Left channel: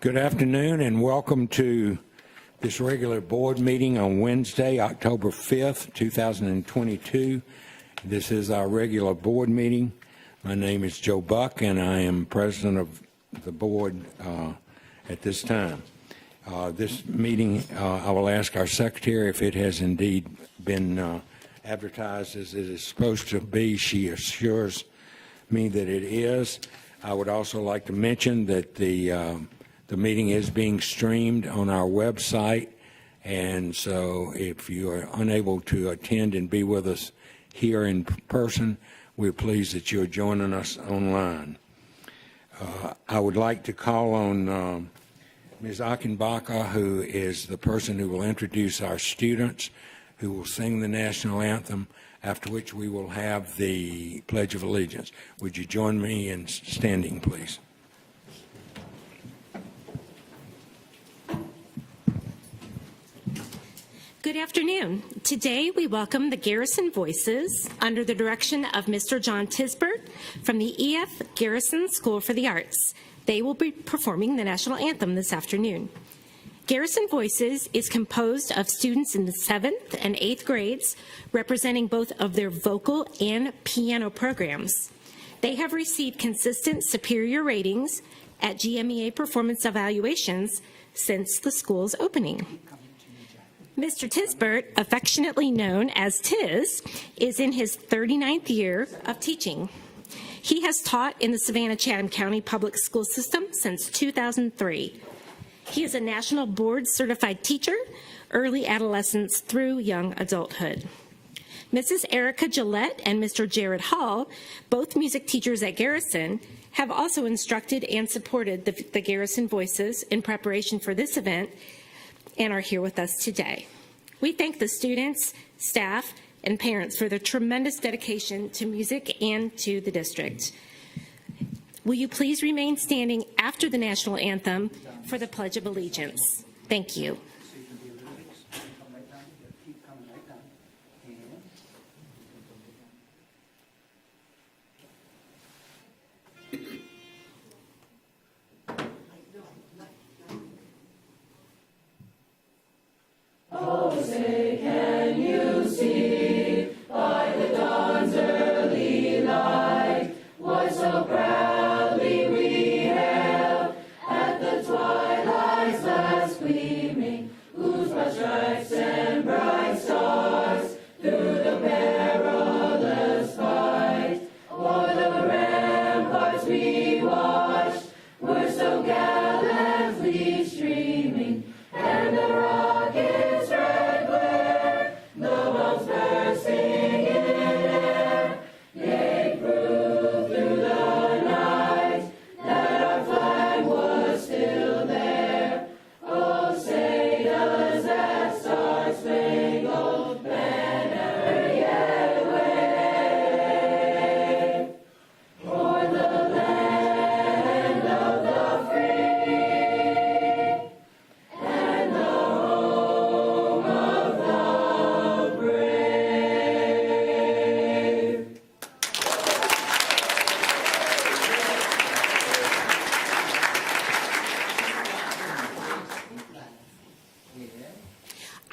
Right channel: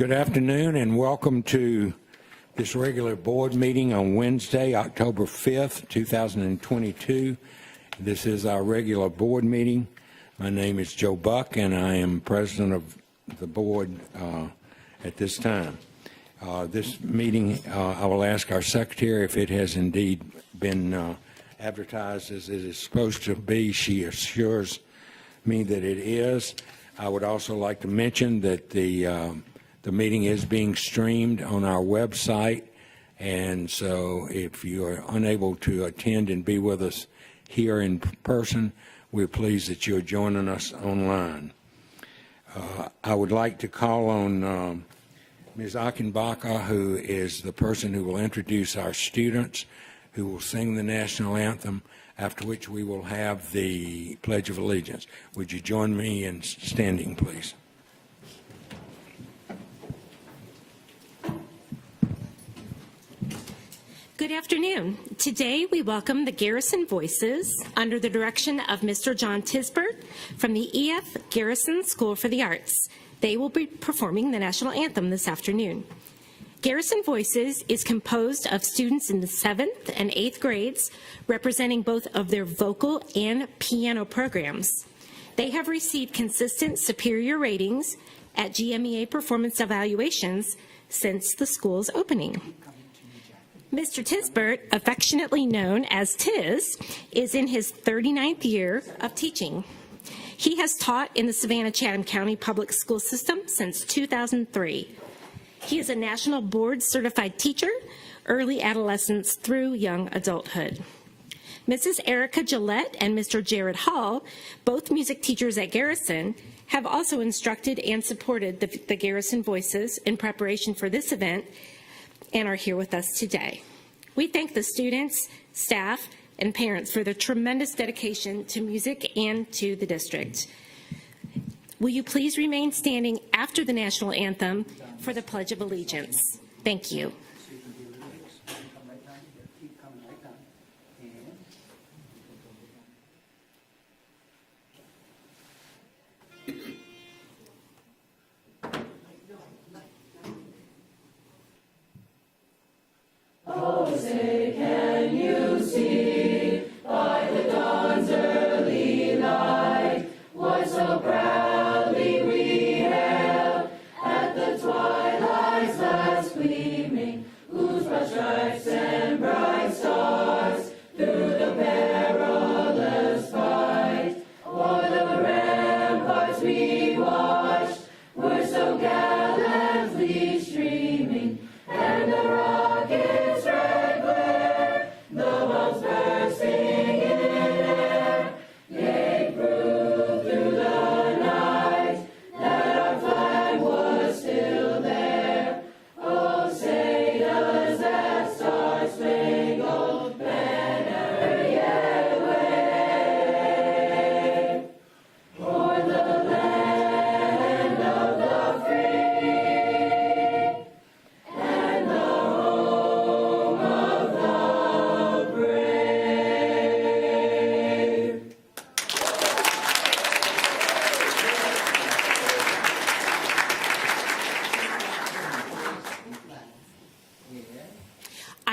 Good afternoon and welcome to this regular board meeting on Wednesday, October 5th, 2022. This is our regular board meeting. My name is Joe Buck and I am president of the board at this time. This meeting, I will ask our secretary if it has indeed been advertised as it is supposed to be. She assures me that it is. I would also like to mention that the meeting is being streamed on our website, and so if you are unable to attend and be with us here in person, we're pleased that you're joining us online. I would like to call on Ms. Achenbacher, who is the person who will introduce our students, who will sing the national anthem, after which we will have the Pledge of Allegiance. Would you join me in standing, please? Good afternoon. Today we welcome the Garrison Voices under the direction of Mr. John Tisbert from the EF Garrison School for the Arts. They will be performing the national anthem this afternoon. Garrison Voices is composed of students in the 7th and 8th grades, representing both of their vocal and piano programs. They have received consistent superior ratings at GMEA performance evaluations since the school's opening. Mr. Tisbert, affectionately known as Tiz, is in his 39th year of teaching. He has taught in the Savannah-Chatham County Public School System since 2003. He is a national board certified teacher, early adolescence through young adulthood. Mrs. Erica Gillette and Mr. Jared Hall, both music teachers at Garrison, have also instructed and supported the Garrison Voices in preparation for this event and are here with us today. We thank the students, staff, and parents for their tremendous dedication to music and to the district. Will you please remain standing after the national anthem for the Pledge of Allegiance? Thank you.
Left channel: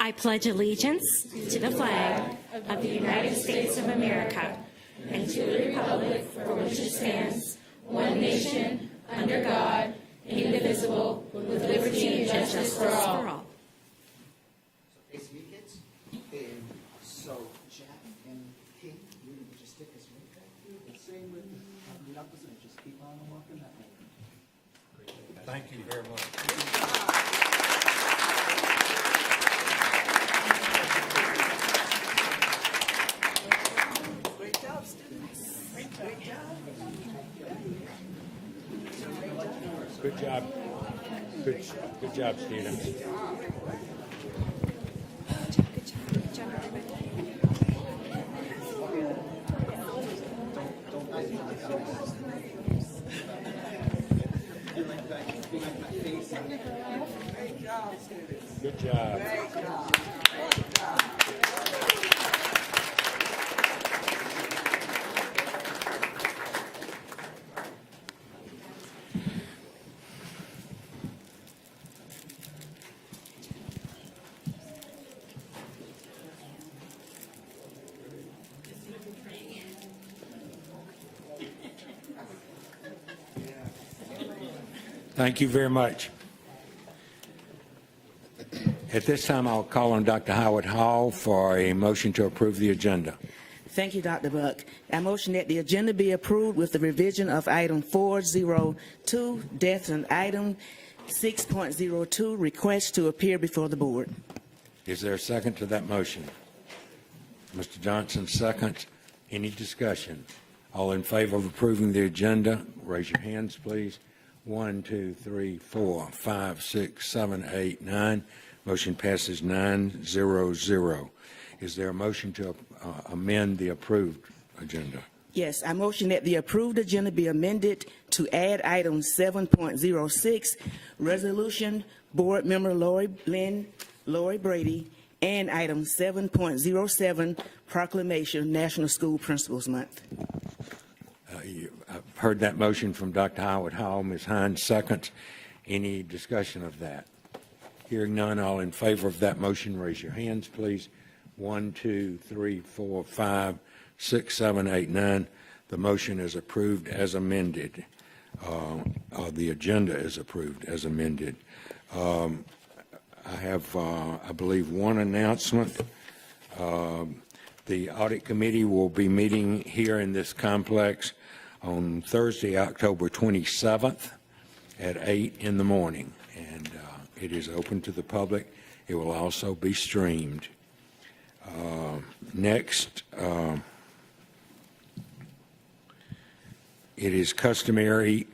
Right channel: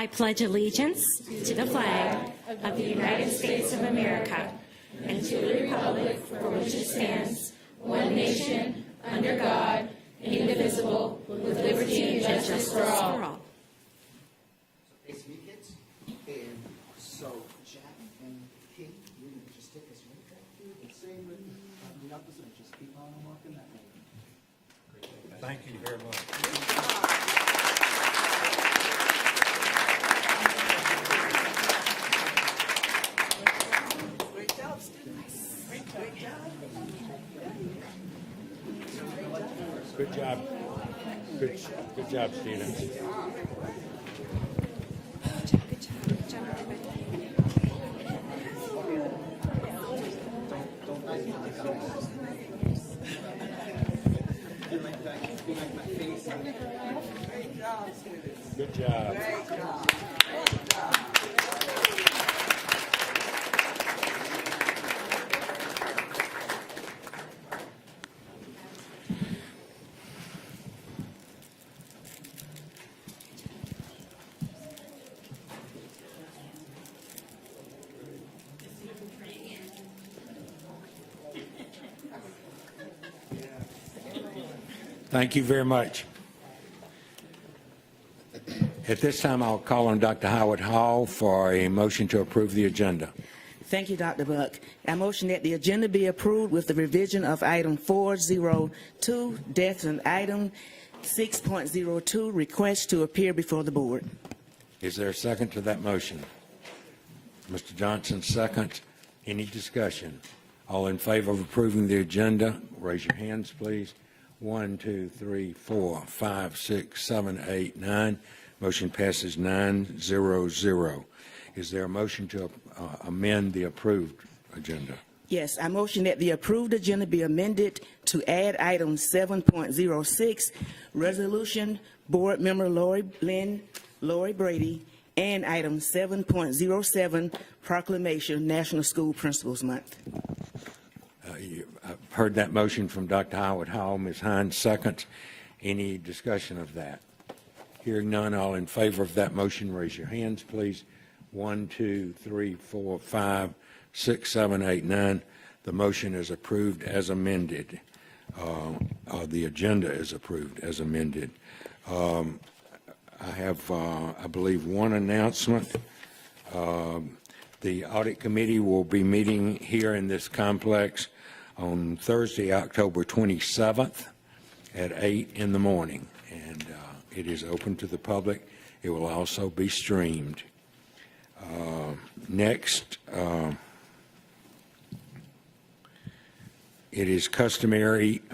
I pledge allegiance to the flag of the United States of America and to the republic for which it stands, one nation, under God, indivisible, with liberty and justice for all. Thank you very much. Good job. Good job, students. Good job. Thank you very much. At this time, I'll call on Dr. Howard Hall for a motion to approve the agenda. Thank you, Dr. Buck. I motion that the agenda be approved with the revision of item 402, death, and item 6.02, request to appear before the board. Is there a second to that motion? Mr. Johnson, second. Any discussion? All in favor of approving the agenda, raise your hands, please. 1, 2, 3, 4, 5, 6, 7, 8, 9. Motion passes 9-0-0. Is there a motion to amend the approved agenda? Yes, I motion that the approved agenda be amended to add item 7.06, resolution, board member Lori Brady, and item 7.07, proclamation, National School Principals Month. I've heard that motion from Dr. Howard Hall. Ms. Hines seconds. Any discussion of that? Hearing none, all in favor of that motion, raise your hands, please. 1, 2, 3, 4, 5, 6, 7, 8, 9. The motion is approved as amended. The agenda is approved as amended. I have, I believe, one announcement. The audit committee will be meeting here in this complex on Thursday, October 27th at 8 in the morning. And it is open to the public. It will also be streamed. Next, it is customary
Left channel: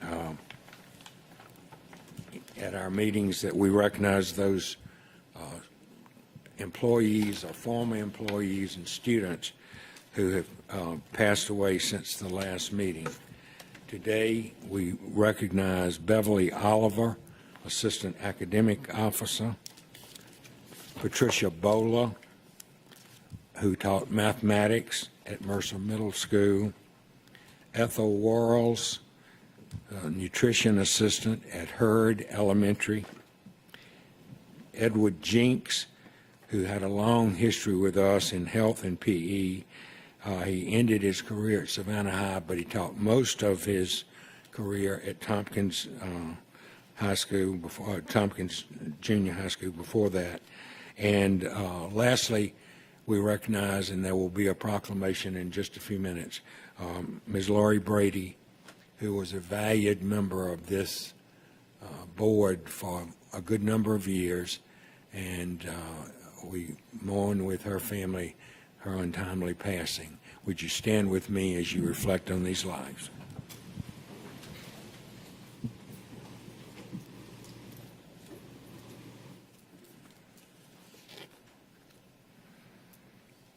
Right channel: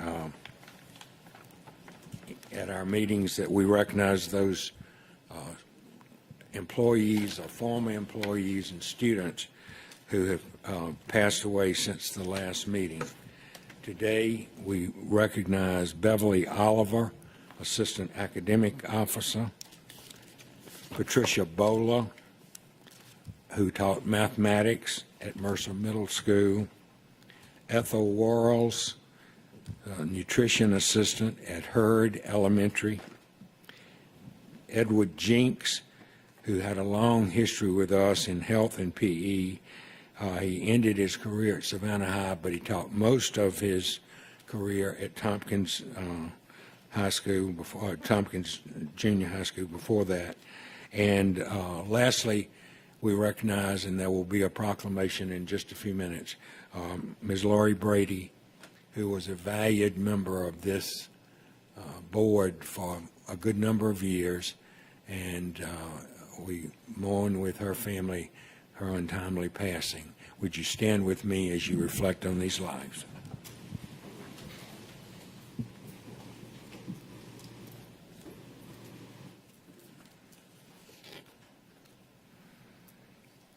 at our meetings that we recognize those employees, or former employees and students who have passed away since the last meeting. Today, we recognize Beverly Oliver, Assistant Academic Officer, Patricia Bola, who taught mathematics at Mercer Middle School, Ethel Worrells, nutrition assistant at Hurd Elementary, Edward Jinks, who had a long history with us in health and PE. He ended his career at Savannah High, but he taught most of his career at Tompkins High School, before Tompkins Junior High School before that. And lastly, we recognize, and there will be a proclamation in just a few minutes, Ms. Lori Brady, who was a valued member of this board for a good number of years, and we mourn with her family her untimely passing. Would you stand with me as you reflect on these lives?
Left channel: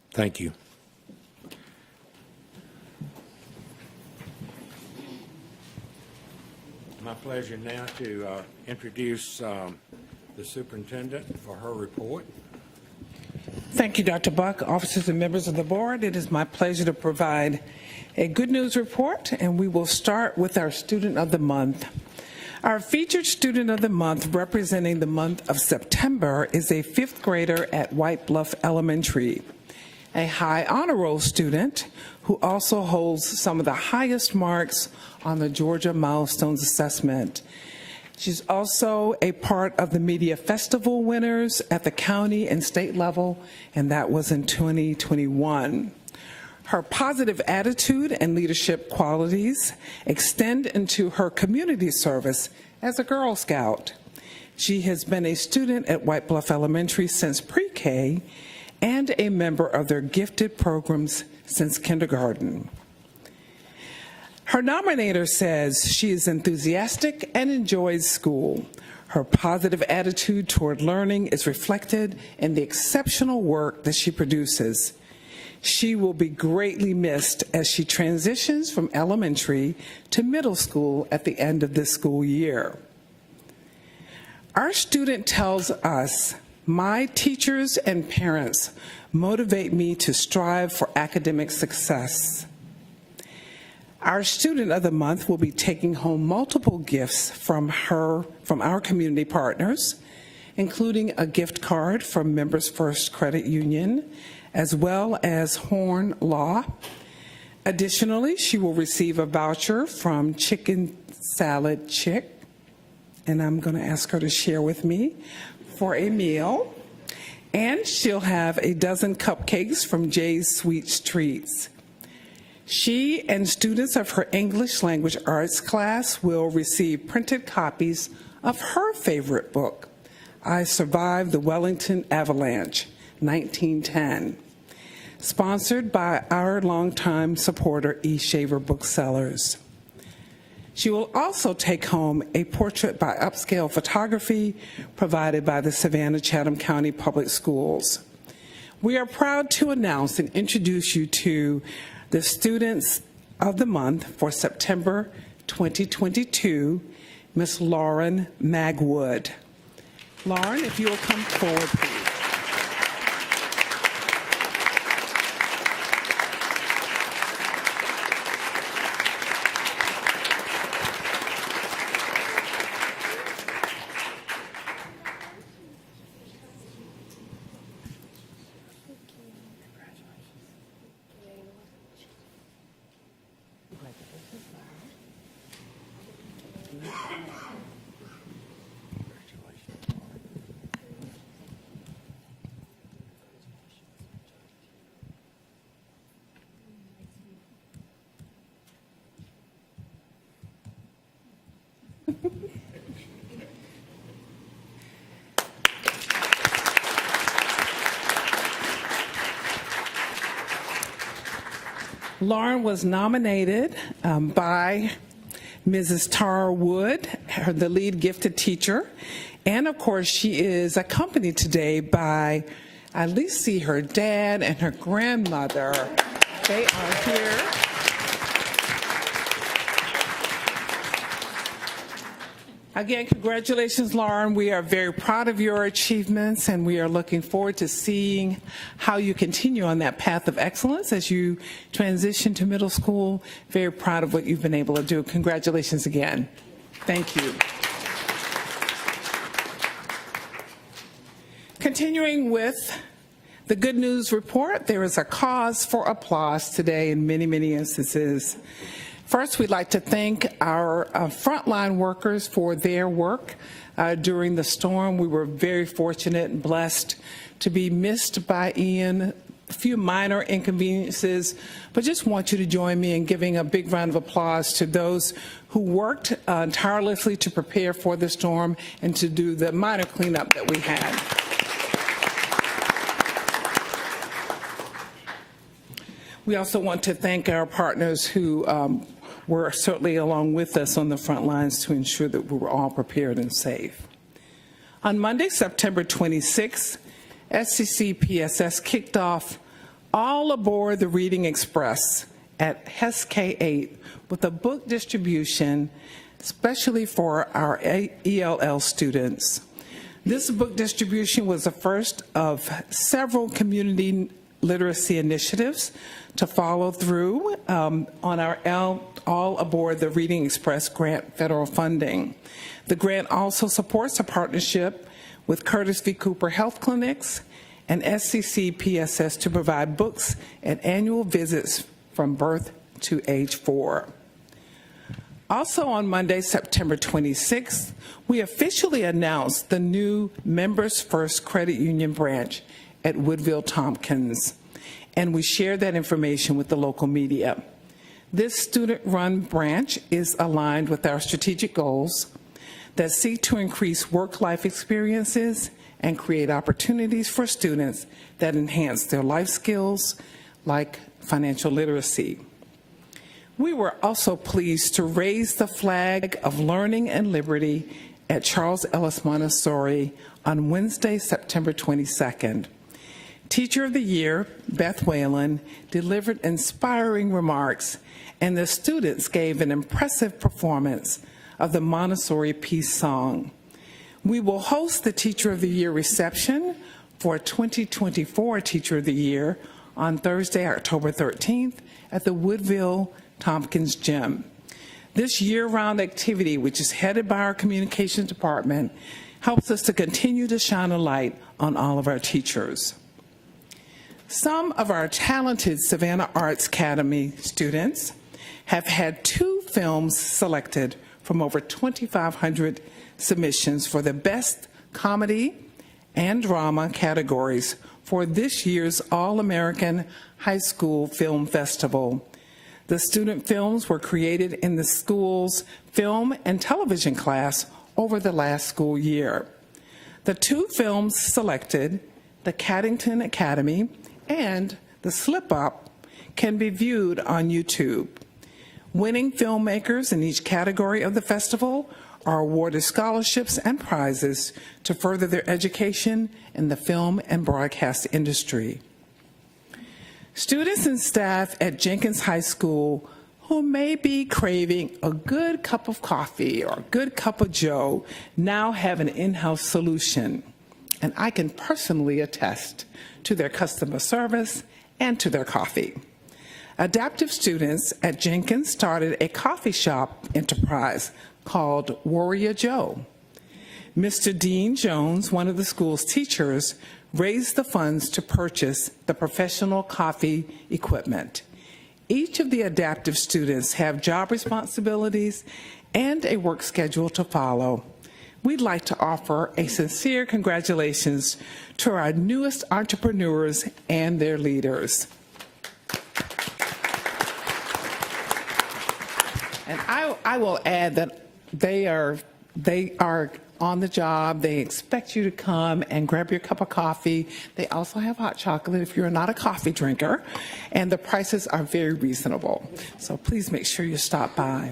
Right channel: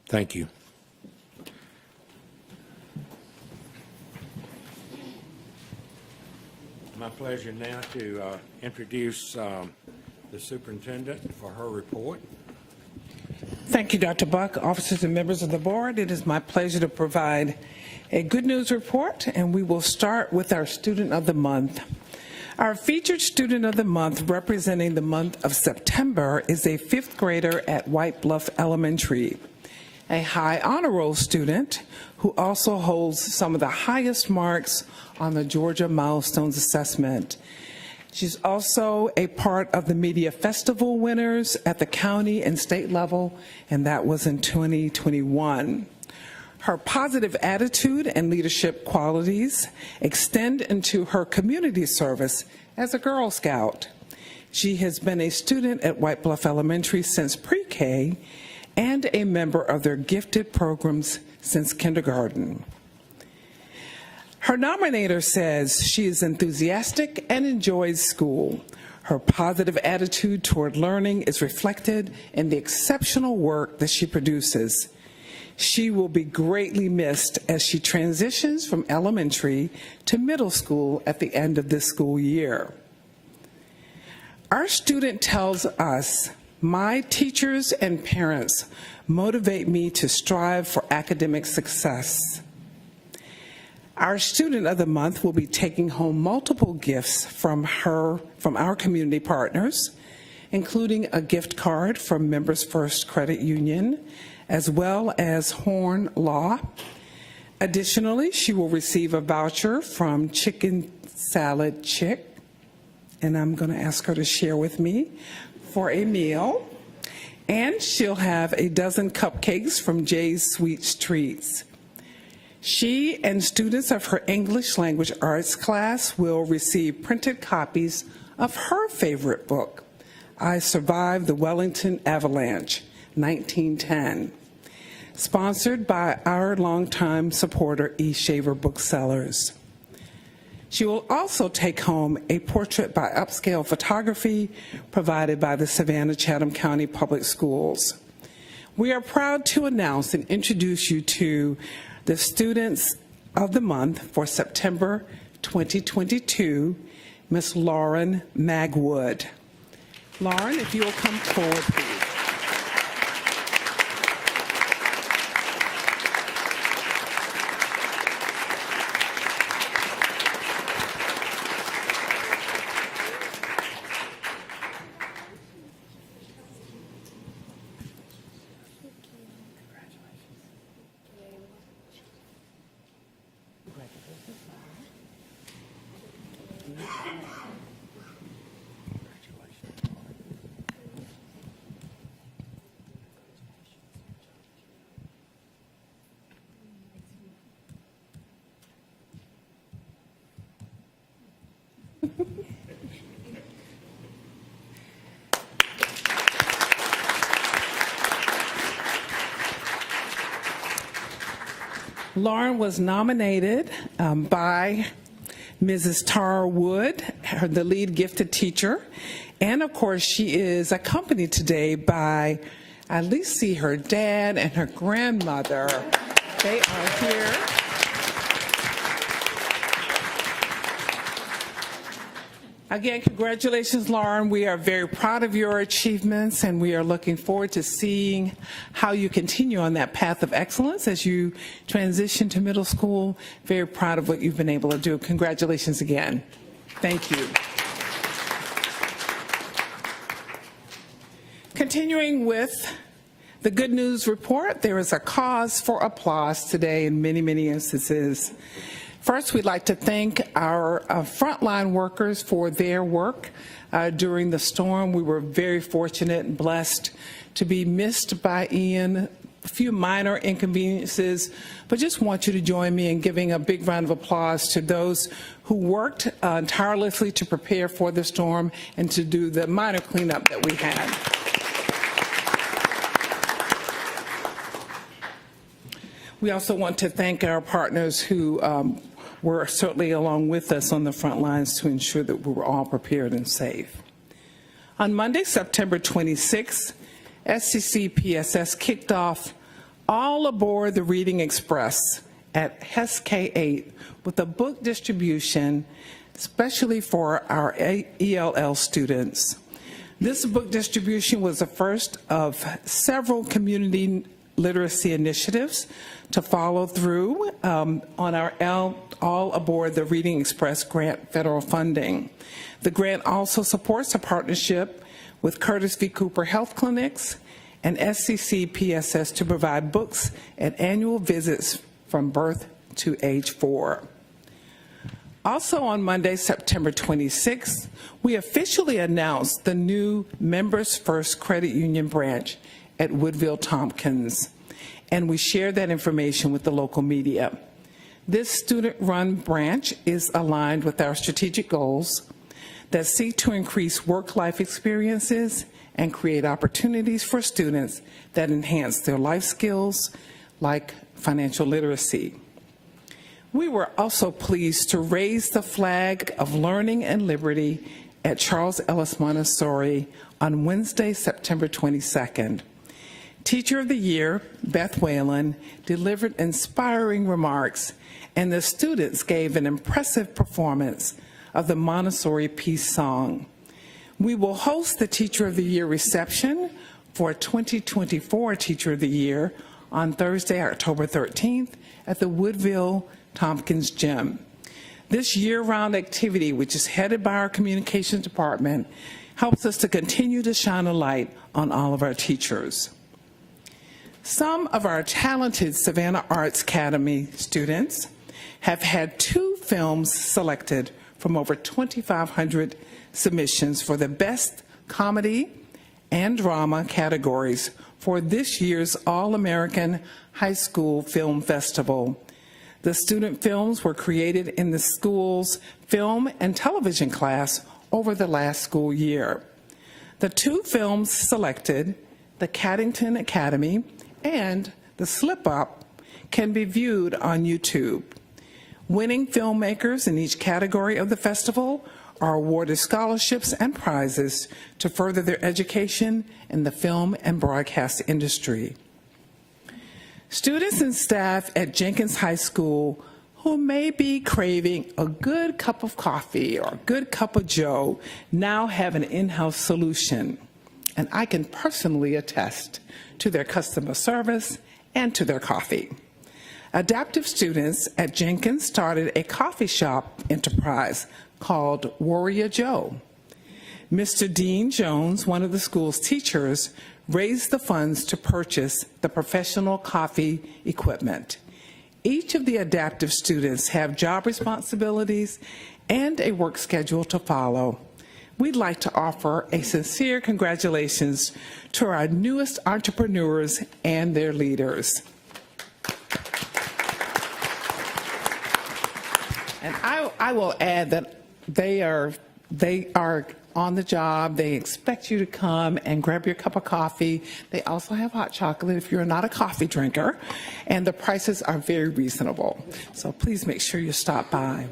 Thank you. My pleasure now to introduce the superintendent for her report. Thank you, Dr. Buck, officers and members of the board. It is my pleasure to provide a good news report, and we will start with our Student of the Month. Our featured Student of the Month, representing the month of September, is a fifth grader at White Bluff Elementary, a high honor roll student who also holds some of the highest marks on the Georgia Milestones Assessment. She's also a part of the Media Festival winners at the county and state level, and that was in 2021. Her positive attitude and leadership qualities extend into her community service as a Girl Scout. She has been a student at White Bluff Elementary since pre-K and a member of their gifted programs since kindergarten. Her nominator says she is enthusiastic and enjoys school. Her positive attitude toward learning is reflected in the exceptional work that she produces. She will be greatly missed as she transitions from elementary to middle school at the end of this school year. Our student tells us, "My teachers and parents motivate me to strive for academic success." Our Student of the Month will be taking home multiple gifts from our community partners, including a gift card from Members First Credit Union, as well as Horn Law. Additionally, she will receive a voucher from Chicken Salad Chick. and I'm going to ask her to share with me for a meal. And she'll have a dozen cupcakes from Jay's Sweet Treats. She and students of her English language arts class will receive printed copies of her favorite book, I Survived the Wellington Avalanche, 1910, sponsored by our longtime supporter, E. Shaver Booksellers. She will also take home a portrait by upscale photography provided by the Savannah-Chatham County Public Schools. We are proud to announce and introduce you to the Students of the Month for September 2022, Miss Lauren Magwood. Lauren, if you will come forward, please. Lauren was nominated by Mrs. Tara Wood, the lead gifted teacher, and of course she is accompanied today by, I at least see her dad and her grandmother. They are here. Again, congratulations, Lauren. We are very proud of your achievements, and we are looking forward to seeing how you continue on that path of excellence as you transition to middle school. Very proud of what you've been able to do. Congratulations again. Thank you. Continuing with the good news report, there is a cause for applause today in many, many instances. First, we'd like to thank our frontline workers for their work during the storm. We were very fortunate and blessed to be missed by Ian. A few minor inconveniences, but just want you to join me in giving a big round of applause to those who worked tirelessly to prepare for the storm and to do the minor cleanup that we had. We also want to thank our partners who were certainly along with us on the front lines to ensure that we were all prepared and safe. On Monday, September 26th, SCCPSS kicked off All Aboard the Reading Express at HES K-8 with a book distribution, especially for our ELL students. This book distribution was the first of several community literacy initiatives to follow through on our All Aboard the Reading Express grant federal funding. The grant also supports a partnership with Curtis V. Cooper Health Clinics and SCCPSS to provide books at annual visits from birth to age 4. Also on Monday, September 26th, we officially announced the new Members First Credit Union branch at Woodville Tompkins, and we shared that information with the local media. This student-run branch is aligned with our strategic goals that seek to increase work-life experiences and create opportunities for students that enhance their life skills, like financial literacy. We were also pleased to raise the flag of learning and liberty at Charles Ellis Montessori on Wednesday, September 22nd. Teacher of the Year, Beth Whalen, delivered inspiring remarks, and the students gave an impressive performance of the Montessori Peace Song. We will host the Teacher of the Year reception for 2024 Teacher of the Year on Thursday, October 13th at the Woodville Tompkins Gym. This year-round activity, which is headed by our communications department, helps us to continue to shine a light on all of our teachers. Some of our talented Savannah Arts Academy students have had 2 films selected from over 2,500 submissions for the Best Comedy and Drama categories for this year's All-American High School Film Festival. The student films were created in the school's film and television class over the last school year. The two films selected, The Caddington Academy and The Slip Up, can be viewed on YouTube. Winning filmmakers in each category of the festival are awarded scholarships and prizes to further their education in the film and broadcast industry. Students and staff at Jenkins High School who may be craving a good cup of coffee or a good cup of joe now have an in-house solution, and I can personally attest to their customer service and to their coffee. Adaptive students at Jenkins started a coffee shop enterprise called Warrior Joe. Mr. Dean Jones, one of the school's teachers, raised the funds to purchase the professional coffee equipment. Each of the adaptive students have job responsibilities and a work schedule to follow. We'd like to offer a sincere congratulations to our newest entrepreneurs and their leaders. And I will add that they are on the job. They expect you to come and grab your cup of coffee. They also have hot chocolate if you're not a coffee drinker, and the prices are very reasonable. So please make sure you stop by.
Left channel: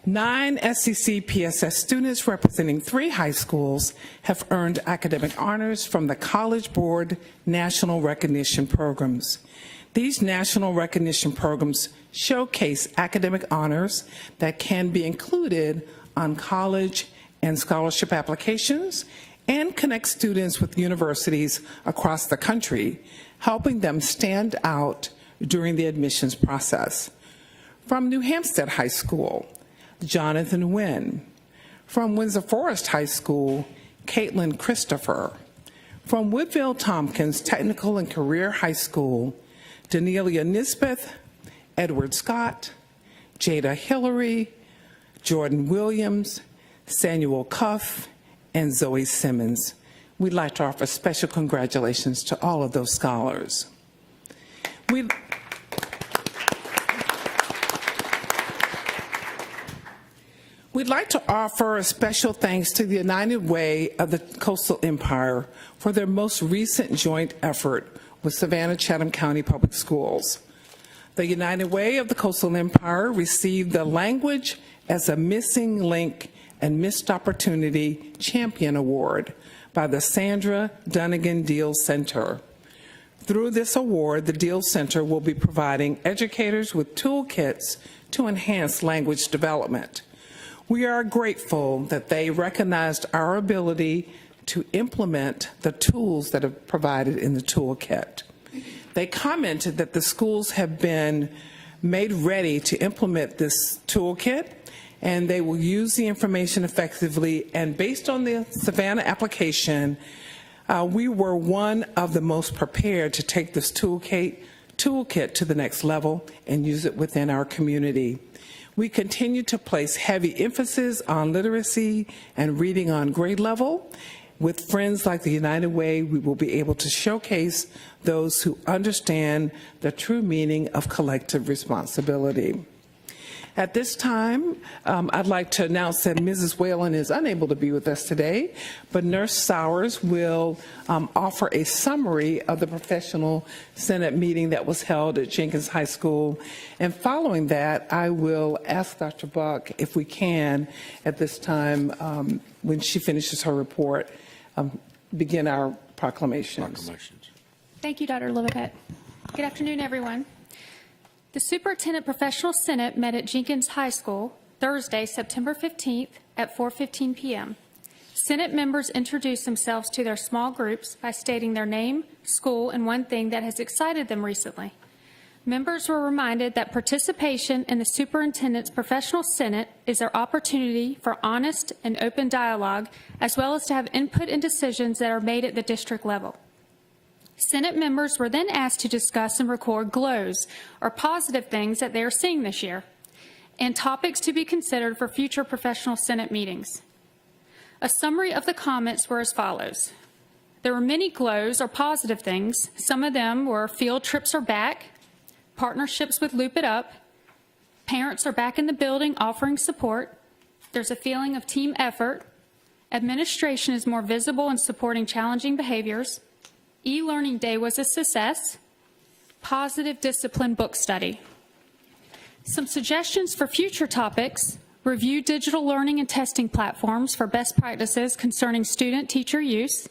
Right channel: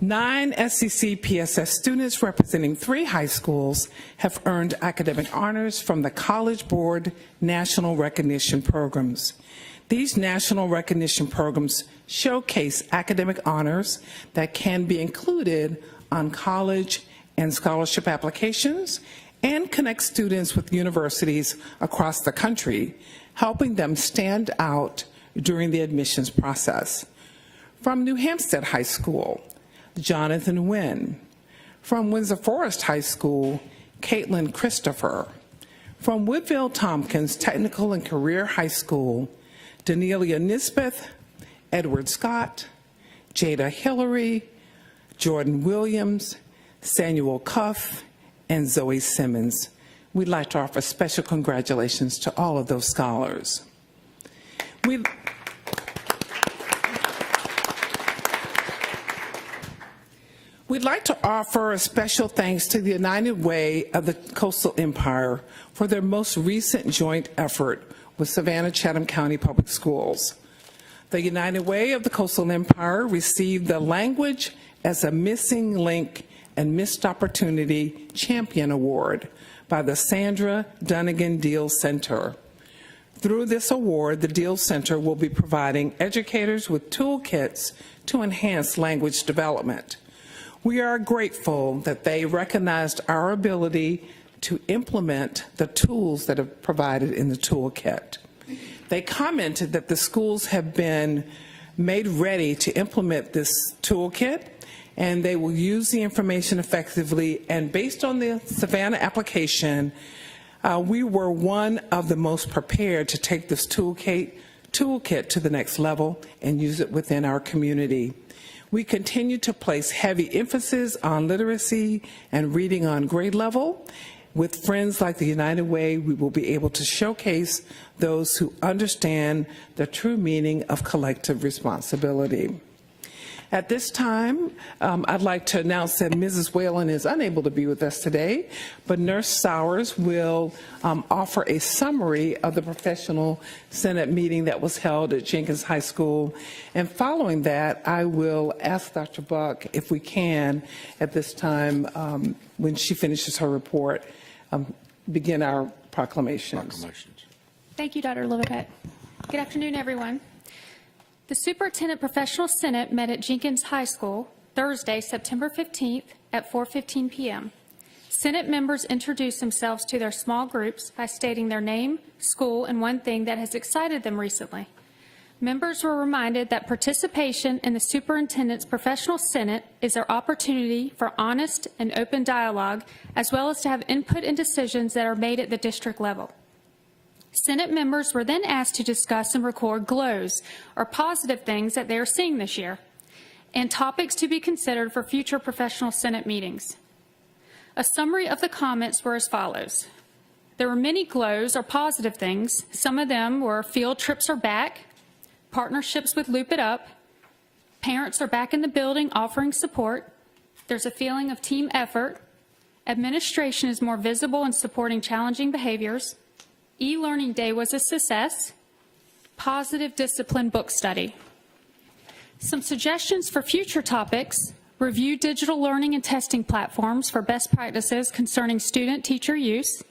9 SEC PSS students representing 3 high schools have earned academic honors from the College Board National Recognition Programs. These national recognition programs showcase academic honors that can be included on college and scholarship applications and connect students with universities across the country, helping them stand out during the admissions process. From New Hampstead High School, Jonathan Wynn. From Windsor Forest High School, Caitlin Christopher. From Woodville Tompkins Technical and Career High School, Danelia Nisbeth, Edward Scott, Jada Hillary, Jordan Williams, Samuel Cuff, and Zoe Simmons. We'd like to offer special congratulations to all of those scholars. We'd like to offer a special thanks to the United Way of the Coastal Empire for their most recent joint effort with Savannah-Chatham County Public Schools. The United Way of the Coastal Empire received the Language as a Missing Link and Missed Opportunity Champion Award by the Sandra Dunnigan Deal Center. Through this award, the Deal Center will be providing educators with toolkits to enhance language development. We are grateful that they recognized our ability to implement the tools that are provided in the toolkit. They commented that the schools have been made ready to implement this toolkit, and they will use the information effectively. And based on the Savannah application, we were one of the most prepared to take this toolkit to the next level and use it within our community. We continue to place heavy emphasis on literacy and reading on grade level. With friends like the United Way, we will be able to showcase those who understand the true meaning of collective responsibility. At this time, I'd like to announce that Mrs. Whalen is unable to be with us today, but Nurse Sowers will offer a summary of the professional Senate meeting that was held at Jenkins High School. And following that, I will ask Dr. Buck, if we can, at this time, when she finishes her report, begin our proclamations. Thank you, Dr. Lopet. Good afternoon, everyone. The Superintendent Professional Senate met at Jenkins High School Thursday, September 15th at 4:15 p.m. Senate members introduced themselves to their small groups by stating their name, school, and one thing that has excited them recently. Members were reminded that participation in the Superintendent's Professional Senate is their opportunity for honest and open dialogue, as well as to have input in decisions that are made at the district level. Senate members were then asked to discuss and record GLOWs, or positive things that they are seeing this year, and topics to be considered for future professional Senate meetings. A summary of the comments were as follows. There were many glows or positive things. Some of them were field trips are back, partnerships with Loop It Up, parents are back in the building offering support, there's a feeling of team effort, administration is more visible in supporting challenging behaviors, e-learning day was a success, positive discipline book study. Some suggestions for future topics: review digital learning and testing platforms for best practices concerning student-teacher use,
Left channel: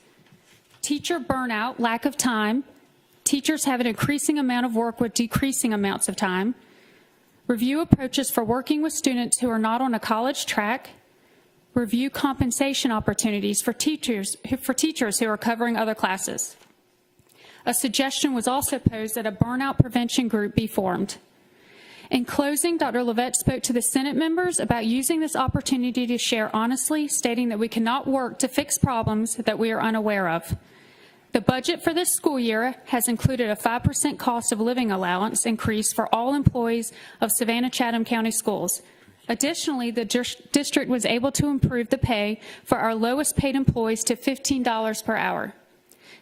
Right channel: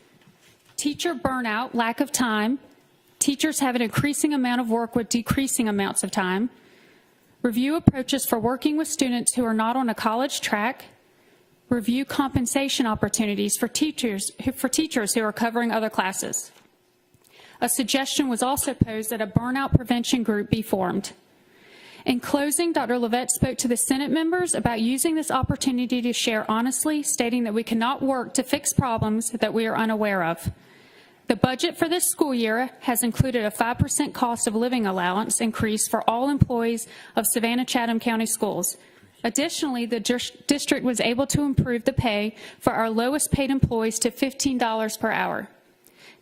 teacher burnout, lack of time, teachers have an increasing amount of work with decreasing amounts of time, review approaches for working with students who are not on a college track, review compensation opportunities for teachers who are covering other classes. A suggestion was also posed that a burnout prevention group be formed. In closing, Dr. Levette spoke to the Senate members about using this opportunity to share honestly, stating that we cannot work to fix problems that we are unaware of. The budget for this school year has included a 5% cost of living allowance increase for all employees of Savannah-Chatham County Schools. Additionally, the district was able to improve the pay for our lowest paid employees to $15 per hour.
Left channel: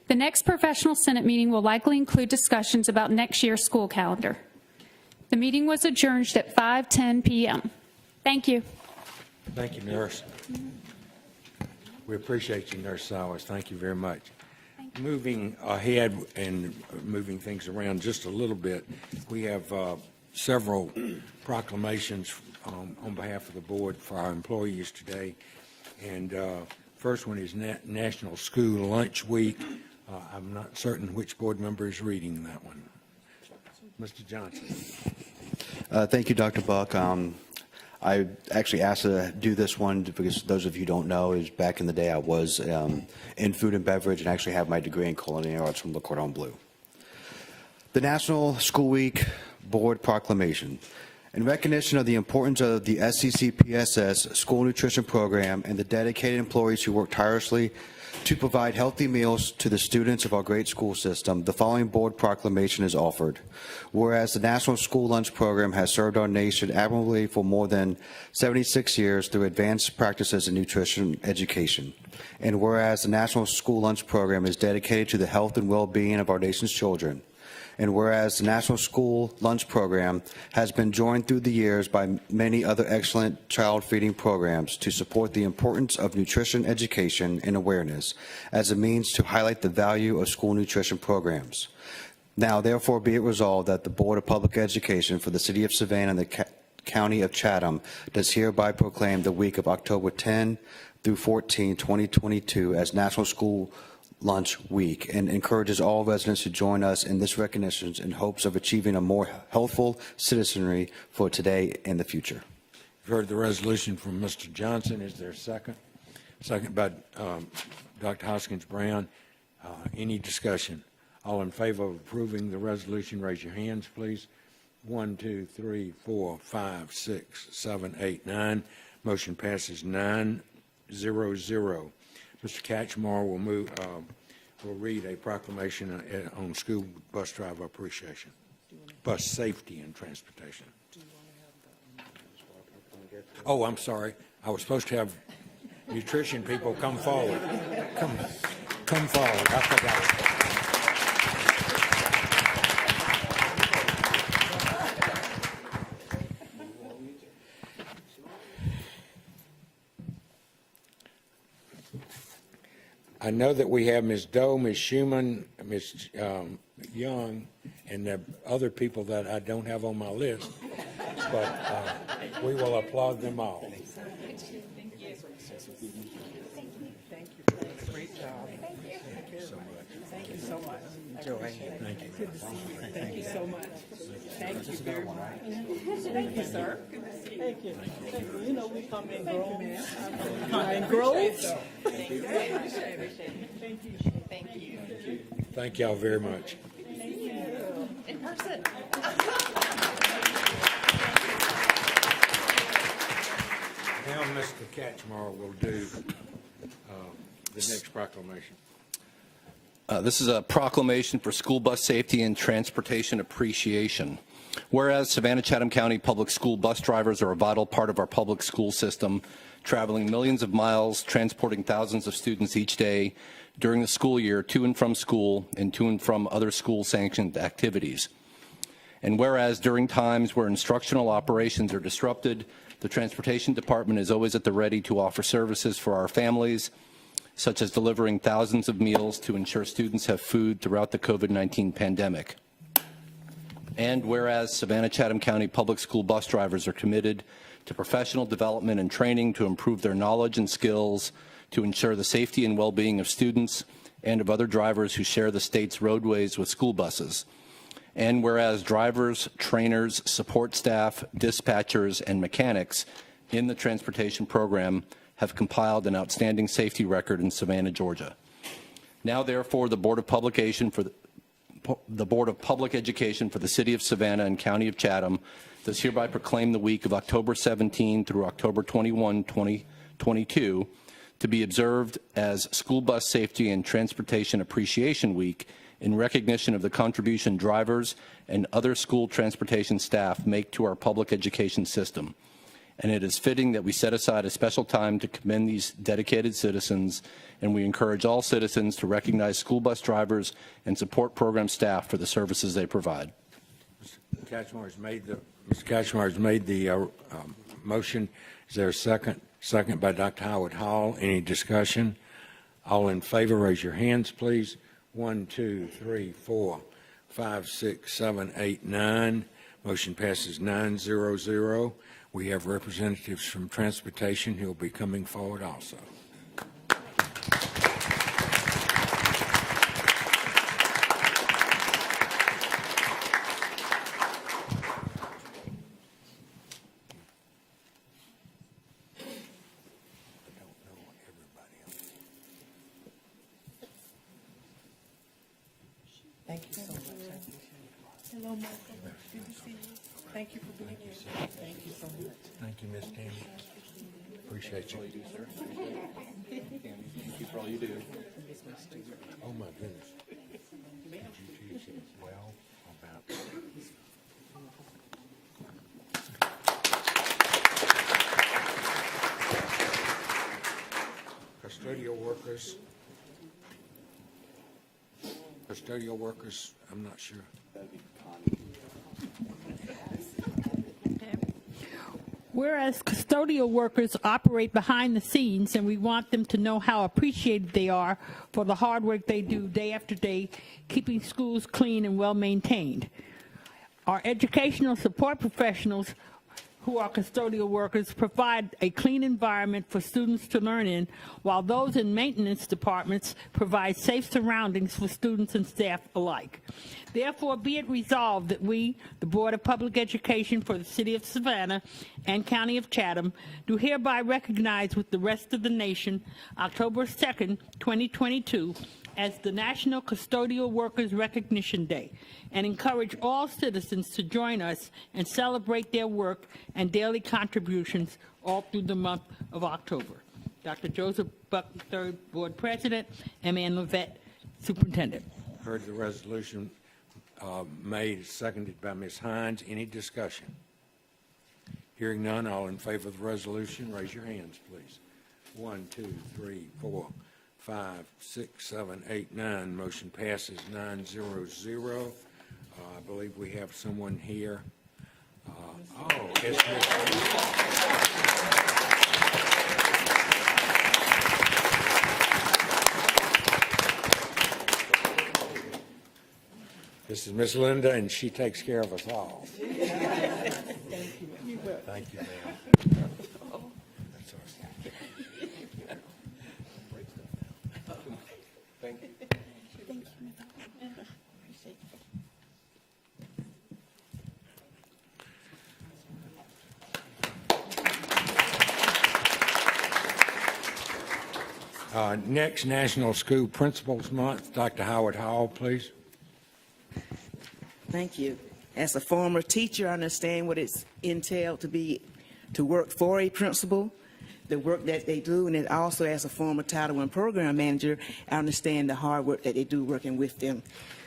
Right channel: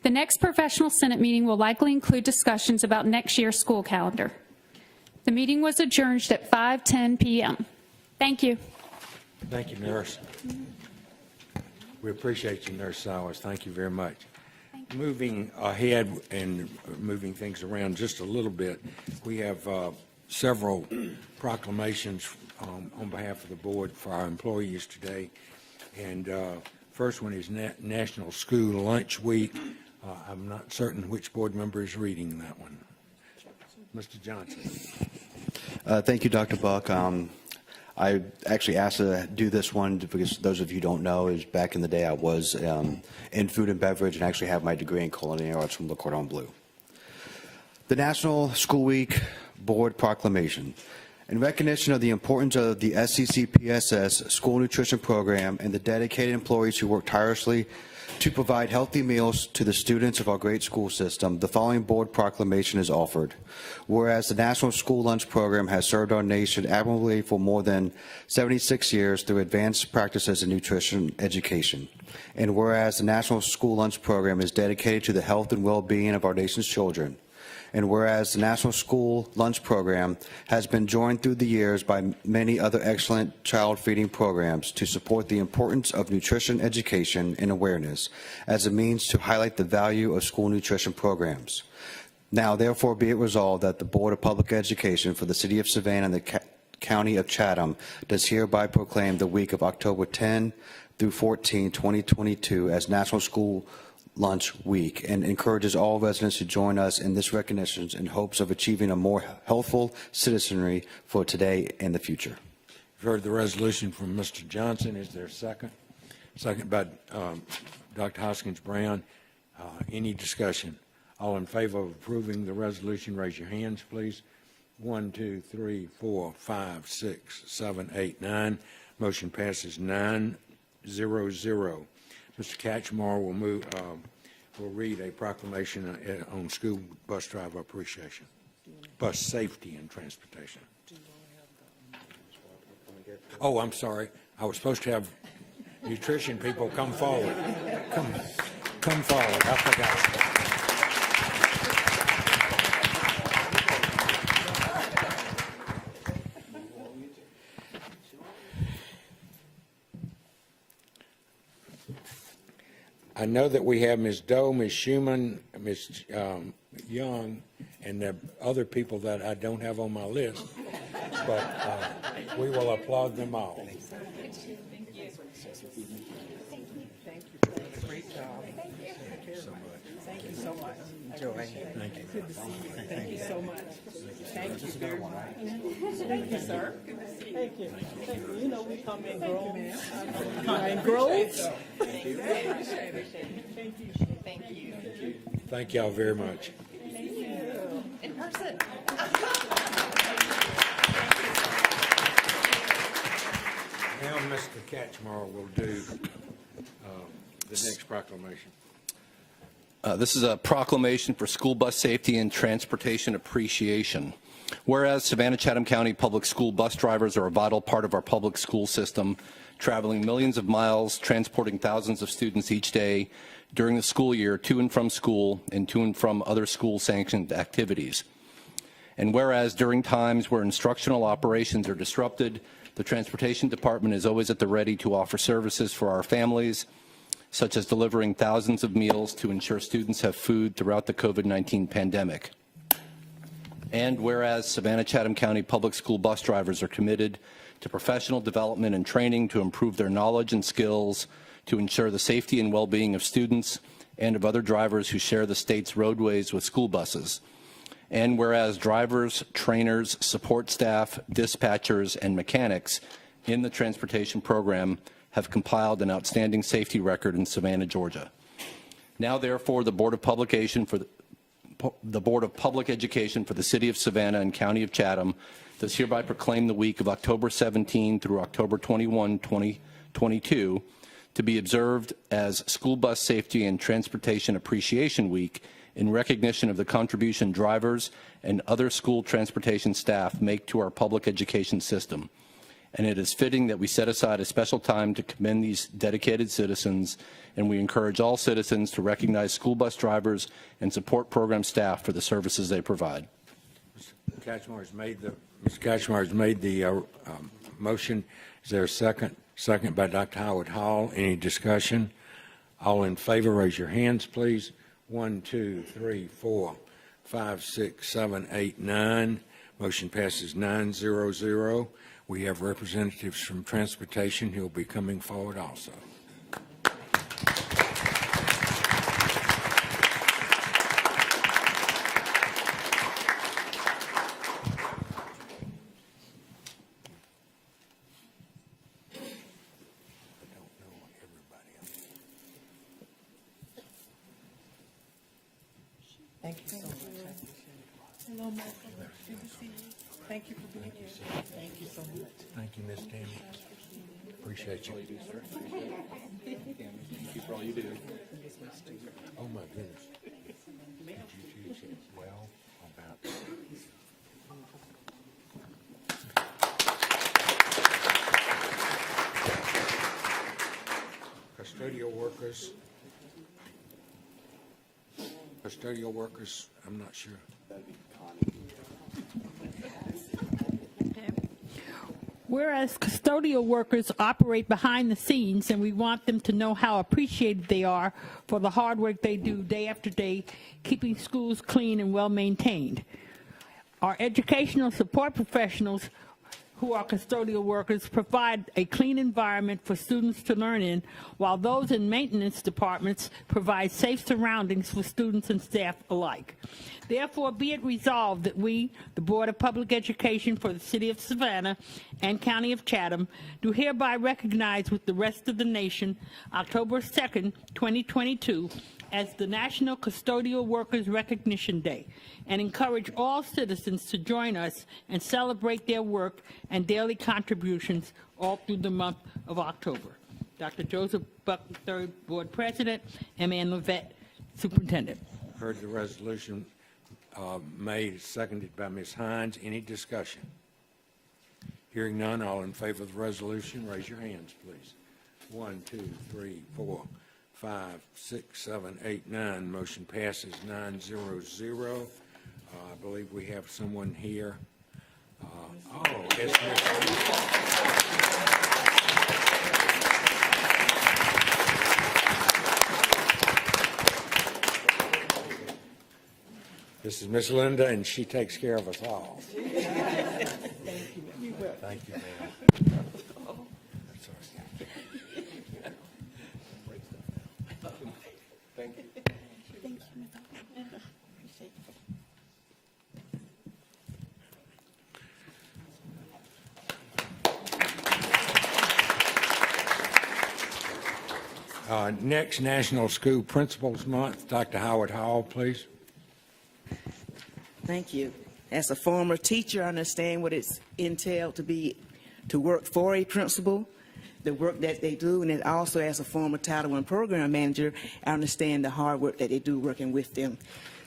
The next professional Senate meeting will likely include discussions about next year's school calendar. The meeting was adjourned at 5:10 p.m. Thank you. Thank you, Nurse. We appreciate you, Nurse Sowers. Thank you very much. Moving ahead and moving things around just a little bit, we have several proclamations on behalf of the board for our employees today. And first one is National School Lunch Week. I'm not certain which board member is reading that one. Mr. Johnson. Thank you, Dr. Buck. I actually asked to do this one because those of you who don't know, is back in the day I was in food and beverage and actually had my degree in culinary arts from Le Cordon Bleu. The National School Week Board Proclamation. In recognition of the importance of the SECPSS School Nutrition Program and the dedicated employees who work tirelessly to provide healthy meals to the students of our great school system, the following board proclamation is offered. Whereas the National School Lunch Program has served our nation admirably for more than 76 years through advanced practices in nutrition education. And whereas the National School Lunch Program is dedicated to the health and well-being of our nation's children. And whereas the National School Lunch Program has been joined through the years by many other excellent child feeding programs to support the importance of nutrition education and awareness as a means to highlight the value of school nutrition programs. Now, therefore, be it resolved that the Board of Public Education for the City of Savannah and the County of Chatham does hereby proclaim the week of October 10 through 14, 2022 as National School Lunch Week, and encourages all residents to join us in this recognition in hopes of achieving a more healthful citizenry for today and the future. You've heard the resolution from Mr. Johnson. Is there a second? Second by Dr. Hoskins Brown. Any discussion? All in favor of approving the resolution, raise your hands, please. 1, 2, 3, 4, 5, 6, 7, 8, 9. Motion passes 9-0-0. Mr. Catchmore will read a proclamation on school bus driver appreciation, bus safety and transportation. Oh, I'm sorry. I was supposed to have nutrition people come forward. Come forward. I forgot. I know that we have Ms. Doe, Ms. Schumann, Ms. Young, and other people that I don't have on my list, but we will applaud them all. Thank y'all very much. In person. Now Mr. Catchmore will do the next proclamation. This is a proclamation for school bus safety and transportation appreciation. Whereas Savannah-Chatham County public school bus drivers are a vital part of our public school system, traveling millions of miles, transporting thousands of students each day during the school year to and from school and to and from other school-sanctioned activities. And whereas during times where instructional operations are disrupted, the Transportation Department is always at the ready to offer services for our families, such as delivering thousands of meals to ensure students have food throughout the COVID-19 pandemic. And whereas Savannah-Chatham County Public School bus drivers are committed to professional development and training to improve their knowledge and skills to ensure the safety and well-being of students and of other drivers who share the state's roadways with school buses. And whereas drivers, trainers, support staff, dispatchers, and mechanics in the transportation program have compiled an outstanding safety record in Savannah, Georgia. Now, therefore, the Board of Public Education for the City of Savannah and County of Chatham does hereby proclaim the week of October 17 through October 21, 2022 to be observed as School Bus Safety and Transportation Appreciation Week in recognition of the contribution drivers and other school transportation staff make to our public education system. And it is fitting that we set aside a special time to commend these dedicated citizens, and we encourage all citizens to recognize school bus drivers and support program staff for the services they provide. Mr. Cashmore has made the motion. Is there a second? Second by Dr. Howard Hall. Any discussion? All in favor, raise your hands, please. 1, 2, 3, 4, 5, 6, 7, 8, 9. Motion passes 9-0-0. We have representatives from transportation who will be coming forward also. Thank you, Ms. Tammy. Appreciate you. Oh, my goodness. Custodial workers, I'm not sure. Whereas custodial workers operate behind the scenes, and we want them to know how appreciated they are for the hard work they do day after day, keeping schools clean and well maintained. Our educational support professionals, who are custodial workers, provide a clean environment for students to learn in, while those in maintenance departments provide safe surroundings for students and staff alike. Therefore, be it resolved that we, the Board of Public Education for the City of Savannah and County of Chatham, do hereby recognize with the rest of the nation October 2nd, 2022, as the National Custodial Workers Recognition Day, and encourage all citizens to join us and celebrate their work and daily contributions all through the month of October. Dr. Joseph Buck III, Board President, M.A. Levette, Superintendent. Heard the resolution made, seconded by Ms. Hines. Any discussion? Hearing none, all in favor of the resolution, raise your hands, please. 1, 2, 3, 4, 5, 6, 7, 8, 9. Motion passes 9-0-0. I believe we have someone here. This is Miss Linda, and she takes care of us all. Thank you. Next, National School Principals Month. Dr. Howard Hall, please. Thank you. As a former teacher, I understand what it's entailed to work for a principal, the work that they do, and also as a former Title I program manager, I understand the hard work that they do working with them.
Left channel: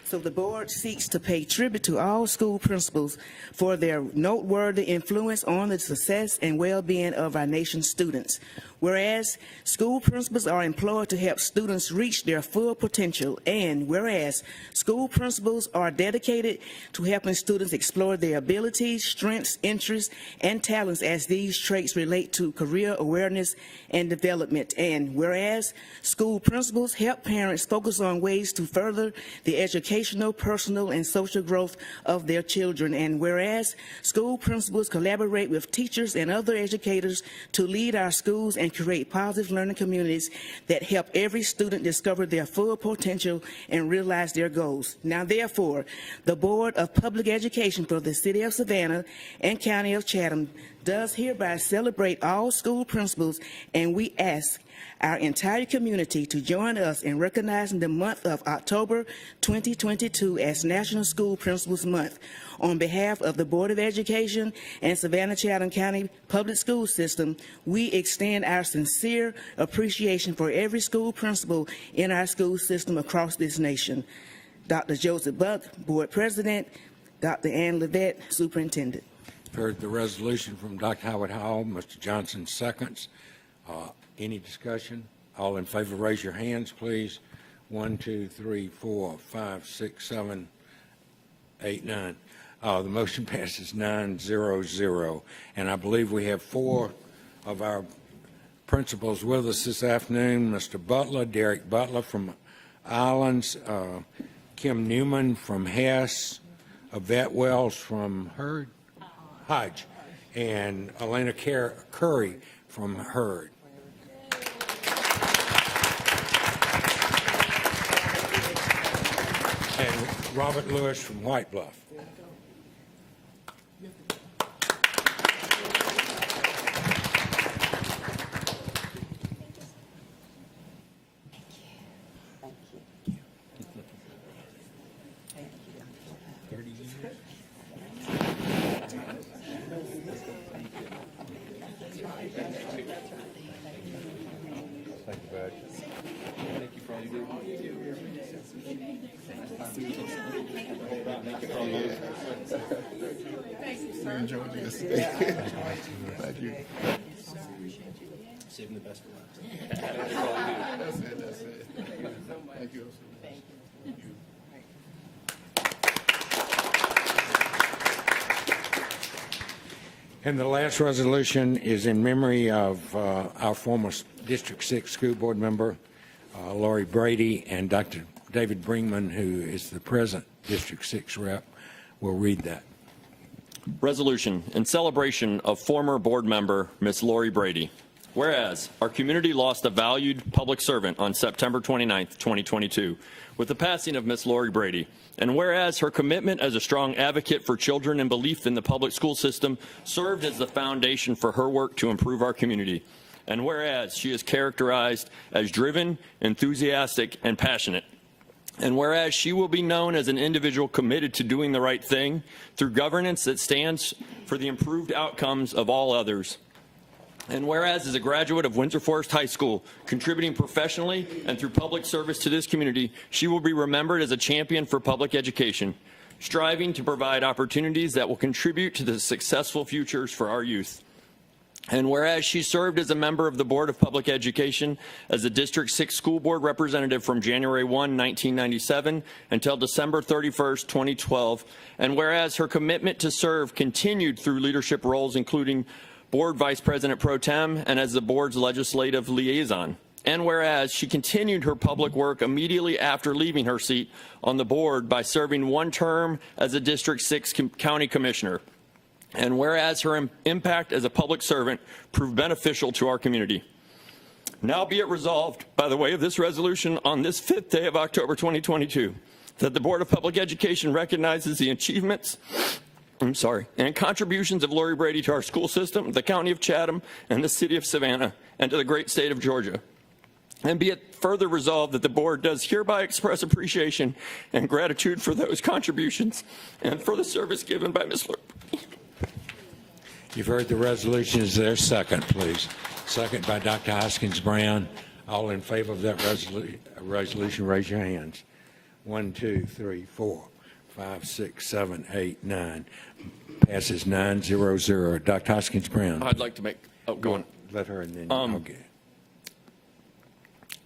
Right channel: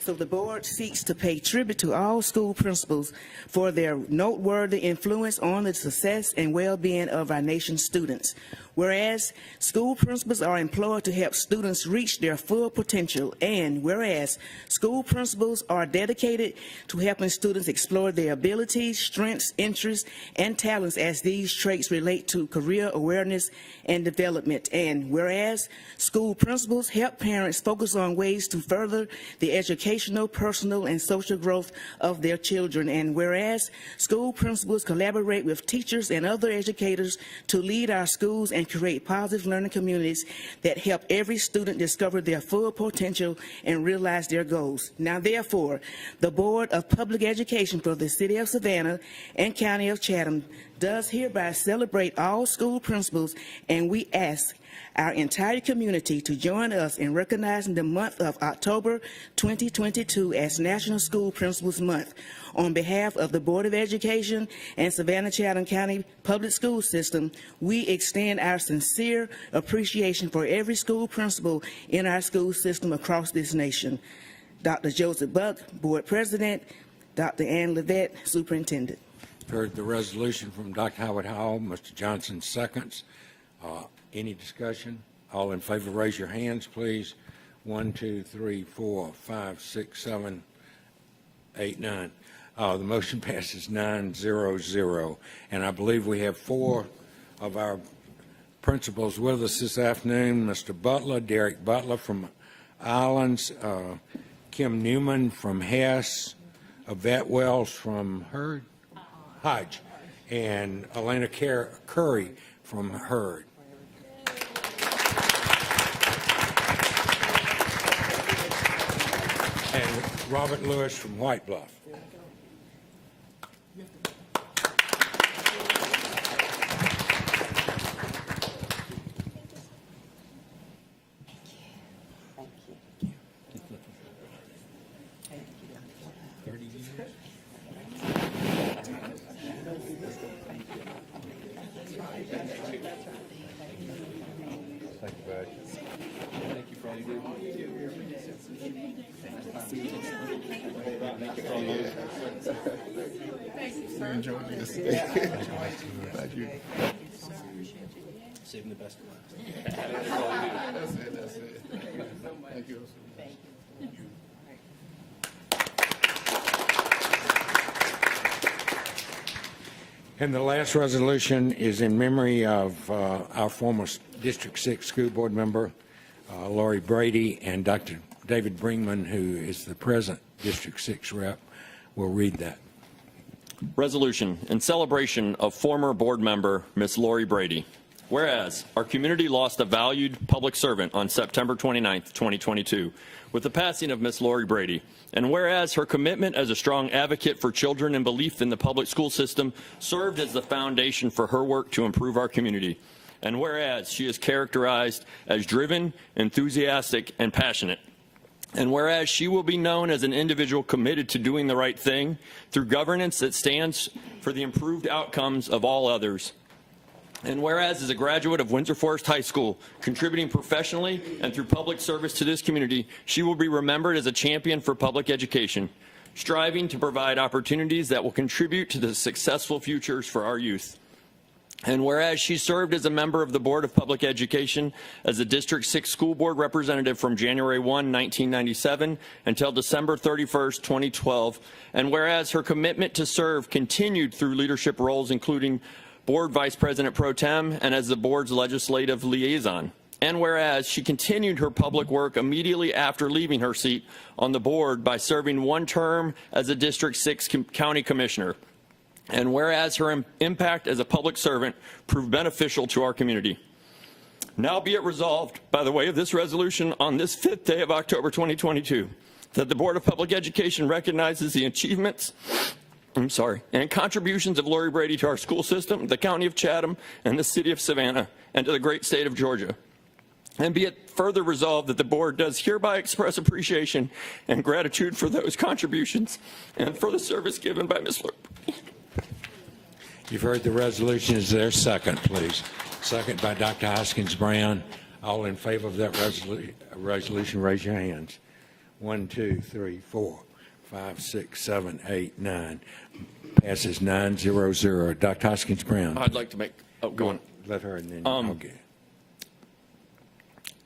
So the board seeks to pay tribute to all school principals for their noteworthy influence on the success and well-being of our nation's students. Whereas school principals are employed to help students reach their full potential, and whereas school principals are dedicated to helping students explore their abilities, strengths, interests, and talents as these traits relate to career awareness and development, and whereas school principals help parents focus on ways to further the educational, personal, and social growth of their children, and whereas school principals collaborate with teachers and other educators to lead our schools and create positive learning communities that help every student discover their full potential and realize their goals. Now, therefore, the Board of Public Education for the City of Savannah and County of Chatham does hereby celebrate all school principals, and we ask our entire community to join us in recognizing the month of October 2022 as National School Principals Month. On behalf of the Board of Education and Savannah-Chatham County Public School System, we extend our sincere appreciation for every school principal in our school system across this nation. Dr. Joseph Buck, Board President, Dr. Ann Levette, Superintendent. Heard the resolution from Dr. Howard Hall. Mr. Johnson seconds. Any discussion? All in favor, raise your hands, please. 1, 2, 3, 4, 5, 6, 7, 8, 9. The motion passes 9-0-0. And I believe we have 4 of our principals with us this afternoon. Mr. Butler, Derek Butler from Islands, Kim Newman from Hess, Yvette Wells from Hodge, and Elena Curry from Hurd. And Robert Lewis from White Bluff. And the last resolution is in memory of our former District 6 school board member, Lori Brady, and Dr. David Brinkman, who is the present District 6 rep, will read that. Resolution in celebration of former board member Ms. Lori Brady. Whereas our community lost a valued public servant on September 29, 2022, with the passing of Ms. Lori Brady. And whereas her commitment as a strong advocate for children and belief in the public school system served as the foundation for her work to improve our community. And whereas she is characterized as driven, enthusiastic, and passionate. And whereas she will be known as an individual committed to doing the right thing through governance that stands for the improved outcomes of all others. And whereas as a graduate of Windsor Forest High School, contributing professionally and through public service to this community, she will be remembered as a champion for public education, striving to provide opportunities that will contribute to the successful futures for our youth. And whereas she served as a member of the Board of Public Education as a District 6 school board representative from January 1, 1997 until December 31st, 2012, and whereas her commitment to serve continued through leadership roles including Board Vice President Pro Tem and as the board's legislative liaison. And whereas she continued her public work immediately after leaving her seat on the board by serving one term as a District 6 County Commissioner. And whereas her impact as a public servant proved beneficial to our community. Now be it resolved, by the way of this resolution on this 5th day of October 2022, that the Board of Public Education recognizes the achievements and contributions of Lori Brady to our school system, the County of Chatham, and the City of Savannah, and to the great state of Georgia. And be it further resolved that the board does hereby express appreciation and gratitude for those contributions and for the service given by Ms. Lori. You've heard the resolution. Is there a second, please? Second by Dr. Hoskins Brown. All in favor of that resolution, raise your hands. 1, 2, 3, 4, 5, 6, 7, 8, 9. Passes 9-0-0. Dr. Hoskins Brown. I'd like to make Let her in there. Okay.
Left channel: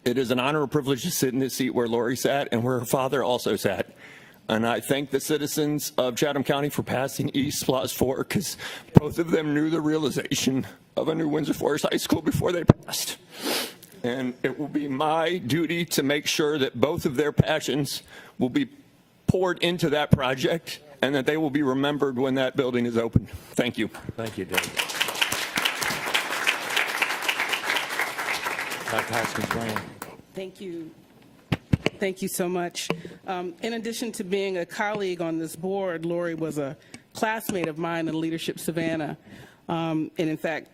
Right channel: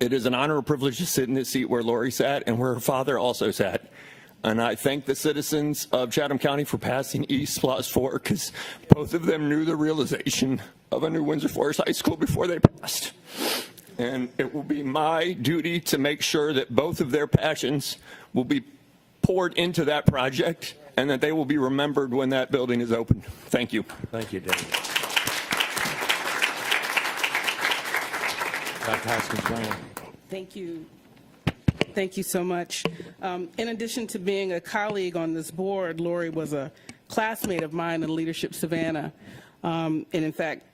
It is an honor and privilege to sit in this seat where Lori sat and where her father also sat. And I thank the citizens of Chatham County for passing East Plus 4 because both of them knew the realization of a new Windsor Forest High School before they passed. And it will be my duty to make sure that both of their passions will be poured into that project and that they will be remembered when that building is open. Thank you. Thank you, David. Dr. Hudson, Thank you. Thank you so much. In addition to being a colleague on this board, Lori was a classmate of mine in Leadership Savannah. And in fact,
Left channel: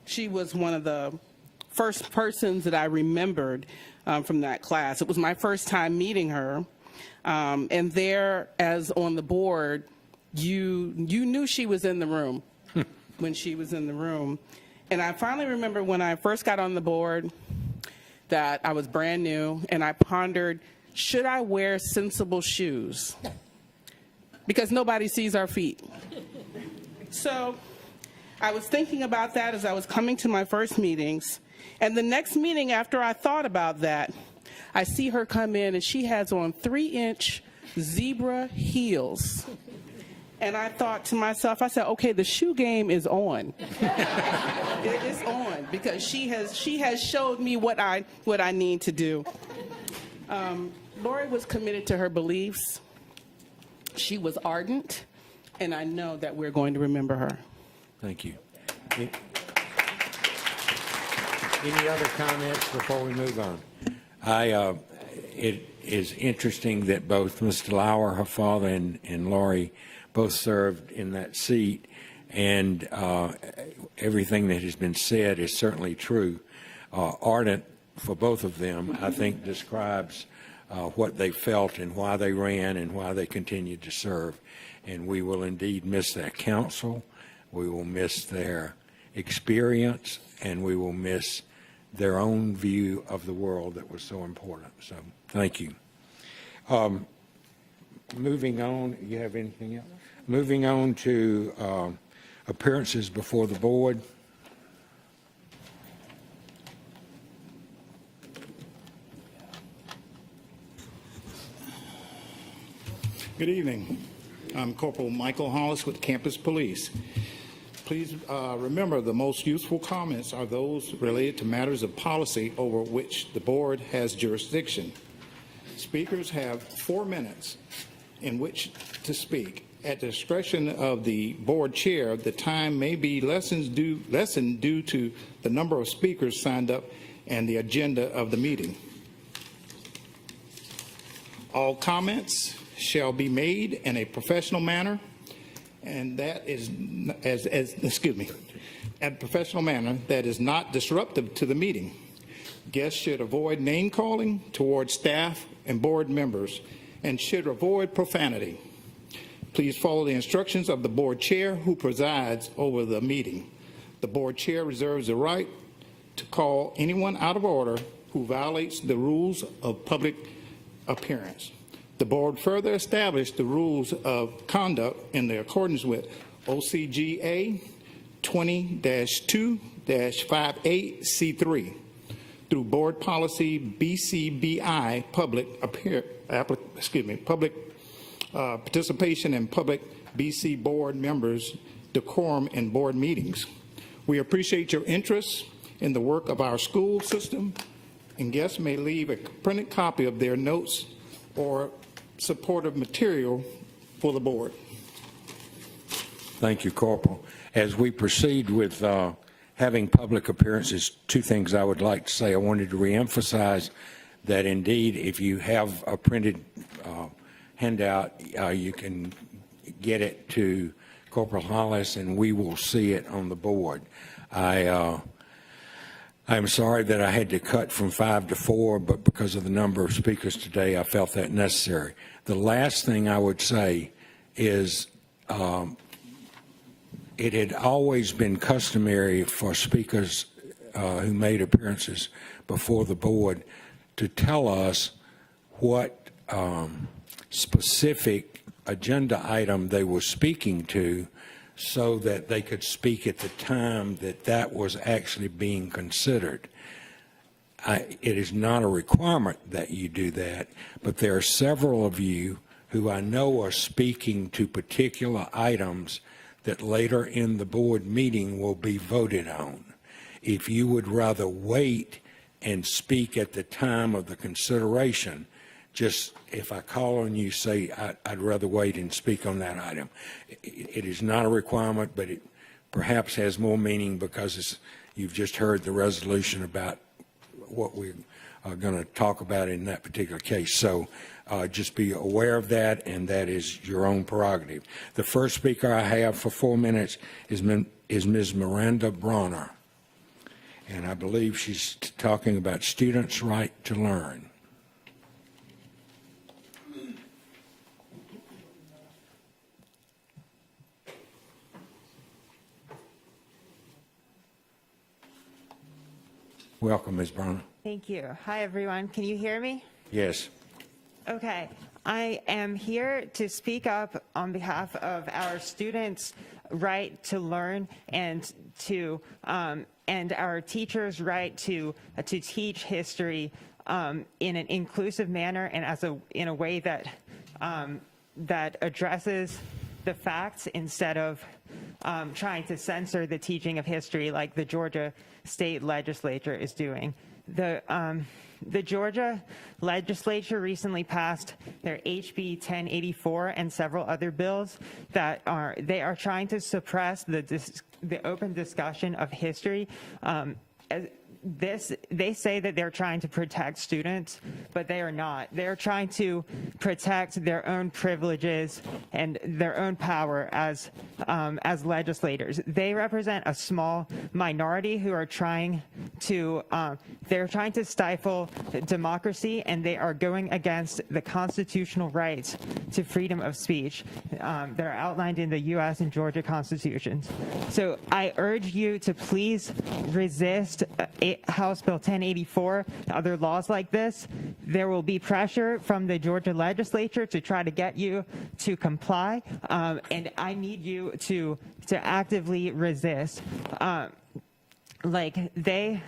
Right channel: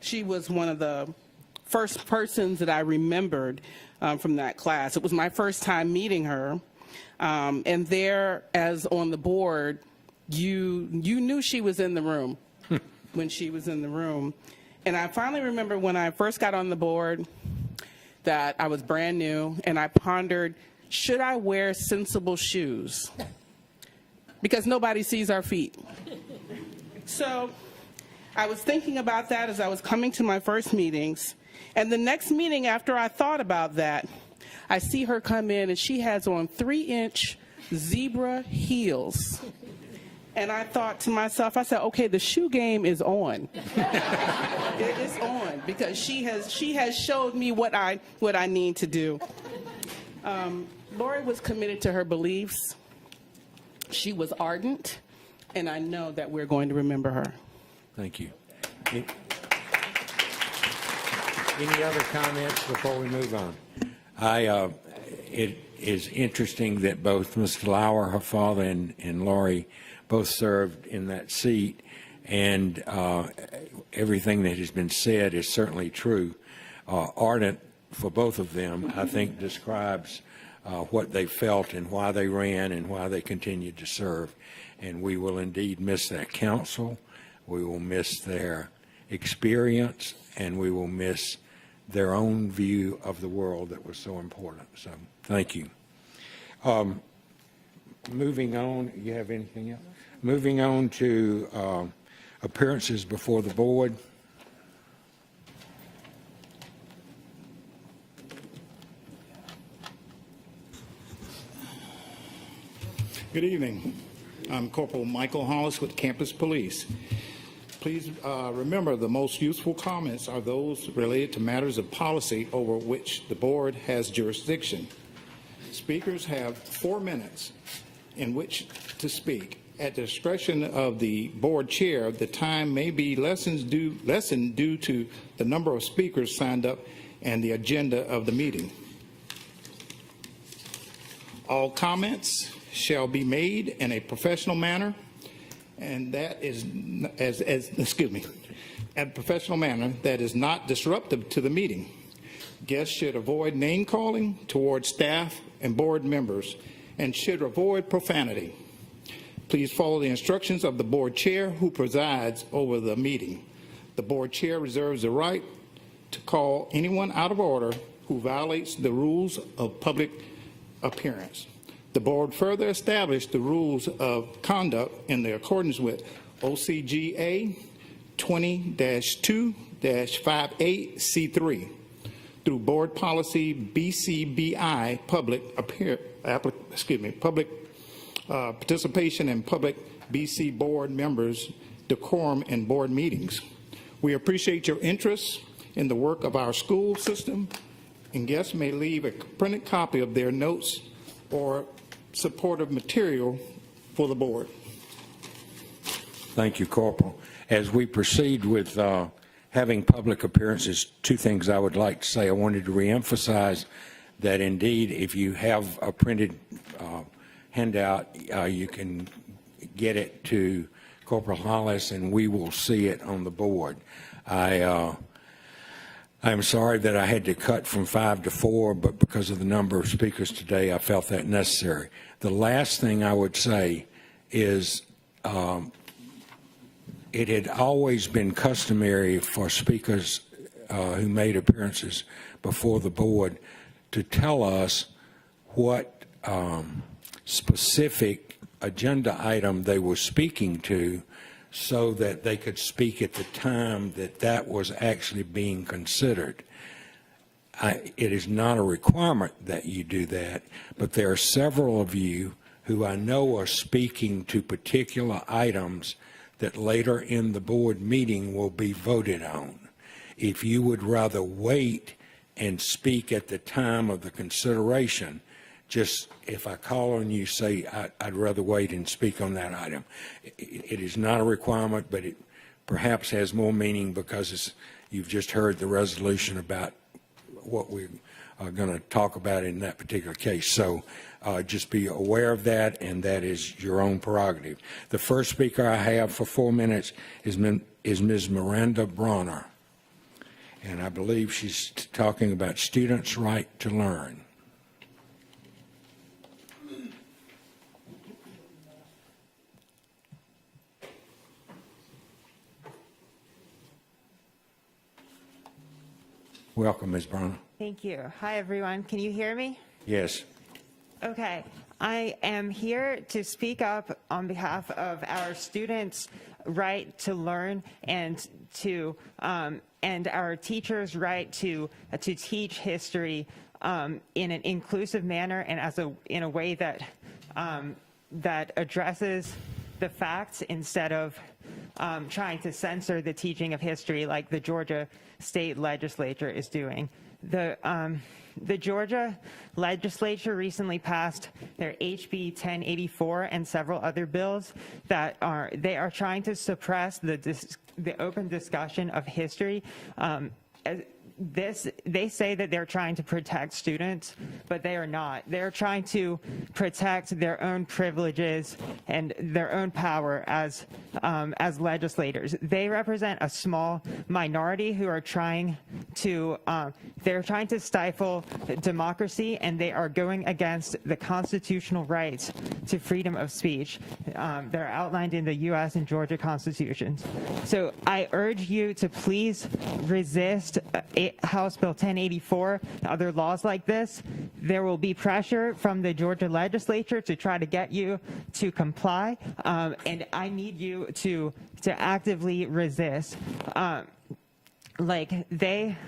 she was one of the first persons that I remembered from that class. It was my first time meeting her. And there, as on the board, you knew she was in the room when she was in the room. And I finally remember when I first got on the board that I was brand new, and I pondered, should I wear sensible shoes? Because nobody sees our feet. So I was thinking about that as I was coming to my first meetings. And the next meeting after I thought about that, I see her come in and she has on 3-inch zebra heels. And I thought to myself, I said, okay, the shoe game is on. It is on because she has showed me what I need to do. Lori was committed to her beliefs. She was ardent, and I know that we're going to remember her. thank you. Any other comments before we move on? It is interesting that both Ms. Lauer, her father, and Lori both served in that seat, and everything that has been said is certainly true. Ardent for both of them, I think, describes what they felt and why they ran and why they continue to serve. And we will indeed miss their counsel, we will miss their experience, and we will miss their own view of the world that was so important. So, thank you. Moving on, you have anything else? Moving on to appearances before the board. Good evening. I'm Corporal Michael Hollis with Campus Police. Please remember the most useful comments are those related to matters of policy over which the board has jurisdiction. Speakers have 4 minutes in which to speak. At the discretion of the board chair, the time may be lessened due to the number of speakers signed up and the agenda of the meeting. All comments shall be made in a professional manner, and that is a professional manner that is not disruptive to the meeting. Guests should avoid name calling towards staff and board members and should avoid profanity. Please follow the instructions of the board chair who presides over the meeting. The board chair reserves the right to call anyone out of order who violates the rules of public appearance. The board further established the rules of conduct in accordance with OCGA 20-2-58C3 through board policy BCBI public participation in public BC board members decorum in board meetings. We appreciate your interest in the work of our school system, and guests may leave a printed copy of their notes or supportive material for the board. Thank you, Corporal. As we proceed with having public appearances, 2 things I would like to say. I wanted to reemphasize that indeed, if you have a printed handout, you can get it to Corporal Hollis, and we will see it on the board. I'm sorry that I had to cut from 5 to 4, but because of the number of speakers today, I felt that necessary. The last thing I would say is it had always been customary for speakers who made appearances before the board to tell us what specific agenda item they were speaking to, so that they could speak at the time that that was actually being considered. it is not a requirement that you do that, but there are several of you who I know are speaking to particular items that later in the board meeting will be voted on. If you would rather wait and speak at the time of the consideration, just if I call on you, say, I'd rather wait and speak on that item. It is not a requirement, but it perhaps has more meaning because you've just heard the resolution about what we are going to talk about in that particular case. So just be aware of that, and that is your own prerogative. The first speaker I have for 4 minutes is Ms. Miranda Bronner, and I believe she's talking about students' right to learn. Welcome, Ms. Bronner. Thank you. Hi, everyone. Can you hear me? Yes. Okay. I am here to speak up on behalf of our students' right to learn and our teachers' right to teach history in an inclusive manner and in a way that addresses the facts instead of trying to censor the teaching of history like the Georgia State Legislature is doing. The Georgia Legislature recently passed their HB 1084 and several other bills that are trying to suppress the open discussion of history. They say that they're trying to protect students, but they are not. They're trying to protect their own privileges and their own power as legislators. They represent a small minority who are trying to stifle democracy, and they are going against the constitutional rights to freedom of speech. They're outlined in the U.S. and Georgia constitutions. So I urge you to please resist House Bill 1084 and other laws like this. There will be pressure from the Georgia legislature to try to get you to comply, and I need you to actively resist. They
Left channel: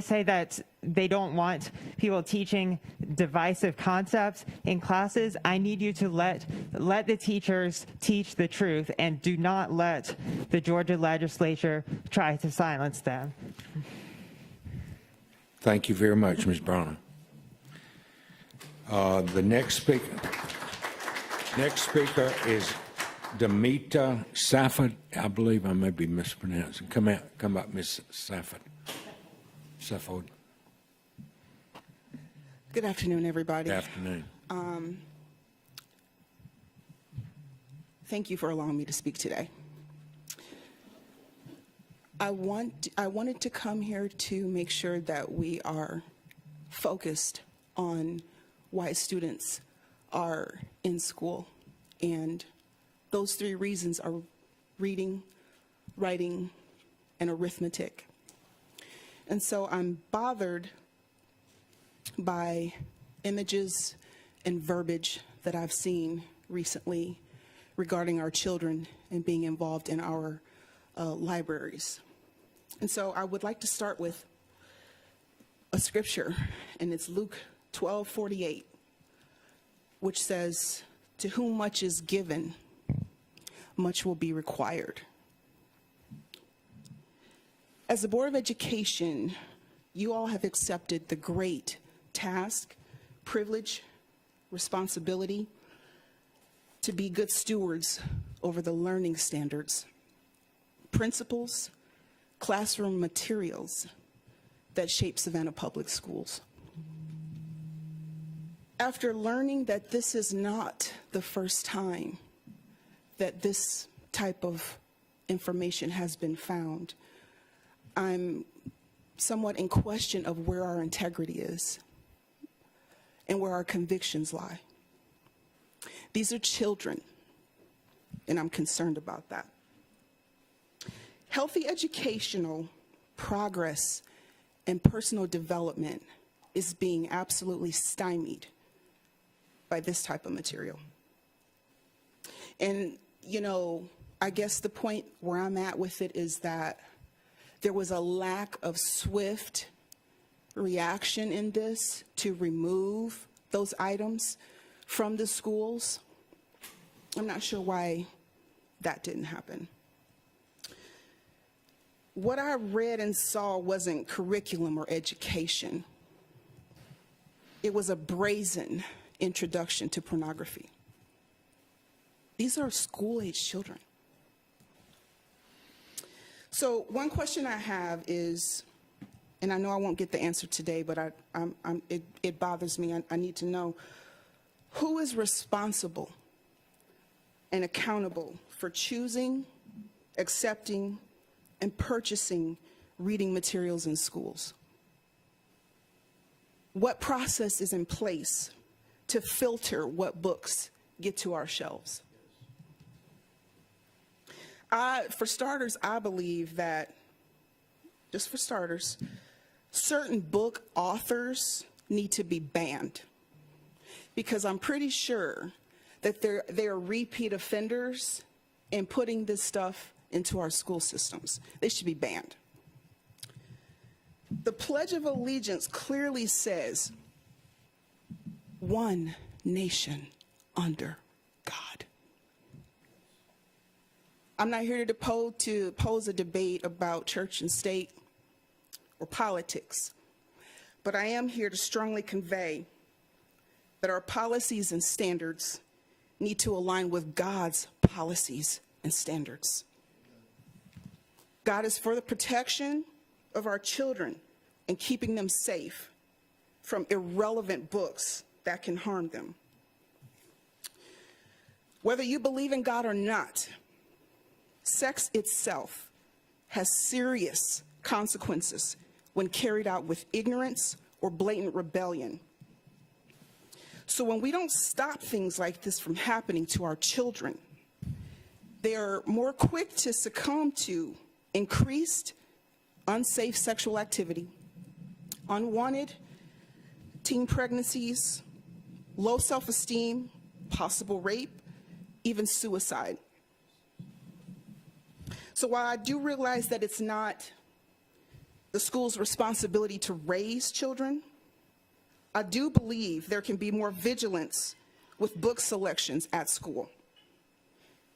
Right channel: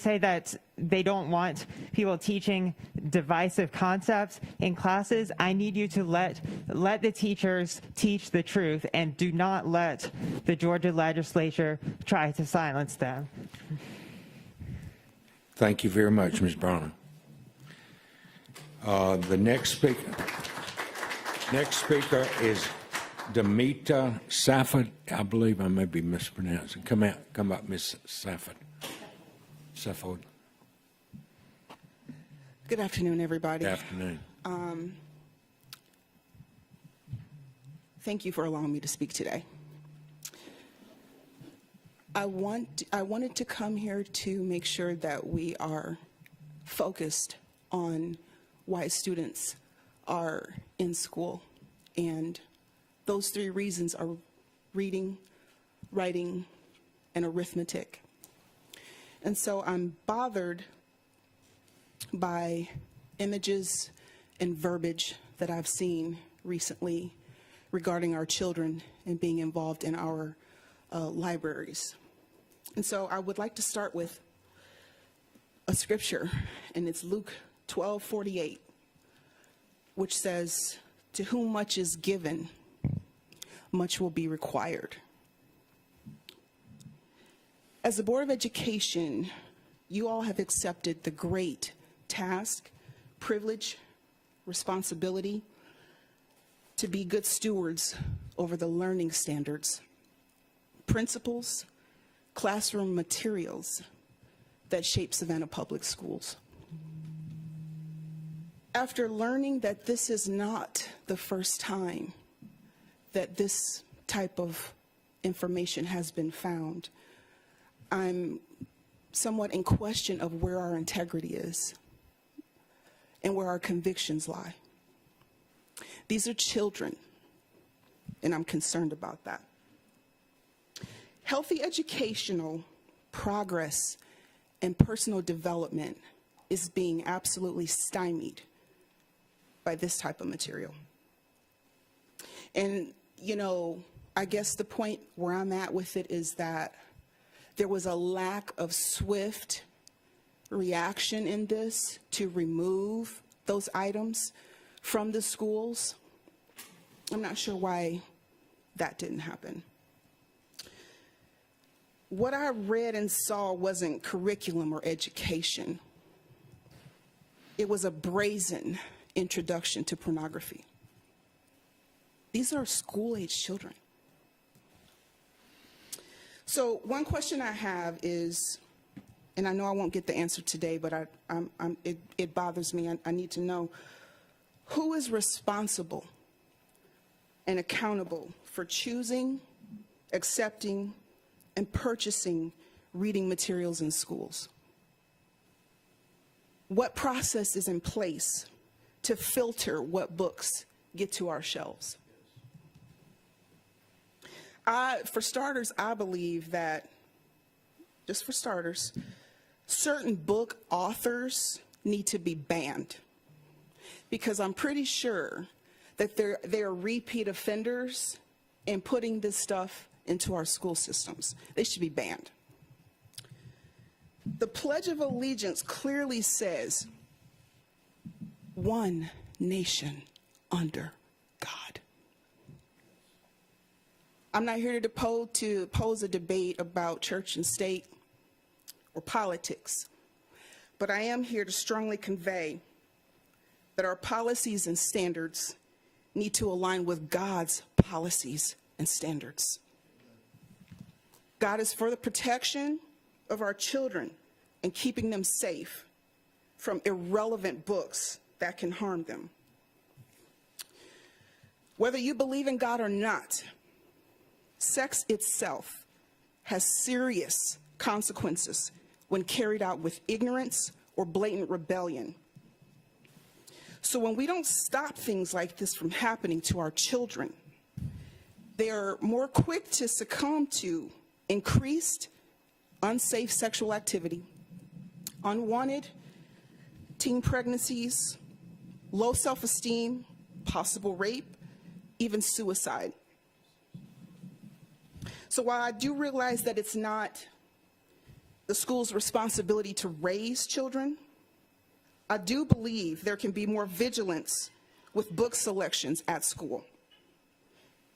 say that they don't want people teaching divisive concepts in classes. I need you to let the teachers teach the truth and do not let the Georgia legislature try to silence them. Thank you very much, Ms. Bronner. The next speaker is Demita Safford. I believe I may be mispronouncing. Come out, Ms. Safford. Good afternoon, everybody. Good afternoon. Thank you for allowing me to speak today. I wanted to come here to make sure that we are focused on why students are in school, and those 3 reasons are reading, writing, and arithmetic. And so I'm bothered by images and verbiage that I've seen recently regarding our children and being involved in our libraries. And so I would like to start with a scripture, and it's Luke 12:48, which says, "To whom much is given, much will be required." As the Board of Education, you all have accepted the great task, privilege, responsibility to be good stewards over the learning standards, principles, classroom materials that shape Savannah Public Schools. After learning that this is not the first time that this type of information has been found, I'm somewhat in question of where our integrity is and where our convictions lie. These are children, and I'm concerned about that. Healthy educational progress and personal development is being absolutely stymied by this type of material. And, I guess the point where I'm at with it is that there was a lack of swift reaction in this to remove those items from the schools. I'm not sure why that didn't happen. What I read and saw wasn't curriculum or education. It was a brazen introduction to pornography. These are school-age children. So one question I have is, and I know I won't get the answer today, but it bothers me. I need to know, who is responsible and accountable for choosing, accepting, and purchasing reading materials in schools? What process is in place to filter what books get to our shelves? For starters, I believe that, just for starters, certain book authors need to be banned, because I'm pretty sure that they're repeat offenders in putting this stuff into our school systems. They should be banned. The Pledge of Allegiance clearly says, one nation under God. I'm not here to pose a debate about church and state or politics, but I am here to strongly convey that our policies and standards need to align with God's policies and standards. God is for the protection of our children and keeping them safe from irrelevant books that can harm them. Whether you believe in God or not, sex itself has serious consequences when carried out with ignorance or blatant rebellion. So when we don't stop things like this from happening to our children, they're more quick to succumb to increased unsafe sexual activity, unwanted teen pregnancies, low self-esteem, possible rape, even suicide. So while I do realize that it's not the school's responsibility to raise children, I do believe there can be more vigilance with book selections at school.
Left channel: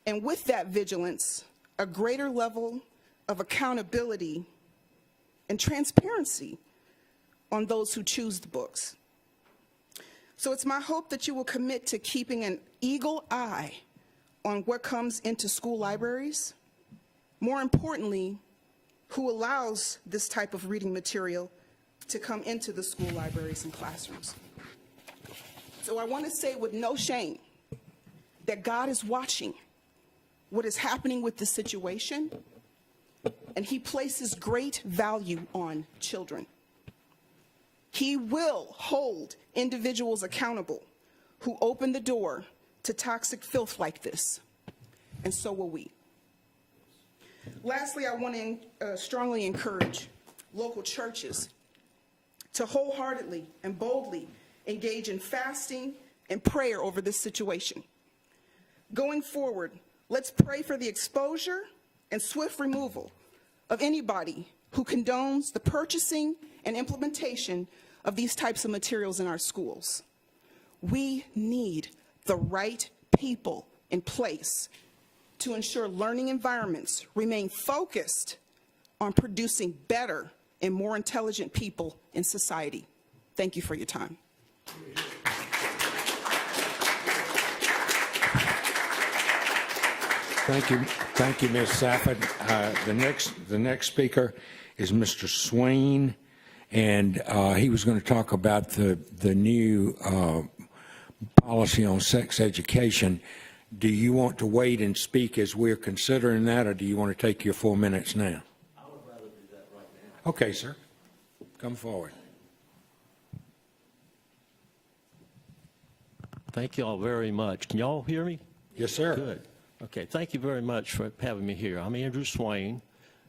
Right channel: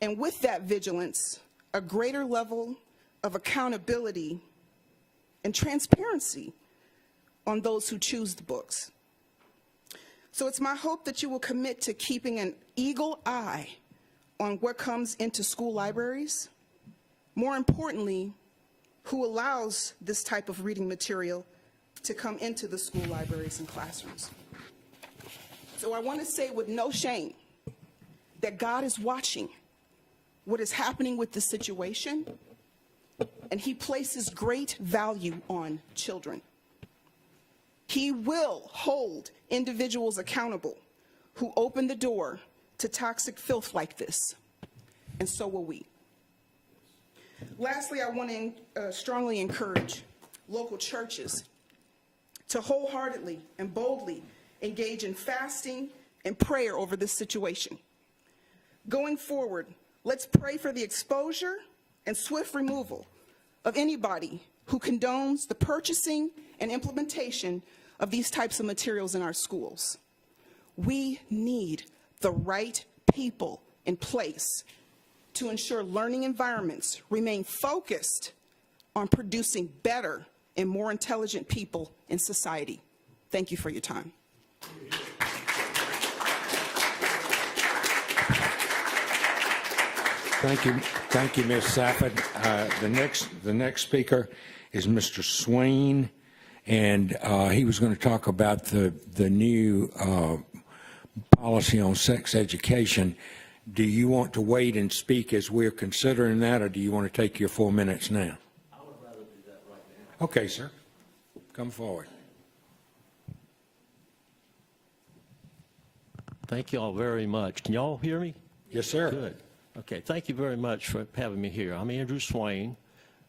And with that vigilance, a greater level of accountability and transparency on those who choose the books. So it's my hope that you will commit to keeping an eagle eye on what comes into school libraries. More importantly, who allows this type of reading material to come into the school libraries and classrooms. So I want to say with no shame that God is watching what is happening with the situation, and He places great value on children. He will hold individuals accountable who open the door to toxic filth like this, and so will we. Lastly, I want to strongly encourage local churches to wholeheartedly and boldly engage in fasting and prayer over this situation. Going forward, let's pray for the exposure and swift removal of anybody who condones the purchasing and implementation of these types of materials in our schools. We need the right people in place to ensure learning environments remain focused on producing better and more intelligent people in society. Thank you for your time. Thank you, Ms. Safford. The next speaker is Mr. Swain, and he was going to talk about the new policy on sex education. Do you want to wait and speak as we're considering that, or do you want to take your 4 minutes now? I would rather do that right now. Okay, sir. Come forward. Thank you all very much. Can y'all hear me? Yes, sir. Good. Okay, thank you very much for having me here. I'm Andrew Swain,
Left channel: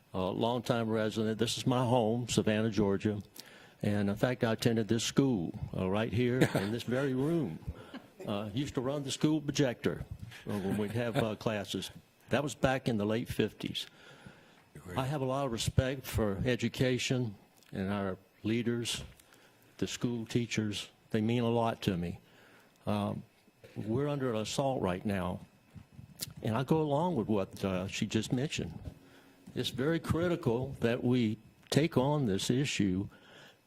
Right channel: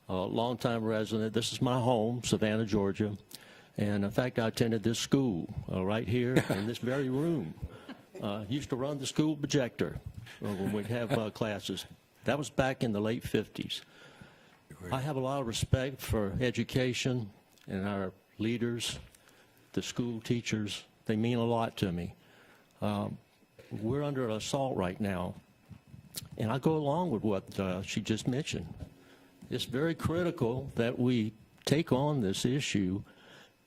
a longtime resident. This is my home, Savannah, Georgia. And in fact, I attended this school right here in this very room. Used to run the school projector when we'd have classes. That was back in the late 50s. I have a lot of respect for education and our leaders the school teachers, they mean a lot to me. We're under assault right now, and I go along with what she just mentioned. It's very critical that we take on this issue.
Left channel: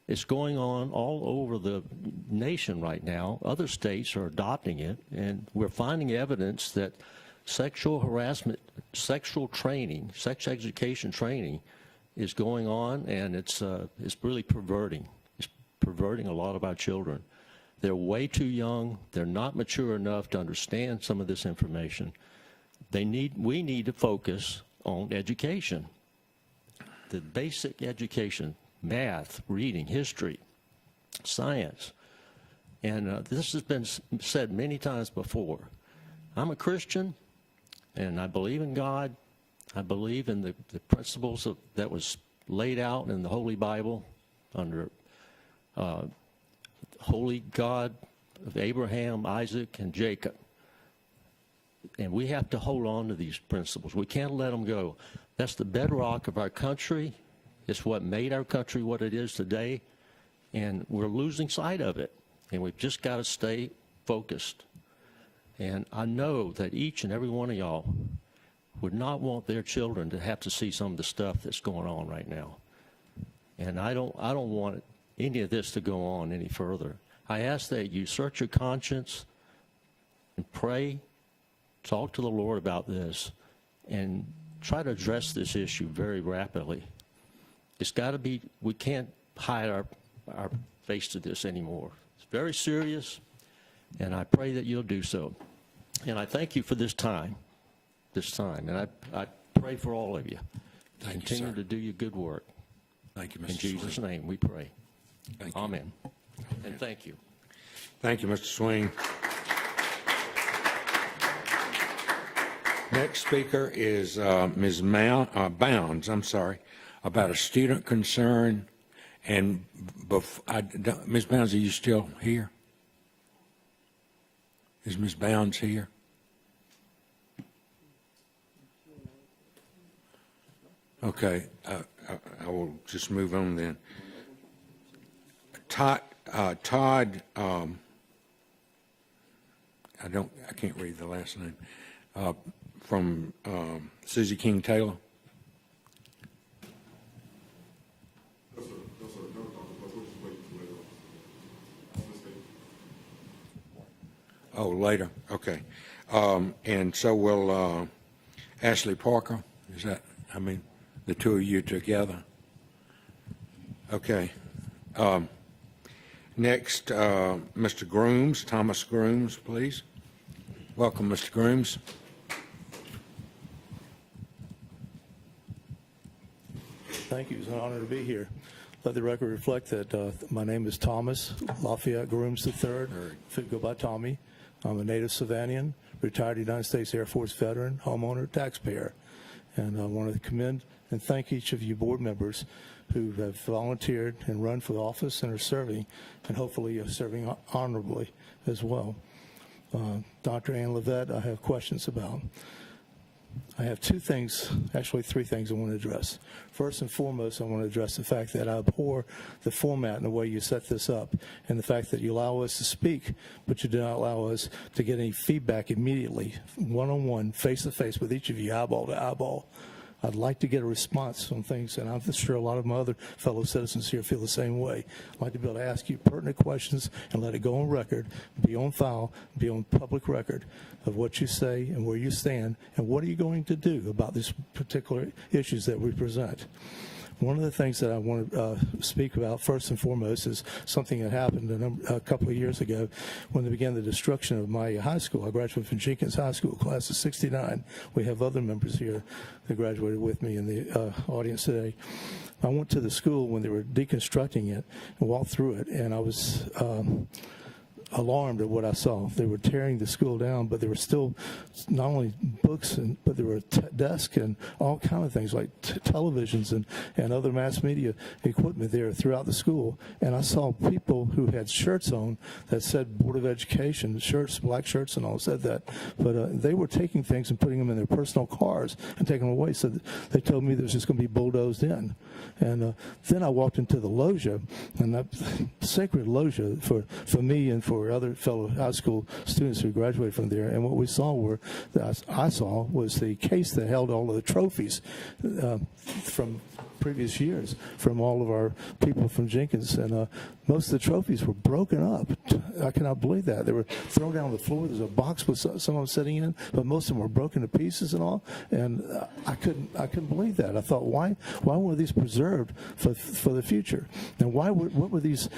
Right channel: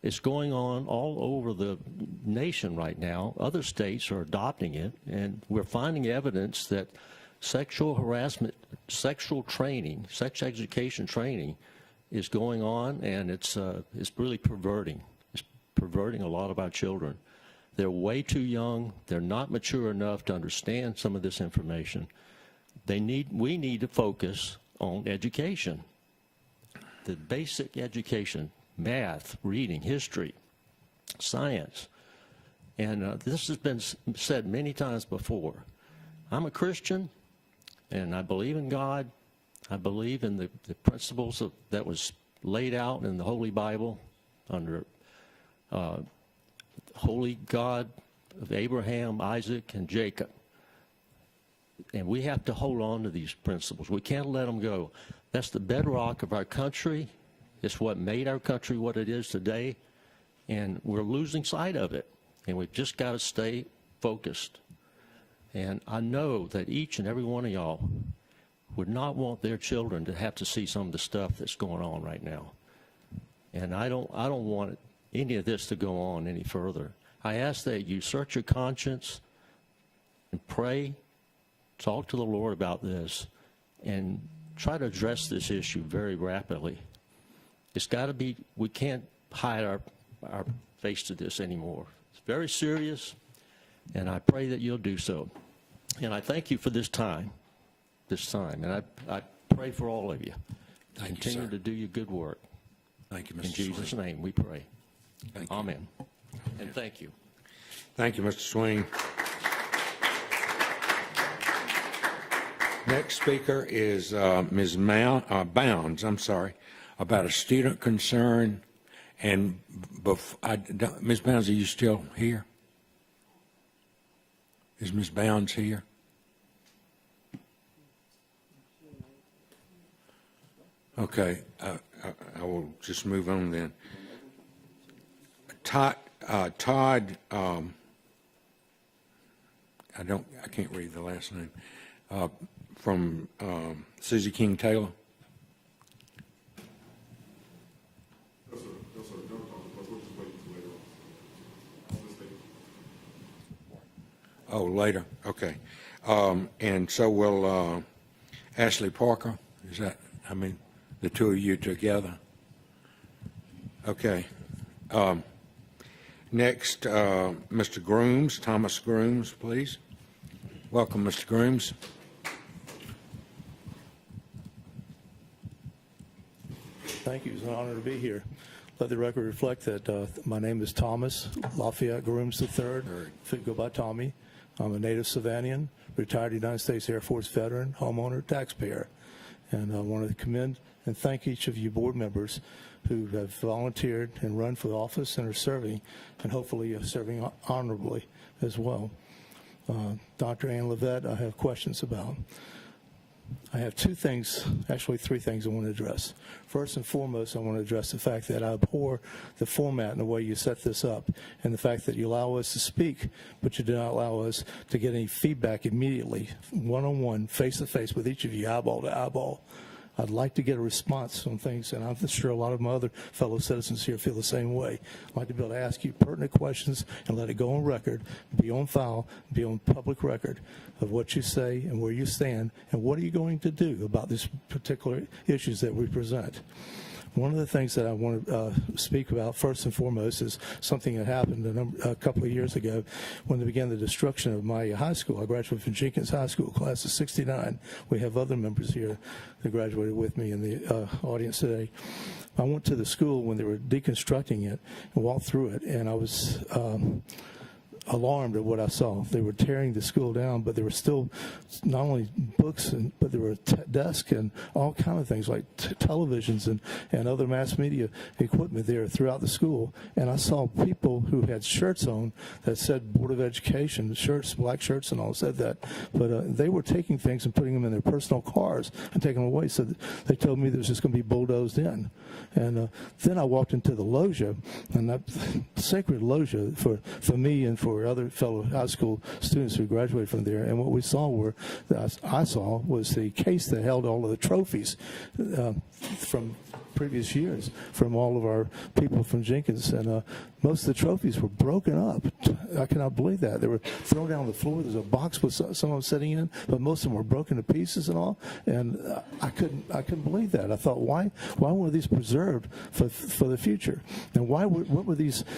It's going on all over the nation right now. Other states are adopting it, and we're finding evidence that sexual harassment, sexual training, sex education training is going on, and it's really perverting. It's perverting a lot of our children. They're way too young. They're not mature enough to understand some of this information. We need to focus on education, the basic education, math, reading, history, science. And this has been said many times before. I'm a Christian, and I believe in God. I believe in the principles that was laid out in the Holy Bible under Holy God of Abraham, Isaac, and Jacob. And we have to hold on to these principles. We can't let them go. That's the bedrock of our country. It's what made our country what it is today. And we're losing sight of it. And we've just got to stay focused. And I know that each and every one of y'all would not want their children to have to see some of the stuff that's going on right now. And I don't want any of this to go on any further. I ask that you search your conscience and pray, talk to the Lord about this, and try to address this issue very rapidly. It's got to be, we can't hide our face to this anymore. It's very serious, and I pray that you'll do so. And I thank you for this time. And I pray for all of you. Continue to do your good work. Thank you, In Mr. Jesus' Swing. name we pray. Thank you. Amen. And thank you. Thank you, Mr. Swing. Next speaker is Ms. Bounds, about a student concern. And Ms. Bounds, are you still here? Is Ms. Bounds here? Okay, I will just move on then. Todd, I can't read the last name, from Susie King Taylor. Oh, later, okay. And so will Ashley Parker, is that, the two of you together? Okay. Next, Mr. Grooms, Thomas Grooms, please. Welcome, Mr. Grooms. Thank you. It's an honor to be here. Let the record reflect that my name is Thomas Lafayette Grooms III, fit go by Tommy. I'm a native Savannah, retired United States Air Force veteran, homeowner, taxpayer. And I want to commend and thank each of you board members who have volunteered and run for the office and are serving, and hopefully are serving honorably as well. Dr. Ann Levette, I have questions about. I have three things I want to address. First and foremost, I want to address the fact that I abhor the format and the way you set this up, and the fact that you allow us to speak, but you do not allow us to get any feedback immediately, one-on-one, face-to-face with each of you, eyeball to eyeball. I'd like to get a response on things, and I'm sure a lot of my other fellow citizens here feel the same way. I'd like to be able to ask you pertinent questions and let it go on record, be on file, be on public record of what you say and where you stand, and what are you going to do about these particular issues that we present. One of the things that I want to speak about first and foremost is something that happened a couple of years ago when we began the destruction of my high school. I graduated from Jenkins High School, class of '69. We have other members here that graduated with me in the audience today. I went to the school when they were deconstructing it and walked through it, and I was alarmed at what I saw. They were tearing the school down, but there were still not only books, but there were desks and all kinds of things like televisions and other mass media equipment there throughout the school. And I saw people who had shirts on that said Board of Education, shirts, black shirts and all said that. But they were taking things and putting them in their personal cars and taking them away. So they told me this was going to be bulldozed in. And then I walked into the loggia, and that sacred loggia for me and for other fellow high school students who graduated from there. And what we saw was the case that held all of the trophies from previous years from all of our people from Jenkins, and most of the trophies were broken up. I cannot believe that. They were thrown out on the floor. There's a box with someone sitting in, but most of them were broken to pieces and all. And I couldn't believe that. I thought, why were these preserved for the future? And what were these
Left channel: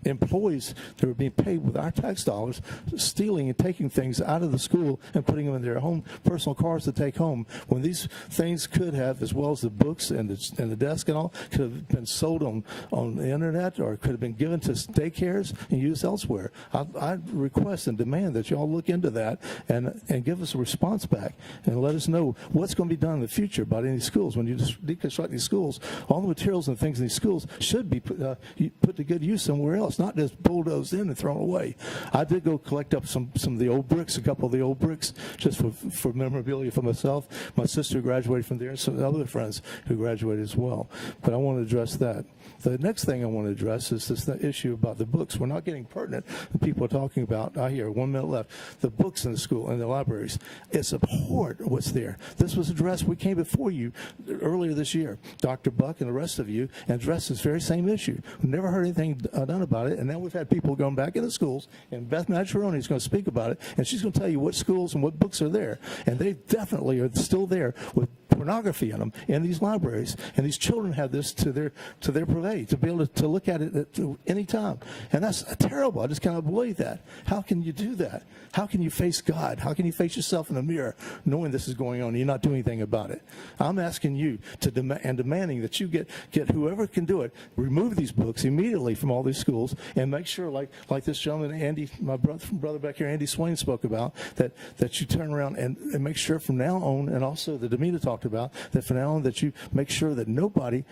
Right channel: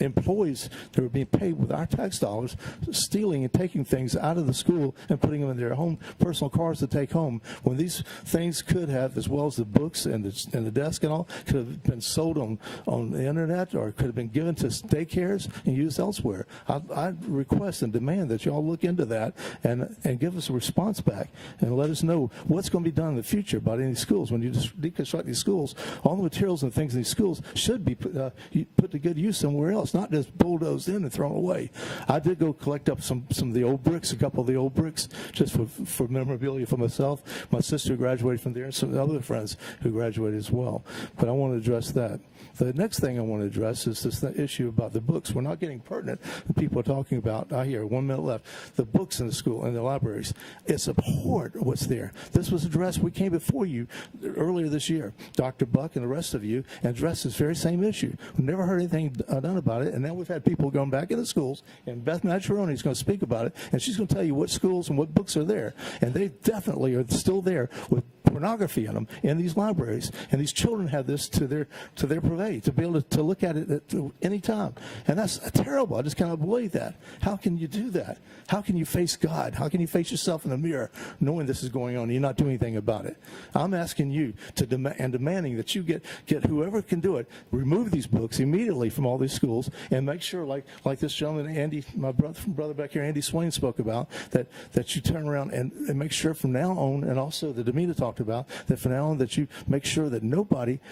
employees that were being paid with our tax dollars stealing and taking things out of the school and putting them in their own personal cars to take home, when these things could have, as well as the books and the desk and all, could have been sold on the internet or could have been given to daycares and used elsewhere. I request and demand that you all look into that and give us a response back and let us know what's going to be done in the future by these schools. When you deconstruct these schools, all the materials and things in these schools should be put to good use somewhere else, not just bulldozed in and thrown away. I did go collect up some of the old bricks, a couple of the old bricks, just for memorabilia for myself. My sister graduated from there, and some other friends who graduated as well. But I want to address that. The next thing I want to address is this issue about the books. We're not getting pertinent. People are talking about, I hear 1 minute left, the books in the school and the libraries. It's abhorrent what's there. This was addressed, we came before you earlier this year, Dr. Buck and the rest of you, and addressed this very same issue. Never heard anything done about it, and then we've had people going back in the schools, and Beth Matroni is going to speak about it, and she's going to tell you what schools and what books are there. And they definitely are still there with pornography on them in these libraries. And these children have this to their play, to be able to look at it at any time. And that's terrible. I just can't believe that. How can you do that? How can you face God? How can you face yourself in the mirror knowing this is going on and you're not doing anything about it? I'm asking you and demanding that you get whoever can do it, remove these books immediately from all these schools and make sure, like this gentleman, Andy, my brother back here, Andy Swain, spoke about, that you turn around and make sure from now on, and also that Amita talked about, that from now on that you make sure that nobody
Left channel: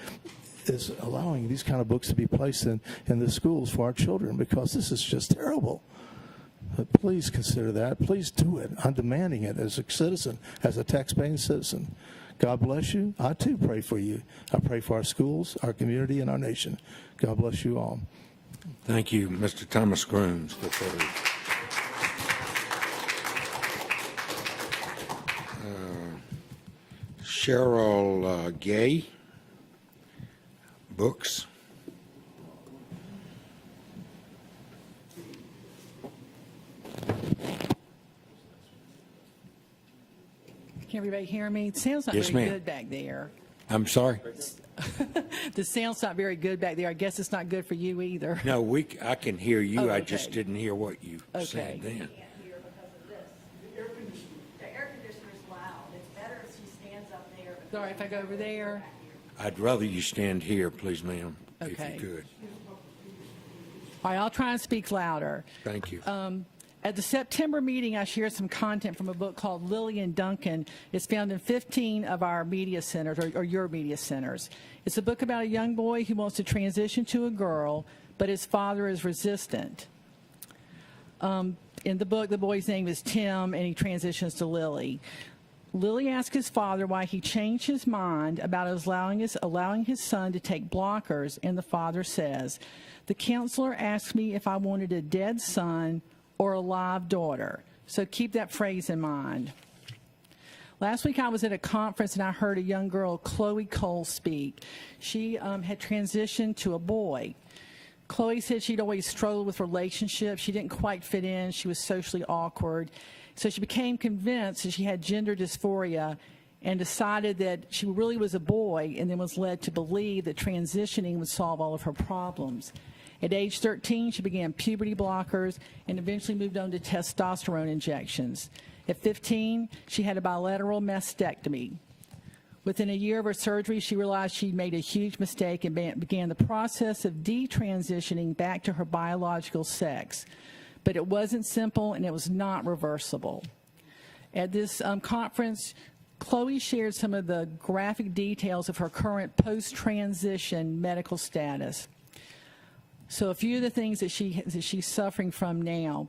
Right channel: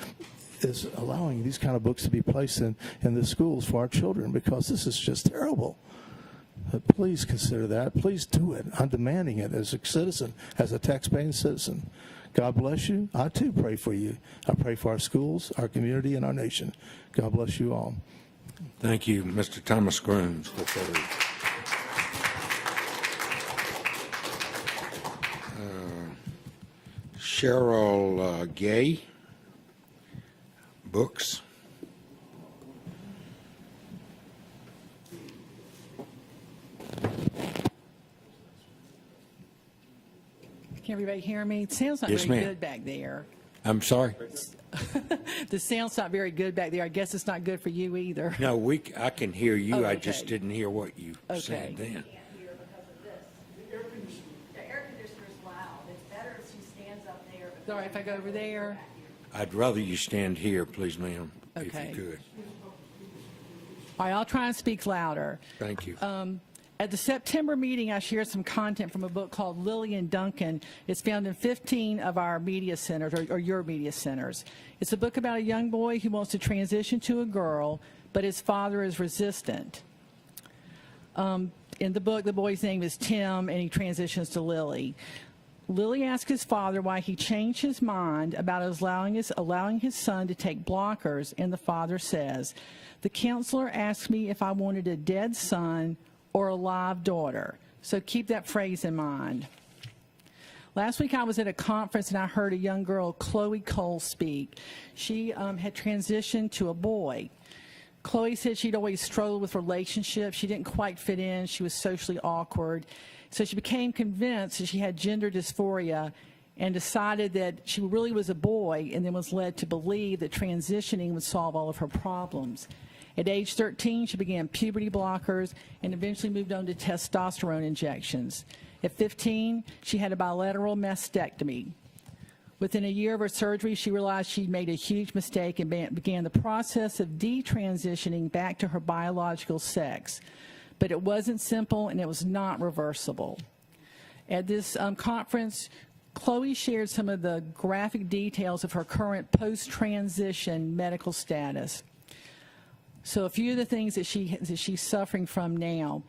is allowing these kind of books to be placed in the schools for our children, because this is just terrible. Please consider that. Please do it. I'm demanding it as a citizen, as a taxpaying citizen. God bless you. I too pray for you. I pray for our schools, our community, and our nation. God bless you all. Thank you, Mr. Thomas Grooms. Cheryl Gay, books. Can everybody hear me? It sounds not Yes, very ma'am. good back there. I'm sorry. The sound's not very good back there. I guess it's not good for you either. No, I can hear you. Oh, I okay. just didn't hear what you Okay. said then. Sorry, if I go over there. I'd rather you stand here, please, ma'am, if Okay. you could. All right, I'll try and speak louder. Thank you. At the September meeting, I shared some content from a book called Lily and Duncan. It's found in 15 of our media centers, or your media centers. It's a book about a young boy who wants to transition to a girl, but his father is resistant. In the book, the boy's name is Tim, and he transitions to Lily. Lily asked his father why he changed his mind about allowing his son to take blockers, and the father says, "The counselor asked me if I wanted a dead son or a live daughter." So keep that phrase in mind. Last week I was at a conference and I heard a young girl, Chloe Cole, speak. She had transitioned to a boy. Chloe said she'd always struggled with relationships. She didn't quite fit in. She was socially awkward. So she became convinced that she had gender dysphoria and decided that she really was a boy, and then was led to believe that transitioning would solve all of her problems. At age 13, she began puberty blockers and eventually moved on to testosterone injections. At 15, she had a bilateral mastectomy. Within a year of her surgery, she realized she'd made a huge mistake and began the process of detransitioning back to her biological sex. but it wasn't simple and it was not reversible. At this conference, Chloe shared some of the graphic details of her current post-transition medical status. So a few of the things that she's suffering from now:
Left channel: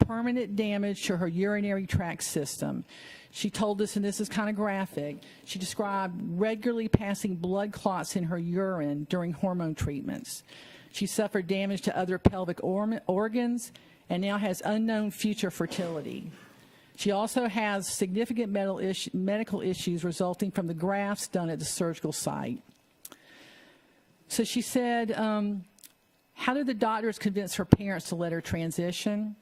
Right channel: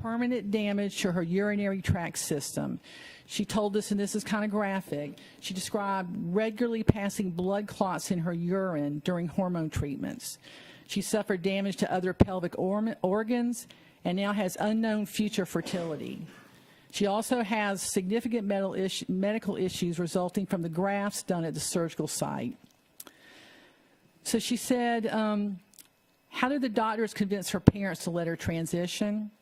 permanent damage to her urinary tract system. She told us, and this is kind of graphic, she described regularly passing blood clots in her urine during hormone treatments. She suffered damage to other pelvic organs and now has unknown future fertility. She also has significant medical issues resulting from the grafts done at the surgical site. So she said, how did the doctors convince her parents to let her transition?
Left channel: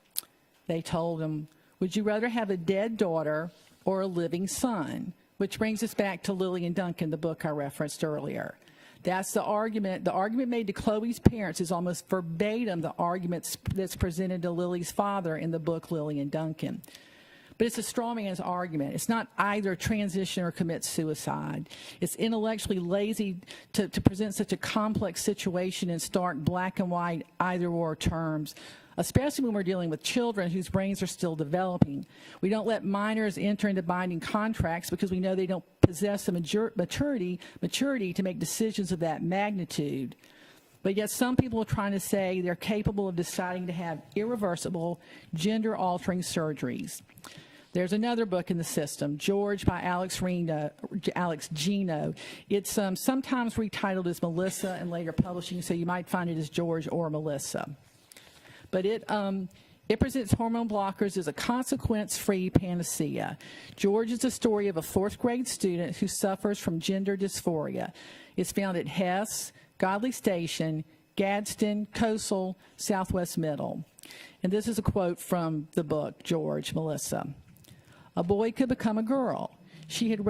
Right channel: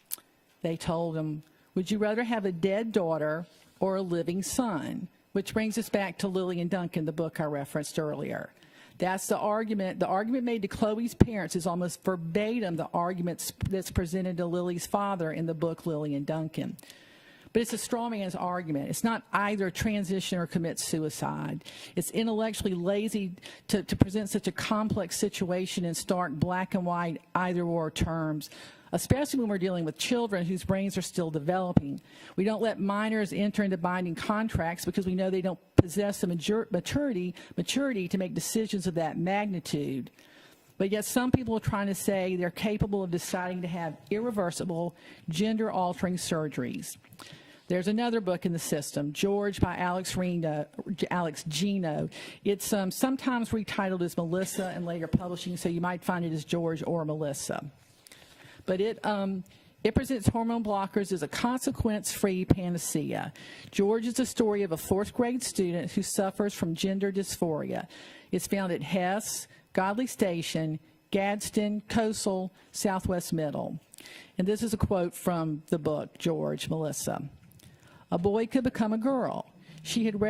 They told them, would you rather have a dead daughter or a living son? Which brings us back to Lily and Duncan, the book I referenced earlier. That's the argument. The argument made to Chloe's parents is almost verbatim the argument that's presented to Lily's father in the book Lily and Duncan. But it's a strong man's argument. It's not either transition or commit suicide. It's intellectually lazy to present such a complex situation in stark black and white either-or terms, especially when we're dealing with children whose brains are still developing. We don't let minors enter into binding contracts because we know they don't possess the maturity to make decisions of that magnitude. But yet some people are trying to say they're capable of deciding to have irreversible, gender-altering surgeries. There's another book in the system, George by Alex Gino. It's sometimes retitled as Melissa and later publishing, so you might find it as George or Melissa. But it presents hormone blockers as a consequence-free panacea. George is the story of a fourth-grade student who suffers from gender dysphoria. It's found at Hess, Godley Station, Gadsden, Coastal, Southwest Middle. And this is a quote from the book, George, Melissa. A boy could become a girl. She had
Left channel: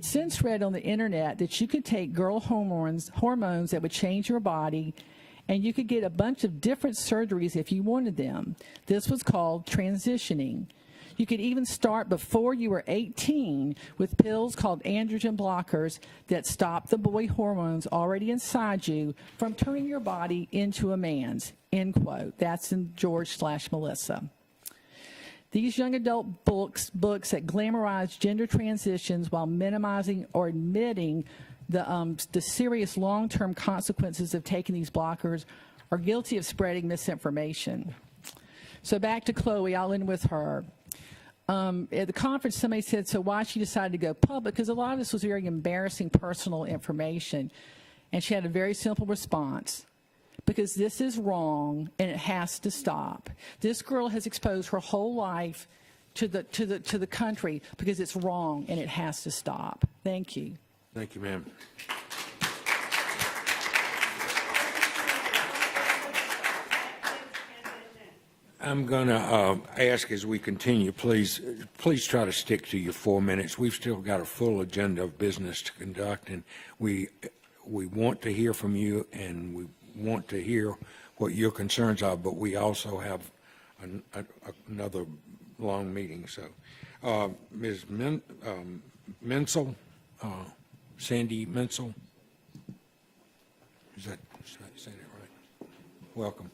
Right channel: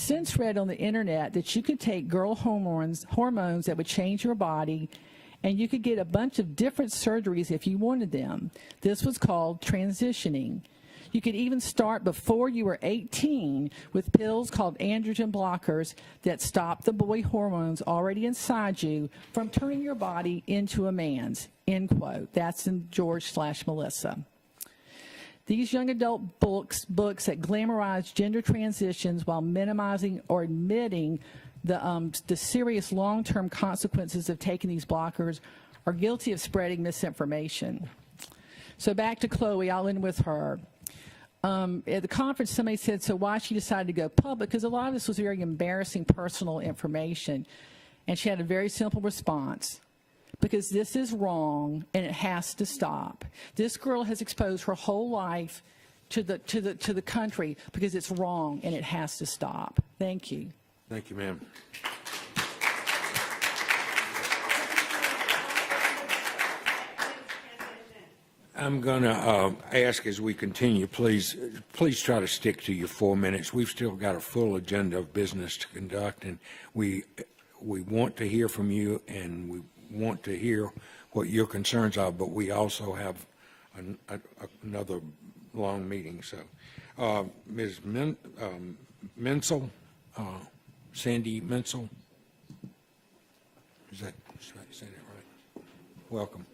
since read on the internet that you could take girl hormones that would change your body, and you could get a bunch of different surgeries if you wanted them. This was called transitioning. You could even start before you were 18 with pills called androgen blockers that stop the boy hormones already inside you from turning your body into a man's, end quote. That's in George/Melissa. These young adult books that glamorize gender transitions while minimizing or admitting the serious long-term consequences of taking these blockers are guilty of spreading misinformation. So back to Chloe, I'll end with her. At the conference, somebody said, so why she decided to go public? Because a lot of this was very embarrassing personal information. And she had a very simple response. Because this is wrong and it has to stop. This girl has exposed her whole life to the country because it's wrong and it has to stop. Thank you. Thank you, ma'am. I'm going to ask as we continue, please try to stick to your 4 minutes. We've still got a full agenda of business to conduct, and we want to hear from you, and we want to hear what your concerns are, but we also have another long meeting. So, Ms. Mensel, Sandy Mensel, is that saying it right? Welcome.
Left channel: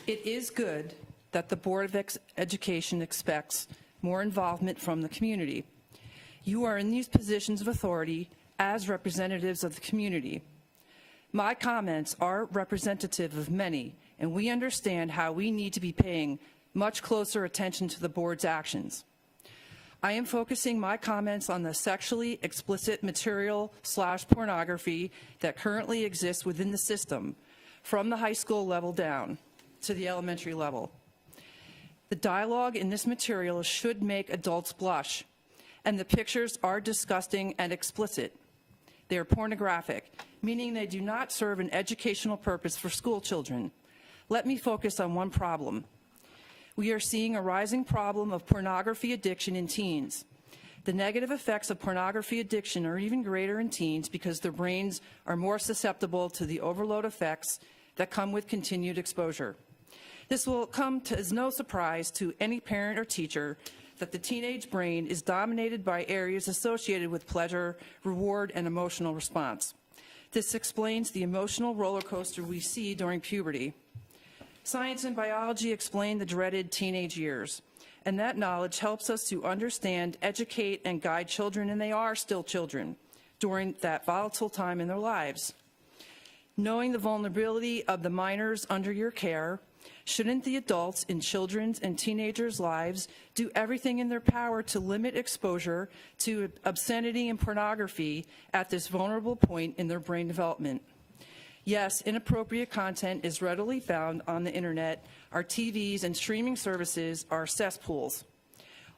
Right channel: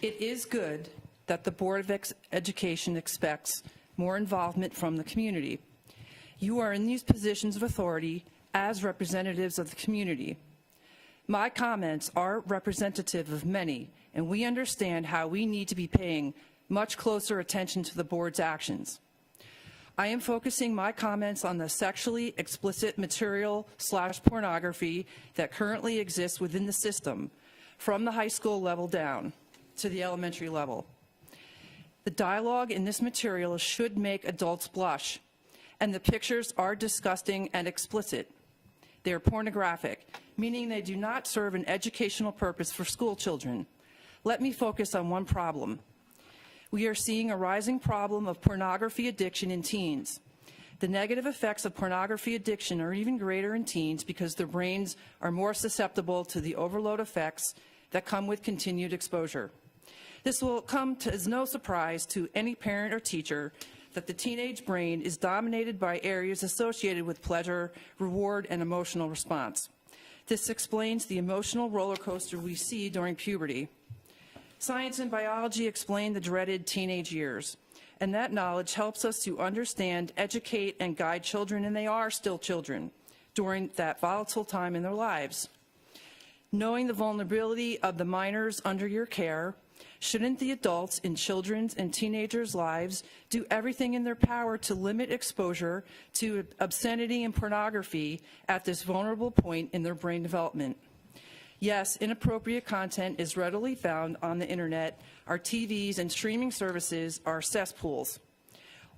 It is good that the Board of Education expects more involvement from the community. You are in these positions of authority as representatives of the community. My comments are representative of many, and we understand how we need to be paying much closer attention to the board's actions. I am focusing my comments on the sexually explicit material/pornography that currently exists within the system, from the high school level down to the elementary level. The dialogue in this material should make adults blush, and the pictures are disgusting and explicit. They are pornographic, meaning they do not serve an educational purpose for school children. Let me focus on one problem. We are seeing a rising problem of pornography addiction in teens. The negative effects of pornography addiction are even greater in teens because their brains are more susceptible to the overload effects that come with continued exposure. This will come as no surprise to any parent or teacher that the teenage brain is dominated by areas associated with pleasure, reward, and emotional response. This explains the emotional roller coaster we see during puberty. Science and biology explain the dreaded teenage years, and that knowledge helps us to understand, educate, and guide children, and they are still children, during that volatile time in their lives. Knowing the vulnerability of the minors under your care, shouldn't the adults in children's and teenagers' lives do everything in their power to limit exposure to obscenity and pornography at this vulnerable point in their brain development? Yes, inappropriate content is readily found on the internet. Our TVs and streaming services are cesspools.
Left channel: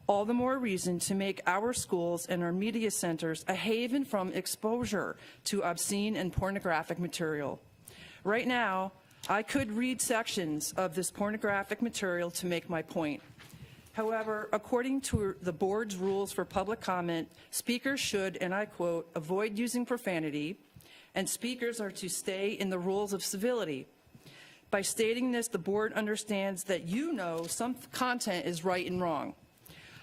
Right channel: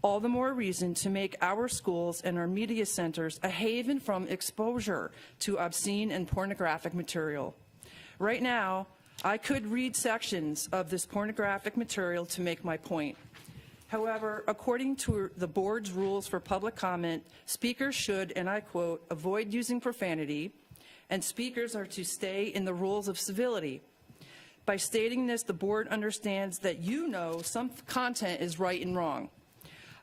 All the more reason to make our schools and our media centers a haven from exposure to obscene and pornographic material. Right now, I could read sections of this pornographic material to make my point. However, according to the board's rules for public comment, speakers should, and I quote, avoid using profanity, and speakers are to stay in the rules of civility. By stating this, the board understands that you know some content is right and wrong.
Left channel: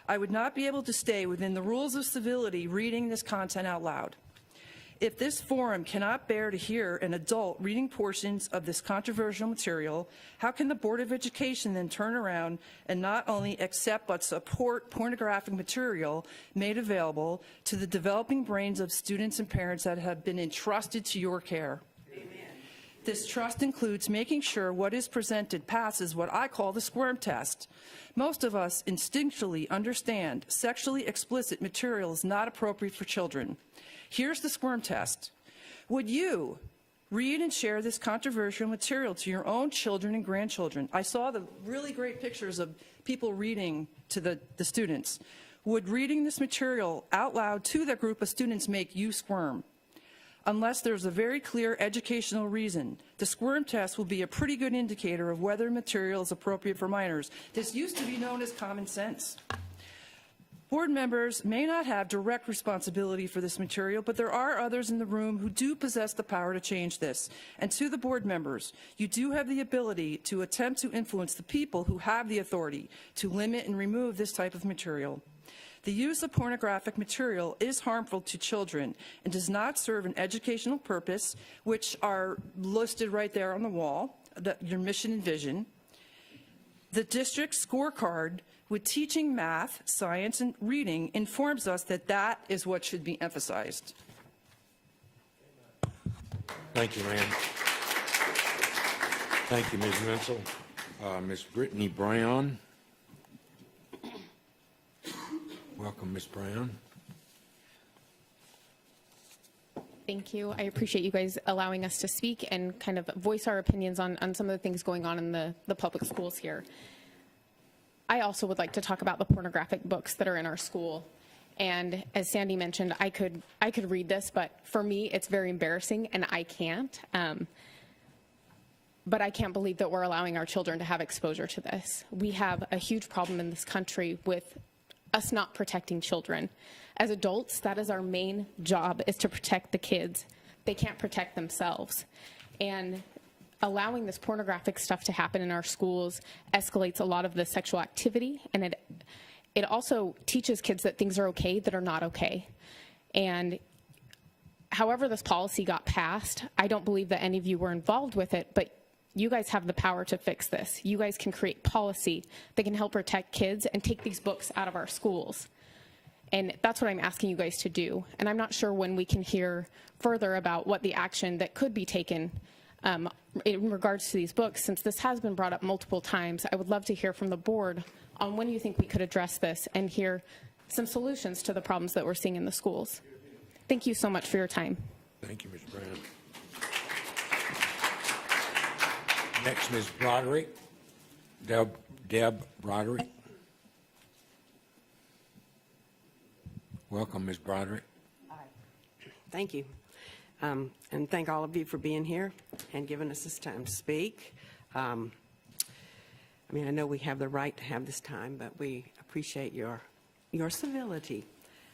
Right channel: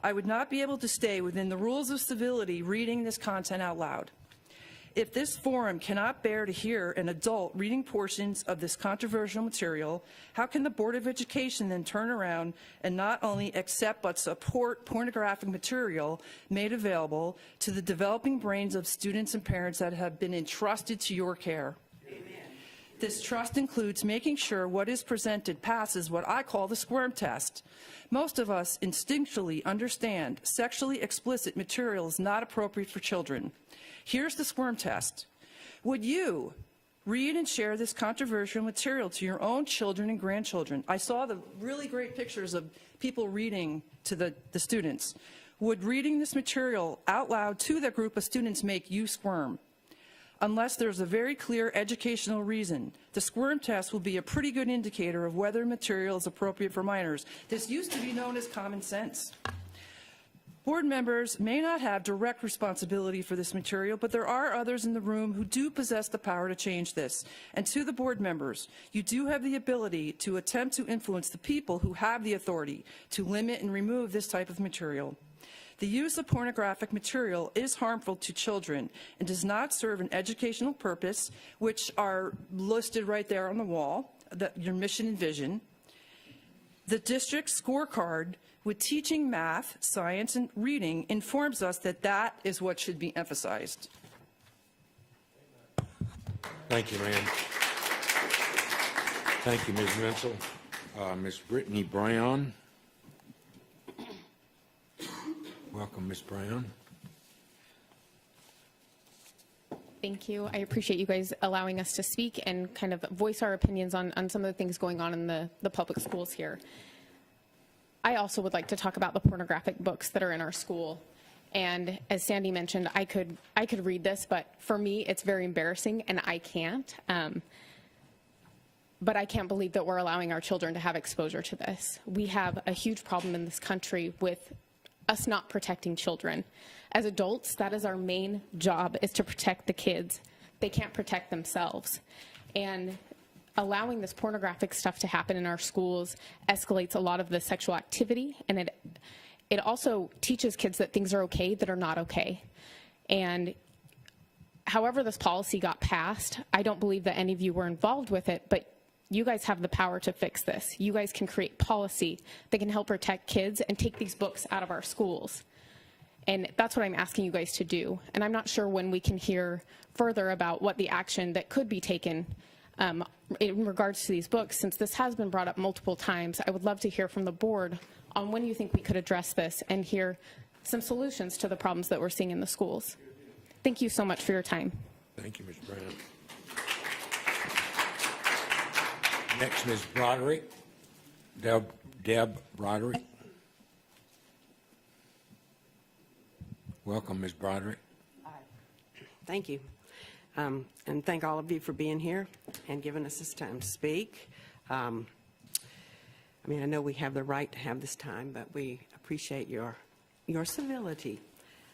I would not be able to stay within the rules of civility reading this content out loud. If this forum cannot bear to hear an adult reading portions of this controversial material, how can the Board of Education then turn around and not only accept but support pornographic material made available to the developing brains of students and parents that have been entrusted to your care? This trust includes making sure what is presented passes what I call the squirm test. Most of us instinctually understand sexually explicit material is not appropriate for children. Here's the squirm test. Would you read and share this controversial material to your own children and grandchildren? I saw the really great pictures of people reading to the students. Would reading this material out loud to that group of students make you squirm? Unless there's a very clear educational reason, the squirm test will be a pretty good indicator of whether material is appropriate for minors. This used to be known as common sense. Board members may not have direct responsibility for this material, but there are others in the room who do possess the power to change this. And to the board members, you do have the ability to attempt to influence the people who have the authority to limit and remove this type of material. The use of pornographic material is harmful to children and does not serve an educational purpose, which are listed right there on the wall, your mission and vision. The district scorecard with teaching math, science, and reading informs us that that is what should be emphasized. Thank you, Ann. Thank you, Ms. Missel. Ms. Brittany Brown. Welcome, Ms. Brown. Thank you. I appreciate you guys allowing us to speak and kind of voice our opinions on some of the things going on in the public schools here. I also would like to talk about the pornographic books that are in our school. And as Sandy mentioned, I could read this, but for me, it's very embarrassing, and I can't. But I can't believe that we're allowing our children to have exposure to this. We have a huge problem in this country with us not protecting children. As adults, that is our main job, is to protect the kids. They can't protect themselves. And allowing this pornographic stuff to happen in our schools escalates a lot of the sexual activity, and it also teaches kids that things are okay that are not okay. And however this policy got passed, I don't believe that any of you were involved with it, but you guys have the power to fix this. You guys can create policy that can help protect kids and take these books out of our schools. And that's what I'm asking you guys to do. And I'm not sure when we can hear further about what the action that could be taken in regards to these books. Since this has been brought up multiple times, I would love to hear from the board on when you think we could address this and hear some solutions to the problems that we're seeing in the schools. Thank you so much for your time. Thank you, Ms. Brown. Next is Broderick. Deb Broderick. Welcome, Ms. Broderick. Thank you. And thank all of you for being here and giving us this time to speak. I know we have the right to have this time, but we appreciate your civility.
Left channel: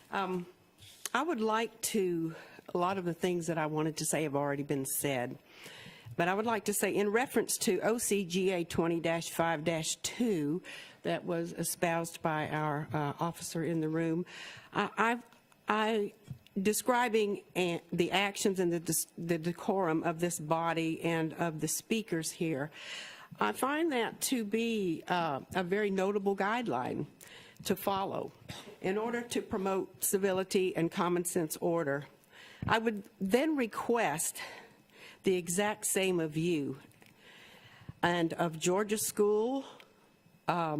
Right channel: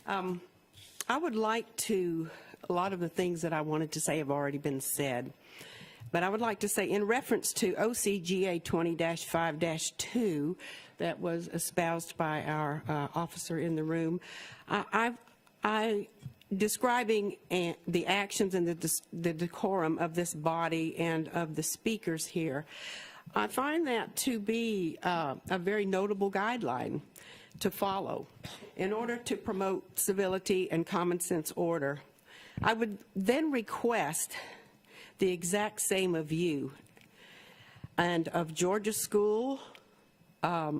I would like to, a lot of the things that I wanted to say have already been said, but I would like to say in reference to OCGA 20-5-2, that was espoused by our officer in the room. I describing the actions and the decorum of this body and of the speakers here, I find that to be a very notable guideline to follow in order to promote civility and common sense order. I would then request the exact same of you and of Georgia School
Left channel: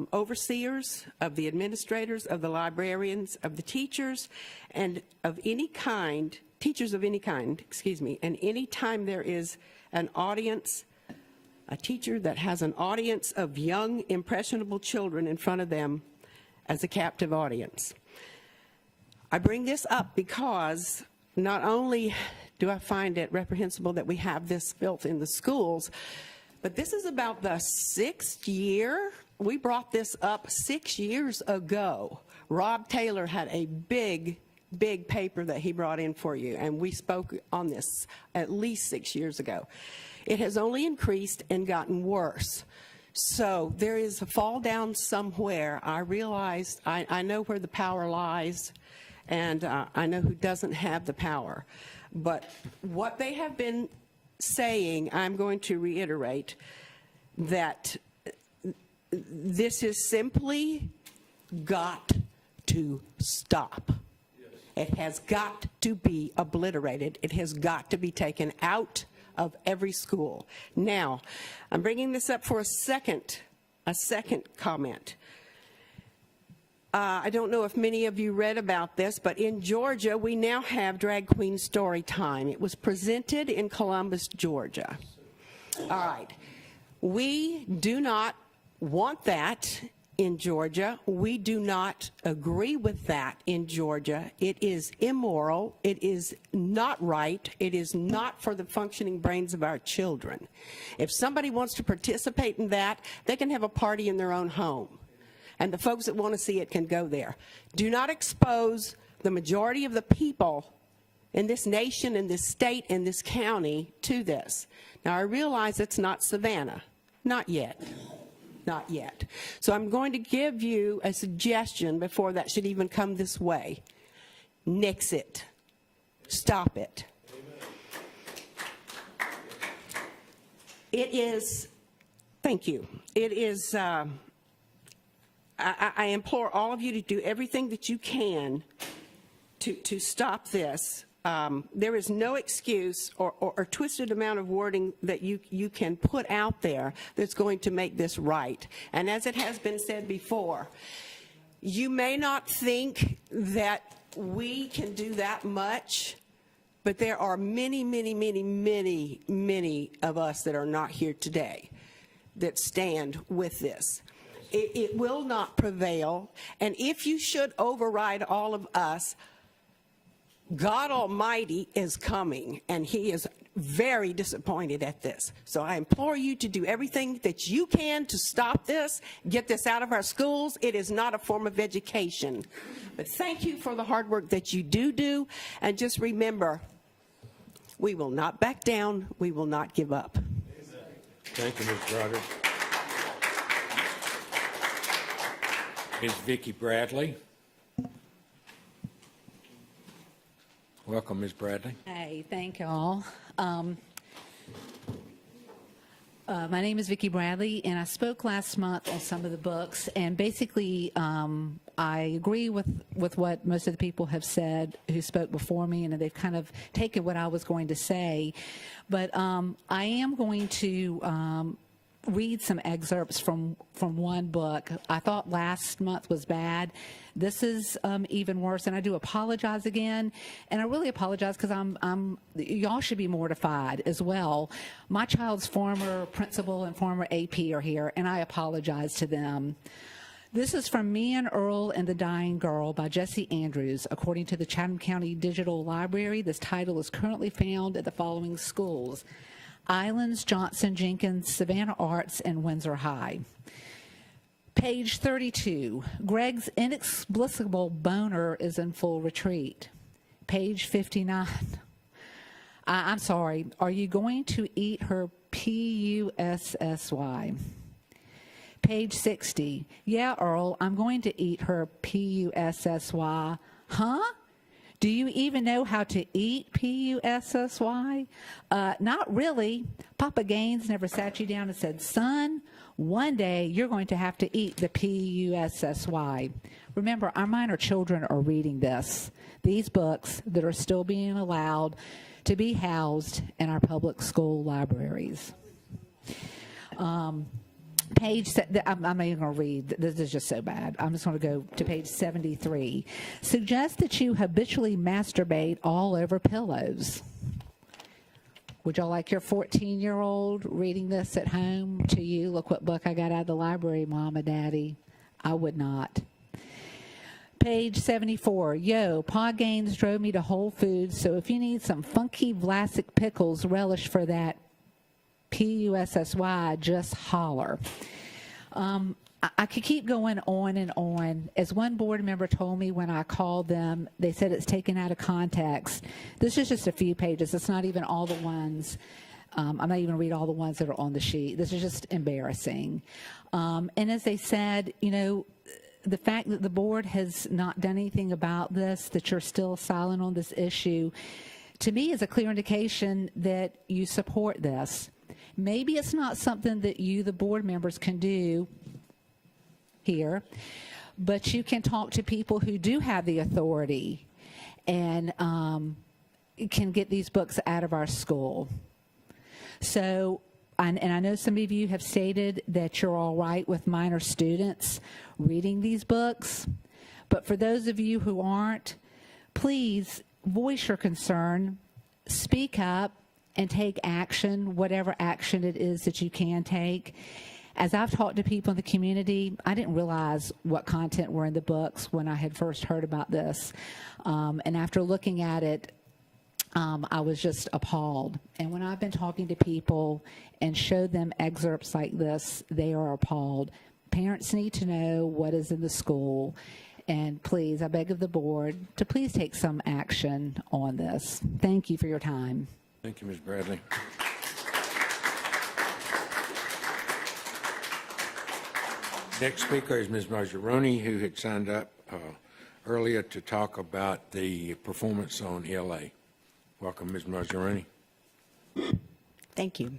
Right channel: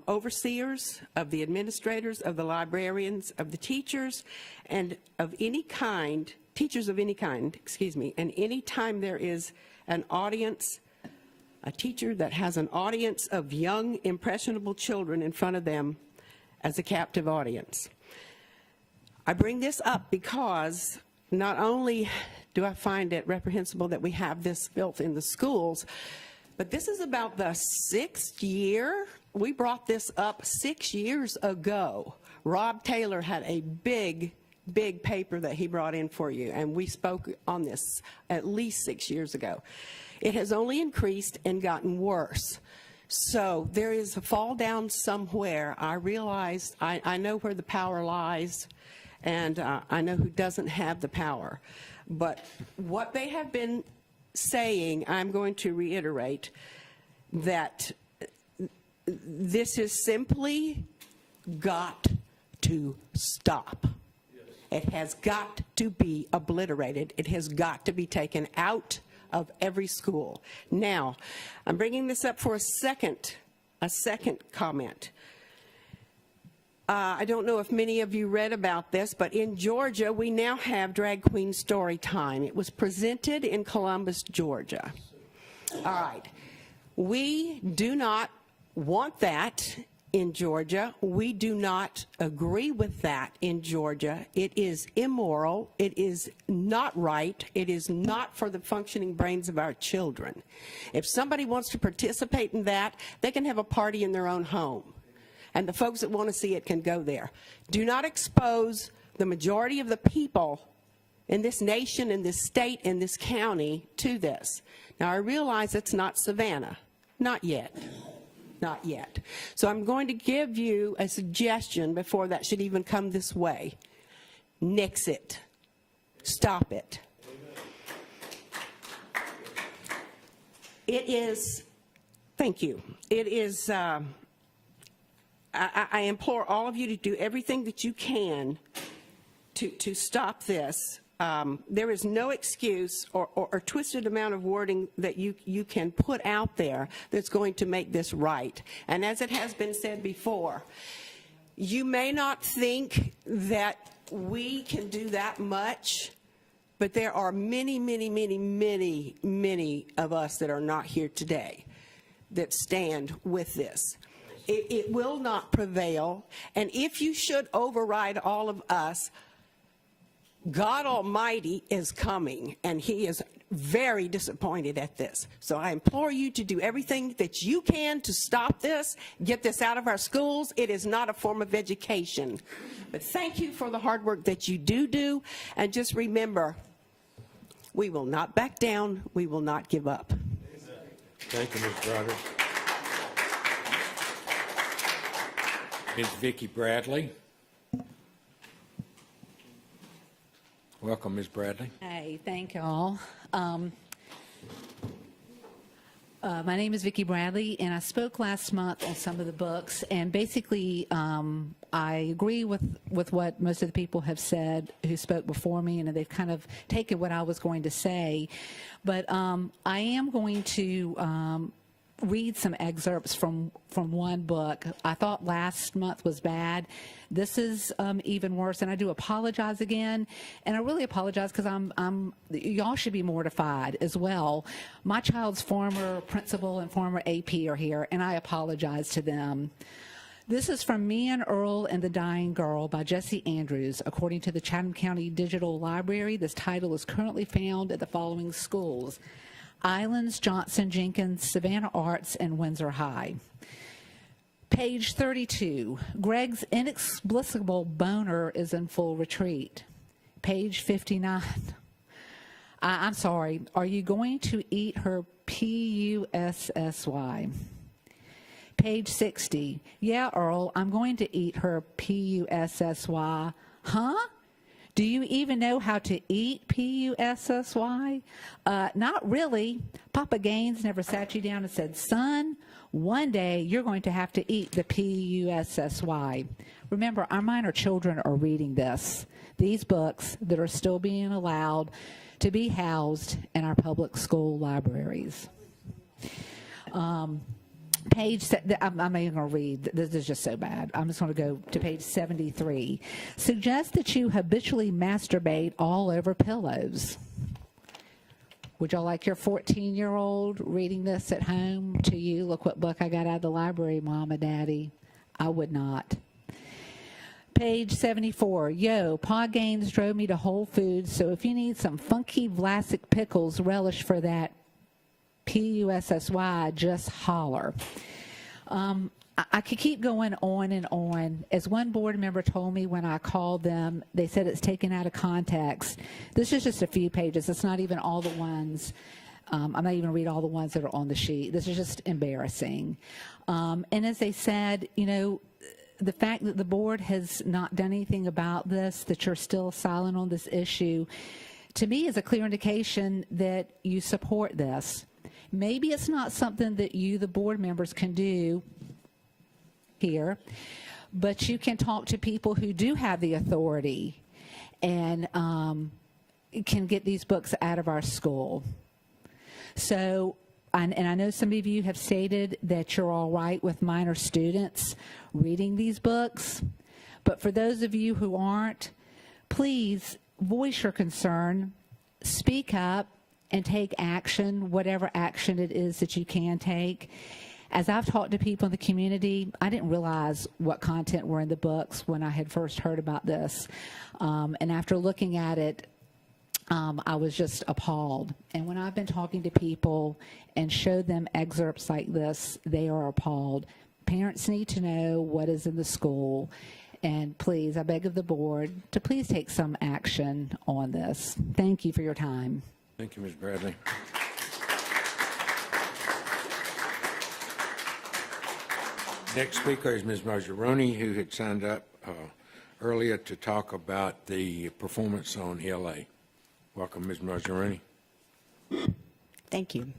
overseers, of the administrators, of the librarians, of the teachers, and of any kind, teachers of any kind, excuse me, and any time there is an audience, a teacher that has an audience of young, impressionable children in front of them as a captive audience. I bring this up because not only do I find it reprehensible that we have this built in the schools, but this is about the 6th year. We brought this up 6 years ago. Rob Taylor had a big paper that he brought in for you, and we spoke on this at least 6 years ago. It has only increased and gotten worse. So there is a fall down somewhere. I realize, I know where the power lies, and I know who doesn't have the power. But what they have been saying, I'm going to reiterate, that this is simply got to stop. It has got to be obliterated. It has got to be taken out of every school. Now, I'm bringing this up for a second comment. I don't know if many of you read about this, but in Georgia, we now have Drag Queen Story Time. It was presented in Columbus, Georgia. All right. We do not want that in Georgia. We do not agree with that in Georgia. It is immoral. It is not right. It is not for the functioning brains of our children. If somebody wants to participate in that, they can have a party in their own home. And the folks that want to see it can go there. Do not expose the majority of the people in this nation, in this state, and this county to this. Now, I realize it's not Savannah. Not yet. Not yet. So I'm going to give you a suggestion before that should even come this way. Nix it. Stop it. It is, thank you. It is, I implore all of you to do everything that you can to stop this. There is no excuse or twisted amount of wording that you can put out there that's going to make this right. And as it has been said before, you may not think that we can do that much, but there are many, many, many, many, many of us that are not here today that stand with this. It will not prevail, and if you should override all of us, God Almighty is coming, and He is very disappointed at this. So I implore you to do everything that you can to stop this, get this out of our schools. It is not a form of education. But thank you for the hard work that you do, and just remember, we will not back down. We will not give up. Thank you, Ms. Broder. Ms. Vicki Bradley. Welcome, Ms. Bradley. Hey, thank you all. My name is Vicki Bradley, and I spoke last month on some of the books, and basically I agree with what most of the people have said who spoke before me, and they've kind of taken what I was going to say. But I am going to read some excerpts from one book. I thought last month was bad. This is even worse, and I do apologize again. And I really apologize because y'all should be mortified as well. My child's former principal and former AP are here, and I apologize to them. This is from Me and Earl and the Dying Girl by Jesse Andrews. According to the Chatham County Digital Library, this title is currently found at the following schools: Islands, Johnson, Jenkins, Savannah Arts, and Windsor High. Page 32, Greg's inexplicable boner is in full retreat. Page 59, I'm sorry, are you going to eat her Pussy? Page 60. Yeah, Earl, I'm going to eat her P-U-S-S-Y. Huh? Do you even know how to eat P-U-S-S-Y? Not really. Papa Gaines never sat you down and said, son, one day you're going to have to eat the P-U-S-S-Y. Remember, our minor children are reading this. These books that are still being allowed to be housed in our public school libraries. I'm not even going to read. This is just so bad. I'm just going to go to page 73. Suggest that you habitually masturbate all over pillows. Would you like your 14-year-old reading this at home to you? Look what book I got out of the library, Mom and Daddy. I would not. Page 74. Yo, Pa Gaines drove me to Whole Foods, so if you need some funky Vlasic pickles relish for that P-U-S-S-Y, just holler. I could keep going on and on. As one board member told me when I called them, they said it's taken out of context. This is just a few pages. It's not even all the ones. I'm not even going to read all the ones that are on the sheet. This is just embarrassing. And as they said, you know, the fact that the board has not done anything about this, that you're still silent on this issue, to me is a clear indication that you support this. Maybe it's not something that you, the board members, can do here, but you can talk to people who do have the authority and can get these books out of our school. So, and I know some of you have stated that you're all right with minor students reading these books, but for those of you who aren't, please voice your concern, speak up, and take action, whatever action it is that you can take. As I've talked to people in the community, I didn't realize what content were in the books when I had first heard about this. And after looking at it, I was just appalled. And when I've been talking to people and show them excerpts like this, they are appalled. Parents need to know what is in the school. And please, I beg of the board to please take some action on this. Thank you for your time. Thank you, Ms. Bradley. Next speaker is Ms. Margeroni, who had signed up earlier to talk about the performance on ELA. Welcome, Ms. Margeroni. Thank you.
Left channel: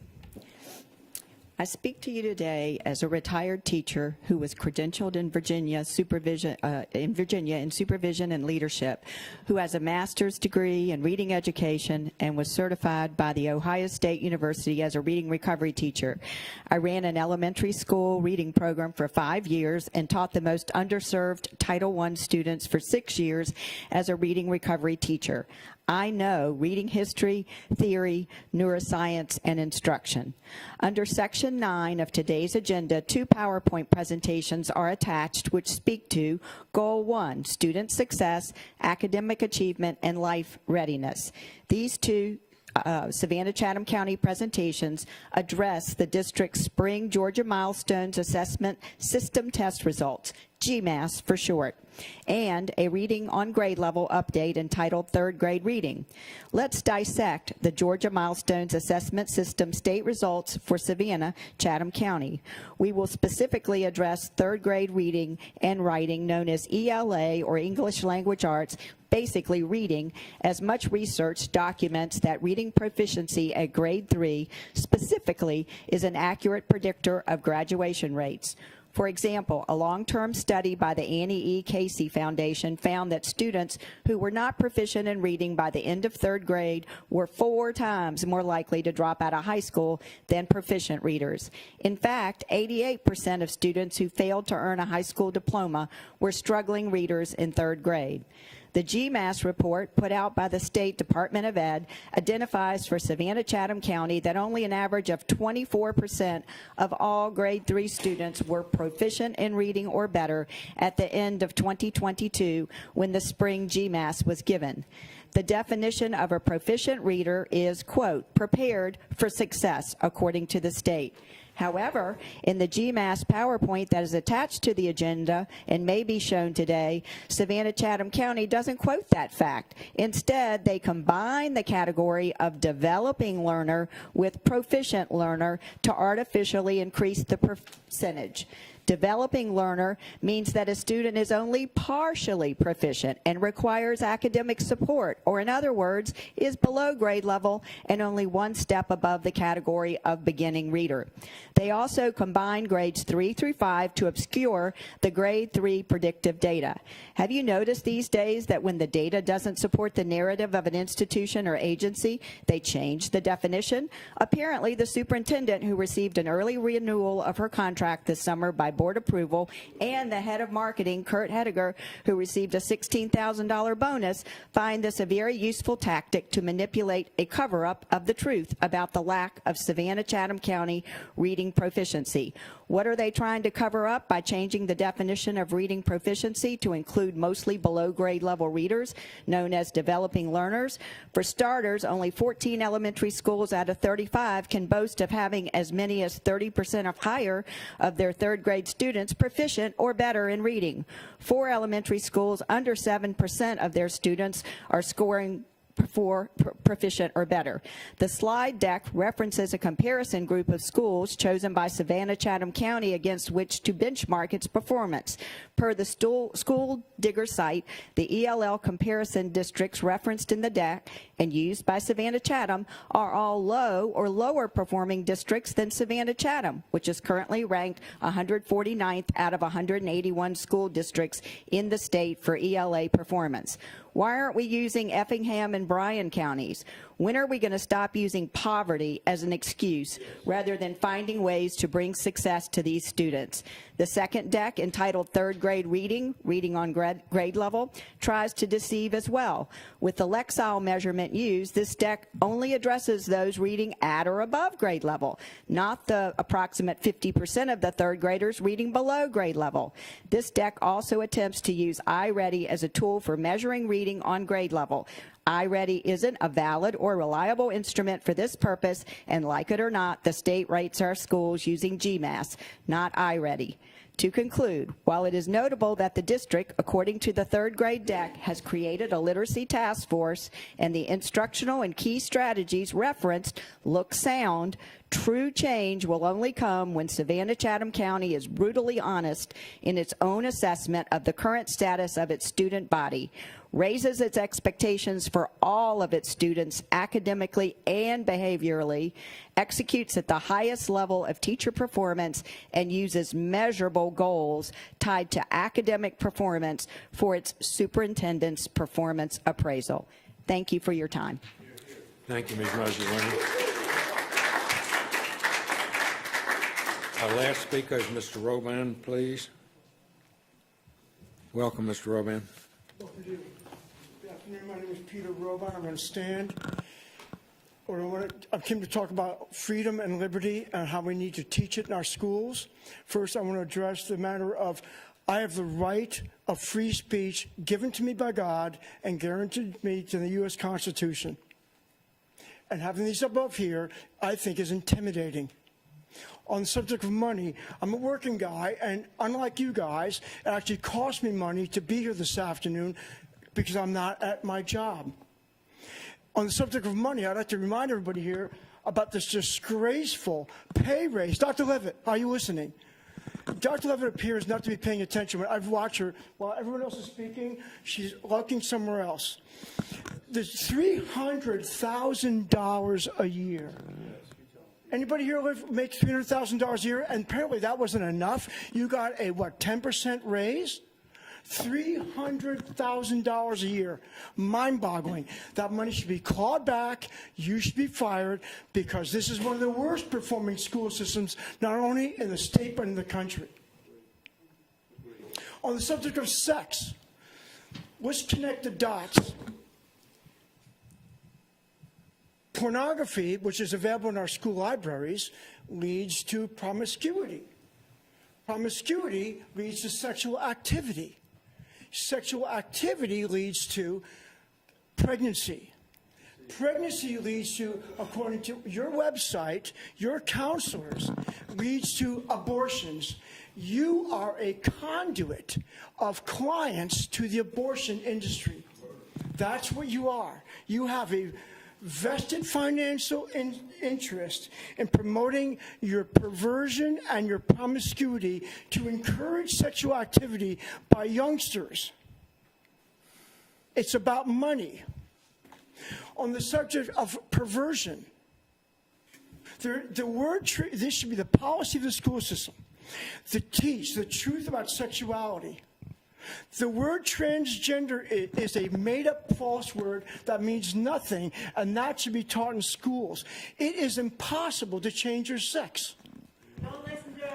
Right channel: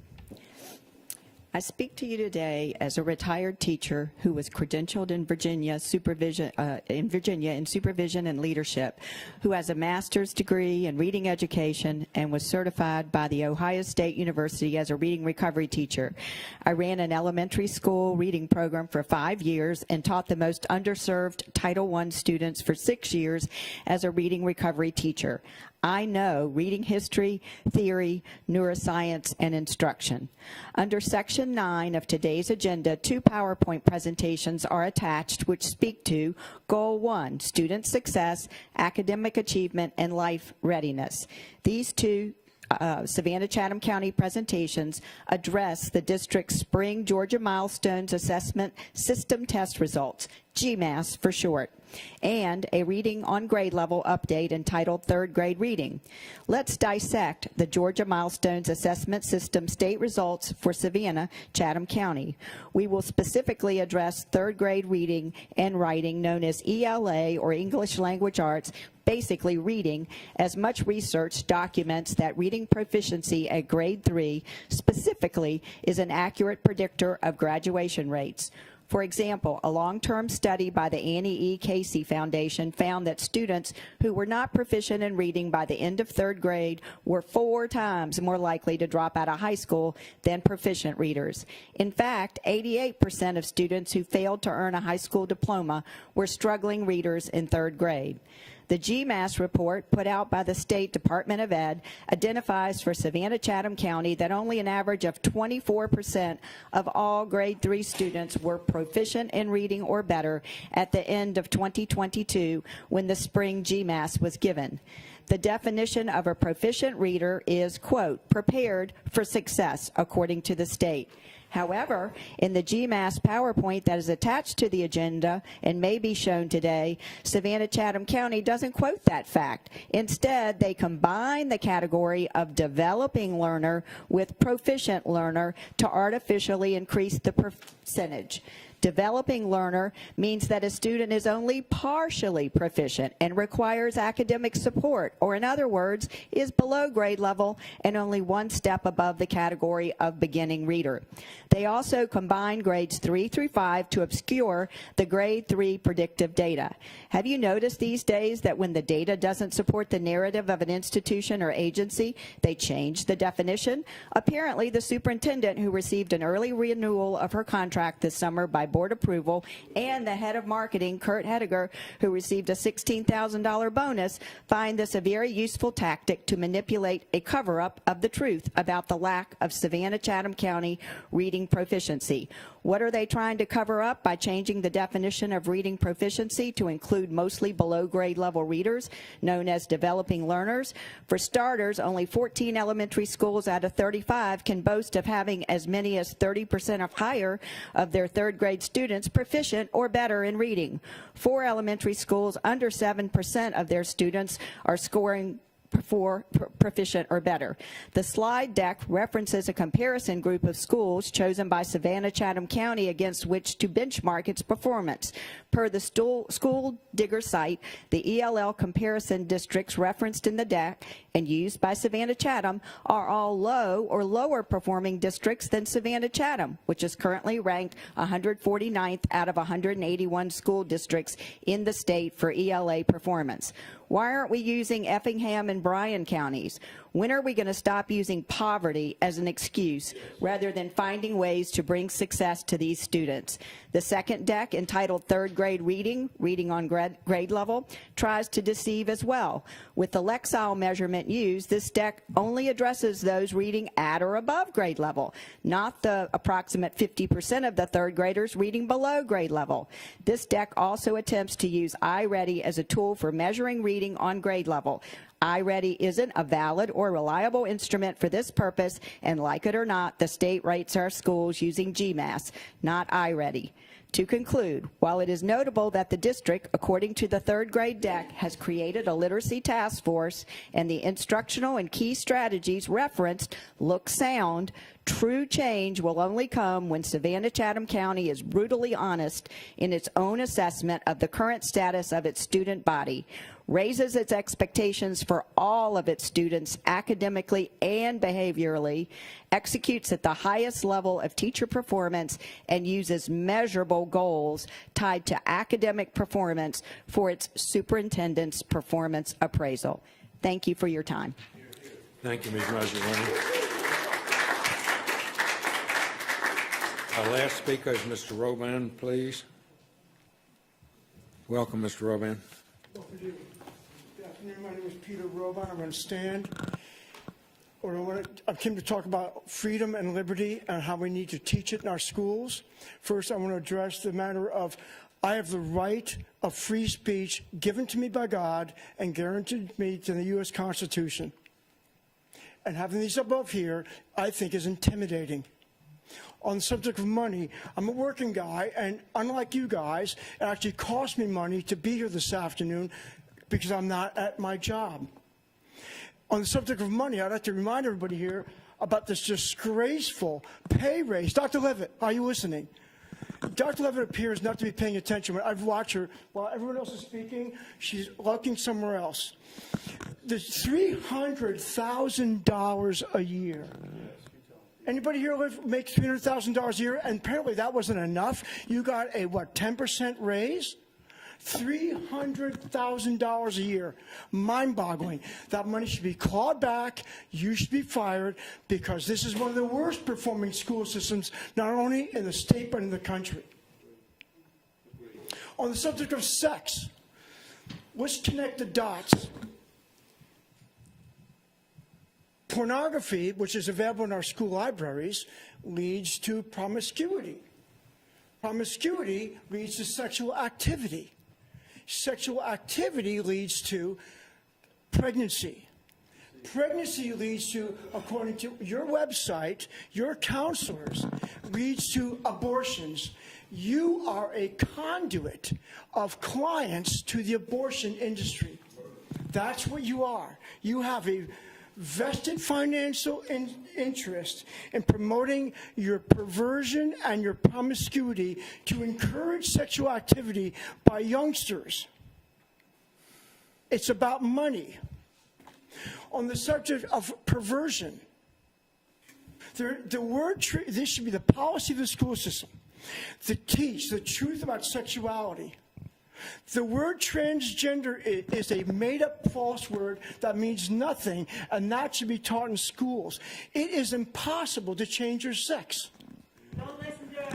I speak to you today as a retired teacher who was credentialed in Virginia in supervision and leadership, who has a master's degree in reading education and was certified by the Ohio State University as a reading recovery teacher. I ran an elementary school reading program for 5 years and taught the most underserved Title I students for 6 years as a reading recovery teacher. I know reading history, theory, neuroscience, and instruction. Under Section 9 of today's agenda, 2 PowerPoint presentations are attached which speak to Goal 1, student success, academic achievement, and life readiness. These 2 Savannah-Chatham County presentations address the district's Spring Georgia Milestones Assessment System Test Results, GMAS for short, and a reading on grade level update entitled Third Grade Reading. Let's dissect the Georgia Milestones Assessment System state results for Savannah-Chatham County. We will specifically address third grade reading and writing, known as ELA or English Language Arts, basically reading, as much research documents that reading proficiency at grade 3 specifically is an accurate predictor of graduation rates. For example, a long-term study by the Annie E. Casey Foundation found that students who were not proficient in reading by the end of third grade were 4 times more likely to drop out of high school than proficient readers. In fact, 88% of students who failed to earn a high school diploma were struggling readers in third grade. The GMAS report put out by the State Department of Ed identifies for Savannah-Chatham County that only an average of 24% of all grade 3 students were proficient in reading or better at the end of 2022 when the spring GMAS was given. The definition of a proficient reader is, quote, prepared for success, according to the state. However, in the GMAS PowerPoint that is attached to the agenda and may be shown today, Savannah-Chatham County doesn't quote that fact. Instead, they combine the category of developing learner with proficient learner to artificially increase the percentage. Developing learner means that a student is only partially proficient and requires academic support, or in other words, is below grade level and only one step above the category of beginning reader. They also combine grades 3 through 5 to obscure the grade 3 predictive data. Have you noticed these days that when the data doesn't support the narrative of an institution or agency, they change the definition? Apparently, the superintendent, who received an early renewal of her contract this summer by board approval, and the head of marketing, Kurt Hediger, who received a $16,000 bonus, find this a very useful tactic to manipulate a cover-up of the truth about the lack of Savannah-Chatham County reading proficiency. What are they trying to cover up by changing the definition of reading proficiency to include mostly below grade level readers, known as developing learners? For starters, only 14 elementary schools out of 35 can boast of having as many as 30% or higher of their third grade students proficient or better in reading. 4 elementary schools, under 7% of their students are scoring for proficient or better. The slide deck references a comparison group of schools chosen by Savannah-Chatham County against which to benchmark its performance. Per the School Digger site, the ELL comparison districts referenced in the deck and used by Savannah-Chatham are all low or lower performing districts than Savannah-Chatham, which is currently ranked 149th out of 181 school districts in the state for ELA performance. Why aren't we using Effingham and Bryan counties? When are we going to stop using poverty as an excuse rather than finding ways to bring success to these students? The second deck, entitled Third Grade Reading, Reading on Grade Level, tries to deceive as well. With the Lexile measurement used, this deck only addresses those reading at or above grade level, not the approximate 50% of the third graders reading below grade level. This deck also attempts to use iReady as a tool for measuring reading on grade level. iReady isn't a valid or reliable instrument for this purpose, and like it or not, the state rates our schools using GMAS, not iReady. To conclude, while it is notable that the district, according to the third grade deck, has created a literacy task force and the instructional and key strategies referenced look sound, true change will only come when Savannah-Chatham County is brutally honest in its own assessment of the current status of its student body, raises its expectations for all of its students academically and behaviorally, executes at the highest level of teacher performance, and uses measurable goals tied to academic performance for its superintendent's performance appraisal. Thank you for your time. Thank you, Ms. Rosalinda. Our last speaker is Mr. Roman, please. Welcome, Mr. Roman. Good afternoon. My name is Peter Roman. I'm going to stand. I came to talk about freedom and liberty and how we need to teach it in our schools. First, I want to address the matter of I have the right of free speech given to me by God and guaranteed me to the U.S. Constitution. And having these above here, I think, is intimidating. On the subject of money, I'm a working guy, and unlike you guys, it actually cost me money to be here this afternoon because I'm not at my job. On the subject of money, I'd like to remind everybody here about this disgraceful pay raise. Dr. Levitt, are you listening? Dr. Levitt appears not to be paying attention. I've watched her while everyone else is speaking. She's looking somewhere else. There's $300,000 a year. Anybody here makes $300,000 a year? And apparently that wasn't enough. You got a, 10% raise? $300,000 a year. Mind-boggling. That money should be clawed back. You should be fired because this is one of the worst performing school systems, not only in the state but in the country. On the subject of sex, let's connect the dots. Pornography, which is available in our school libraries, leads to promiscuity. Promiscuity leads to sexual activity. Sexual activity leads to pregnancy. Pregnancy leads to, according to your website, your counselors, leads to abortions. You are a conduit of clients to the abortion industry. That's what you are. You have a vested financial interest in promoting your perversion and your promiscuity to encourage sexual activity by youngsters. It's about money. On the subject of perversion, this should be the policy of the school system, to teach the truth about sexuality. The word transgender is a made-up false word that means nothing, and that should be taught in schools. It is impossible to change your sex.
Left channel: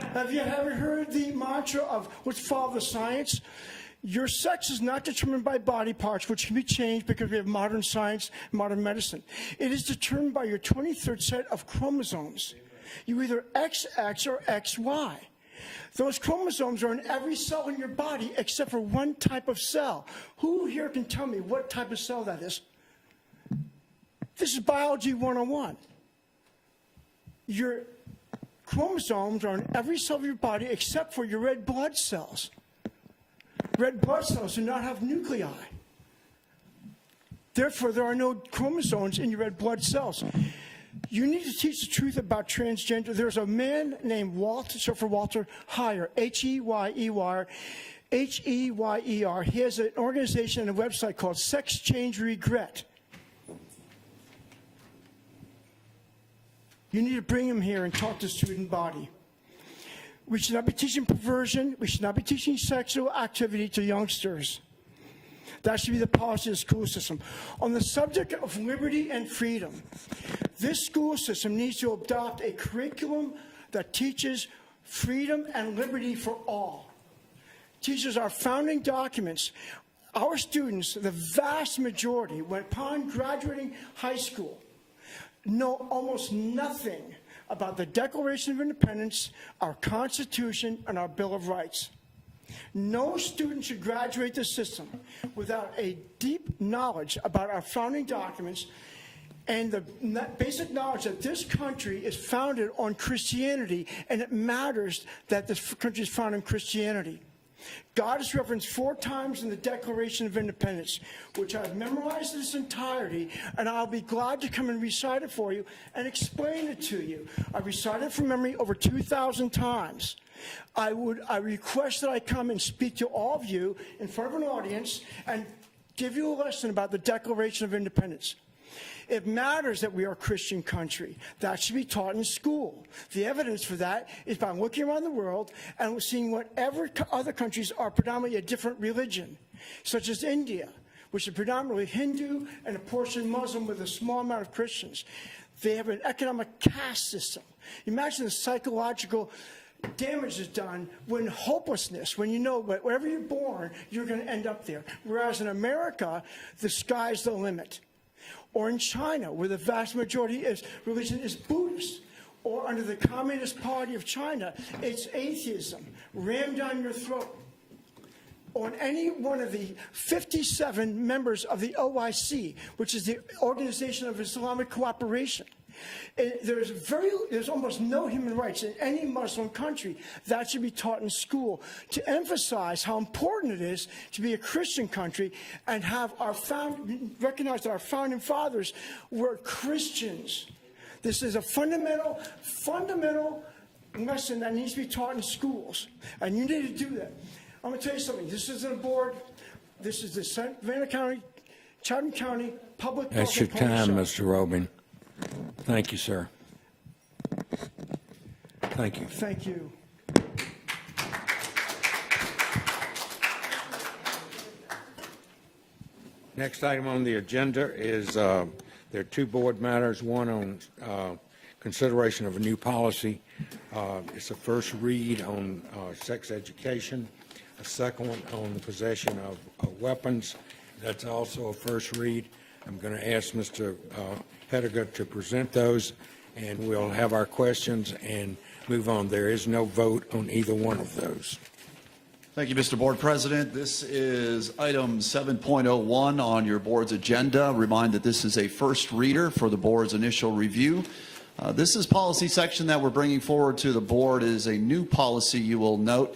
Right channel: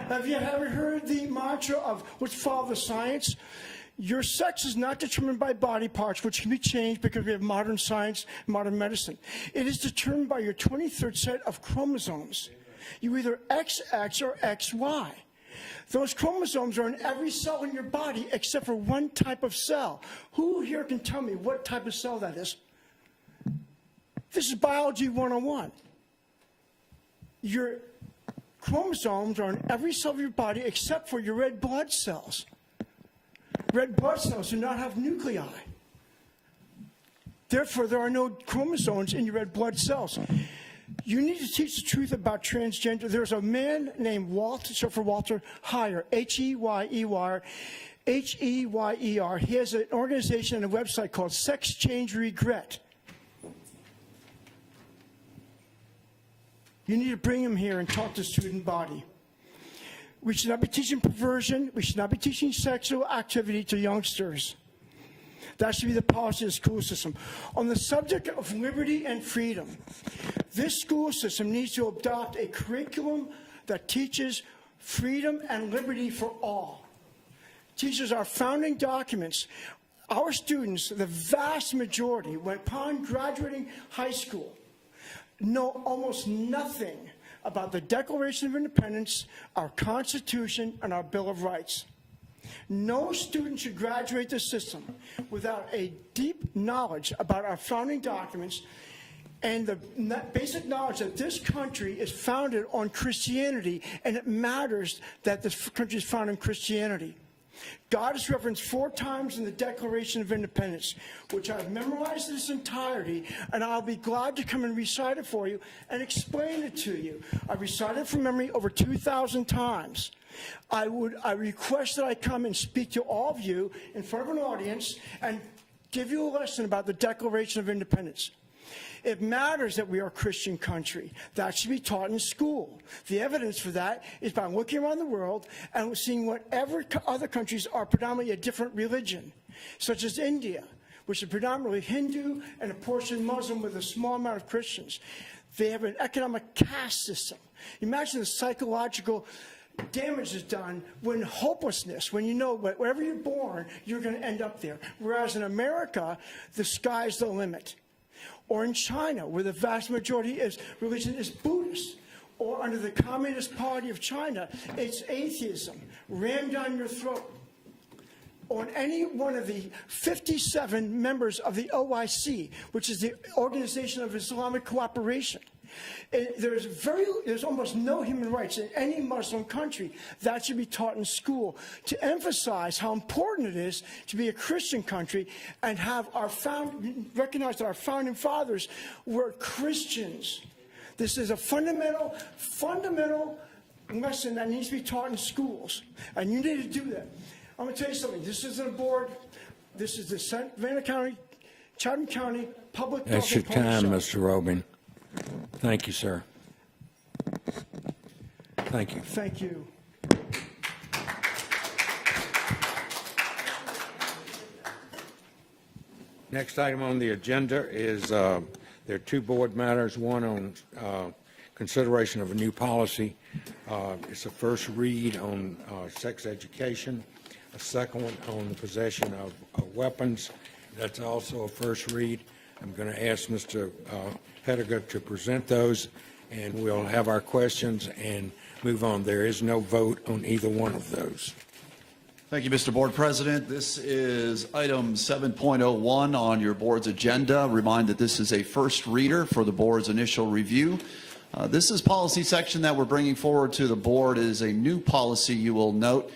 Have you ever heard the mantra of which follow the science? Your sex is not determined by body parts, which can be changed because of modern science, modern medicine. It is determined by your 23rd set of chromosomes. You either XX or XY. Those chromosomes are in every cell in your body except for one type of cell. Who here can tell me what type of cell that is? This is biology 101. Your chromosomes are in every cell of your body except for your red blood cells. Red blood cells do not have nuclei. Therefore, there are no chromosomes in your red blood cells. You need to teach the truth about transgender. There's a man named Walter Heyer, H-E-Y-E-R. H-E-Y-E-R. He has an organization and a website called Sex Change Regret. You need to bring him here and talk to the student body. We should not be teaching perversion. We should not be teaching sexual activity to youngsters. That should be the policy of the school system. On the subject of liberty and freedom, this school system needs to adopt a curriculum that teaches freedom and liberty for all. Teaches our founding documents. Our students, the vast majority, when upon graduating high school, know almost nothing about the Declaration of Independence, our Constitution, and our Bill of Rights. No student should graduate the system without a deep knowledge about our founding documents and the basic knowledge that this country is founded on Christianity, and it matters that this country is founded on Christianity. God is referenced 4 times in the Declaration of Independence, which I've memorized this entirety, and I'll be glad to come and recite it for you and explain it to you. I recited it from memory over 2,000 times. I request that I come and speak to all of you in front of an audience and give you a lesson about the Declaration of Independence. It matters that we are a Christian country. That should be taught in school. The evidence for that is by looking around the world and seeing whatever other countries are predominantly a different religion, such as India, which is predominantly Hindu and a portion Muslim with a small amount of Christians. They have an economic caste system. Imagine the psychological damage is done when hopelessness, when you know that wherever you're born, you're going to end up there. Whereas in America, the sky's the limit. Or in China, where the vast majority is, religion is Buddhist. Or under the Communist Party of China, it's atheism, rammed down your throat. On any one of the 57 members of the OIC, which is the Organization of Islamic Cooperation, there's almost no human rights in any Muslim country. That should be taught in school to emphasize how important it is to be a Christian country and have recognize that our founding fathers were Christians. This is a fundamental lesson that needs to be taught in schools, and you need to do that. I'm going to tell you something. This isn't a board. This is the Savannah County, Chatham County Public. That's your time, Mr. Robin. Thank you, sir. Thank you. Thank you. Next item on the agenda is there are 2 board matters, one on consideration of new policy. It's the first read on sex education, a second one on the possession of weapons. That's also a first read. I'm going to ask Mr. Pettigrew to present those, and we'll have our questions and move on. There is no vote on either one of those. Thank you, Mr. Board President. This is item 7.01 on your board's agenda. Remind that this is a first reader for the board's initial review. This is policy section that we're bringing forward to the board. It is a new policy, you will note,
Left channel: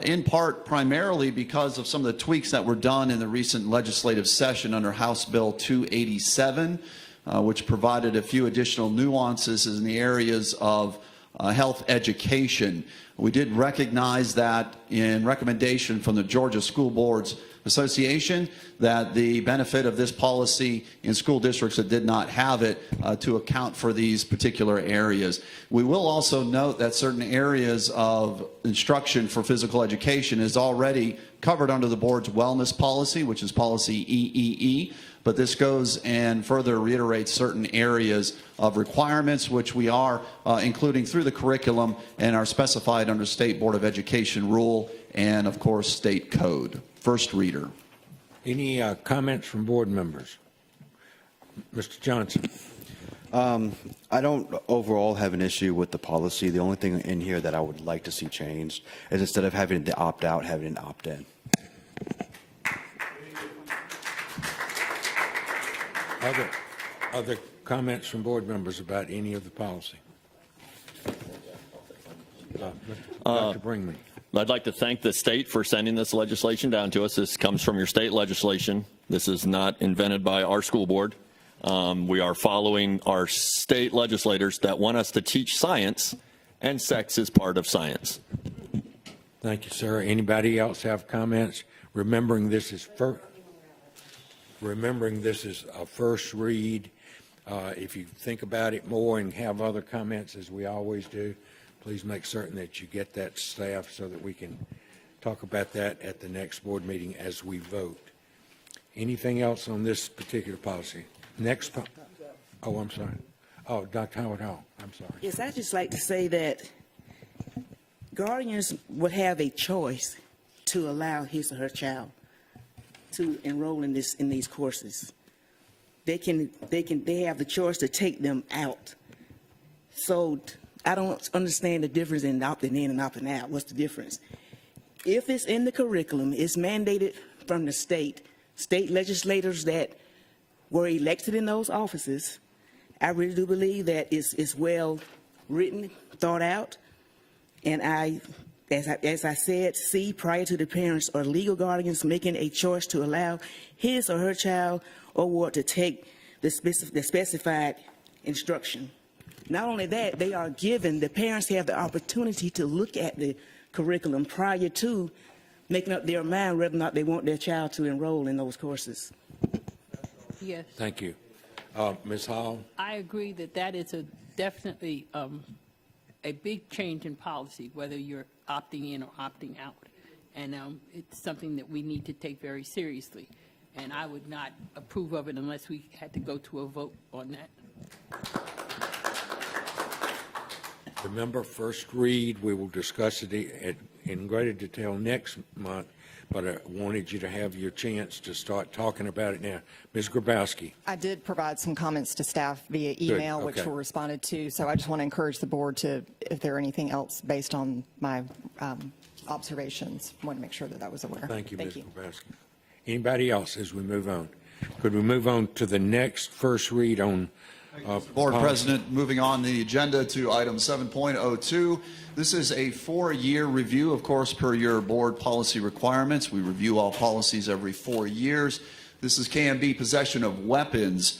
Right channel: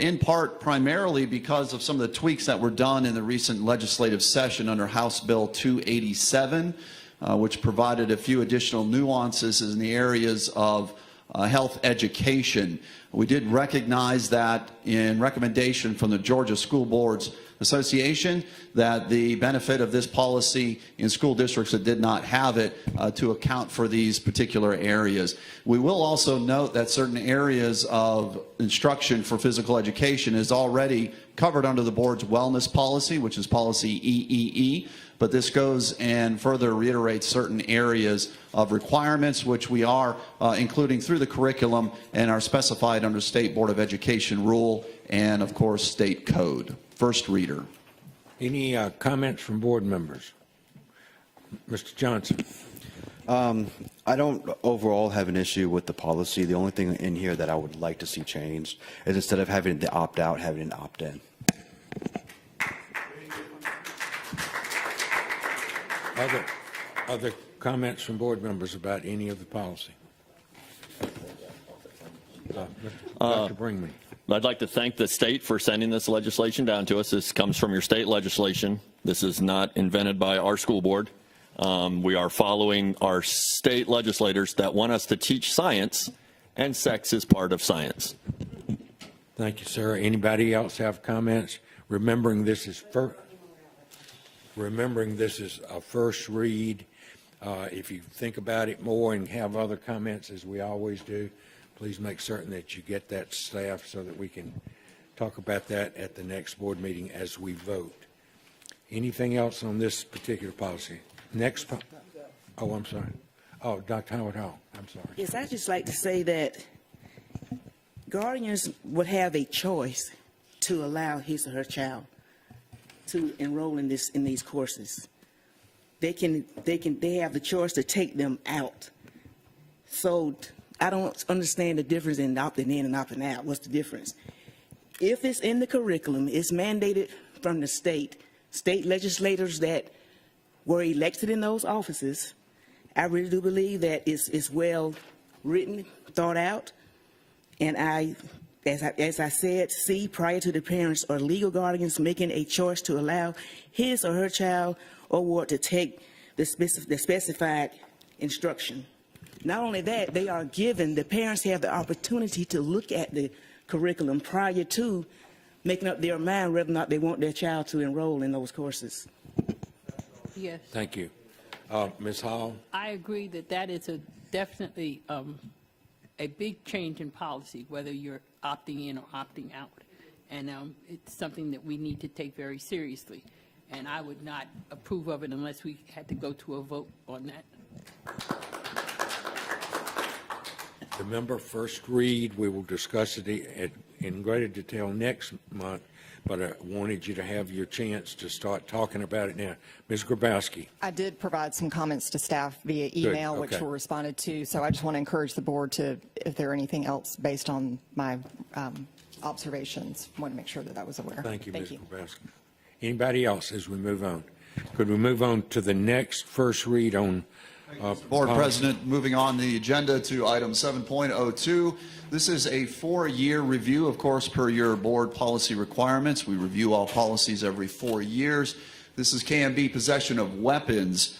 in part primarily because of some of the tweaks that were done in the recent legislative session under House Bill 287. which provided a few additional nuances in the areas of health education. We did recognize that in recommendation from the Georgia School Boards Association that the benefit of this policy in school districts that did not have it to account for these particular areas. We will also note that certain areas of instruction for physical education is already covered under the board's wellness policy, which is policy EEE, but this goes and further reiterates certain areas of requirements which we are including through the curriculum and are specified under State Board of Education rule and, of course, state code. First reader. Any comments from board members? Mr. Johnson. I don't overall have an issue with the policy. The only thing in here that I would like to see changed is instead of having to opt out, having to opt in. Other comments from board members about any of the policy? I'd like to thank the state for sending this legislation down to us. This comes from your state legislation. This is not invented by our school board. We are following our state legislators that want us to teach science, and sex is part of science. Thank you, sir. Anybody else have comments? Remembering this is a first read. If you think about it more and have other comments, as we always do, please make certain that you get that staff so that we can talk about that at the next board meeting as we vote. Anything else on this particular policy? Next. Oh, I'm sorry. Oh, Dr. Howard Hall. I'm sorry. Yes, I'd just like to say that guardians would have a choice to allow his or her child to enroll in these courses. They have the choice to take them out. So I don't understand the difference in opting in and opting out. What's the difference? If it's in the curriculum, it's mandated from the state legislators that were elected in those offices. I really do believe that it's well written, thought out, and as I said, see prior to the parents or legal guardians making a choice to allow his or her child or ward to take the specified instruction. Not only that, they are given, the parents have the opportunity to look at the curriculum prior to making up their mind whether or not they want their child to enroll in those courses. Yes. Thank you. Ms. Hall? I agree that is definitely a big change in policy, whether you're opting in or opting out. And it's something that we need to take very seriously. And I would not approve of it unless we had to go to a vote on that. Remember, first read, we will discuss it in greater detail next month, but I wanted you to have your chance to start talking about it now. Ms. Grabowski. I did provide some comments to staff via email, which were responded to, so I just want to encourage the board to, if there are anything else based on my observations, I want to make sure that I was aware. Thank you, Ms. Grabowski. Anybody else as we move on? Could we move on to the next first read on Board President, moving on the agenda to item 7.02. This is a 4-year review, of course, per your board policy requirements. We review all policies every 4 years. This is KMB possession of weapons.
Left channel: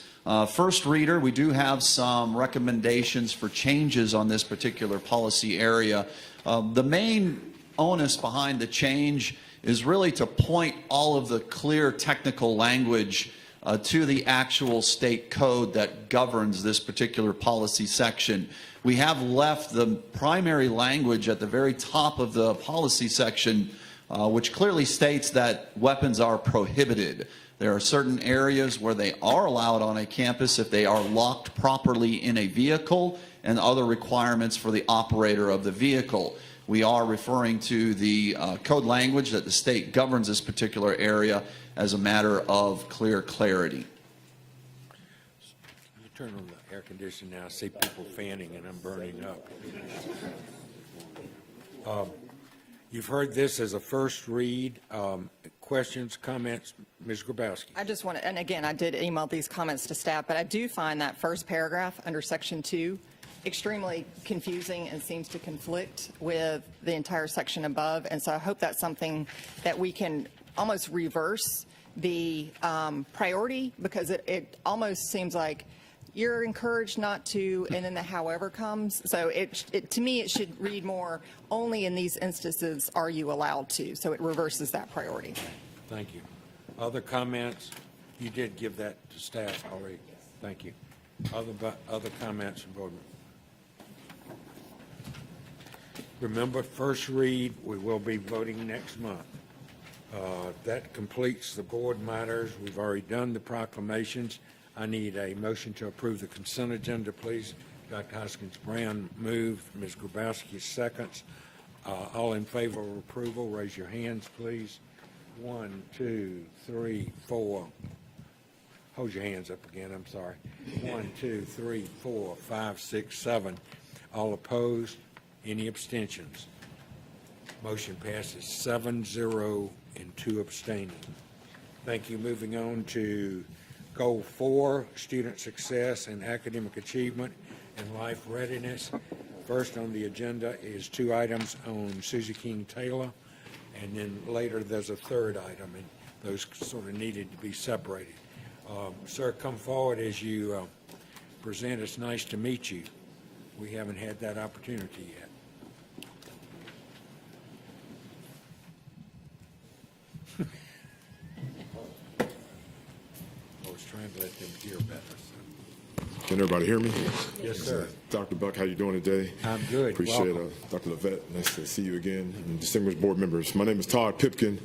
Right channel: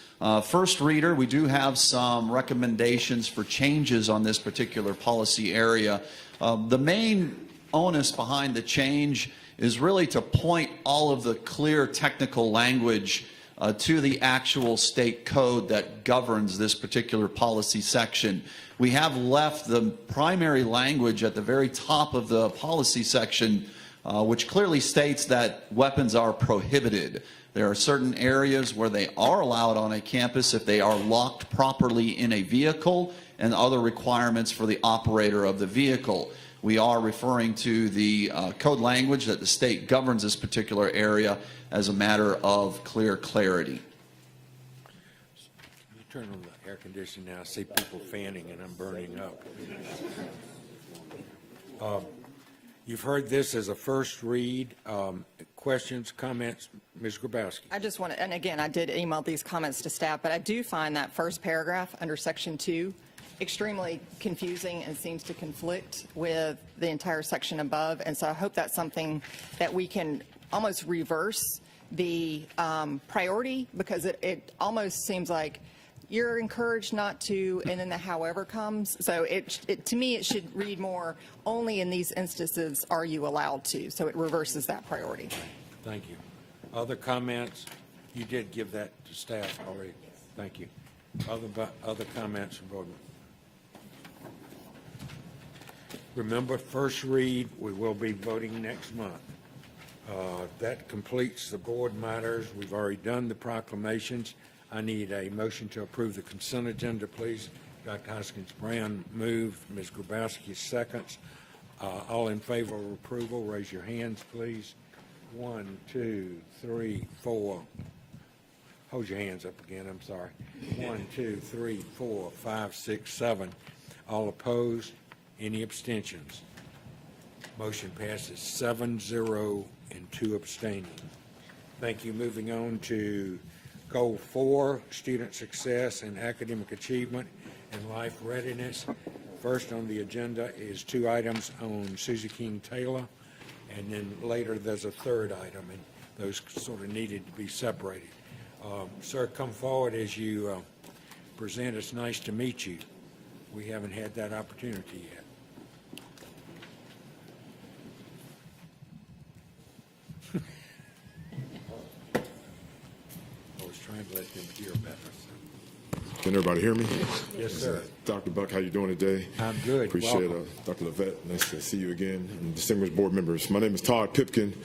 First reader, we do have some recommendations for changes on this particular policy area. The main onus behind the change is really to point all of the clear technical language to the actual state code that governs this particular policy section. We have left the primary language at the very top of the policy section, which clearly states that weapons are prohibited. There are certain areas where they are allowed on a campus if they are locked properly in a vehicle, and other requirements for the operator of the vehicle. We are referring to the code language that the state governs this particular area as a matter of clear clarity. You turn on the air conditioning now, I see people fanning and I'm burning up. You've heard this as a first read. Questions, comments? Ms. Grabowski. I just want, and again, I did email these comments to staff, but I do find that first paragraph under section 2 extremely confusing and seems to conflict with the entire section above. And so I hope that's something that we can almost reverse the priority, because it almost seems like you're encouraged not to, and that however comes. So to me, it should read more, only in these instances are you allowed to. So it reverses that priority. Thank you. Other comments? You did give that to staff already. Thank you. Other comments, board? Remember, first read, we will be voting next month. That completes the board matters. We've already done the proclamations. I need a motion to approve the consent agenda, please. Dr. Hoskins-Brown moved, Ms. Grabowski seconds. All in favor of approval, raise your hands, please. 1, 2, 3, 4. Hold your hands up again, I'm sorry. 1, 2, 3, 4, 5, 6, 7. All opposed? Any abstentions? Motion passes 7-0 and 2 abstaining. Thank you. Moving on to Goal 4, Student Success and Academic Achievement and Life Readiness. First on the agenda is 2 items on Susie King Taylor, and then later there's a third item, and those sort of needed to be separated. Sir, come forward as you present. It's nice to meet you. We haven't had that opportunity yet. Can everybody hear me? Yes, sir. Dr. Buck, how you doing today? I'm good. Appreciate it. Dr. Levette, nice to see you again. And distinguished board members. My name is Todd Pipkin.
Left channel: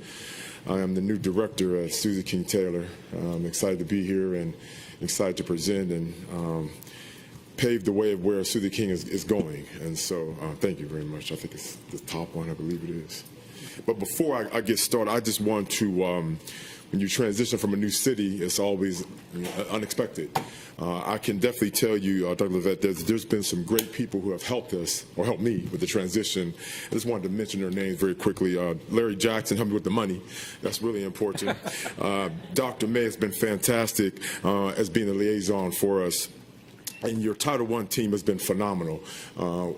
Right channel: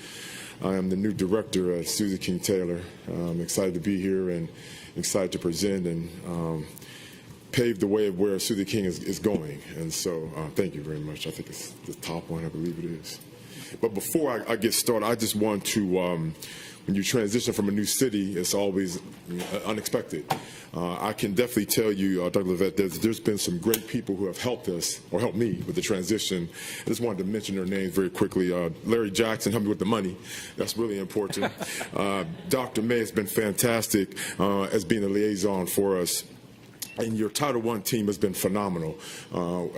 I am the new director at Susie King Taylor. I'm excited to be here and excited to present and pave the way of where Susie King is going. And so thank you very much. I think it's the top line, I believe it is. But before I get started, I just want to, when you transition from a new city, it's always unexpected. I can definitely tell you, Dr. Levette, there's been some great people who have helped us, or helped me with the transition. I just wanted to mention their name very quickly. Larry Jackson helped me with the money. That's really important. Dr. May has been fantastic as being a liaison for us. And your Title I team has been phenomenal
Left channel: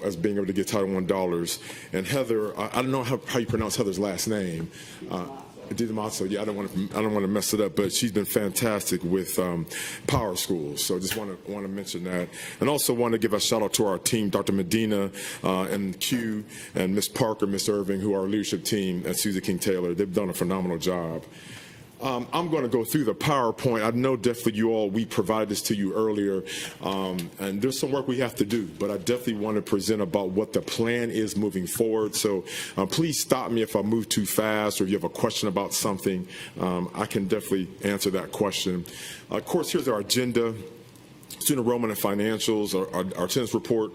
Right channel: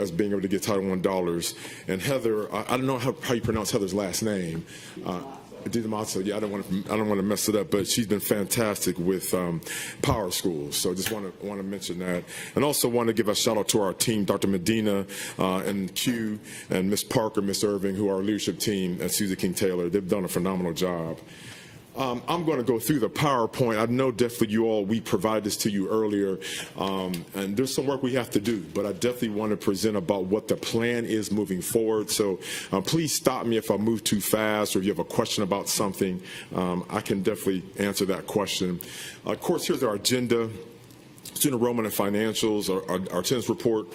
as being able to get Title I dollars. And Heather, I don't know how you pronounce Heather's last name. Also, yeah, I don't want to mess it up, but she's been fantastic with Power Schools. So I just wanted to mention that. And also wanted to give a shout out to our team, Dr. Medina and Q and Ms. Parker, Ms. Irving, who are our leadership team at Susie King Taylor. They've done a phenomenal job. I'm going to go through the PowerPoint. I know definitely we provided this to you earlier, and there's some work we have to do, but I definitely want to present about what the plan is moving forward. So please stop me if I move too fast or if you have a question about something. I can definitely answer that question. Of course, here's our agenda. Student enrollment and financials, our attendance report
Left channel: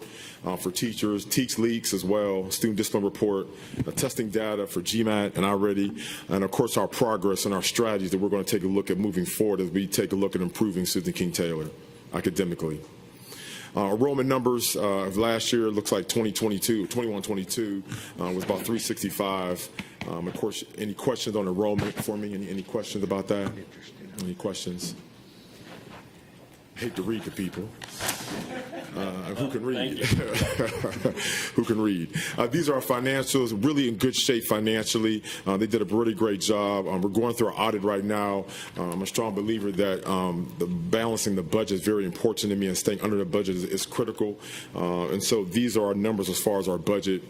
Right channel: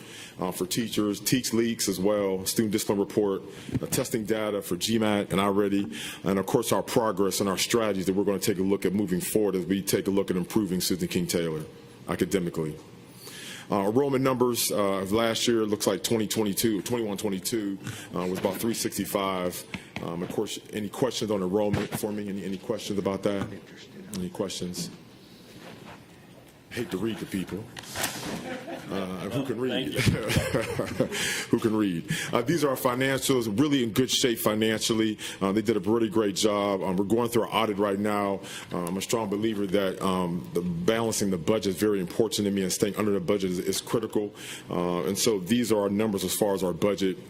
for teachers, teach leaks as well, student discipline report, testing data for GMAT and already, and of course our progress and our strategies that we're going to take a look at moving forward, that we take a look at improving Susie King Taylor academically. Enrollment numbers last year looks like 21-22 was about 365. Of course, any questions on enrollment for me? Any questions about that? Any questions? Hate to read to people. Who can read? Who can read? These are our financials, really in good shape financially. They did a really great job. We're going through our audit right now. I'm a strong believer that the balancing of the budget is very important to me, and staying under the budget is critical. And so these are our numbers as far as our budget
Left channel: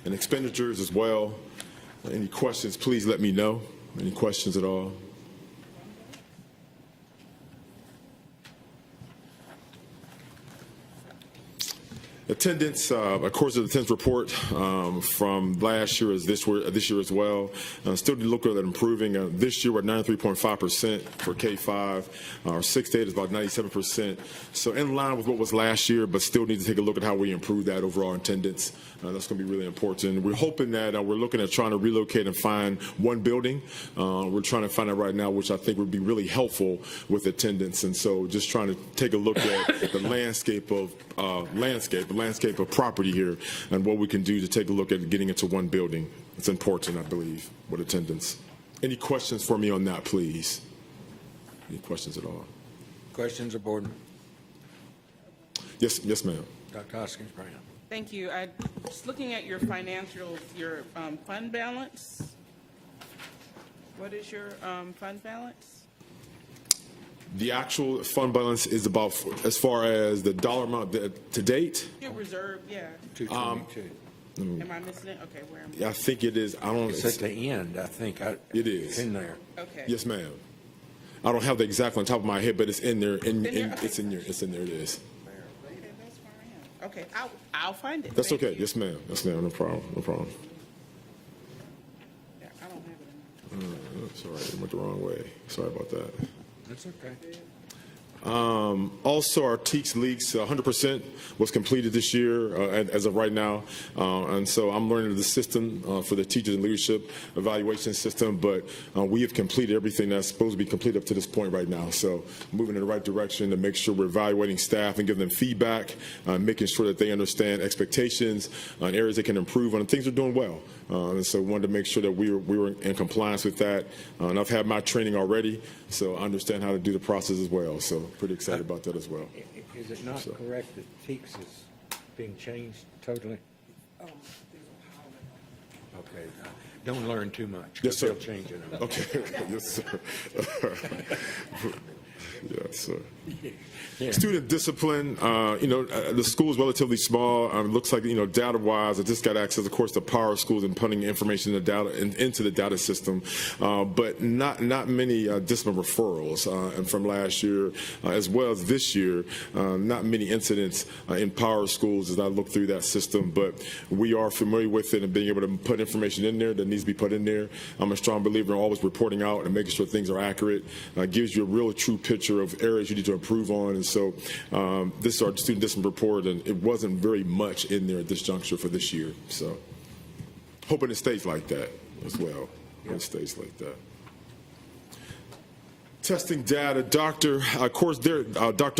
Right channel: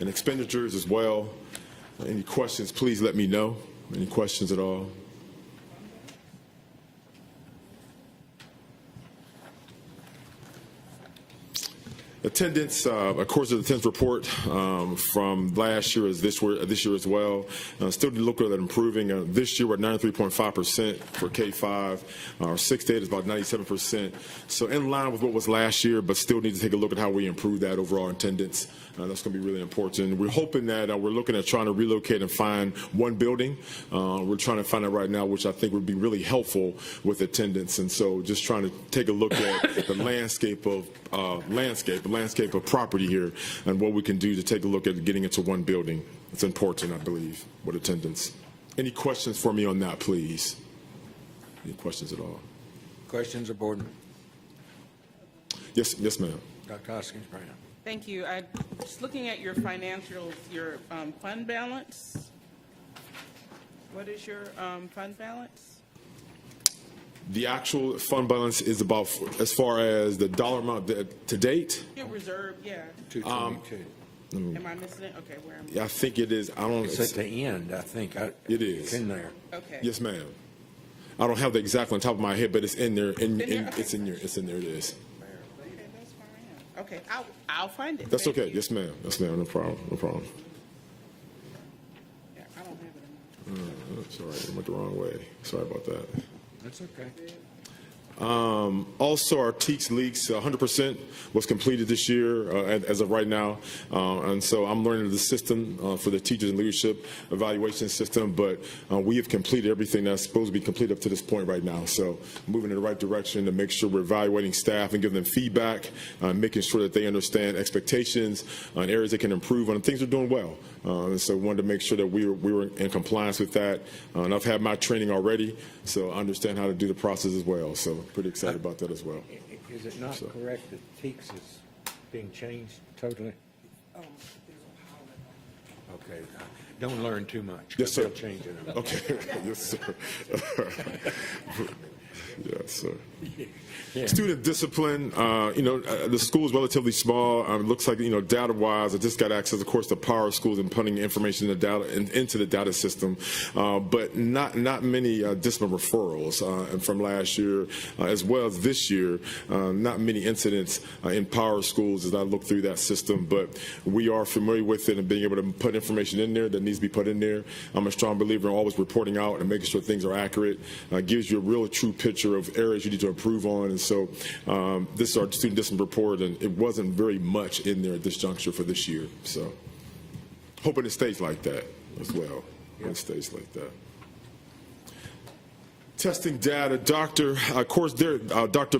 and expenditures as well. Any questions, please let me know. Any questions at all? Attendance, of course, the attendance report from last year is this year as well. Still looking at improving. This year we're at 93.5% for K-5. Our 6 days is about 97%. So in line with what was last year, but still need to take a look at how we improve that overall attendance. That's going to be really important. We're hoping that we're looking at trying to relocate and find one building. We're trying to find it right now, which I think would be really helpful with attendance. And so just trying to take a look at the landscape of property here and what we can do to take a look at getting into one building. It's important, I believe, with attendance. Any questions for me on that, please? Any questions at all? Questions of the board? Yes, ma'am. Dr. Hoskins, right. Thank you. I was looking at your financials, your fund balance. What is your fund balance? The actual fund balance is about, as far as the dollar amount that to date. Reserve, yeah. Am I missing? Okay, where am I? I think it is. I don't know. It's at the end, I think. It is in there. Okay. Yes, ma'am. I don't have the exact on top of my head, but it's in there. It's in there. It's in there. It is. Okay, I'll find it. That's okay. Yes, ma'am. Yes, ma'am. No problem. No problem. Sorry, I went the wrong way. Sorry about that. That's okay. Also, our TEACS leaks 100% was completed this year as of right now. And so I'm learning the system for the teacher leadership evaluation system, but we've completed everything that's supposed to be completed up to this point right now. So moving in the right direction to make sure we're evaluating staff and giving them feedback, making sure that they understand expectations, areas they can improve on, things are doing well. So we wanted to make sure that we were in compliance with that. And I've had my training already, so I understand how to do the process as well. So pretty excited about that as well. Is it not correct that TEACS is being changed totally? Okay, don't learn too much. Yes, sir. Change it. Okay. Yes, sir. Yes, sir. Yeah. Student discipline, the school's relatively small. Looks like, data-wise, I just got access, of course, to the power of schools and putting information in the data, into the data system. But not many discipline referrals from last year, as well as this year. Not many incidents in power schools as I look through that system, but we are familiar with it and being able to put information in there that needs to be put in there. I'm a strong believer in always reporting out and making sure things are accurate. Gives you a real true picture of areas you need to improve on. And so this is our student discipline report, and it wasn't very much in there at this juncture for this year. So hoping it stays like that as well. It stays like that. Testing data, Dr.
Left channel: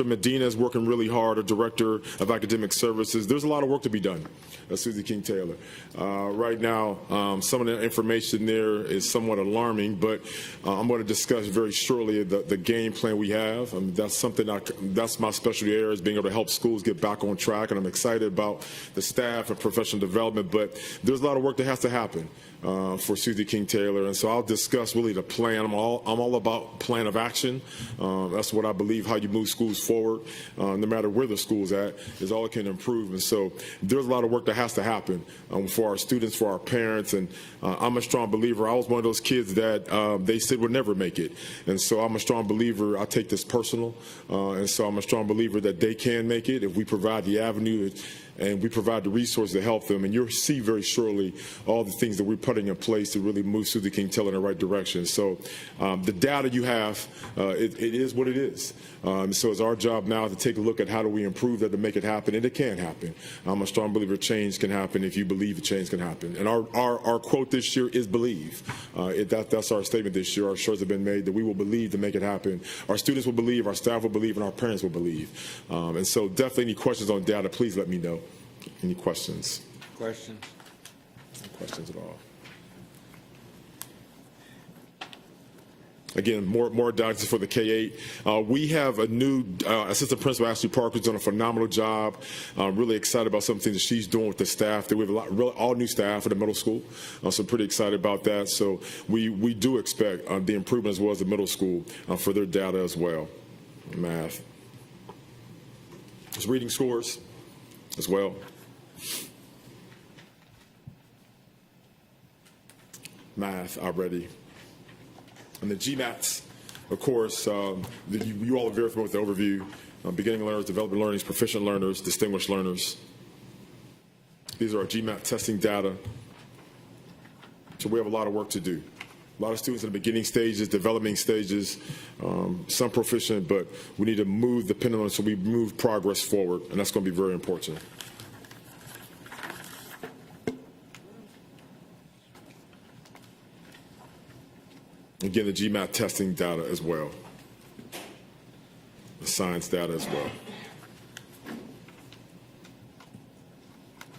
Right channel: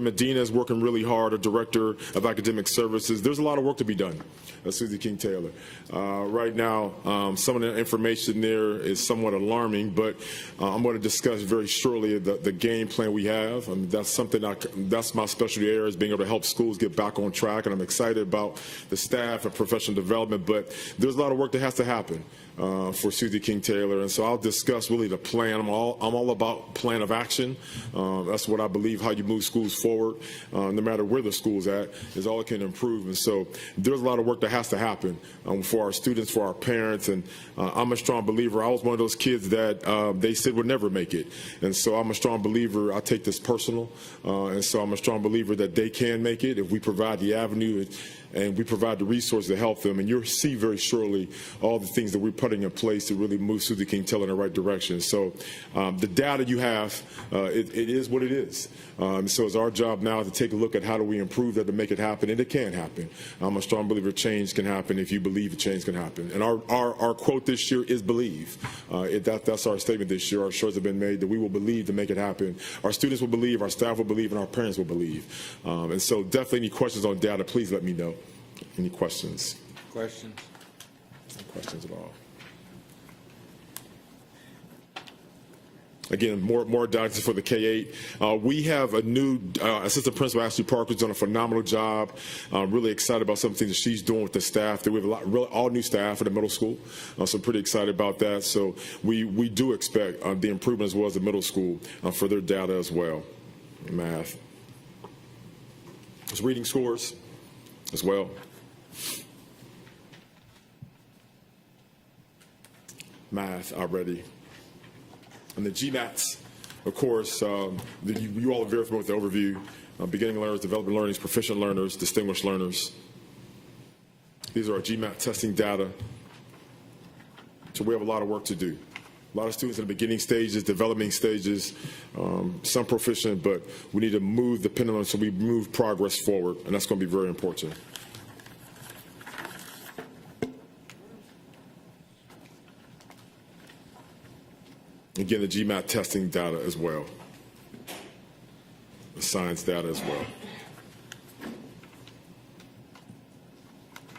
Medina is working really hard, Director of Academic Services. There's a lot of work to be done. Susie King Taylor. Right now, some of the information there is somewhat alarming, but I'm going to discuss very shortly the game plan we have. That's something that's my specialty area, is being able to help schools get back on track, and I'm excited about the staff and professional development, but there's a lot of work that has to happen for Susie King Taylor, and so I'll discuss really the plan. I'm all about plan of action. That's what I believe, how you move schools forward, no matter where the school's at, is all it can improve. And so there's a lot of work that has to happen for our students, for our parents, and I'm a strong believer. I was one of those kids that they said would never make it, and so I'm a strong believer. I take this personal, and so I'm a strong believer that they can make it if we provide the avenue and we provide the resources to help them. And you'll see very shortly all the things that we're putting in place to really move Susie King Taylor in the right direction. So the data you have, it is what it is. So it's our job now to take a look at how do we improve that to make it happen, and it can happen. I'm a strong believer change can happen if you believe change can happen. And our quote this year is believe. That's our statement this year. Our shirts have been made that we will believe to make it happen. Our students will believe, our staff will believe, and our parents will believe. And so definitely any questions on data, please let me know. Any questions? Questions? Questions at all? Again, more data for the K-8. We have a new assistant principal, Ashley Parker, who's done a phenomenal job. Really excited about some things she's doing with the staff. There were all new staff for the middle school, so pretty excited about that. So we do expect the improvement as well as the middle school for their data as well. Math. Reading scores as well. Math already. And the GMATs, of course, you all are very familiar with the overview. Beginning learners, developing learners, proficient learners, distinguished learners. These are our GMAT testing data. So we have a lot of work to do. A lot of students in the beginning stages, developing stages, some proficient, but we need to move the pendulum so we move progress forward, and that's going to be very important. And getting the GMAT testing data as well. The science data as well.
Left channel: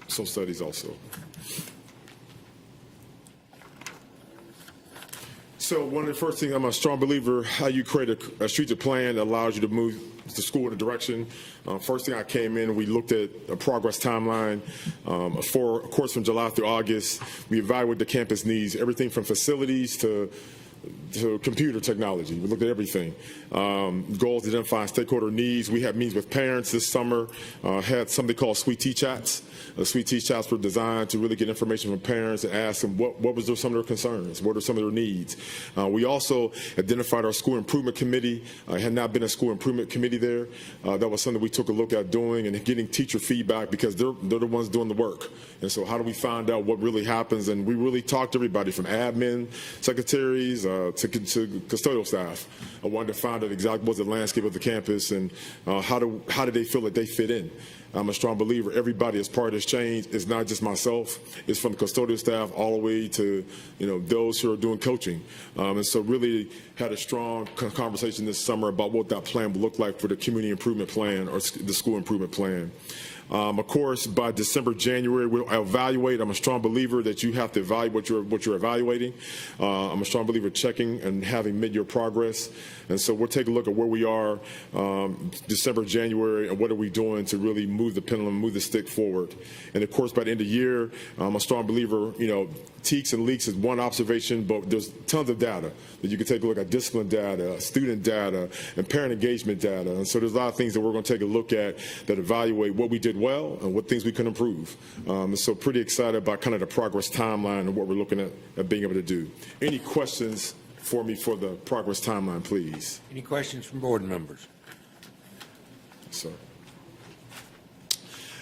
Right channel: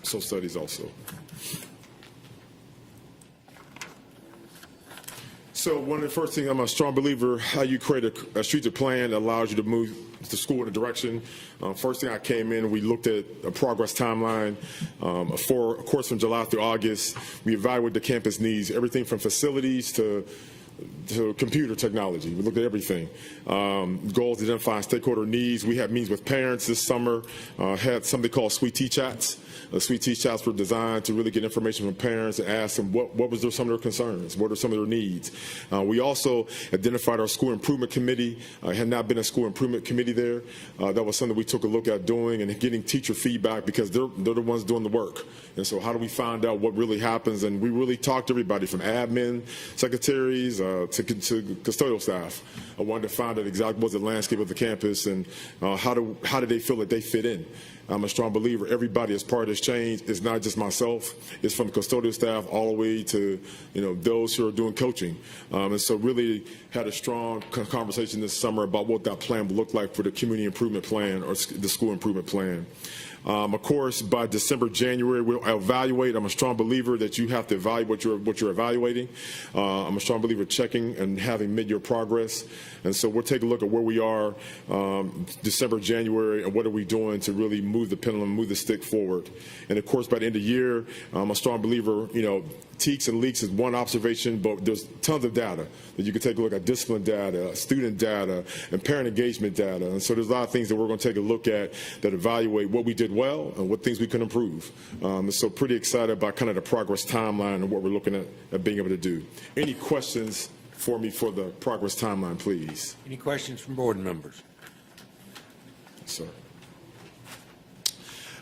Social studies also. So one of the first things, I'm a strong believer, how you create a strategic plan that allows you to move the school in a direction. First thing I came in, we looked at a progress timeline for course from July through August. We evaluated the campus needs, everything from facilities to to computer technology. We looked at everything. Goals to identify stakeholder needs. We had meetings with parents this summer. Had something called Sweet Tea Chats. Sweet Tea Chats were designed to really get information from parents and ask them what was some of their concerns, what were some of their needs. We also identified our school improvement committee. Had not been a school improvement committee there. That was something we took a look at doing and getting teacher feedback because they're the ones doing the work. And so how do we find out what really happens? And we really talked to everybody from admin, secretaries, to custodial staff. I wanted to find out exactly what the landscape of the campus and how do they feel that they fit in. I'm a strong believer everybody is part of this change. It's not just myself. It's from custodial staff all the way to those who are doing coaching. And so really had a strong conversation this summer about what that plan would look like for the community improvement plan or the school improvement plan. Of course, by December, January, we'll evaluate. I'm a strong believer that you have to evaluate what you're evaluating. I'm a strong believer in checking and having mid-year progress. And so we'll take a look at where we are December, January, and what are we doing to really move the pendulum, move the stick forward. And of course, by the end of the year, I'm a strong believer, TEKS and leaks is one observation, but there's tons of data that you can take a look at: discipline data, student data, and parent engagement data. And so there's a lot of things that we're going to take a look at that evaluate what we did well and what things we can improve. So pretty excited about kind of the progress timeline and what we're looking at being able to do. Any questions for me for the progress timeline, please? Any questions from board members? Sir.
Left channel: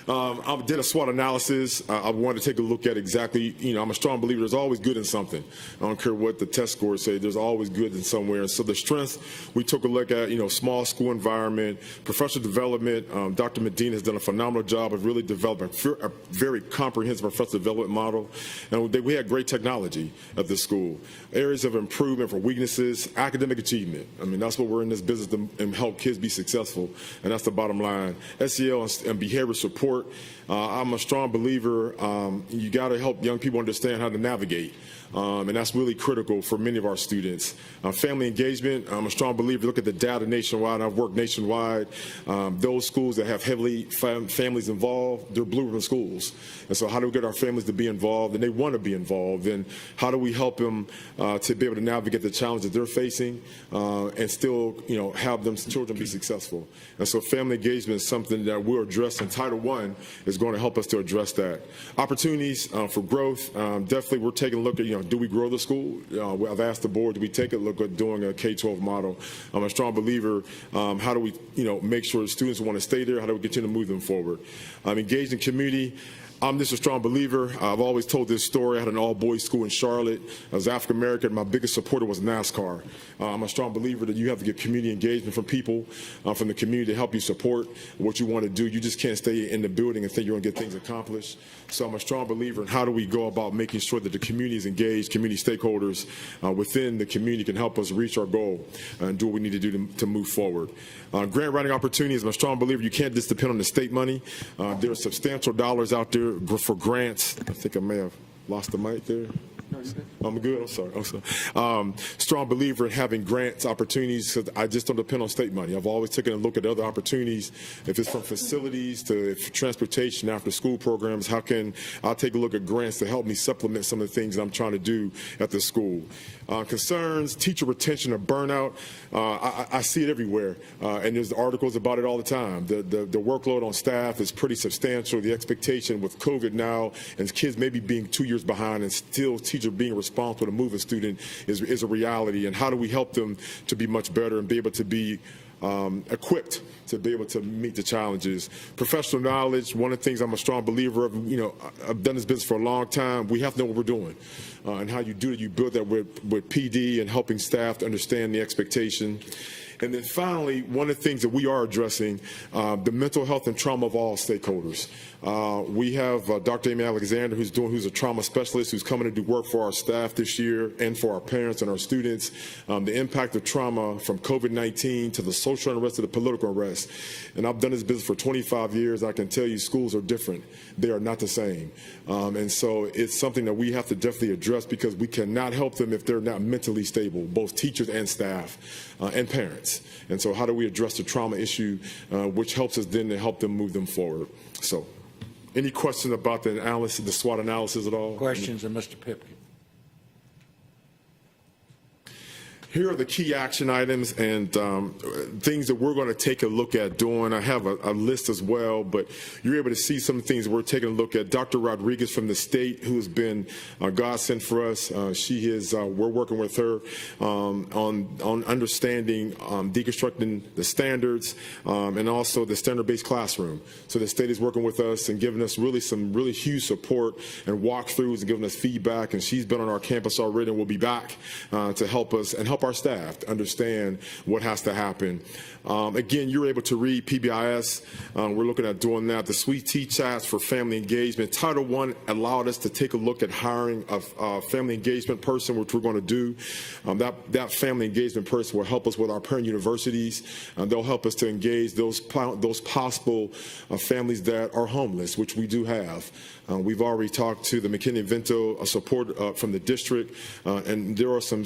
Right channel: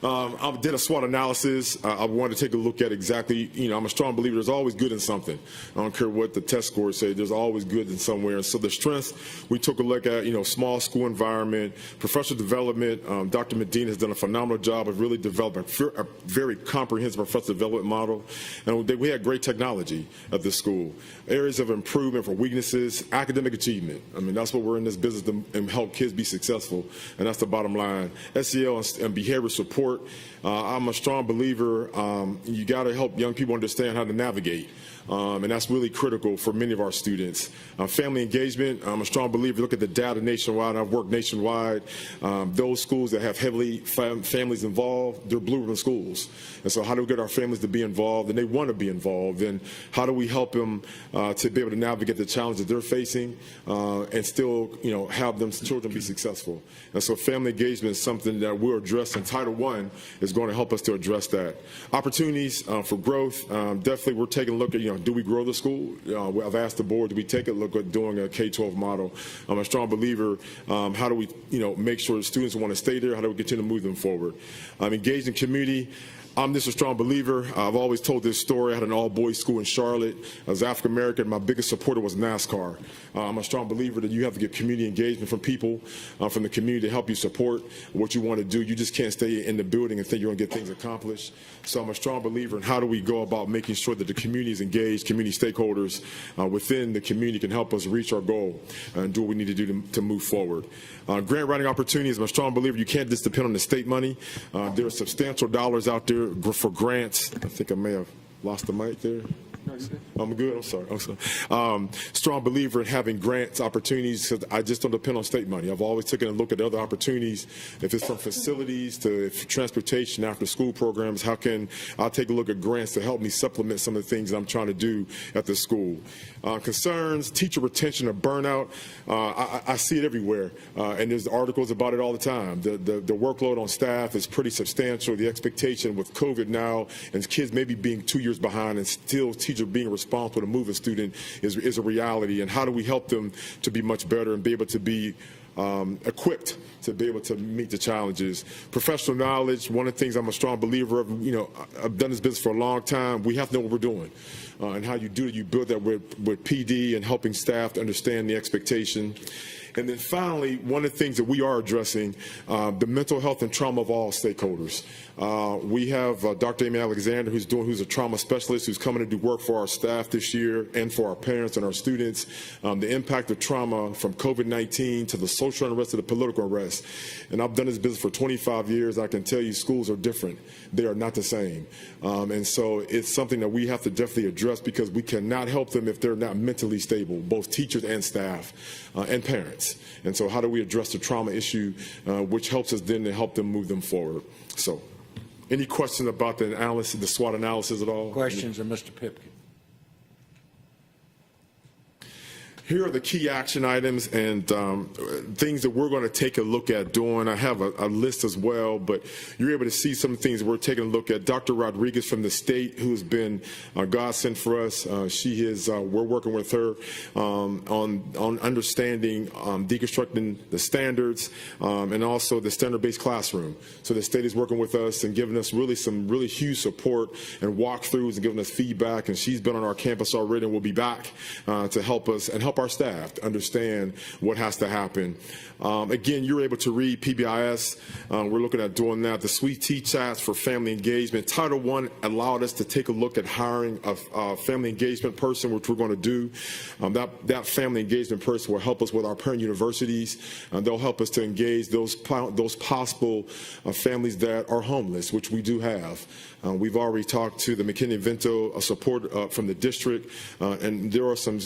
I did a SWOT analysis. I want to take a look at exactly, I'm a strong believer there's always good in something. I don't care what the test scores say, there's always good in somewhere. So the strengths, we took a look at, small school environment, professional development. Dr. Medina has done a phenomenal job of really developing a very comprehensive professional development model. And we had great technology at this school. Areas of improvement for weaknesses, academic achievement. That's what we're in this business and help kids be successful. And that's the bottom line. SEL and behavioral support. I'm a strong believer. You got to help young people understand how to navigate. And that's really critical for many of our students. Family engagement, I'm a strong believer. Look at the data nationwide. I've worked nationwide. Those schools that have heavily families involved, they're blue schools. And so how do we get our families to be involved? And they want to be involved. And how do we help them to be able to navigate the challenges they're facing and still, have them children be successful? And so family engagement is something that we're addressing. Title I is going to help us to address that. Opportunities for growth. Definitely we're taking a look at, do we grow the school? I've asked the board, do we take a look at doing a K-12 model? I'm a strong believer. How do we, make sure the students want to stay there? How do we continue to move them forward? Engage the community. I'm just a strong believer. I've always told this story. I had an all-boys school in Charlotte. I was African-American. My biggest supporter was NASCAR. I'm a strong believer that you have to get community engagement from people, from the community to help you support what you want to do. You just can't stay in the building and think you're going to get things accomplished. So I'm a strong believer in how do we go about making sure that the community is engaged, community stakeholders within the community can help us reach our goal and do what we need to do to move forward. Grant writing opportunities, I'm a strong believer you can't just depend on the state money. There's substantial dollars out there for grants. I think I may have lost the mic there. I'm good. I'm sorry. Strong believer in having grants opportunities. So I just don't depend on state money. I've always taken a look at other opportunities. If it's from facilities to transportation, after school programs, I'll take a look at grants to help me supplement some of the things that I'm trying to do at the school. Concerns, teacher retention and burnout. I see it everywhere, and there's articles about it all the time. The workload on staff is pretty substantial. The expectation with COVID now, and kids maybe being 2 years behind, and still teachers being responsible to move the student is a reality. And how do we help them to be much better and be able to be equipped to be able to meet the challenges? Professional knowledge, one of the things I'm a strong believer of, I've done this business for a long time. We have to know what we're doing. And how you build that with PD and helping staff to understand the expectation. And then finally, one of the things that we are addressing, the mental health and trauma of all stakeholders. We have Dr. Amy Alexander, who's a trauma specialist, who's coming to do work for our staff this year and for our parents and our students. The impact of trauma from COVID-19 to the social unrest to the political unrest. And I've done this business for 25 years. I can tell you schools are different. They are not the same. And so it's something that we have to definitely address because we cannot help them if they're not mentally stable, both teachers and staff and parents. And so how do we address the trauma issue, which helps us then to help them move them forward? So any questions about the analysis, the SWOT analysis at all? Questions of Mr. Pipkin? Here are the key action items and things that we're going to take a look at doing. I have a list as well, but you're able to see some things we're taking a look at. Dr. Rodriguez from the state, who's been a godsend for us, we're working with her on understanding, deconstructing the standards, and also the standard-based classroom. So the state is working with us and giving us some really huge support and walkthroughs, and giving us feedback, and she's been on our campus already and will be back to help us and help our staff understand what has to happen. Again, you're able to read PBIS. We're looking at doing that. The Sweet Tea Chats for family engagement. Title I allowed us to take a look at hiring a family engagement person, which we're going to do. That family engagement person will help us with our parent universities. They'll help us to engage those possible families that are homeless, which we do have. We've already talked to the McKinney-Vento support from the district, and there are some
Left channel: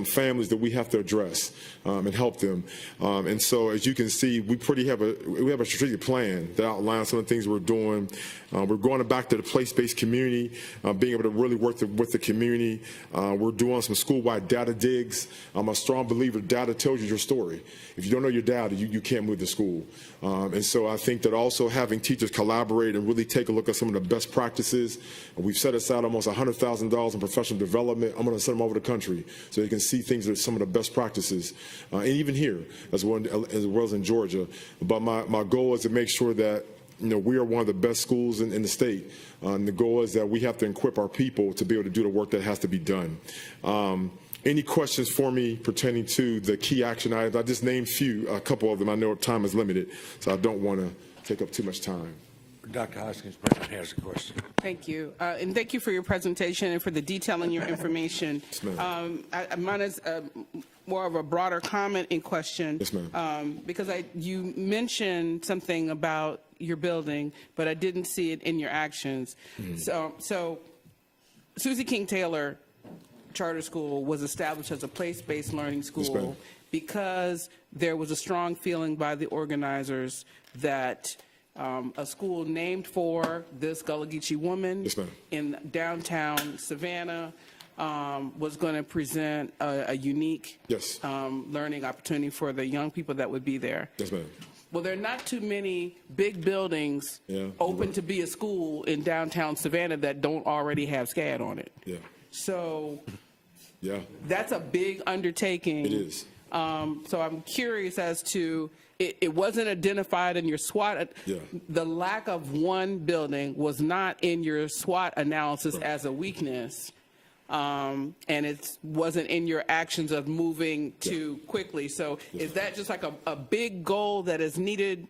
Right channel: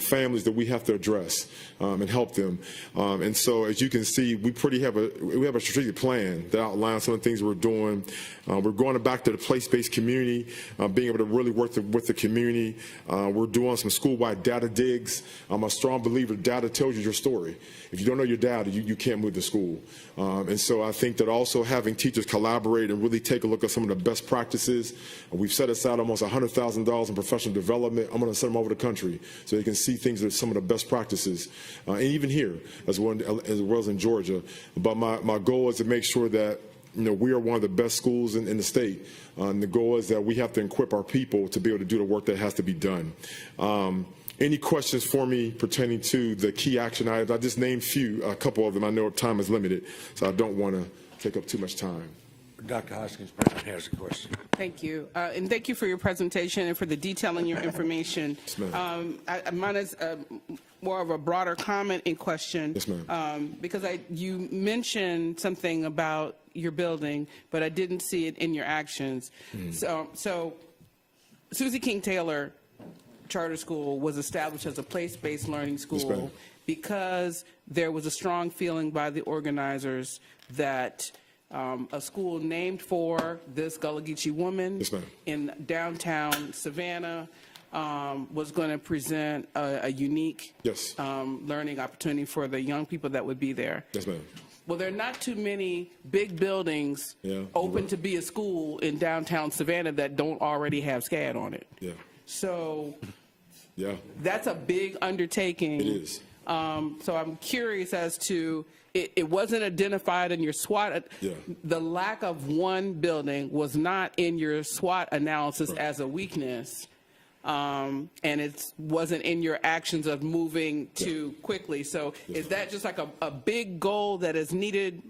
families that we have to address and help them. And so, as you can see, we have a strategic plan that outlines some of the things we're doing. We're going back to the place-based community, being able to really work with the community. We're doing some school-wide data digs. I'm a strong believer data tells you your story. If you don't know your data, you can't move to school. And so I think that also having teachers collaborate and really take a look at some of the best practices. We've set aside almost $100,000 in professional development. I'm going to send them over the country so they can see things that are some of the best practices, and even here as well as in Georgia. But my goal is to make sure that we are one of the best schools in the state. And the goal is that we have to equip our people to be able to do the work that has to be done. Any questions for me pertaining to the key action items? I just named a couple of them. I know time is limited, so I don't want to take up too much time. Dr. Hoskins has a question. Thank you. And thank you for your presentation and for the detail in your information. Mine is more of a broader comment in question, because you mentioned something about your building, but I didn't see it in your actions. So Susie King Taylor Charter School was established as a place-based learning school because there was a strong feeling by the organizers that a school named for this Gullah Geechee woman in downtown Savannah was going to present a unique learning opportunity for the young people that would be there. Well, there are not too many big buildings open to be a school in downtown Savannah that don't already have SCAD on it. So that's a big undertaking. It is. So I'm curious as to, it wasn't identified in your SWOT. The lack of one building was not in your SWOT analysis as a weakness. And it wasn't in your actions of moving too quickly. So is that just like a big goal that is needed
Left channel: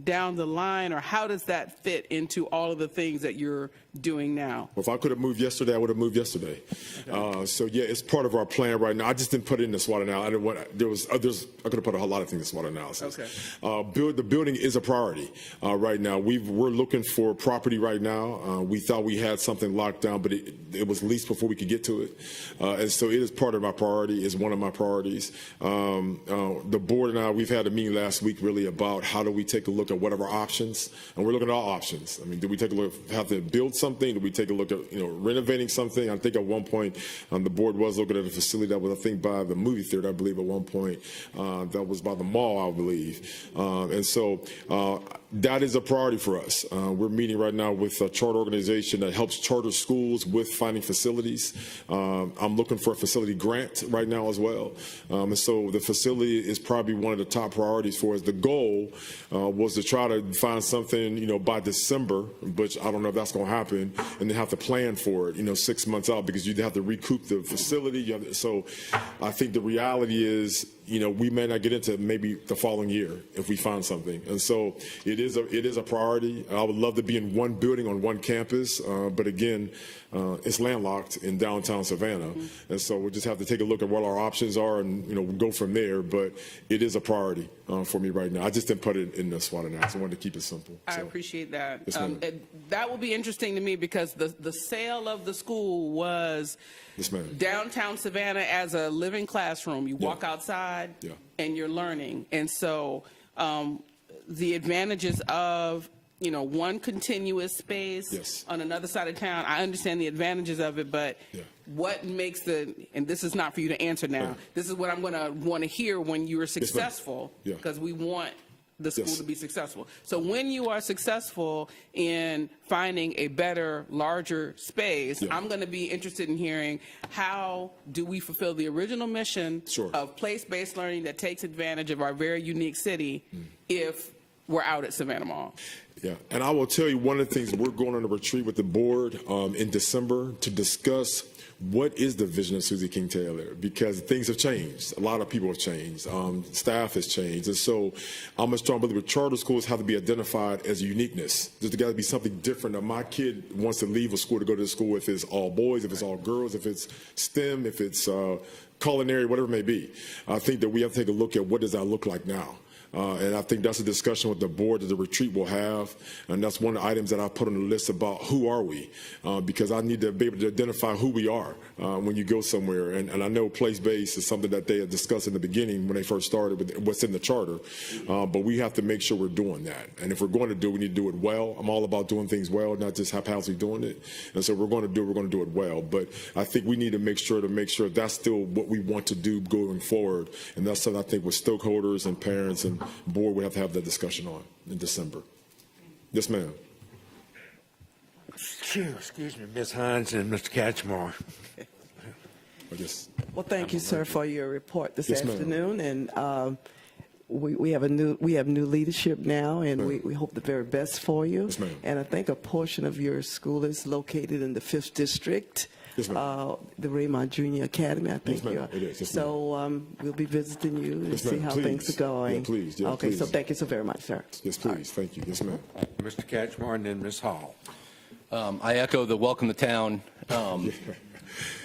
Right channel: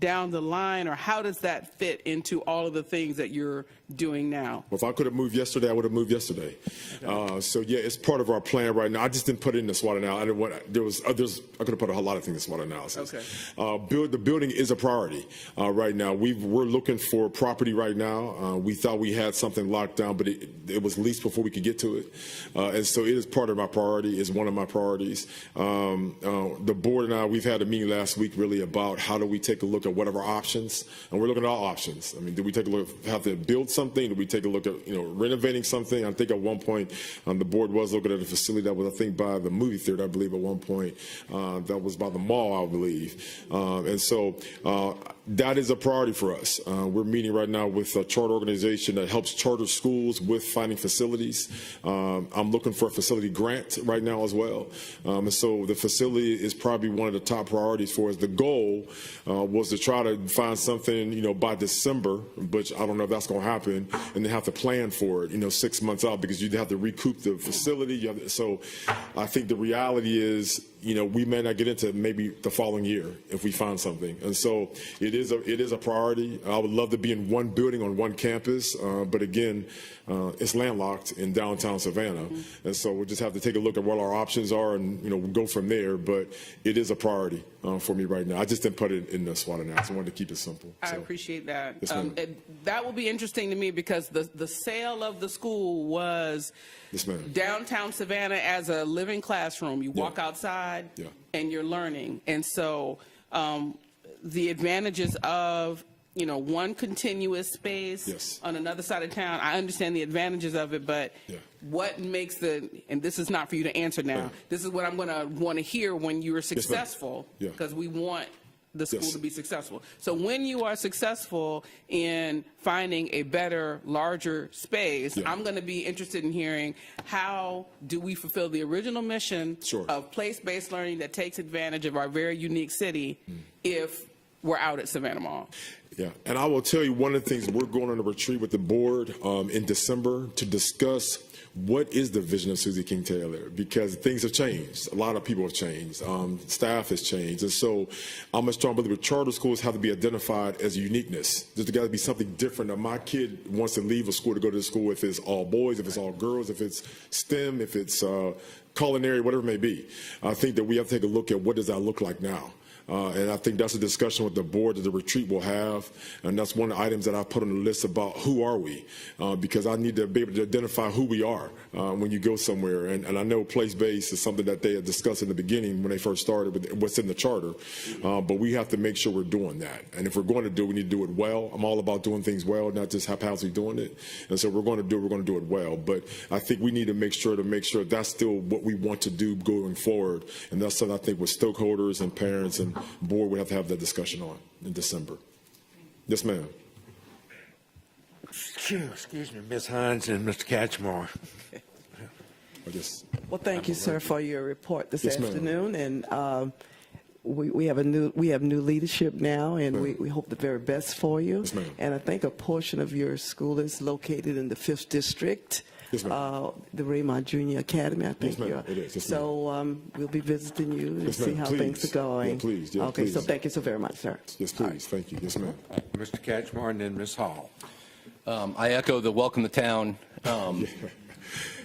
down the line, or how does that fit into all of the things that you're doing now? Well, if I could have moved yesterday, I would have moved yesterday. So yeah, it's part of our plan right now. I just didn't put it in the SWOT analysis. There was others. I could have put a lot of things in the SWOT analysis. The building is a priority right now. We're looking for property right now. We thought we had something locked down, but it was leased before we could get to it. And so it is part of our priority. It's one of my priorities. The board and I, we've had a meeting last week really about how do we take a look at what are our options, and we're looking at all options. I mean, do we take a look at how to build something? Do we take a look at renovating something? I think at one point the board was looking at a facility that was, I think, by the movie theater. I believe at one point that was by the mall, I believe. And so that is a priority for us. We're meeting right now with a charter organization that helps charter schools with finding facilities. I'm looking for a facility grant right now as well. So the facility is probably one of the top priorities for us. The goal was to try to find something, by December, but I don't know if that's going to happen, and then have to plan for it, 6 months out, because you have to recoup the facility. So I think the reality is, we may not get into maybe the following year if we find something. And so it is a priority. I would love to be in one building on one campus, but again, it's landlocked in downtown Savannah. And so we just have to take a look at what our options are and go from there. But it is a priority for me right now. I just didn't put it in the SWOT analysis. I just wanted to keep it simple. I appreciate that. That will be interesting to me because the sale of the school was downtown Savannah as a living classroom. You walk outside and you're learning. And so the advantages of one continuous space on another side of town. I understand the advantages of it, but what makes and this is not for you to answer now, this is what I'm going to want to hear when you are successful, because we want the school to be successful. So when you are successful in finding a better, larger space, I'm going to be interested in hearing how do we fulfill the original mission of place-based learning that takes advantage of our very unique city if we're out at Savannah Mall. Yeah, and I will tell you one of the things, we're going on a retreat with the board in December to discuss what is the vision of Susie King Taylor, because things have changed. A lot of people have changed. Staff has changed. And so I'm just trying to look at charter schools have to be identified as uniqueness. There's got to be something different. And my kid wants to leave a school to go to school if it's all boys, if it's all girls, if it's STEM, if it's culinary, whatever it may be. I think that we have to take a look at what does that look like now. And I think that's a discussion with the board that the retreat will have. And that's one of the items that I put on the list about who are we, because I need to be able to identify who we are when you go somewhere. And I know place-based is something that they had discussed in the beginning when they first started and what's in the charter. But we have to make sure we're doing that. And if we're going to do it, we need to do it well. I'm all about doing things well, not just haphazardly doing it. And so we're going to do it well. But I think we need to make sure that's still what we want to do going forward. And that's something I think with stakeholders and parents and board we have that discussion on in December. Yes, ma'am. Excuse me, Ms. Hines and Mr. Catchmore. Well, thank you, sir, for your report this afternoon. And we have new leadership now, and we hope the very best for you. And I think a portion of your school is located in the 5th District. The Raymond Junior Academy, I think. So we'll be visiting you to see how things are going. Okay, so thank you so very much, sir. Yes, please. Thank you. Yes, ma'am. Mr. Catchmore and then Ms. Hall. I echo the welcome to town.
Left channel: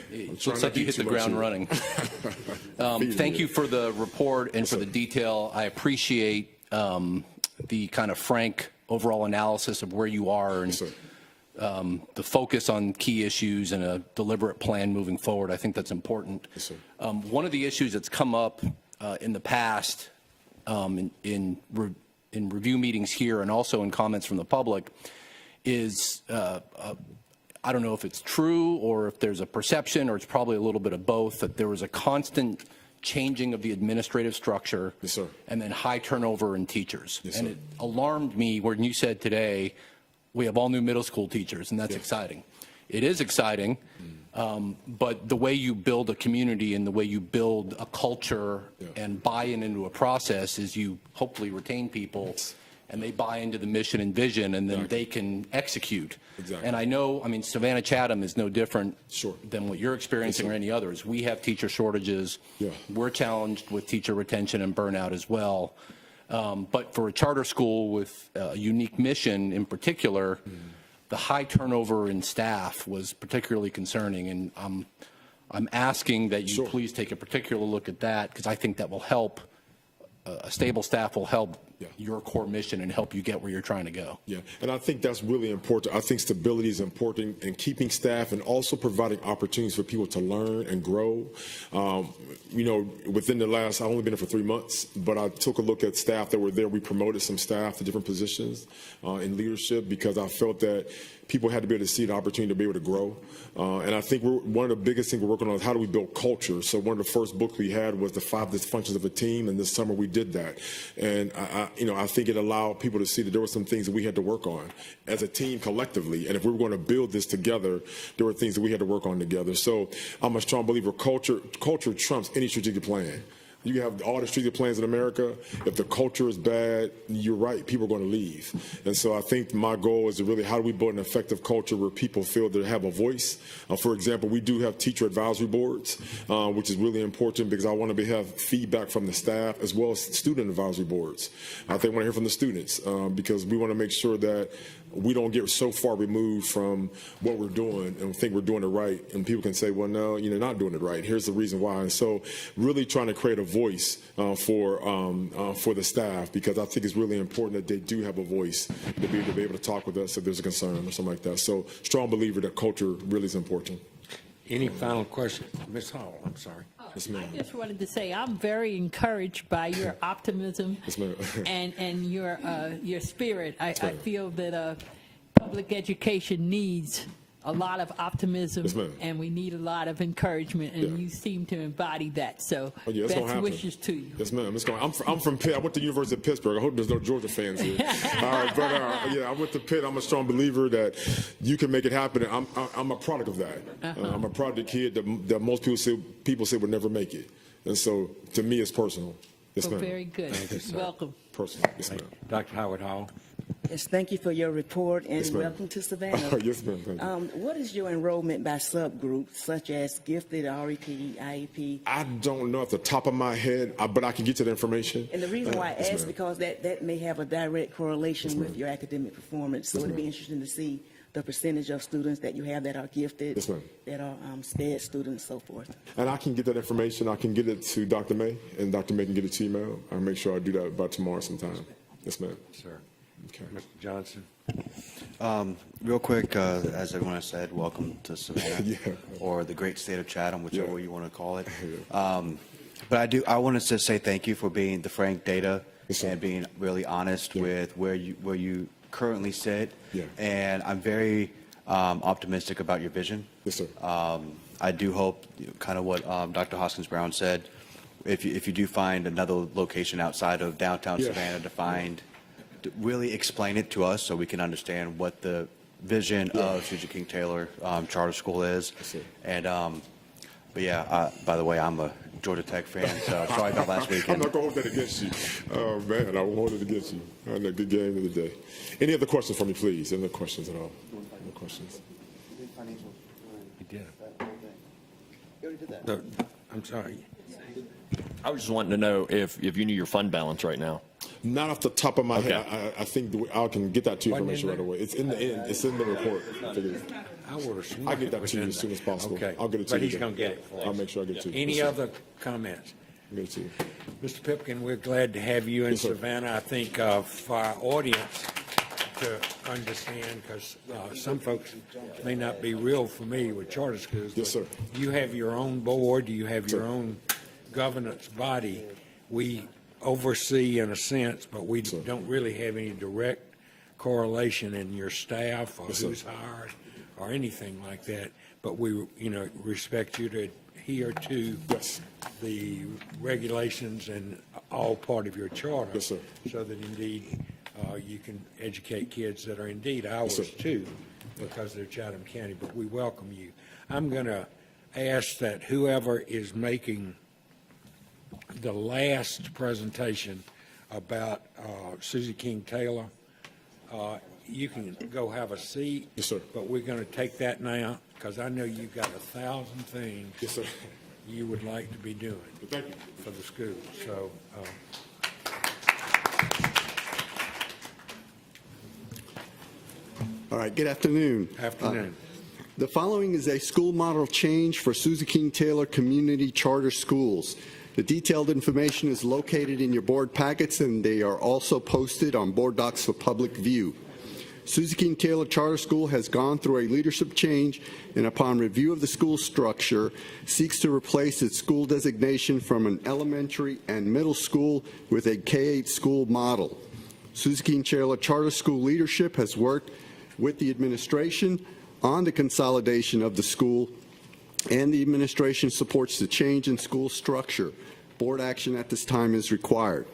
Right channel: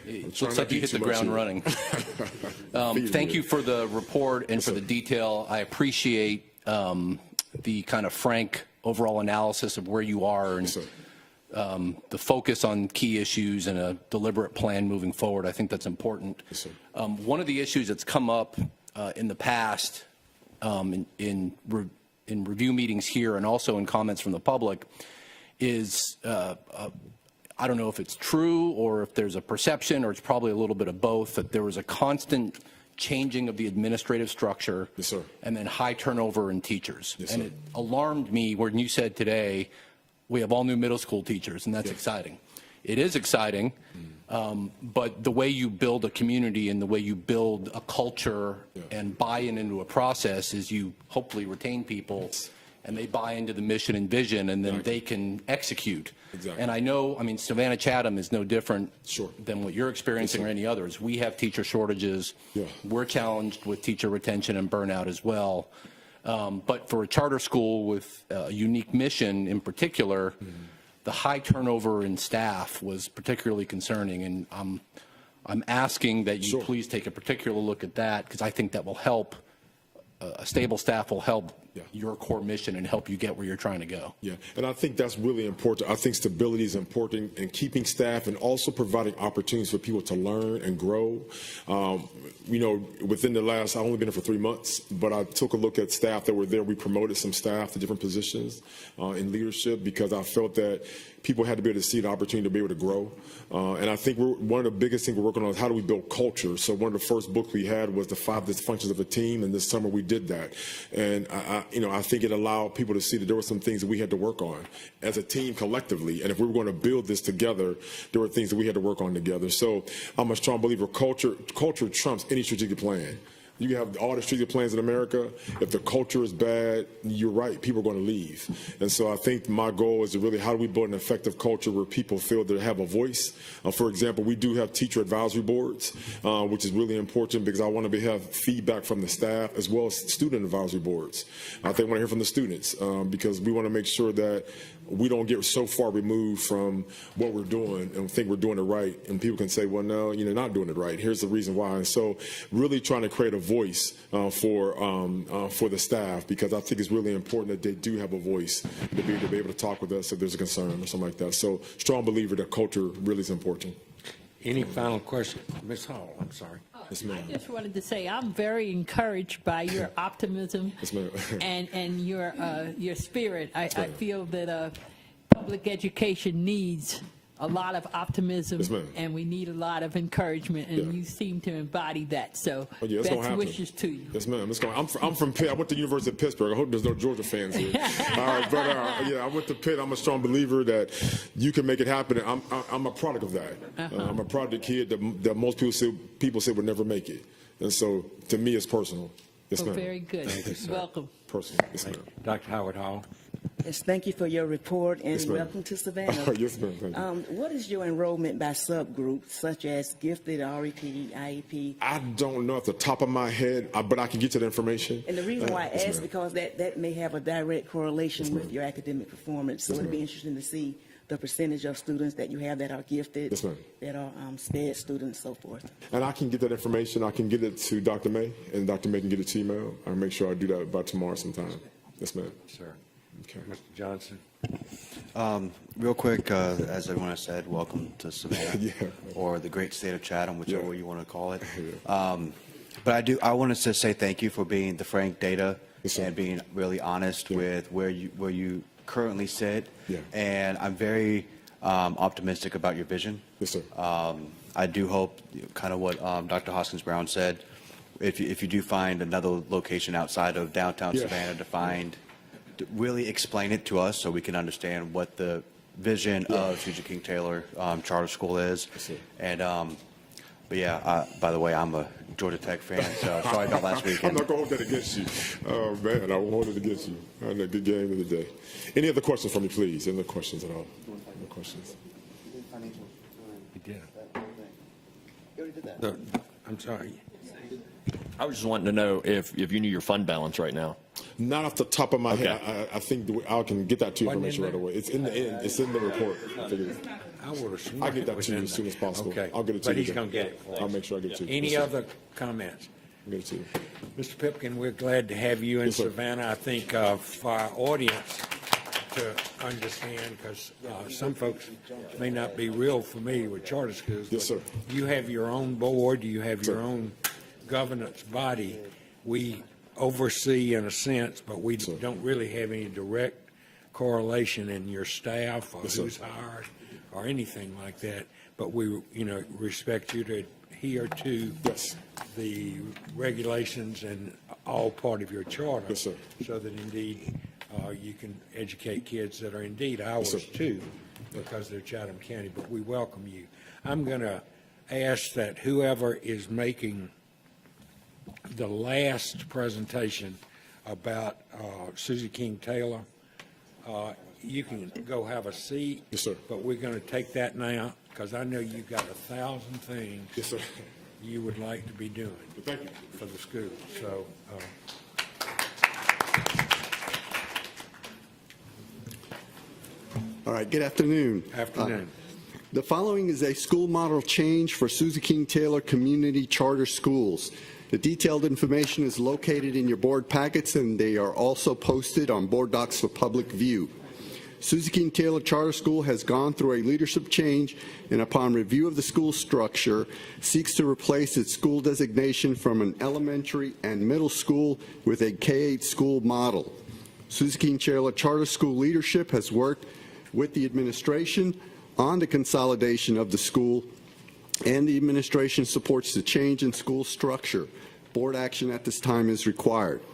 It looks like you hit the ground running. Thank you for the report and for the detail. I appreciate the kind of frank overall analysis of where you are and the focus on key issues and a deliberate plan moving forward. I think that's important. One of the issues that's come up in the past in review meetings here and also in comments from the public is I don't know if it's true or if there's a perception or it's probably a little bit of both, that there was a constant changing of the administrative structure and then high turnover in teachers. And it alarmed me when you said today we have all new middle school teachers, and that's exciting. It is exciting, but the way you build a community and the way you build a culture and buy into a process is you hopefully retain people and they buy into the mission and vision, and then they can execute. And I know, Savannah Chatham is no different than what you're experiencing or any others. We have teacher shortages. We're challenged with teacher retention and burnout as well. But for a charter school with a unique mission in particular, the high turnover in staff was particularly concerning. And I'm asking that you please take a particular look at that, because I think that will help. A stable staff will help your core mission and help you get where you're trying to go. Yeah, and I think that's really important. I think stability is important in keeping staff and also providing opportunities for people to learn and grow. Within the last, I've only been there for 3 months, but I took a look at staff that were there. We promoted some staff to different positions in leadership because I felt that people had to be able to see the opportunity to be able to grow. And I think one of the biggest things we're working on is how do we build culture. So one of the first books we had was the 5 dysfunctions of a team, and this summer we did that. And I think it allowed people to see that there were some things we had to work on as a team collectively. And if we were going to build this together, there were things we had to work on together. So I'm a strong believer culture trumps any strategic plan. You have all the strategic plans in America. If the culture is bad, you're right, people are going to leave. And so I think my goal is really how do we build an effective culture where people feel they have a voice. For example, we do have teacher advisory boards, which is really important because I want to have feedback from the staff as well as student advisory boards. I think I want to hear from the students because we want to make sure that we don't get so far removed from what we're doing and think we're doing it right. And people can say, well, no, you're not doing it right. Here's the reason why. And so really trying to create a voice for the staff, because I think it's really important that they do have a voice to be able to talk with us if there's concerns or something like that. So strong believer that culture really is important. Any final questions? Ms. Hall, I'm sorry. I just wanted to say I'm very encouraged by your optimism and your spirit. I feel that public education needs a lot of optimism, and we need a lot of encouragement, and you seem to embody that. So, best wishes to you. Yes, ma'am. I'm from Pitt. I went to the University of Pittsburgh. I hope there's no Georgia fans here. All right, but yeah, I went to Pitt. I'm a strong believer that you can make it happen, and I'm a product of that. I'm a product of the kid that most people say will never make it. And so, to me, it's personal. Yes, ma'am. Very good. Welcome. Personal. Yes, ma'am. Dr. Howard Hall. Yes, thank you for your report and welcome to Savannah. Yes, ma'am. What is your enrollment by subgroup, such as gifted, REP, IEP? I don't know off the top of my head, but I can get you the information. And the reason why I ask is because that may have a direct correlation with your academic performance. So it'd be interesting to see the percentage of students that you have that are gifted, that are SPED students, and so forth. And I can get that information. I can get it to Dr. May, and Dr. May can get it to you. I'll make sure I do that by tomorrow sometime. Yes, ma'am. Sir. Okay. Mr. Johnson. Real quick, as everyone has said, welcome to Savannah, or the great state of Chatham, whichever you want to call it. But I wanted to say thank you for being the frank data and being really honest with where you currently sit. And I'm very optimistic about your vision. Yes, sir. I do hope, kind of what Dr. Hoskins Brown said, if you do find another location outside of downtown Savannah to really explain it to us so we can understand what the vision of Susie King Taylor Charter School is. And but yeah, by the way, I'm a Georgia Tech fan, so probably not last week. I'm not going to against you. Oh man, I wanted against you. I had a good game of the day. Any other questions from you, please? Any other questions at all? Any questions? I'm sorry. I was just wanting to know if you your fund balance right now. Not off the top of my head. I think I can get that to you right away. It's in the report. I'll get that to you as soon as possible. Okay. I'll get it to Please you. come get it. I'll make sure I get it to you. Any other comments? Get it to you. Mr. Pipkin, we're glad to have you in Savannah. I think for our audience to understand, because some folks may not be real familiar with charter schools. Yes, sir. You have your own board, you have your own governance body. We oversee in a sense, but we don't really have any direct correlation in your staff or who's hired or anything like that. But we, respect you to adhere to the regulations and all part of your charter, so that indeed you can educate kids that are indeed ours too, because they're Chatham County. But we welcome you. I'm going to ask that whoever is making the last presentation about Susie King Taylor, you can go have a seat, but we're going to take that now, because I know you got 1,000 things you would like to be doing for the school. So. All right, good afternoon. The following is a school model change for Susie King Taylor Community Charter Schools. The detailed information is located in your board packets, and they are also posted on board docs for public view. Susie King Taylor Charter School has gone through a leadership change, and upon review of the school structure, seeks to replace its school designation from an elementary and middle school with a K-8 school model. Susie King Taylor Charter School leadership has worked with the administration on the consolidation of the school, and the administration supports the change in school structure. Board action at this time is required.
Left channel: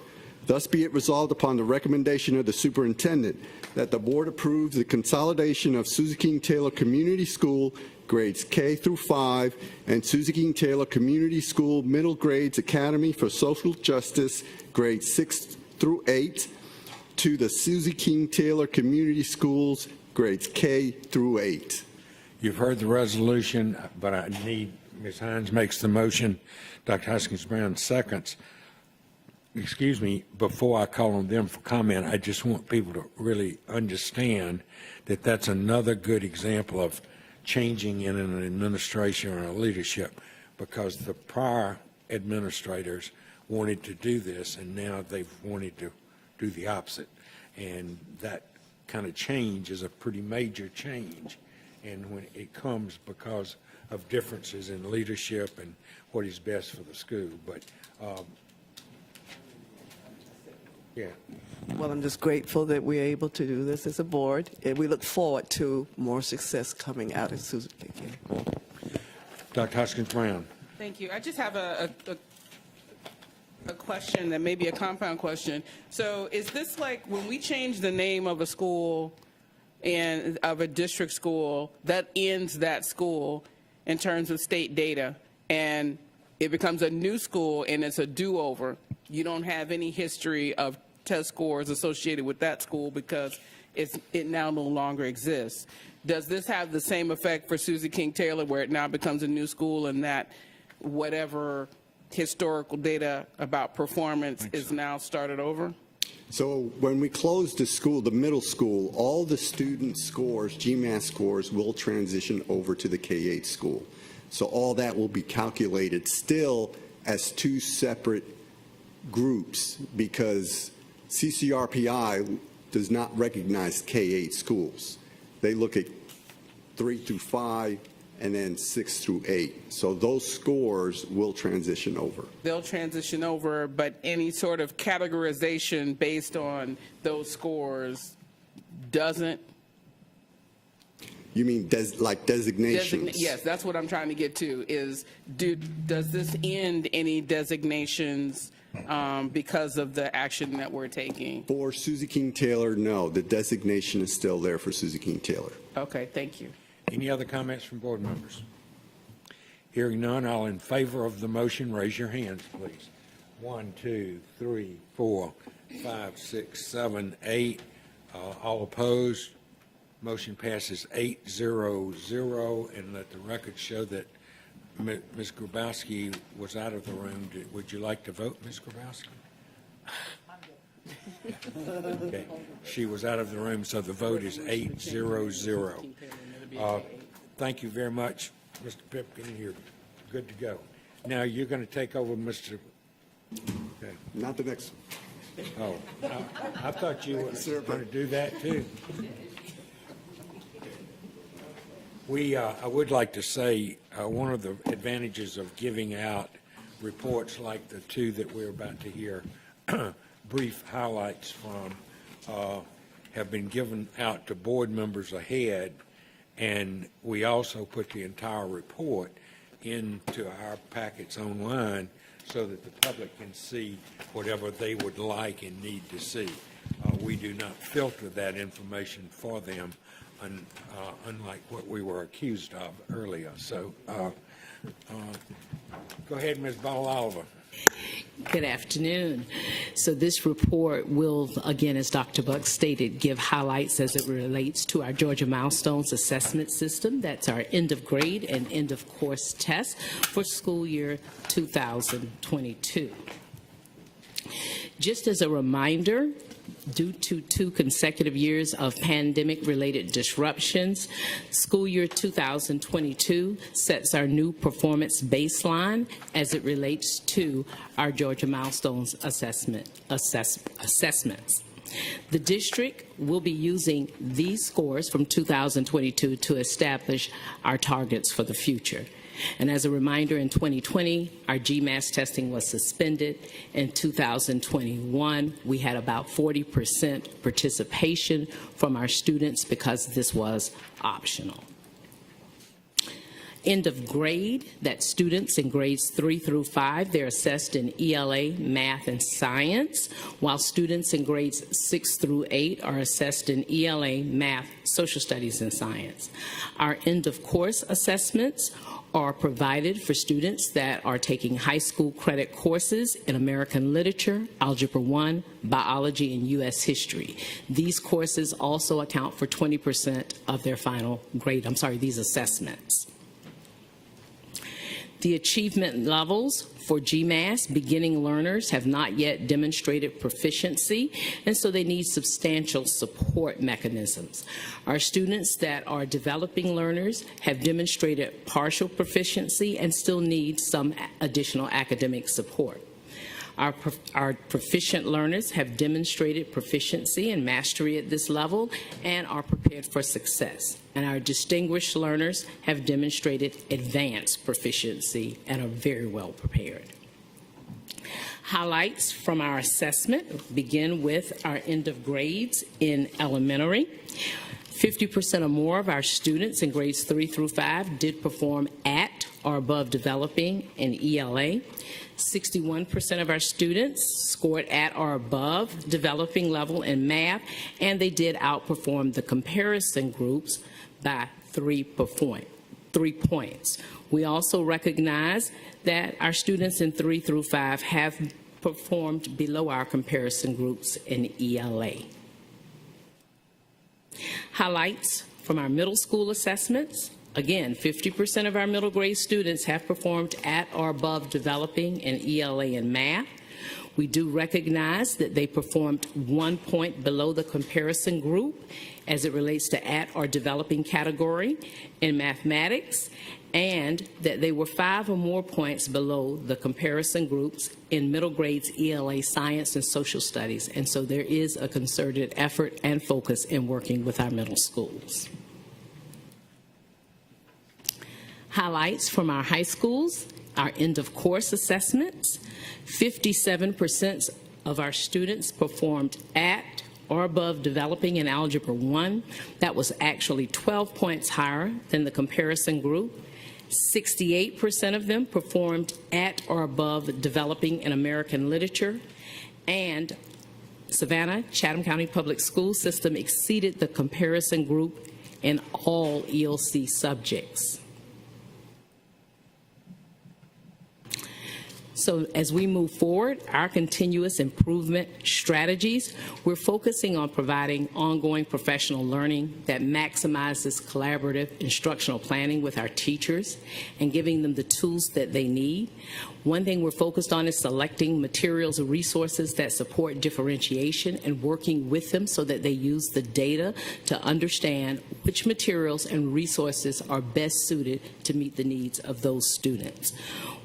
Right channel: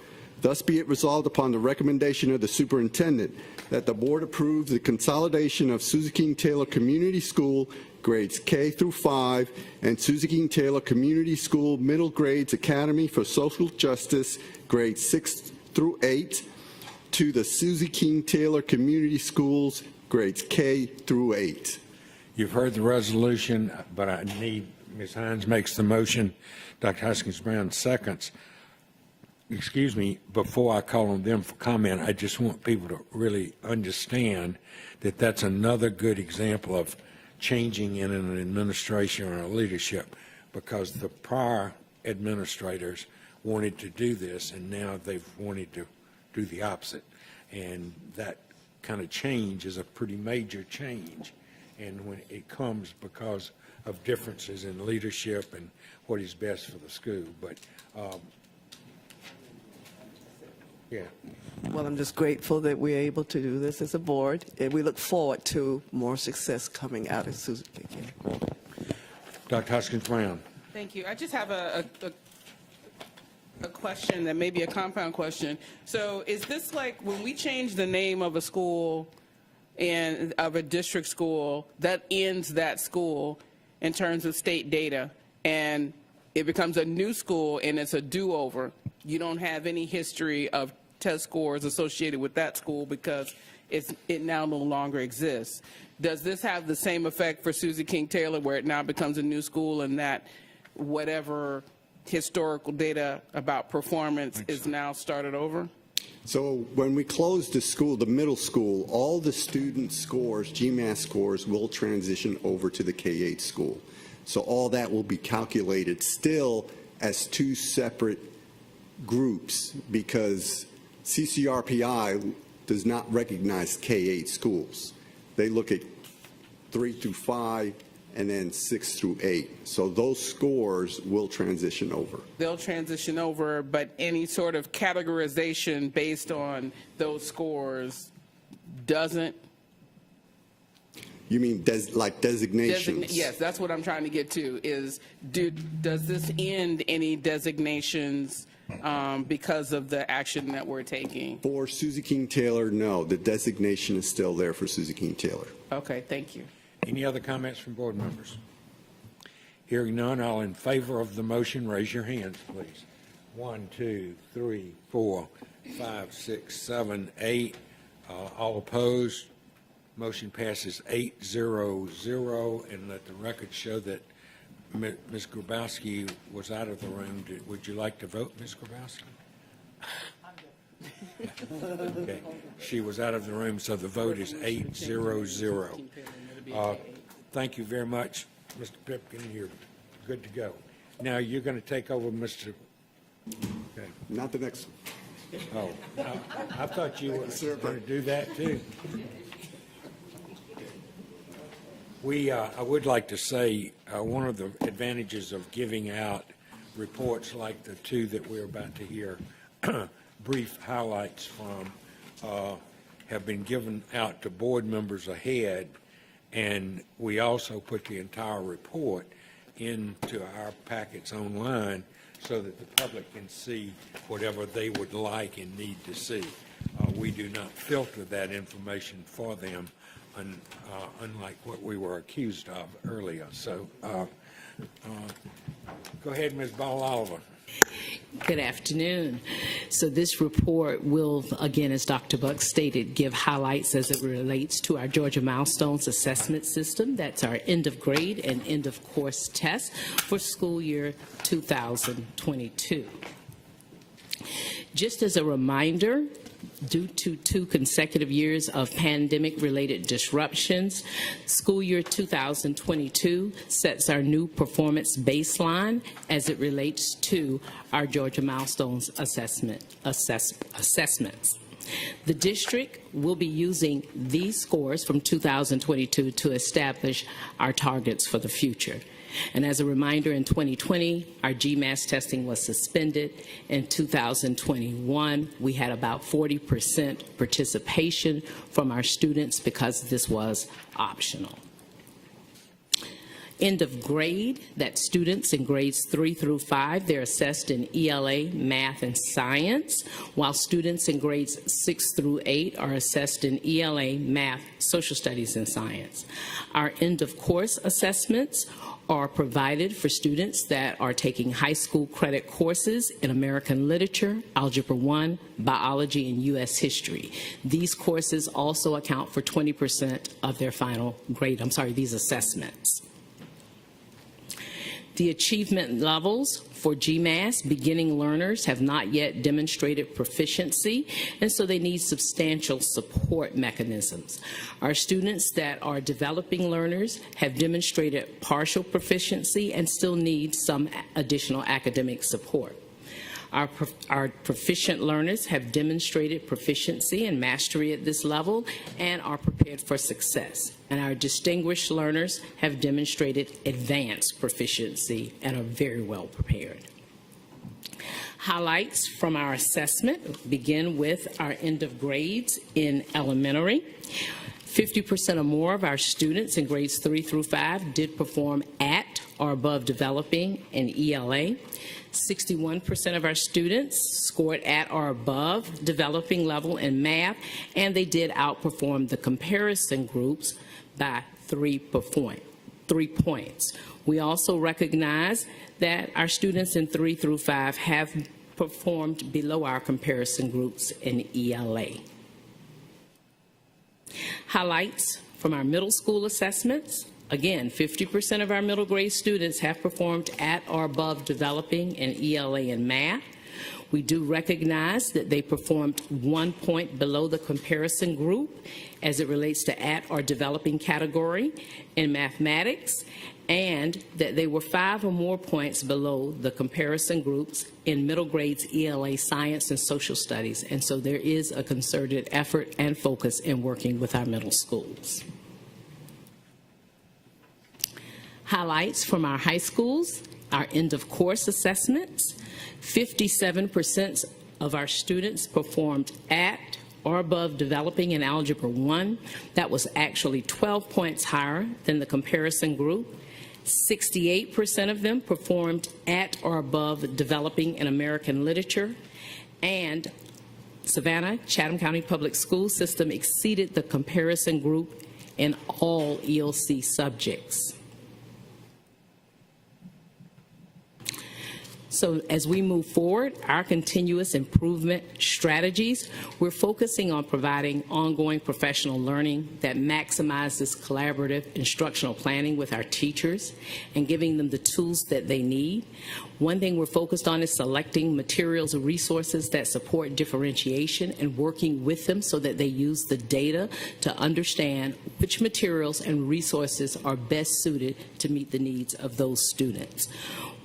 Thus be it resolved upon the recommendation of the superintendent that the board approves the consolidation of Susie King Taylor Community School grades K through 5 and Susie King Taylor Community School Middle Grades Academy for Social Justice grades 6 through 8 to the Susie King Taylor Community Schools grades K through 8. You've heard the resolution, but I need, Ms. Hines makes the motion, Dr. Hoskins Brown seconds. Excuse me, before I call on them for comment, I just want people to really understand that that's another good example of changing in an administration or a leadership, because the prior administrators wanted to do this, and now they've wanted to do the opposite. And that kind of change is a pretty major change. and when it comes because of differences in leadership and what is best for the school. But yeah. Well, I'm just grateful that we're able to do this as a board, and we look forward to more success coming out of Susie King. Dr. Hoskins-Brown. Thank you. I just have a question that may be a compound question. So is this like when we change the name of a school and of a district school, that ends that school in terms of state data, and it becomes a new school and it's a do-over? You don't have any history of test scores associated with that school because it now no longer exists. Does this have the same effect for Susie King Taylor, where it now becomes a new school and that whatever historical data about performance is now started over? So when we close the school, the middle school, all the student scores, GMAT scores, will transition over to the K-8 school. So all that will be calculated still as two separate groups, because CCRPI does not recognize K-8 schools. They look at 3 through 5 and then 6 through 8. So those scores will transition over. They'll transition over, but any sort of categorization based on those scores doesn't? You mean like designations? Yes, that's what I'm trying to get to, is does this end any designations because of the action that we're taking? For Susie King Taylor, no. The designation is still there for Susie King Taylor. Okay, thank you. Any other comments from board members? Hearing none, all in favor of the motion, raise your hands, please. 1, 2, 3, 4, 5, 6, 7, 8. All opposed. Motion passes 8-0-0, and let the record show that Ms. Grabowski was out of the room. Would you like to vote, Ms. Grabowski? Okay. She was out of the room, so the vote is 8-0-0. Thank you very much, Mr. Pipkin. You're good to go. Now you're going to take over, Mr. Okay. Not the next. Oh, I thought you were going to do that too. I would like to say one of the advantages of giving out reports like the two that we're about to hear, brief highlights from, have been given out to board members ahead, and we also put the entire report into our packets online so that the public can see whatever they would like and need to see. We do not filter that information for them, unlike what we were accused of earlier. So go ahead, Ms. Ball-Oliver. Good afternoon. So this report will, again, as Dr. Buck stated, give highlights as it relates to our Georgia Milestones Assessment System. That's our end of grade and end of course test for school year 2022. Just as a reminder, due to 2 consecutive years of pandemic-related disruptions, school year 2022 sets our new performance baseline as it relates to our Georgia Milestones assessments. The district will be using these scores from 2022 to establish our targets for the future. And as a reminder, in 2020, our GMAS testing was suspended. In 2021, we had about 40% participation from our students because this was optional. End of grade, that students in grades 3 through 5, they're assessed in ELA, math, and science, while students in grades 6 through 8 are assessed in ELA, math, social studies, and science. Our end of course assessments are provided for students that are taking high school credit courses in American Literature, Algebra 1, Biology, and U.S. History. These courses also account for 20% of their final grade, these assessments. The achievement levels for GMAS, beginning learners have not yet demonstrated proficiency, and so they need substantial support mechanisms. Our students that are developing learners have demonstrated partial proficiency and still need some additional academic support. Our proficient learners have demonstrated proficiency and mastery at this level and are prepared for success. And our distinguished learners have demonstrated advanced proficiency and are very well prepared. Highlights from our assessment begin with our end of grades in elementary. 50% or more of our students in grades 3 through 5 did perform at or above developing in ELA. 61% of our students scored at or above developing level in math, and they did outperform the comparison groups by 3 points. We also recognize that our students in 3 through 5 have performed below our comparison groups in ELA. Highlights from our middle school assessments. Again, 50% of our middle grade students have performed at or above developing in ELA and math. We do recognize that they performed 1 point below the comparison group as it relates to at or developing category in mathematics, and that they were 5 or more points below the comparison groups in middle grades ELA science and social studies. And so there is a concerted effort and focus in working with our middle schools. Highlights from our high schools, our end of course assessments. 57% of our students performed at or above developing in Algebra 1. That was actually 12 points higher than the comparison group. 68% of them performed at or above developing in American literature. And Savannah, Chatham County Public School System exceeded the comparison group in all ELC subjects. So as we move forward, our continuous improvement strategies, we're focusing on providing ongoing professional learning that maximizes collaborative instructional planning with our teachers and giving them the tools that they need. One thing we're focused on is selecting materials and resources that support differentiation and working with them so that they use the data to understand which materials and resources are best suited to meet the needs of those students.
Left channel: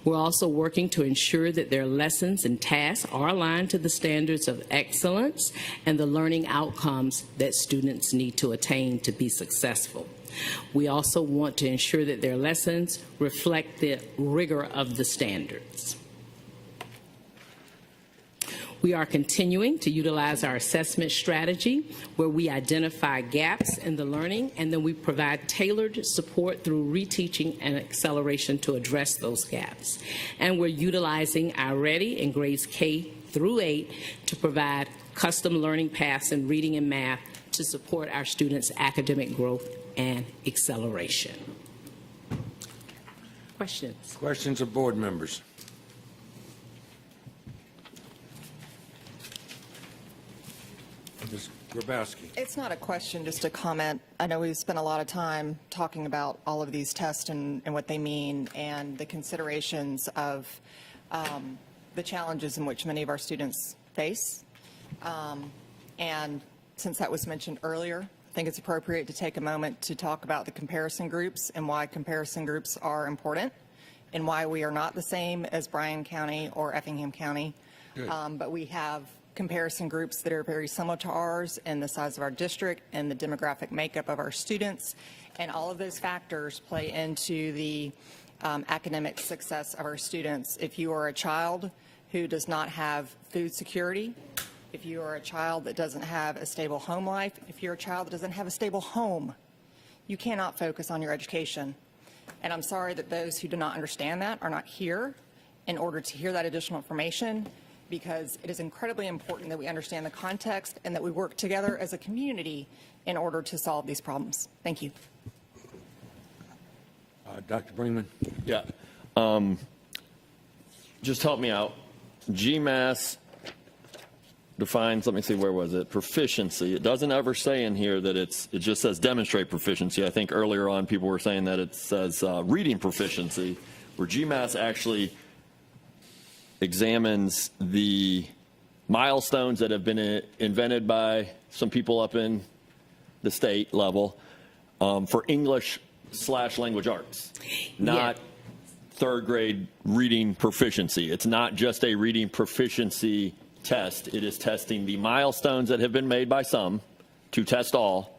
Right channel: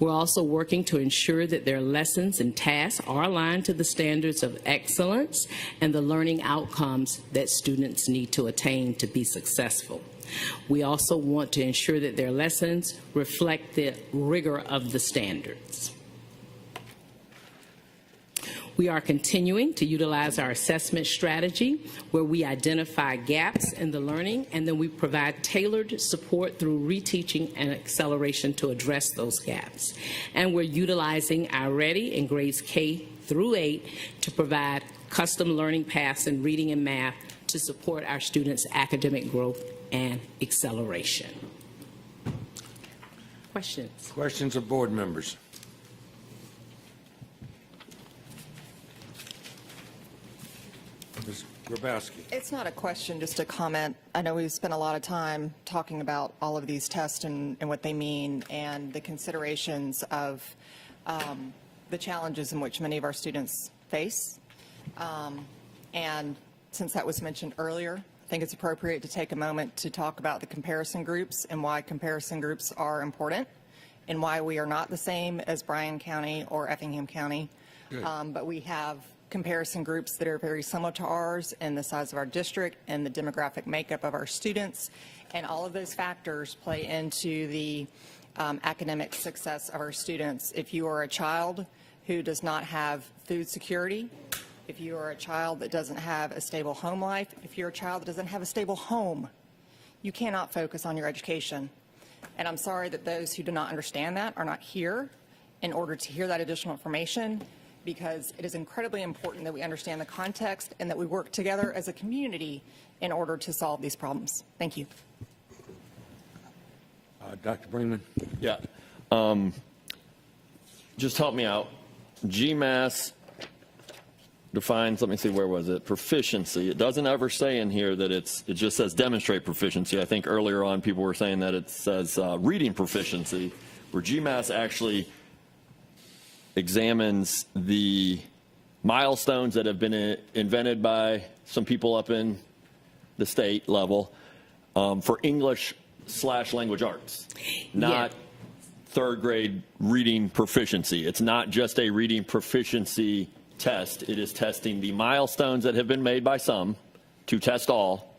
We're also working to ensure that their lessons and tasks are aligned to the standards of excellence and the learning outcomes that students need to attain to be successful. We also want to ensure that their lessons reflect the rigor of the standards. We are continuing to utilize our assessment strategy where we identify gaps in the learning and then we provide tailored support through reteaching and acceleration to address those gaps. And we're utilizing our Ready in grades K through 8 to provide custom learning paths in reading and math to support our students' academic growth and acceleration. Questions? Questions of board members? Ms. Grabowski. It's not a question, just a comment. I know we've spent a lot of time talking about all of these tests and what they mean and the considerations of the challenges in which many of our students face. And since that was mentioned earlier, I think it's appropriate to take a moment to talk about the comparison groups and why comparison groups are important and why we are not the same as Bryan County or Effingham County. But we have comparison groups that are very similar to ours in the size of our district and the demographic makeup of our students. And all of those factors play into the academic success of our students. If you are a child who does not have food security, if you are a child that doesn't have a stable home life, if you're a child that doesn't have a stable home, you cannot focus on your education. And I'm sorry that those who do not understand that are not here in order to hear that additional information, because it is incredibly important that we understand the context and that we work together as a community in order to solve these problems. Thank you. Dr. Brennan? Yeah. Just help me out. GMAS defines, let me see, where was it? Proficiency. It doesn't ever say in here that it just says demonstrate proficiency. I think earlier on people were saying that it says reading proficiency, where GMAS actually examines the milestones that have been invented by some people up in the state level for English/language arts, not third grade reading proficiency. It's not just a reading proficiency test. It is testing the milestones that have been made by some to test all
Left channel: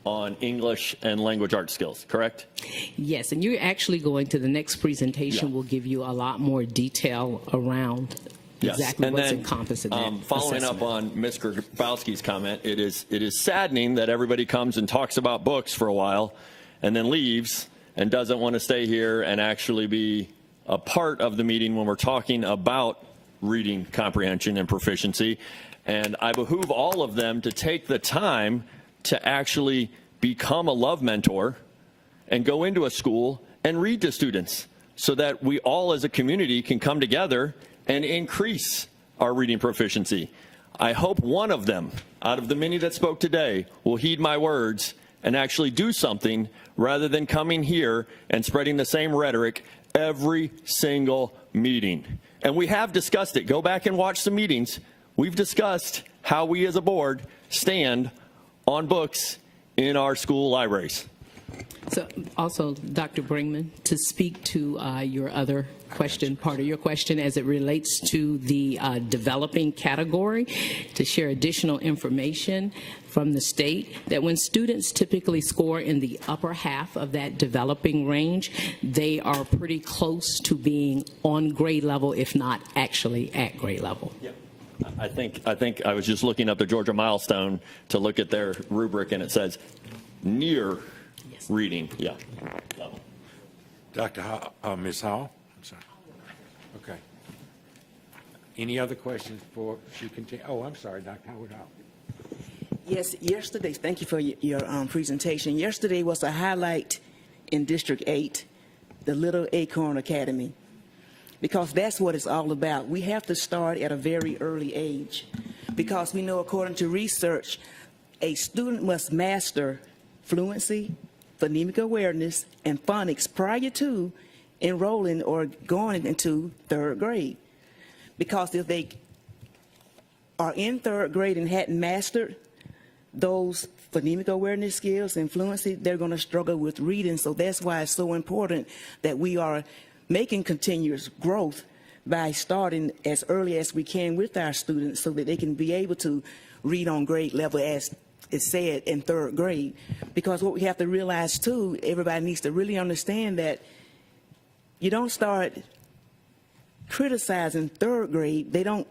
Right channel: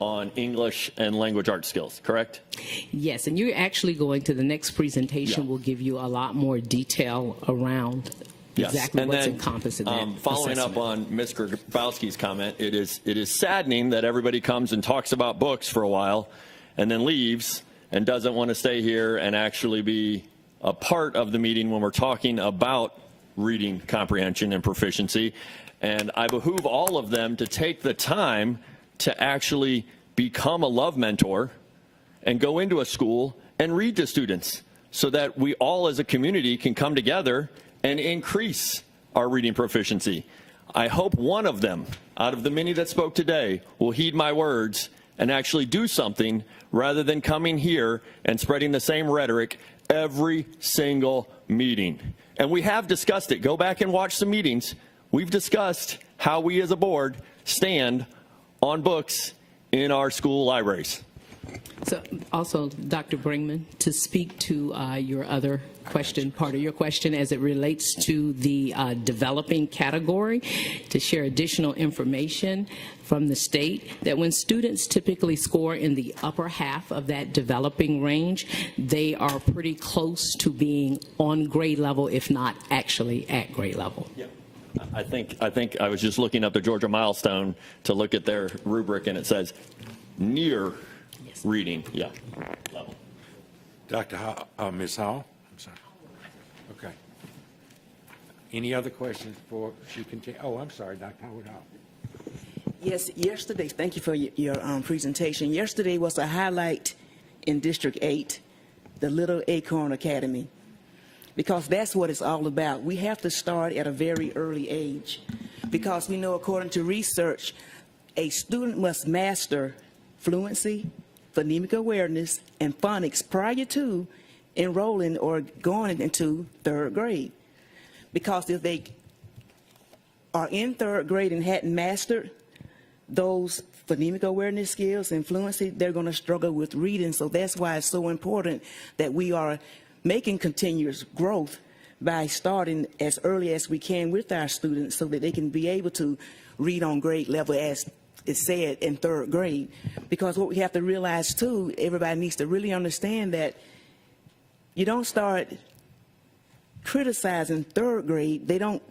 on English and language arts skills, correct? Yes, and you're actually going to the next presentation will give you a lot more detail around exactly and what's then, encompassed in that following up on Mr. Grabowski's comment, it is saddening that everybody comes and talks about books for a while and then leaves and doesn't want to stay here and actually be a part of the meeting when we're talking about reading comprehension and proficiency. And I behoove all of them to take the time to actually become a love mentor and go into a school and read to students so that we all as a community can come together and increase our reading proficiency. I hope one of them, out of the many that spoke today, will heed my words and actually do something rather than coming here and spreading the same rhetoric every single meeting. And we have discussed it. Go back and watch the meetings. We've discussed how we as a board stand on books in our school libraries. So also, Dr. Brinkman, to speak to your other question, part of your question as it relates to the developing category, to share additional information from the state that when students typically score in the upper half of that developing range, they are pretty close to being on grade level, if not actually at grade level. I think I was just looking up the Georgia milestone to look at their rubric, and it says near reading. Yeah. Dr. Hall, Ms. Hall? Okay. Any other questions for Susie King Taylor? Oh, I'm sorry, Dr. Hall. Yes, yesterday, thank you for your presentation. Yesterday was a highlight in District 8, the Little Acorn Academy, because that's what it's all about. We have to start at a very early age because, you know, according to research, a student must master fluency, phonemic awareness, and phonics prior to enrolling or going into third grade. Because if they are in third grade and hadn't mastered those phonemic awareness skills and fluency, they're going to struggle with reading. So that's why it's so important that we are making continuous growth by starting as early as we can with our students so that they can be able to read on grade level as is said in third grade. Because what we have to realize too, everybody needs to really understand that you don't start criticizing third grade. They don't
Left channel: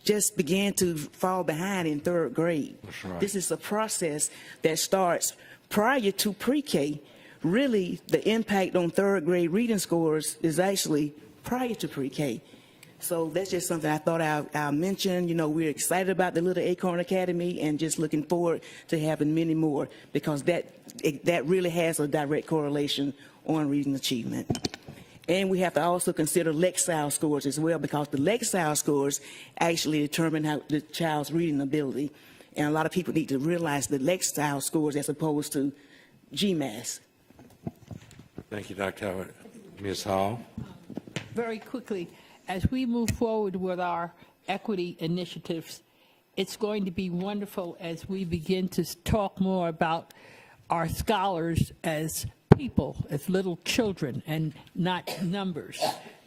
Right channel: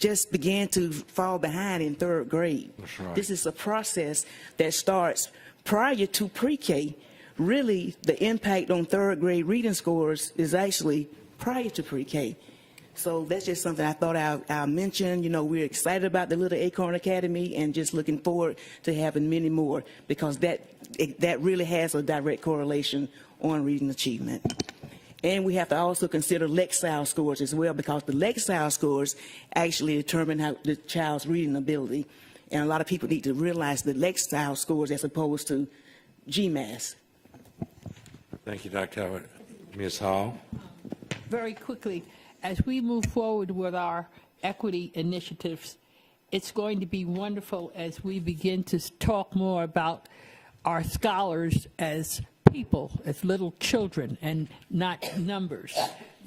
just begin to fall behind in third grade. Right. This is a process that starts prior to pre-K. Really, the impact on third grade reading scores is actually prior to pre-K. So that's just something I thought I'll mention. You know, we're excited about the Little Acorn Academy and just looking forward to having many more because that really has a direct correlation on reading achievement. And we have to also consider Lexile scores as well because the Lexile scores actually determine how the child's reading ability. And a lot of people need to realize the Lexile scores as opposed to GMAS. Thank you, Dr. Ms. Hall. Very quickly, as we move forward with our equity initiatives, it's going to be wonderful as we begin to talk more about our scholars as people, as little children, and not numbers.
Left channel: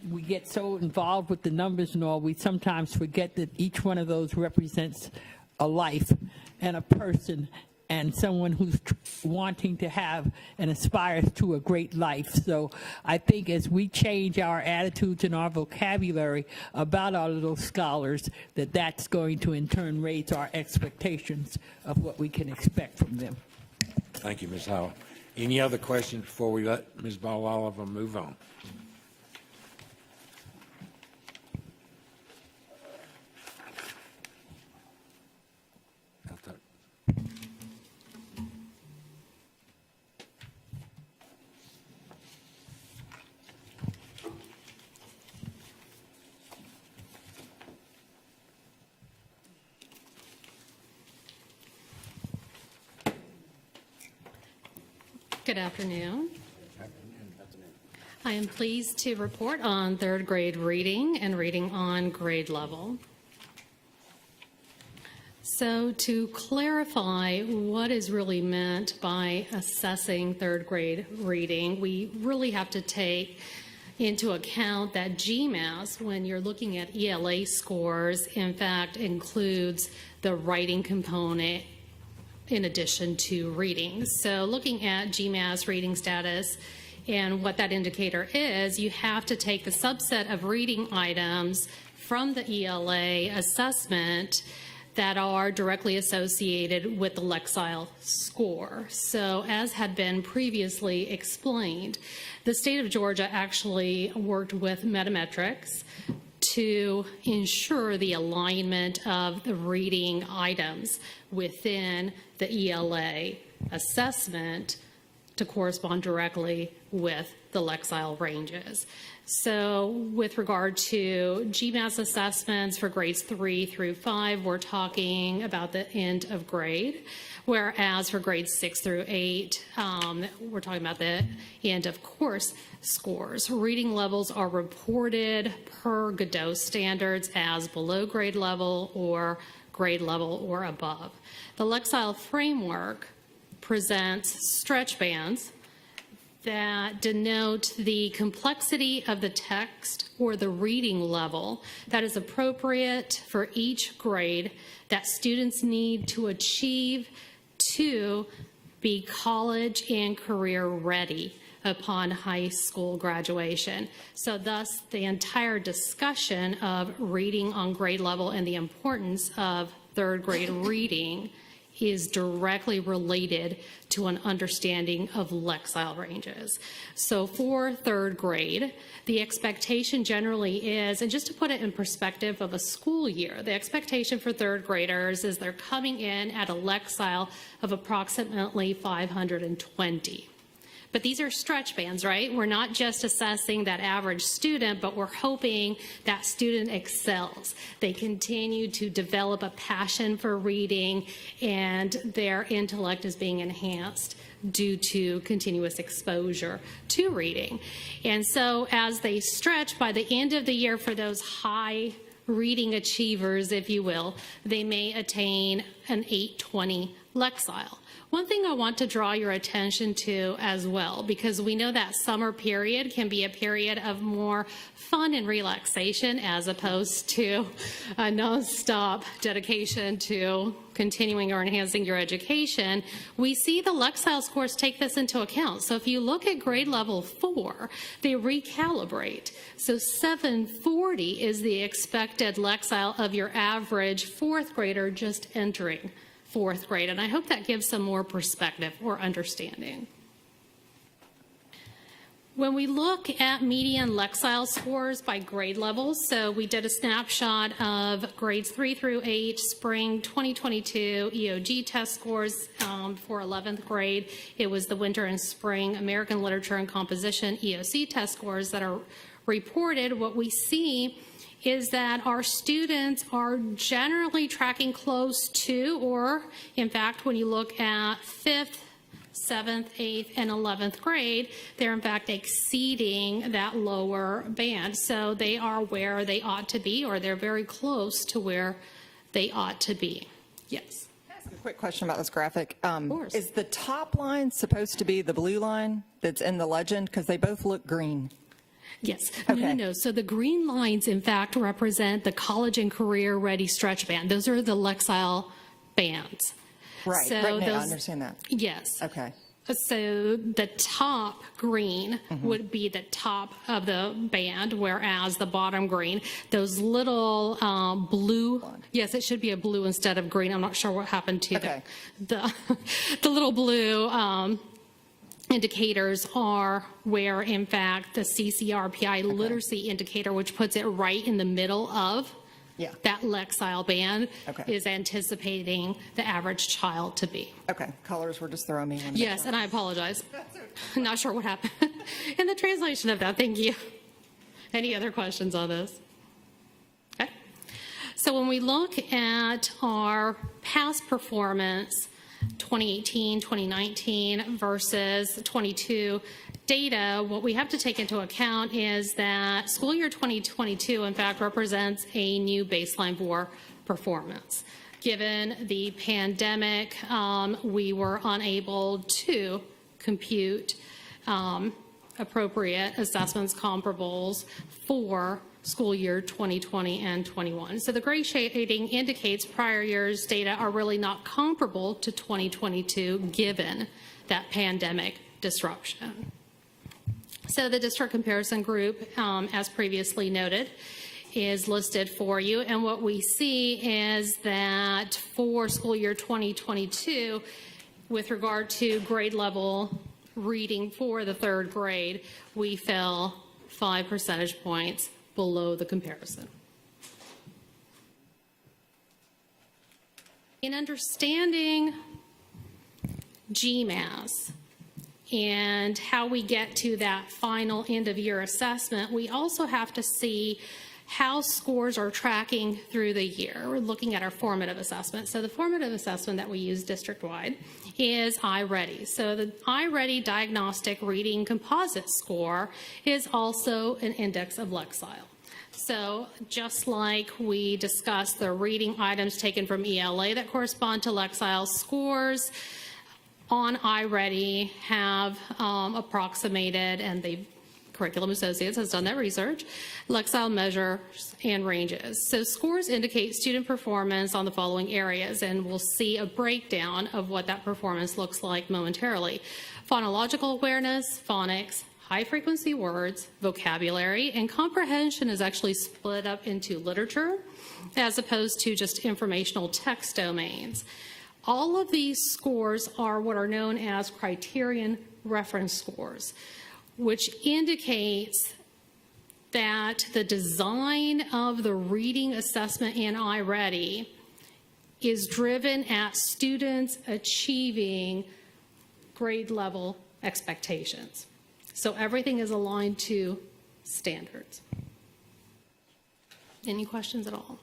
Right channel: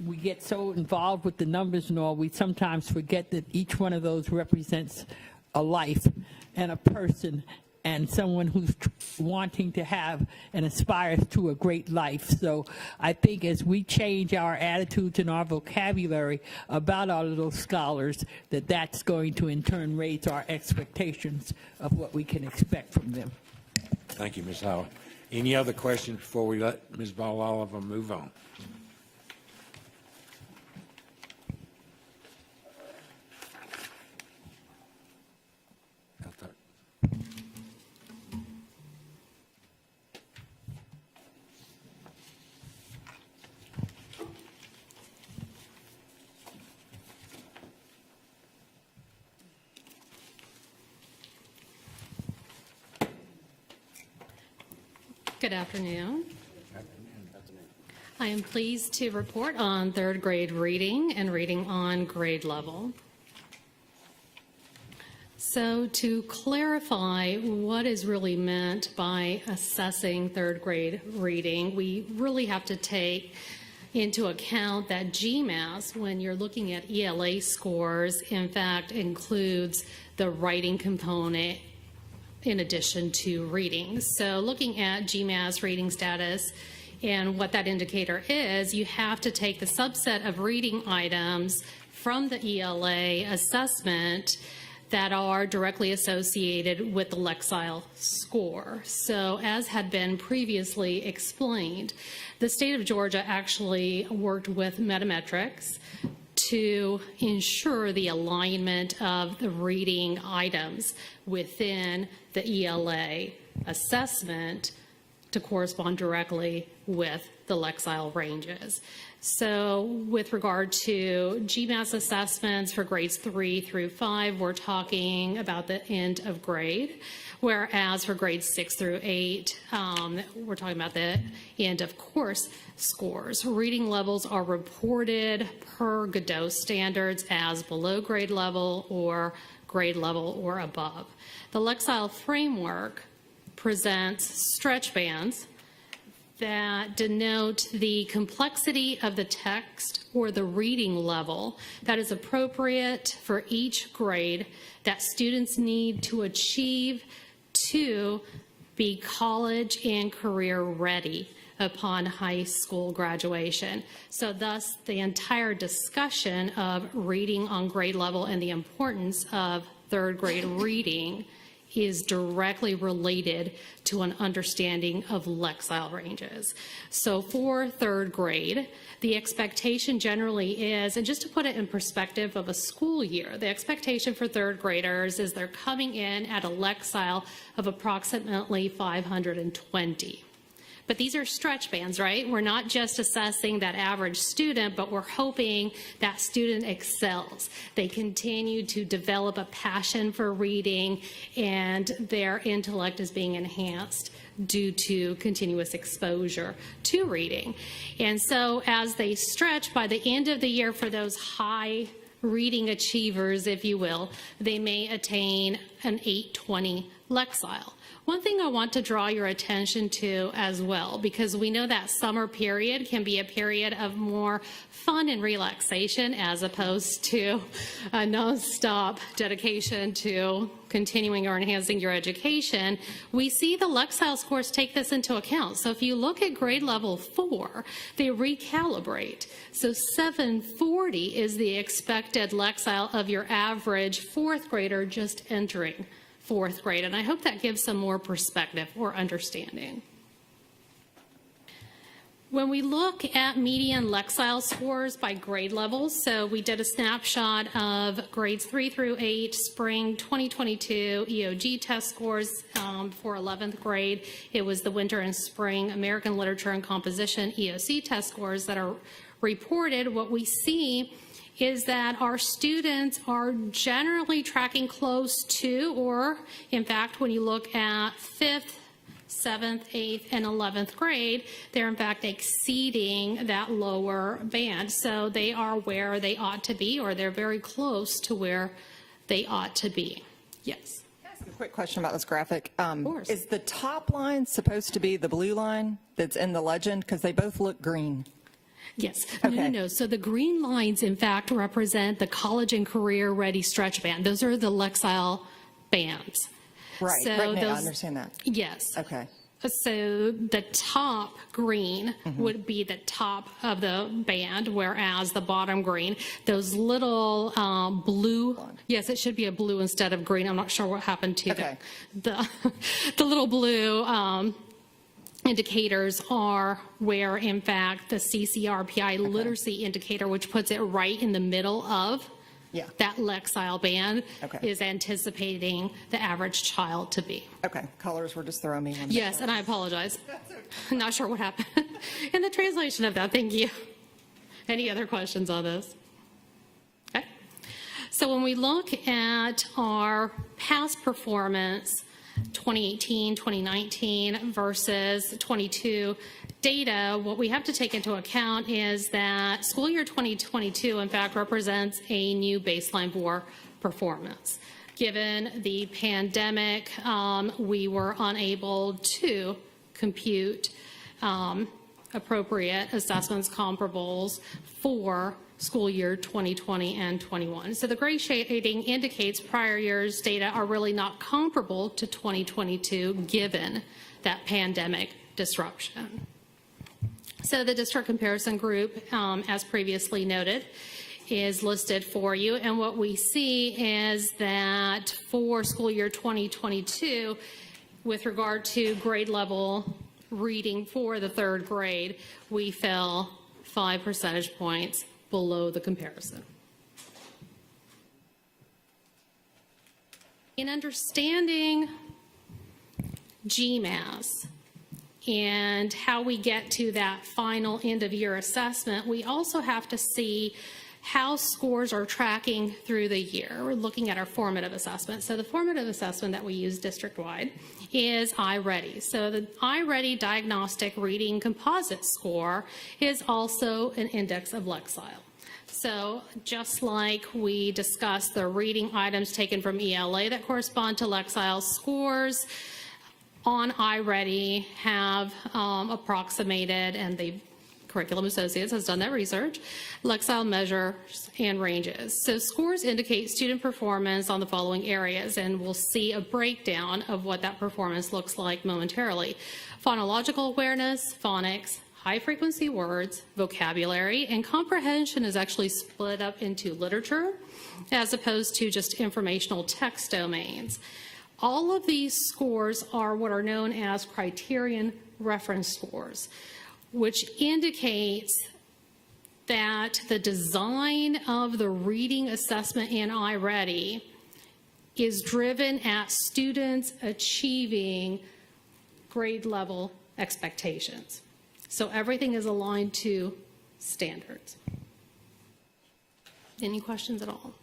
We get so involved with the numbers and all, we sometimes forget that each one of those represents a life and a person and someone who's wanting to have and aspire to a great life. So I think as we change our attitudes and our vocabulary about our little scholars, that's going to in turn raise our expectations of what we can expect from them. Thank you, Ms. Hall. Any other questions before we let Ms. Ball Oliver move on? Good afternoon. I am pleased to report on third grade reading and reading on grade level. So to clarify what is really meant by assessing third grade reading, we really have to take into account that GMAS, when you're looking at ELA scores, in fact includes the writing component in addition to reading. So looking at GMAS reading status and what that indicator is, you have to take the subset of reading items from the ELA assessment that are directly associated with the Lexile score. So as had been previously explained, the state of Georgia actually worked with Metametrics to ensure the alignment of the reading items within the ELA assessment to correspond directly with the Lexile ranges. So with regard to GMAS assessments for grades 3 through 5, we're talking about the end of grade, whereas for grades 6 through 8, we're talking about the end of course scores. Reading levels are reported per Godot standards as below grade level or grade level or above. The Lexile framework presents stretch bands that denote the complexity of the text or the reading level that is appropriate for each grade that students need to achieve to be college and career ready upon high school graduation. So thus, the entire discussion of reading on grade level and the importance of third grade reading is directly related to an understanding of Lexile ranges. So for third grade, the expectation generally is, and just to put it in perspective of a school year, the expectation for third graders is they're coming in at a Lexile of approximately 520. But these are stretch bands, right? We're not just assessing that average student, but we're hoping that student excels. They continue to develop a passion for reading, and their intellect is being enhanced due to continuous exposure to reading. And so as they stretch by the end of the year for those high reading achievers, if you will, they may attain an 820 Lexile. One thing I want to draw your attention to as well, because we know that summer period can be a period of more fun and relaxation as opposed to a non-stop dedication to continuing or enhancing your education. We see the Lexile scores take this into account. So if you look at grade level 4, they recalibrate. So 740 is the expected Lexile of your average fourth grader just entering fourth grade, and I hope that gives some more perspective or understanding. When we look at median Lexile scores by grade levels, so we did a snapshot of grades 3 through 8, spring 2022 EOG test scores for 11th grade. It was the winter and spring American Literature and Composition EOC test scores that are reported. What we see is that our students are generally tracking close to, or in fact, when you look at 5th, 7th, 8th, and 11th grade, they're in fact exceeding that lower band. So they are where they ought to be, or they're very close to where they ought to be. Yes? Quick question about this graphic. Is the top line supposed to be the blue line that's in the legend? Because they both look green. Yes. Okay. No. So the green lines, in fact, represent the college and career ready stretch band. Those are the Lexile bands. Right. So Right now, I those, understand that. yes. Okay. So the top green would be the top of the band, whereas the bottom green, those little blue, yes, it should be a blue instead of green. I'm not sure what happened to it. The little blue indicators are where, in fact, the CCRPI literacy indicator, which puts it right in the middle of that Lexile band, is anticipating the average child to be. Okay, colors were just throwing me in. Yes, and I apologize. I'm not sure what happened in the translation of that. Thank you. Any other questions on this? Okay. So when we look at our past performance, 2018, 2019 versus 22 data, what we have to take into account is that school year 2022, in fact, represents a new baseline for performance. Given the pandemic, we were unable to compute appropriate assessments comparables for school year 2020 and 21. So the grade shading indicates prior year's data are really not comparable to 2022 given that pandemic disruption. So the district comparison group, as previously noted, is listed for you. And what we see is that for school year 2022, with regard to grade level reading for the third grade, we fell 5 percentage points below the comparison. In understanding GMAS and how we get to that final end-of-year assessment, we also have to see how scores are tracking through the year. We're looking at our formative assessment. So the formative assessment that we use district-wide is iReady. So the iReady Diagnostic Reading Composite Score is also an index of Lexile. So just like we discussed the reading items taken from ELA that correspond to Lexile scores, on iReady have approximated, and the Curriculum Associates has done that research, Lexile measures and ranges. So scores indicate student performance on the following areas, and we'll see a breakdown of what that performance looks like momentarily. Phonological awareness, phonics, high-frequency words, vocabulary, and comprehension is actually split up into literature as opposed to just informational text domains. All of these scores are what are known as criterion reference scores, which indicates that the design of the reading assessment in iReady is driven at students achieving grade level expectations. So everything is aligned to standards. Any questions at all?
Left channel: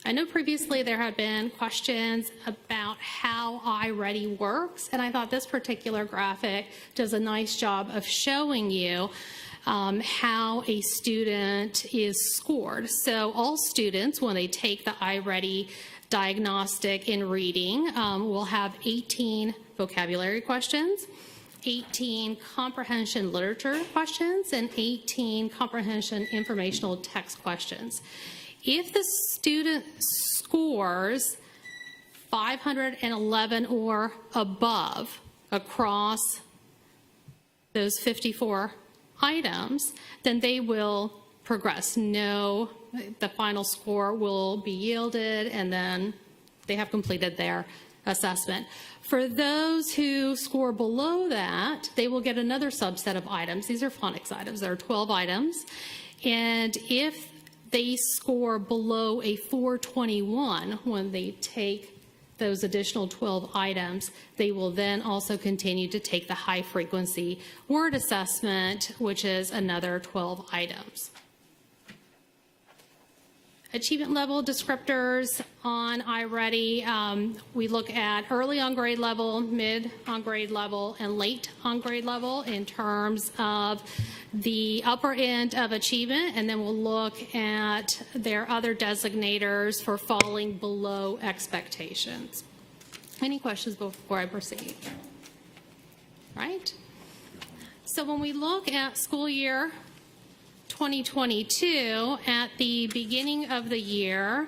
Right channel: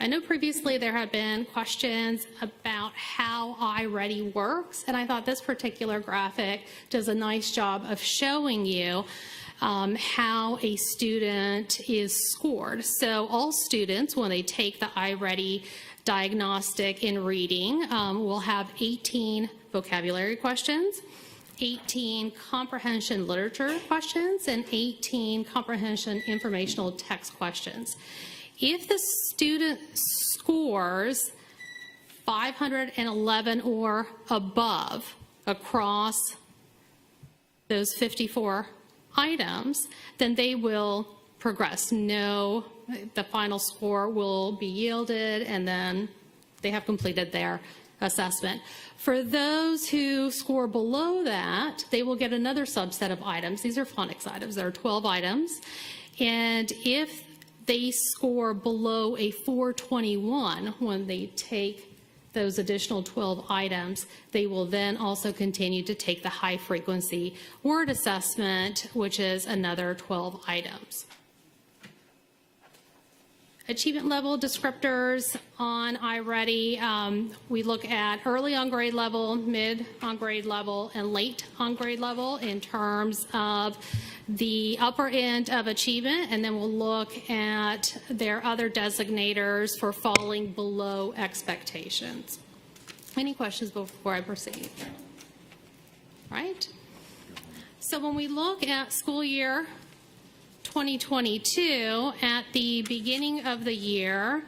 I know previously there have been questions about how iReady works, and I thought this particular graphic does a nice job of showing you how a student is scored. So all students, when they take the iReady diagnostic in reading, will have 18 vocabulary questions, 18 comprehension literature questions, and 18 comprehension informational text questions. If the student scores 511 or above across those 54 items, then they will progress. No, the final score will be yielded, and then they have completed their assessment. For those who score below that, they will get another subset of items. These are phonics items. There are 12 items. And if they score below a 421 when they take those additional 12 items, they will then also continue to take the high-frequency word assessment, which is another 12 items. Achievement level descriptors on iReady, we look at early on grade level, mid on grade level, and late on grade level in terms of the upper end of achievement, and then we'll look at their other designators for falling below expectations. Any questions before I proceed? Right? So when we look at school year 2022, at the beginning of the year,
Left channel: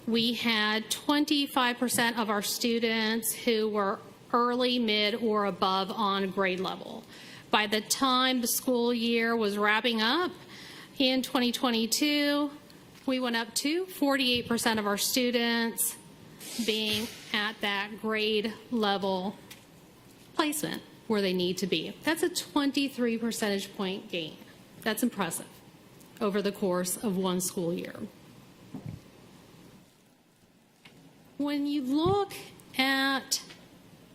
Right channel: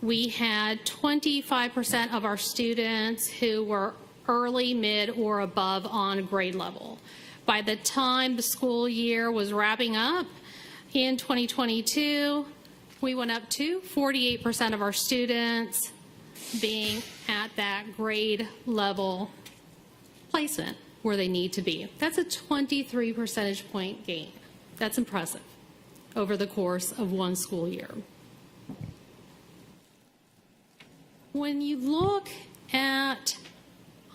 we had 25% of our students who were early, mid, or above on grade level. By the time the school year was wrapping up in 2022, we went up to 48% of our students being at that grade level placement where they need to be. That's a 23 percentage point gain. That's impressive over the course of one school year. When you look at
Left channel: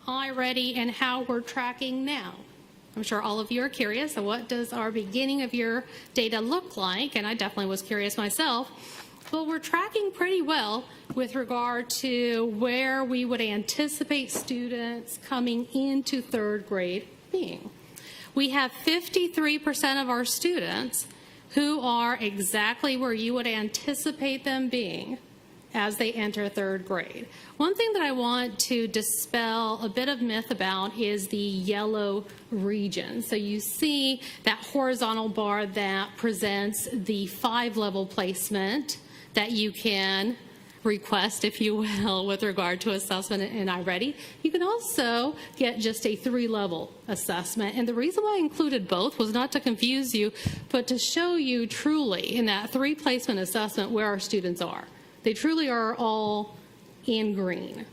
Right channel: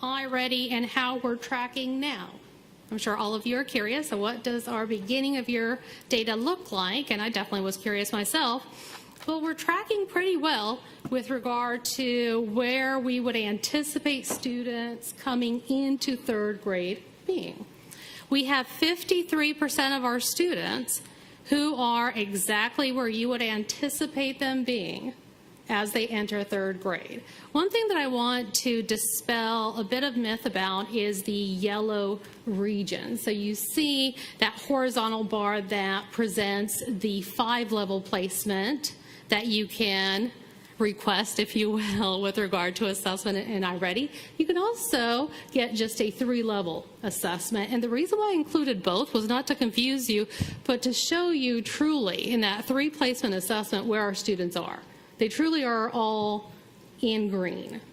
iReady and how we're tracking now, I'm sure all of you are curious, so what does our beginning of year data look like? And I definitely was curious myself. But we're tracking pretty well with regard to where we would anticipate students coming into third grade being. We have 53% of our students who are exactly where you would anticipate them being as they enter third grade. One thing that I want to dispel a bit of myth about is the yellow region. So you see that horizontal bar that presents the 5-level placement that you can request, if you will, with regard to assessment and already. You can also get just a 3-level assessment. And the reason why I included both was not to confuse you, but to show you truly in that 3-placement assessment where our students are. They truly are all in green.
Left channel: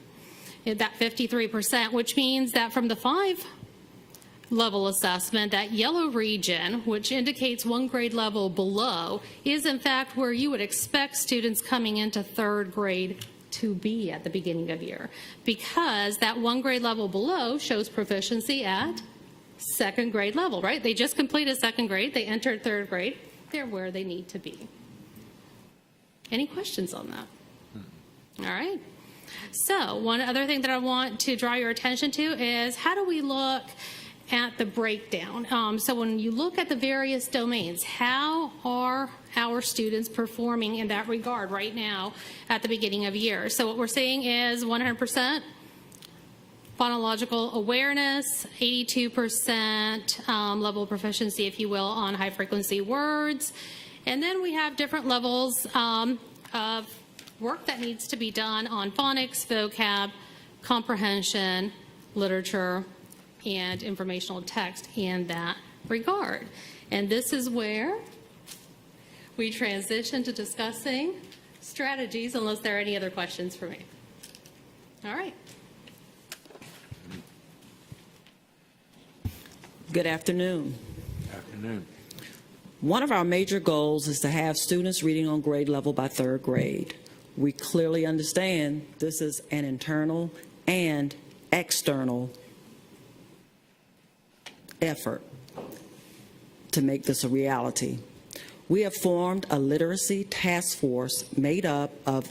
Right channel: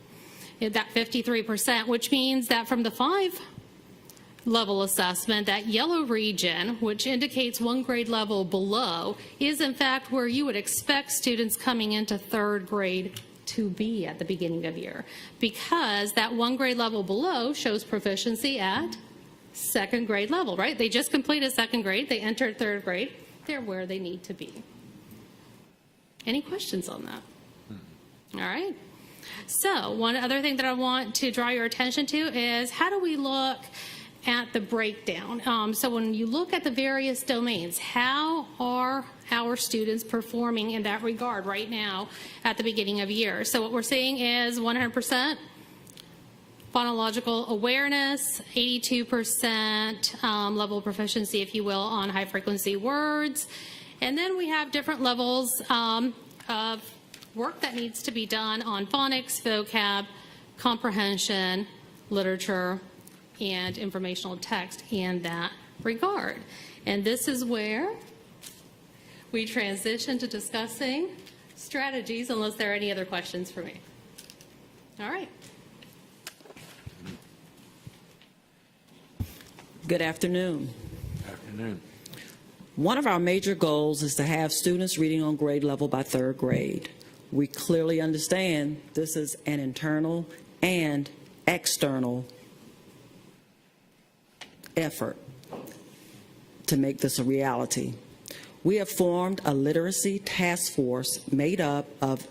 It's at 53%, which means that from the 5-level assessment, that yellow region, which indicates 1 grade level below, is in fact where you would expect students coming into third grade to be at the beginning of the year. Because that 1 grade level below shows proficiency at 2nd grade level, right? They just completed 2nd grade, they entered 3rd grade, they're where they need to be. Any questions on that? All right. So one other thing that I want to draw your attention to is how do we look at the breakdown? So when you look at the various domains, how are our students performing in that regard right now at the beginning of the year? So what we're seeing is 100% phonological awareness, 82% level of proficiency, if you will, on high-frequency words. And then we have different levels of work that needs to be done on phonics, vocab, comprehension, literature, and informational text in that regard. And this is where we transition to discussing strategies, unless there are any other questions for me. All right. Good afternoon. Afternoon. One of our major goals is to have students reading on grade level by 3rd grade. We clearly understand this is an internal and external effort to make this a reality. We have formed a literacy task force made up of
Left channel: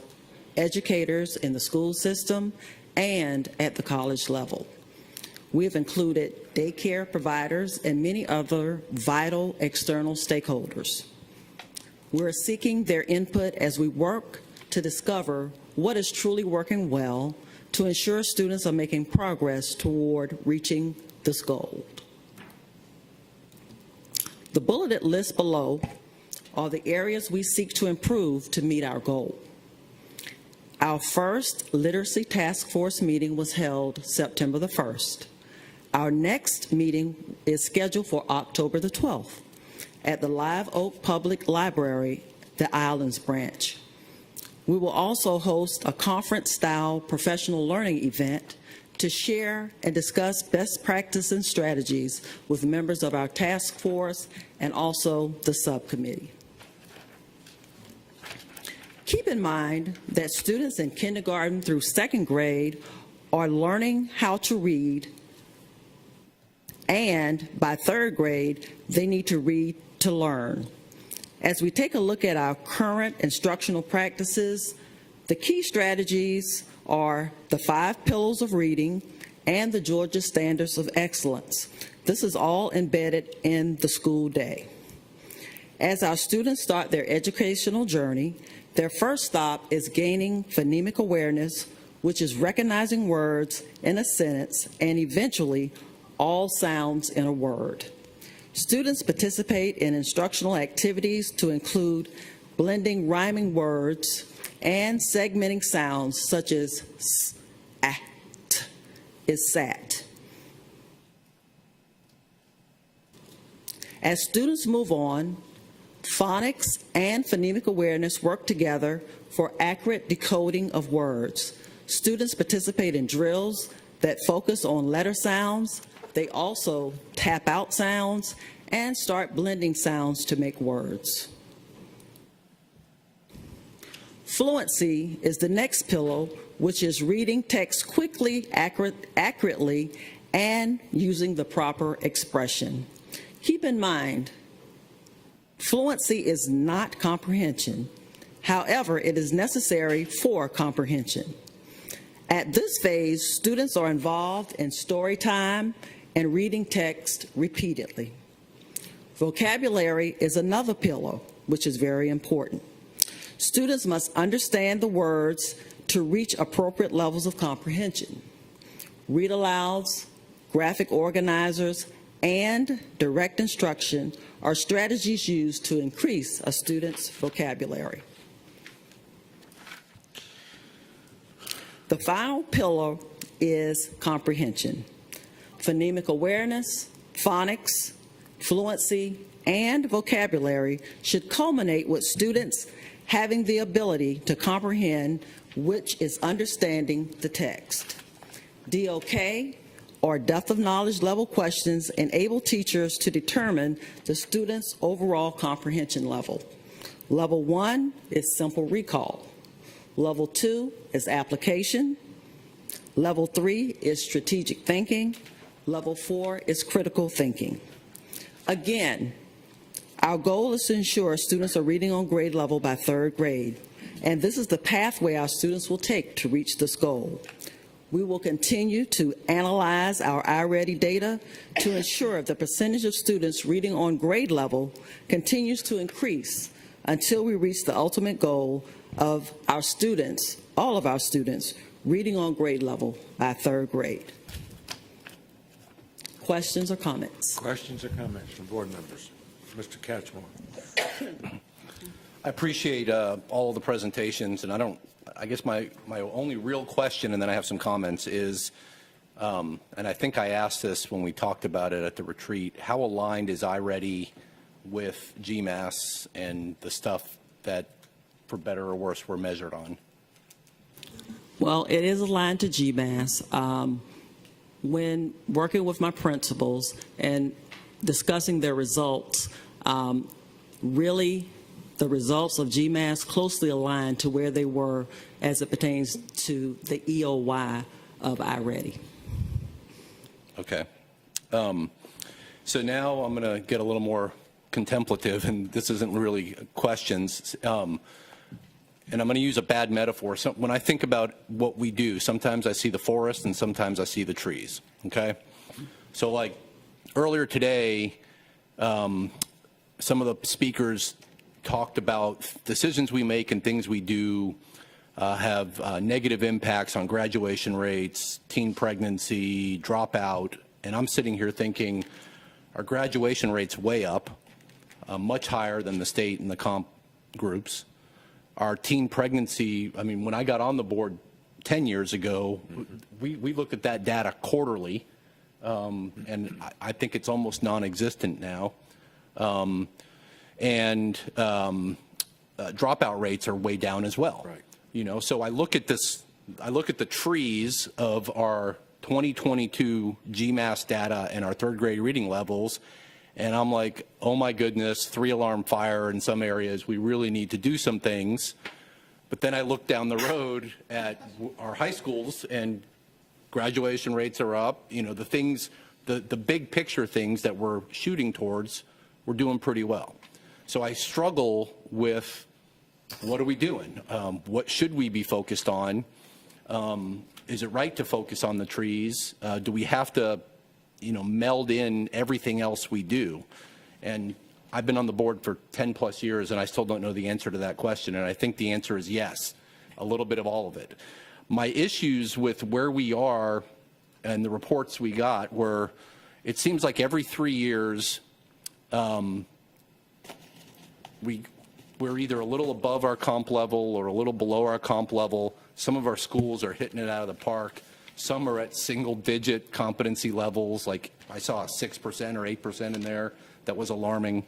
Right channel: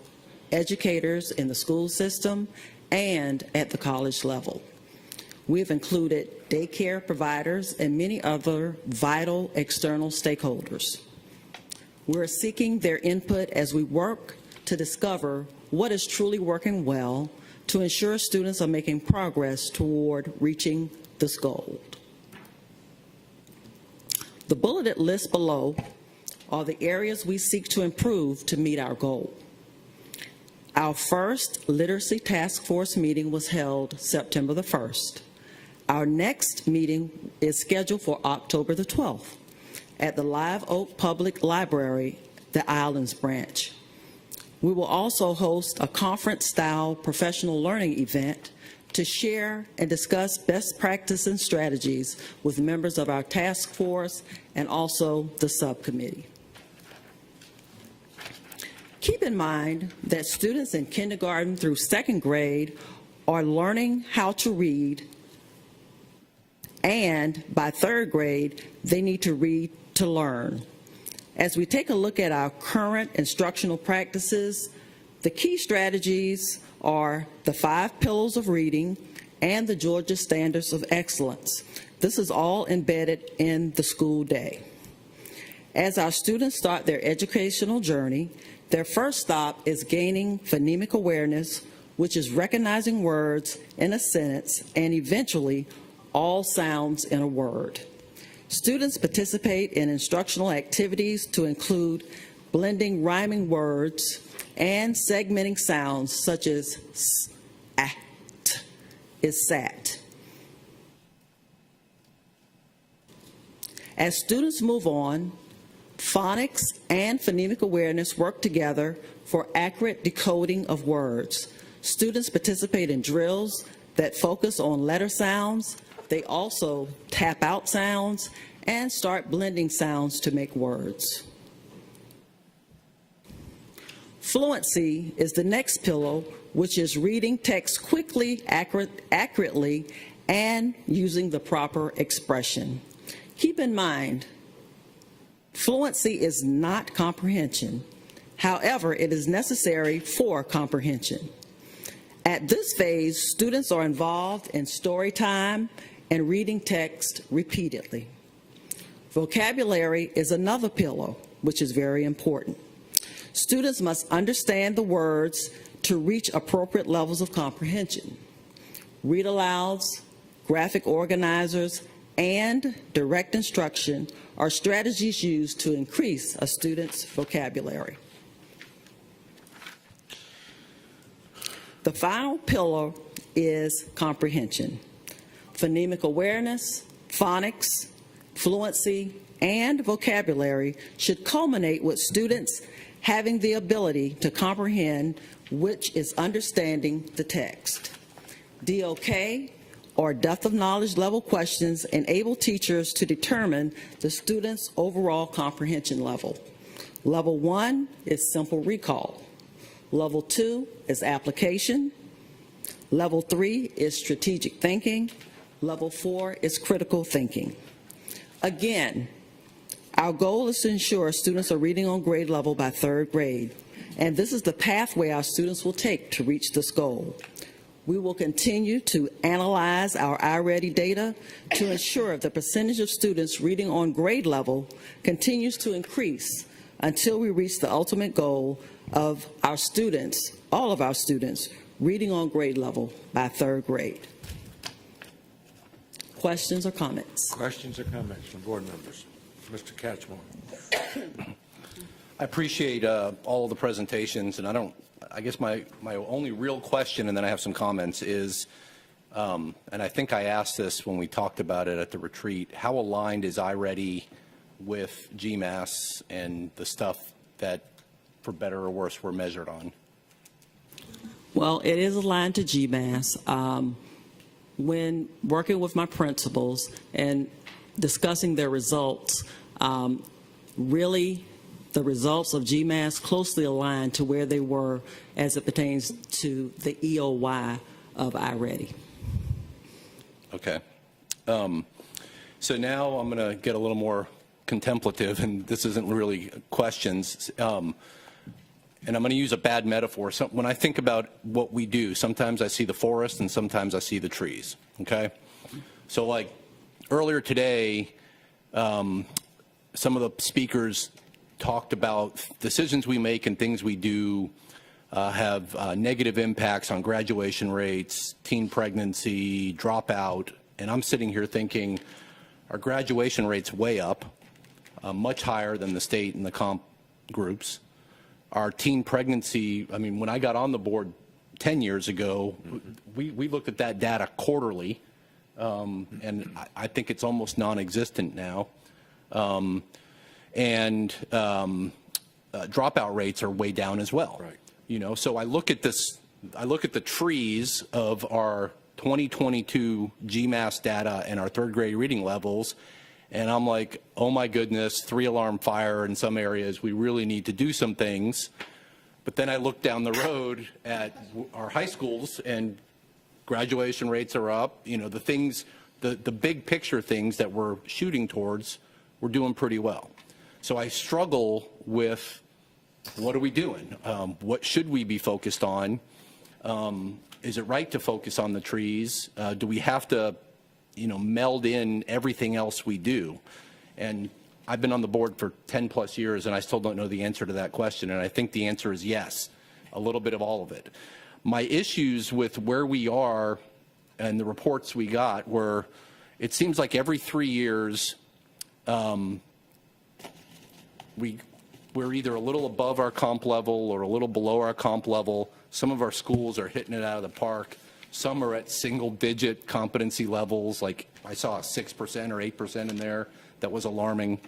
educators in the school system and at the college level. We've included daycare providers and many other vital external stakeholders. We're seeking their input as we work to discover what is truly working well to ensure students are making progress toward reaching this goal. The bulleted list below are the areas we seek to improve to meet our goal. Our first Literacy Task Force meeting was held September the 1st. Our next meeting is scheduled for October the 12th at the Live Oak Public Library, the Islands branch. We will also host a conference-style professional learning event to share and discuss best practices and strategies with members of our task force and also the subcommittee. Keep in mind that students in kindergarten through 2nd grade are learning how to read, and by 3rd grade, they need to read to learn. As we take a look at our current instructional practices, the key strategies are the 5 pillars of reading and the Georgia Standards of Excellence. This is all embedded in the school day. As our students start their educational journey, their first stop is gaining phonemic awareness, which is recognizing words in a sentence and eventually all sounds in a word. Students participate in instructional activities to include blending rhyming words and segmenting sounds such as s, at, is sat. As students move on, phonics and phonemic awareness work together for accurate decoding of words. Students participate in drills that focus on letter sounds. They also tap out sounds and start blending sounds to make words. Fluency is the next pillar, which is reading text quickly, accurately, and using the proper expression. Keep in mind, fluency is not comprehension. However, it is necessary for comprehension. At this phase, students are involved in story time and reading text repeatedly. Vocabulary is another pillar, which is very important. Students must understand the words to reach appropriate levels of comprehension. Read alouds, graphic organizers, and direct instruction are strategies used to increase a student's vocabulary. The final pillar is comprehension. Phonemic awareness, phonics, fluency, and vocabulary should culminate with students having the ability to comprehend, which is understanding the text. DOK, or depth of knowledge level questions, enable teachers to determine the student's overall comprehension level. Level 1 is simple recall. Level 2 is application. Level 3 is strategic thinking. Level 4 is critical thinking. Again, our goal is to ensure students are reading on grade level by 3rd grade, and this is the pathway our students will take to reach this goal. We will continue to analyze our iReady data to ensure the percentage of students reading on grade level continues to increase until we reach the ultimate goal of our students, all of our students, reading on grade level by 3rd grade. Questions or comments? Questions or comments from board members? Mr. Cashmore. I appreciate all the presentations, and I guess my only real question, and then I have some comments, is, and I think I asked this when we talked about it at the retreat, how aligned is iReady with GMAS and the stuff that, for better or worse, we're measured on? Well, it is aligned to GMAS. When working with my principals and discussing their results, really the results of GMAS closely aligned to where they were as it pertains to the EOY of iReady. Okay. So now I'm going to get a little more contemplative, and this isn't really questions. And I'm going to use a bad metaphor. So when I think about what we do, sometimes I see the forest and sometimes I see the trees, okay? So like earlier today, some of the speakers talked about decisions we make and things we do have negative impacts on graduation rates, teen pregnancy, dropout, and I'm sitting here thinking our graduation rate's way up, much higher than the state and the comp groups. Our teen pregnancy, I mean, when I got on the board 10 years ago, we looked at that data quarterly, and I think it's almost non-existent now. Dropout rates are way down as well. You know, so I look at this, I look at the trees of our 2022 GMAS data and our 3rd grade reading levels, and I'm like, oh my goodness, 3-alarm fire in some areas. We really need to do some things. But then I look down the road at our high schools, and graduation rates are up. You know, the things, the big picture things that we're shooting towards, we're doing pretty well. So I struggle with, what are we doing? What should we be focused on? Is it right to focus on the trees? Do we have to, you know, meld in everything else we do? And I've been on the board for 10 plus years, and I still don't know the answer to that question, and I think the answer is yes, a little bit of all of it. My issues with where we are and the reports we got were, it seems like every 3 years, we're either a little above our comp level or a little below our comp level. Some of our schools are hitting it out of the park. Some are at single-digit competency levels, like I saw 6% or 8% in there. That was alarming.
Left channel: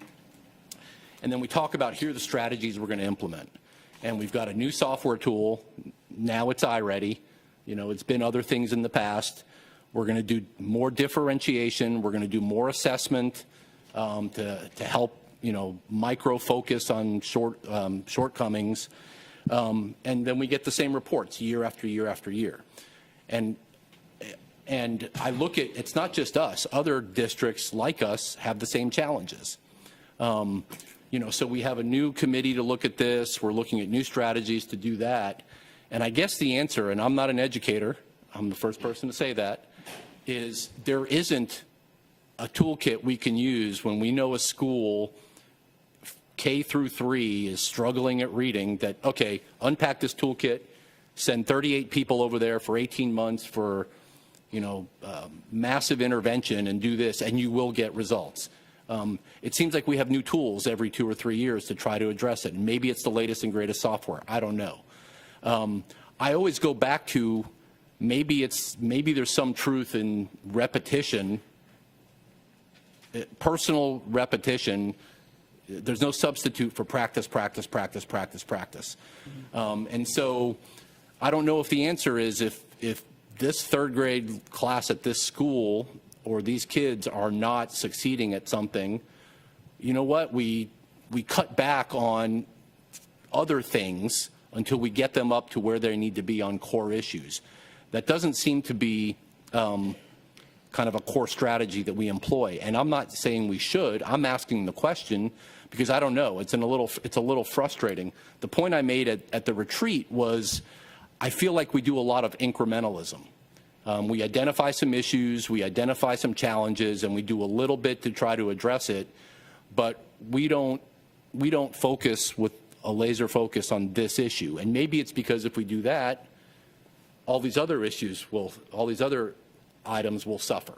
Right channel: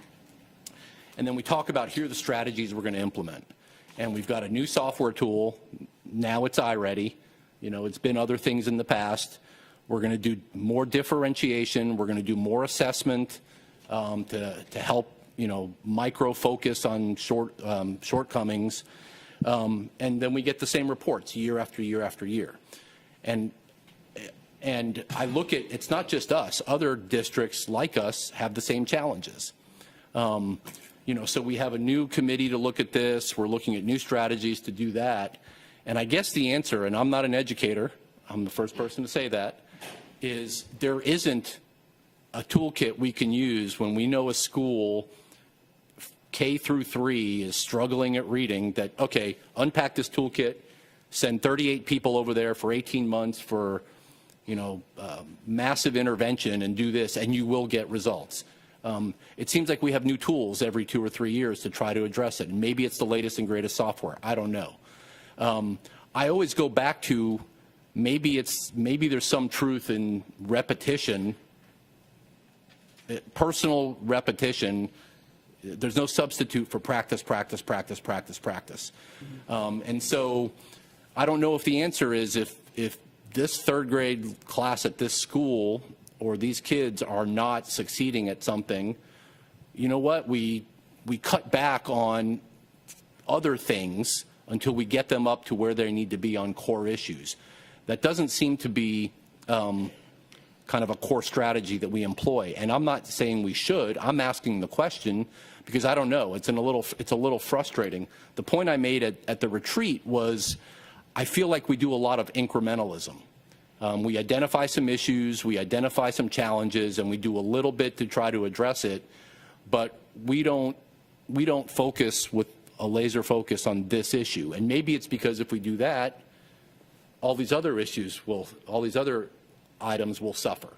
And then we talk about, here's the strategies we're going to implement. And we've got a new software tool. Now it's iReady. You know, it's been other things in the past. We're going to do more differentiation. We're going to do more assessment to help, you know, micro-focus on shortcomings. And then we get the same reports year after year after year. And I look at, it's not just us, other districts like us have the same challenges. You know, so we have a new committee to look at this, we're looking at new strategies to do that. And I guess the answer, and I'm not an educator, I'm the first person to say that, is there isn't a toolkit we can use when we know a school K through 3 is struggling at reading, that, okay, unpack this toolkit, send 38 people over there for 18 months for, massive intervention and do this, and you will get results. It seems like we have new tools every 2 or 3 years to try to address it. Maybe it's the latest and greatest software. I don't know. I always go back to maybe there's some truth in repetition, personal repetition. There's no substitute for practice. And so I don't know if the answer is if this third grade class at this school or these kids are not succeeding at something, you know what? We cut back on other things until we get them up to where they need to be on core issues. That doesn't seem to be kind of a core strategy that we employ. And I'm not saying we should. I'm asking the question because I don't know. It's a little frustrating. The point I made at the retreat was I feel like we do a lot of incrementalism. We identify some issues, we identify some challenges, and we do a little bit to try to address it, but we don't focus with a laser focus on this issue. And maybe it's because if we do that, all these other items will suffer.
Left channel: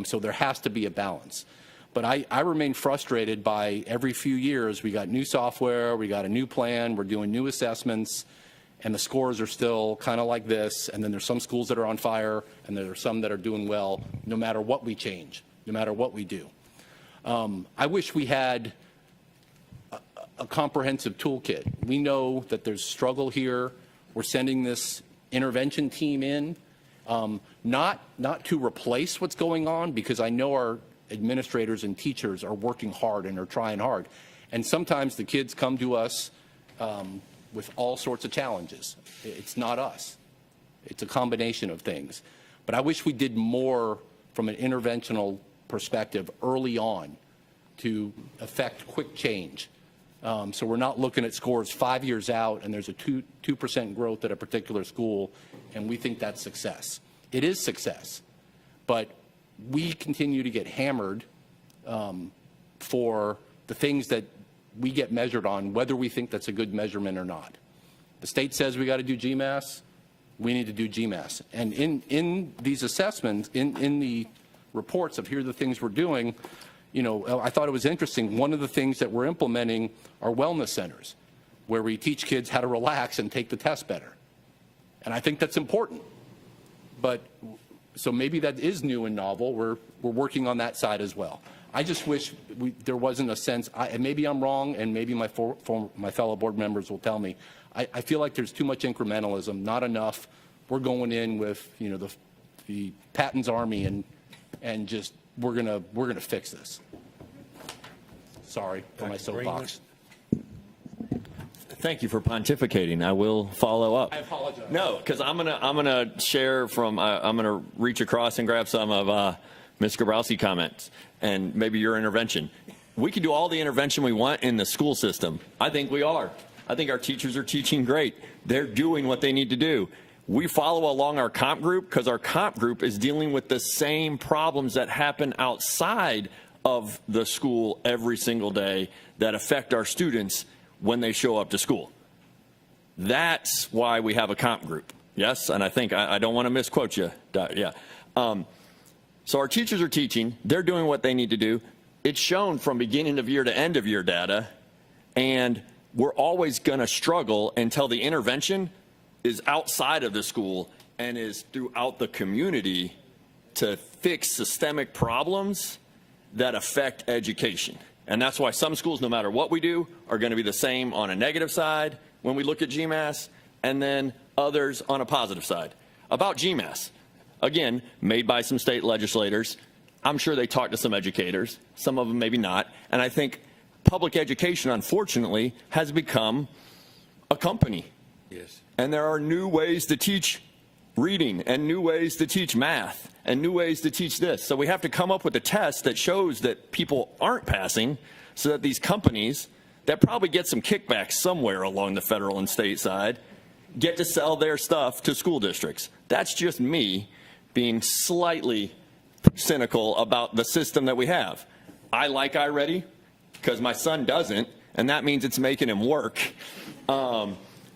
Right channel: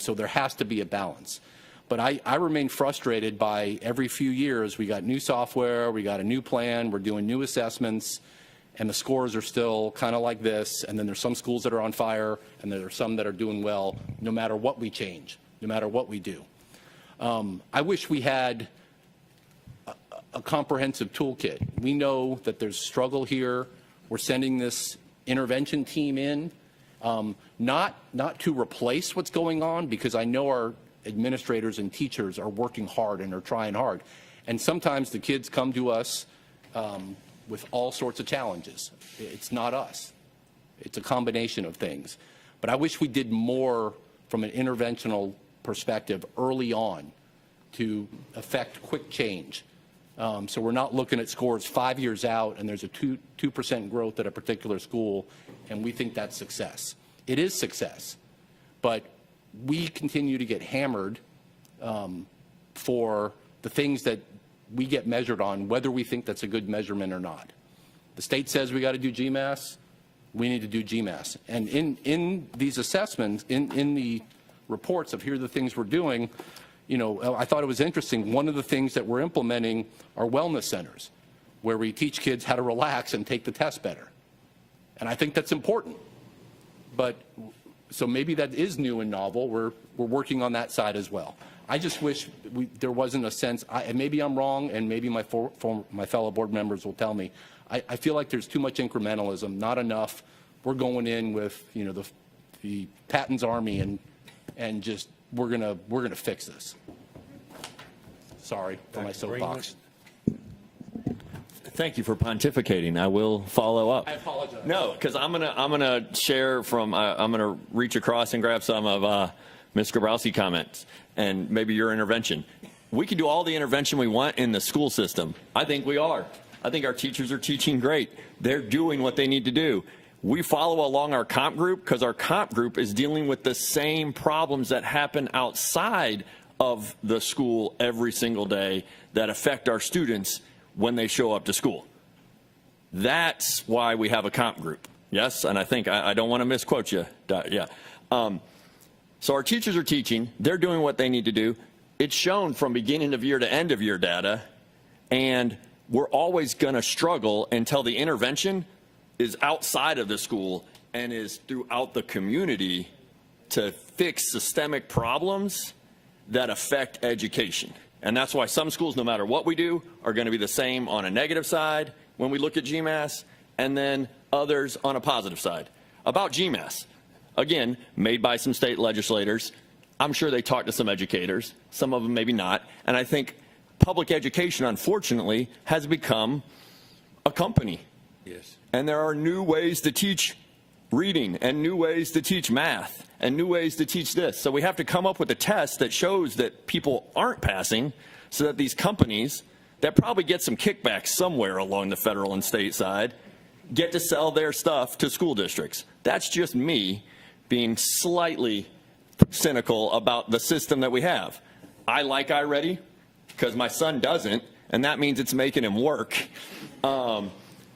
So there has to be a balance. But I remain frustrated by every few years we got new software, we got a new plan, we're doing new assessments, and the scores are still kind of like this, and then there's some schools that are on fire, and there are some that are doing well, no matter what we change, no matter what we do. I wish we had a comprehensive toolkit. We know that there's struggle here. We're sending this intervention team in, not to replace what's going on, because I know our administrators and teachers are working hard and are trying hard. And sometimes the kids come to us with all sorts of challenges. It's not us. It's a combination of things. But I wish we did more from an interventional perspective early on to affect quick change. So we're not looking at scores 5 years out and there's a 2% growth at a particular school and we think that's success. It is success. But we continue to get hammered for the things that we get measured on, whether we think that's a good measurement or not. The state says we got to do GMAS, we need to do GMAS. And in these assessments, in the reports of here are the things we're doing, I thought it was interesting. One of the things that we're implementing are wellness centers, where we teach kids how to relax and take the test better. And I think that's important. But so maybe that is new and novel. We're working on that side as well. I just wish there wasn't a sense, and maybe I'm wrong, and maybe my fellow board members will tell me. I feel like there's too much incrementalism, not enough. We're going in with the Patton's Army and just we're gonna fix this. Sorry for my soapbox. Thank you for pontificating. I will follow up. No, because I'm gonna share from I'm gonna reach across and grab some of Mr. Browsie's comments and maybe your intervention. We can do all the intervention we want in the school system. I think we are. I think our teachers are teaching great. They're doing what they need to do. We follow along our comp group because our comp group is dealing with the same problems that happen outside of the school every single day that affect our students when they show up to school. That's why we have a comp group. Yes, and I think I don't want to misquote you. Yeah. So our teachers are teaching. They're doing what they need to do. It's shown from beginning of year to end of year data, and we're always going to struggle until the intervention is outside of the school and is throughout the community to fix systemic problems that affect education. And that's why some schools, no matter what we do, are going to be the same on a negative side when we look at GMAS, and then others on a positive side. About GMAS, again, made by some state legislators. I'm sure they talked to some educators, some of them maybe not. And I think public education, unfortunately, has become a company. Yes. And there are new ways to teach reading and new ways to teach math and new ways to teach this. So we have to come up with a test that shows that people aren't passing so that these companies that probably get some kickbacks somewhere along the federal and state side get to sell their stuff to school districts. That's just me being slightly cynical about the system that we have. I like iReady because my son doesn't, and that means it's making him work.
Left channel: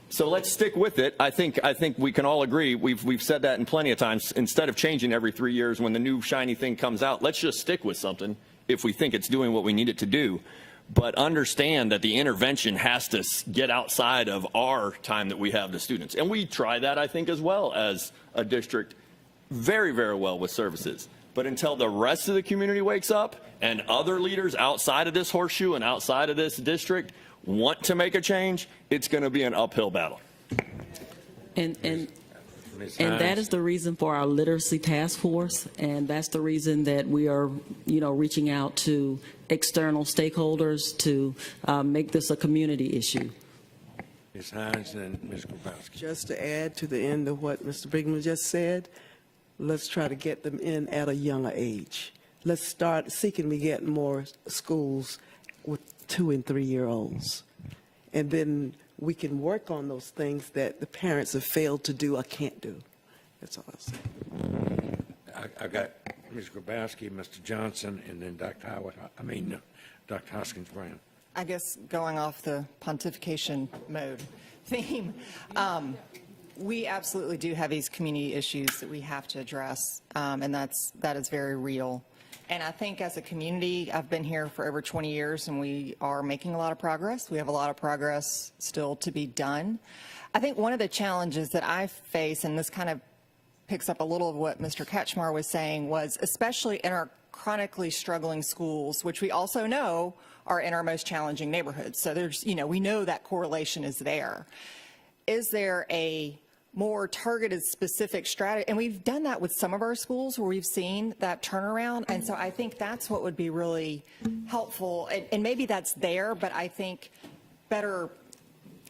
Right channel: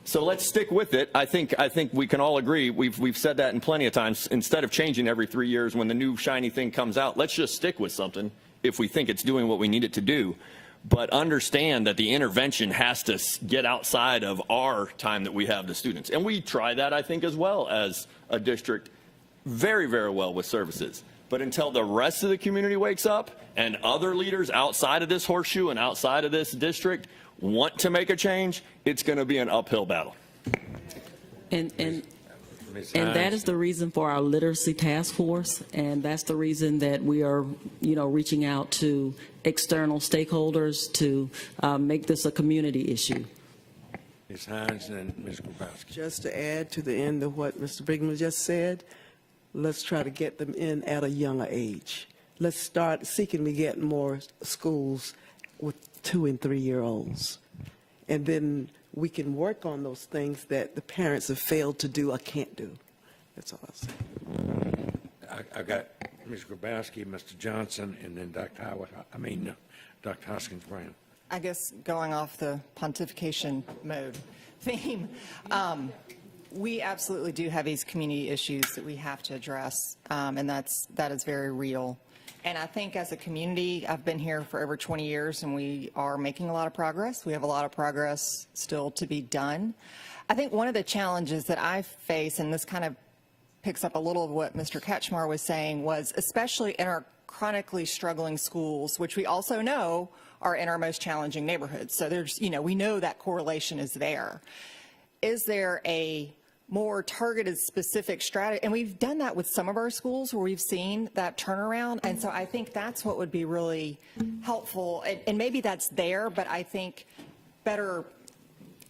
So let's stick with it. I think we can all agree. We've said that in plenty of times. Instead of changing every 3 years when the new shiny thing comes out, let's just stick with something if we think it's doing what we need it to do. But understand that the intervention has to get outside of our time that we have the students. And we try that, I think, as well as a district very, very well with services. But until the rest of the community wakes up and other leaders outside of this horseshoe and outside of this district want to make a change, it's going to be an uphill battle. And that is the reason for our literacy task force, and that's the reason that we are, reaching out to external stakeholders to make this a community issue. Ms. Hines and Mr. Grabowski. Just to add to the end of what Mr. Brigham just said, let's try to get them in at a younger age. Let's start seeking to get more schools with 2 and 3 year olds. And then we can work on those things that the parents have failed to do or can't do. That's all I got Mr. Grabowski, Mr. Johnson, and then Dr. Hoskins Brown. I guess going off the pontification mode theme, we absolutely do have these community issues that we have to address, and that is very real. And I think as a community, I've been here for over 20 years, and we are making a lot of progress. We have a lot of progress still to be done. I think one of the challenges that I face, and this kind of picks up a little of what Mr. Ketchmar was saying, was especially in our chronically struggling schools, which we also know are in our most challenging neighborhoods. So there's, we know that correlation is there. Is there a more targeted, specific strategy? And we've done that with some of our schools where we've seen that turnaround. And so I think that's what would be really helpful. And maybe that's there, but I think better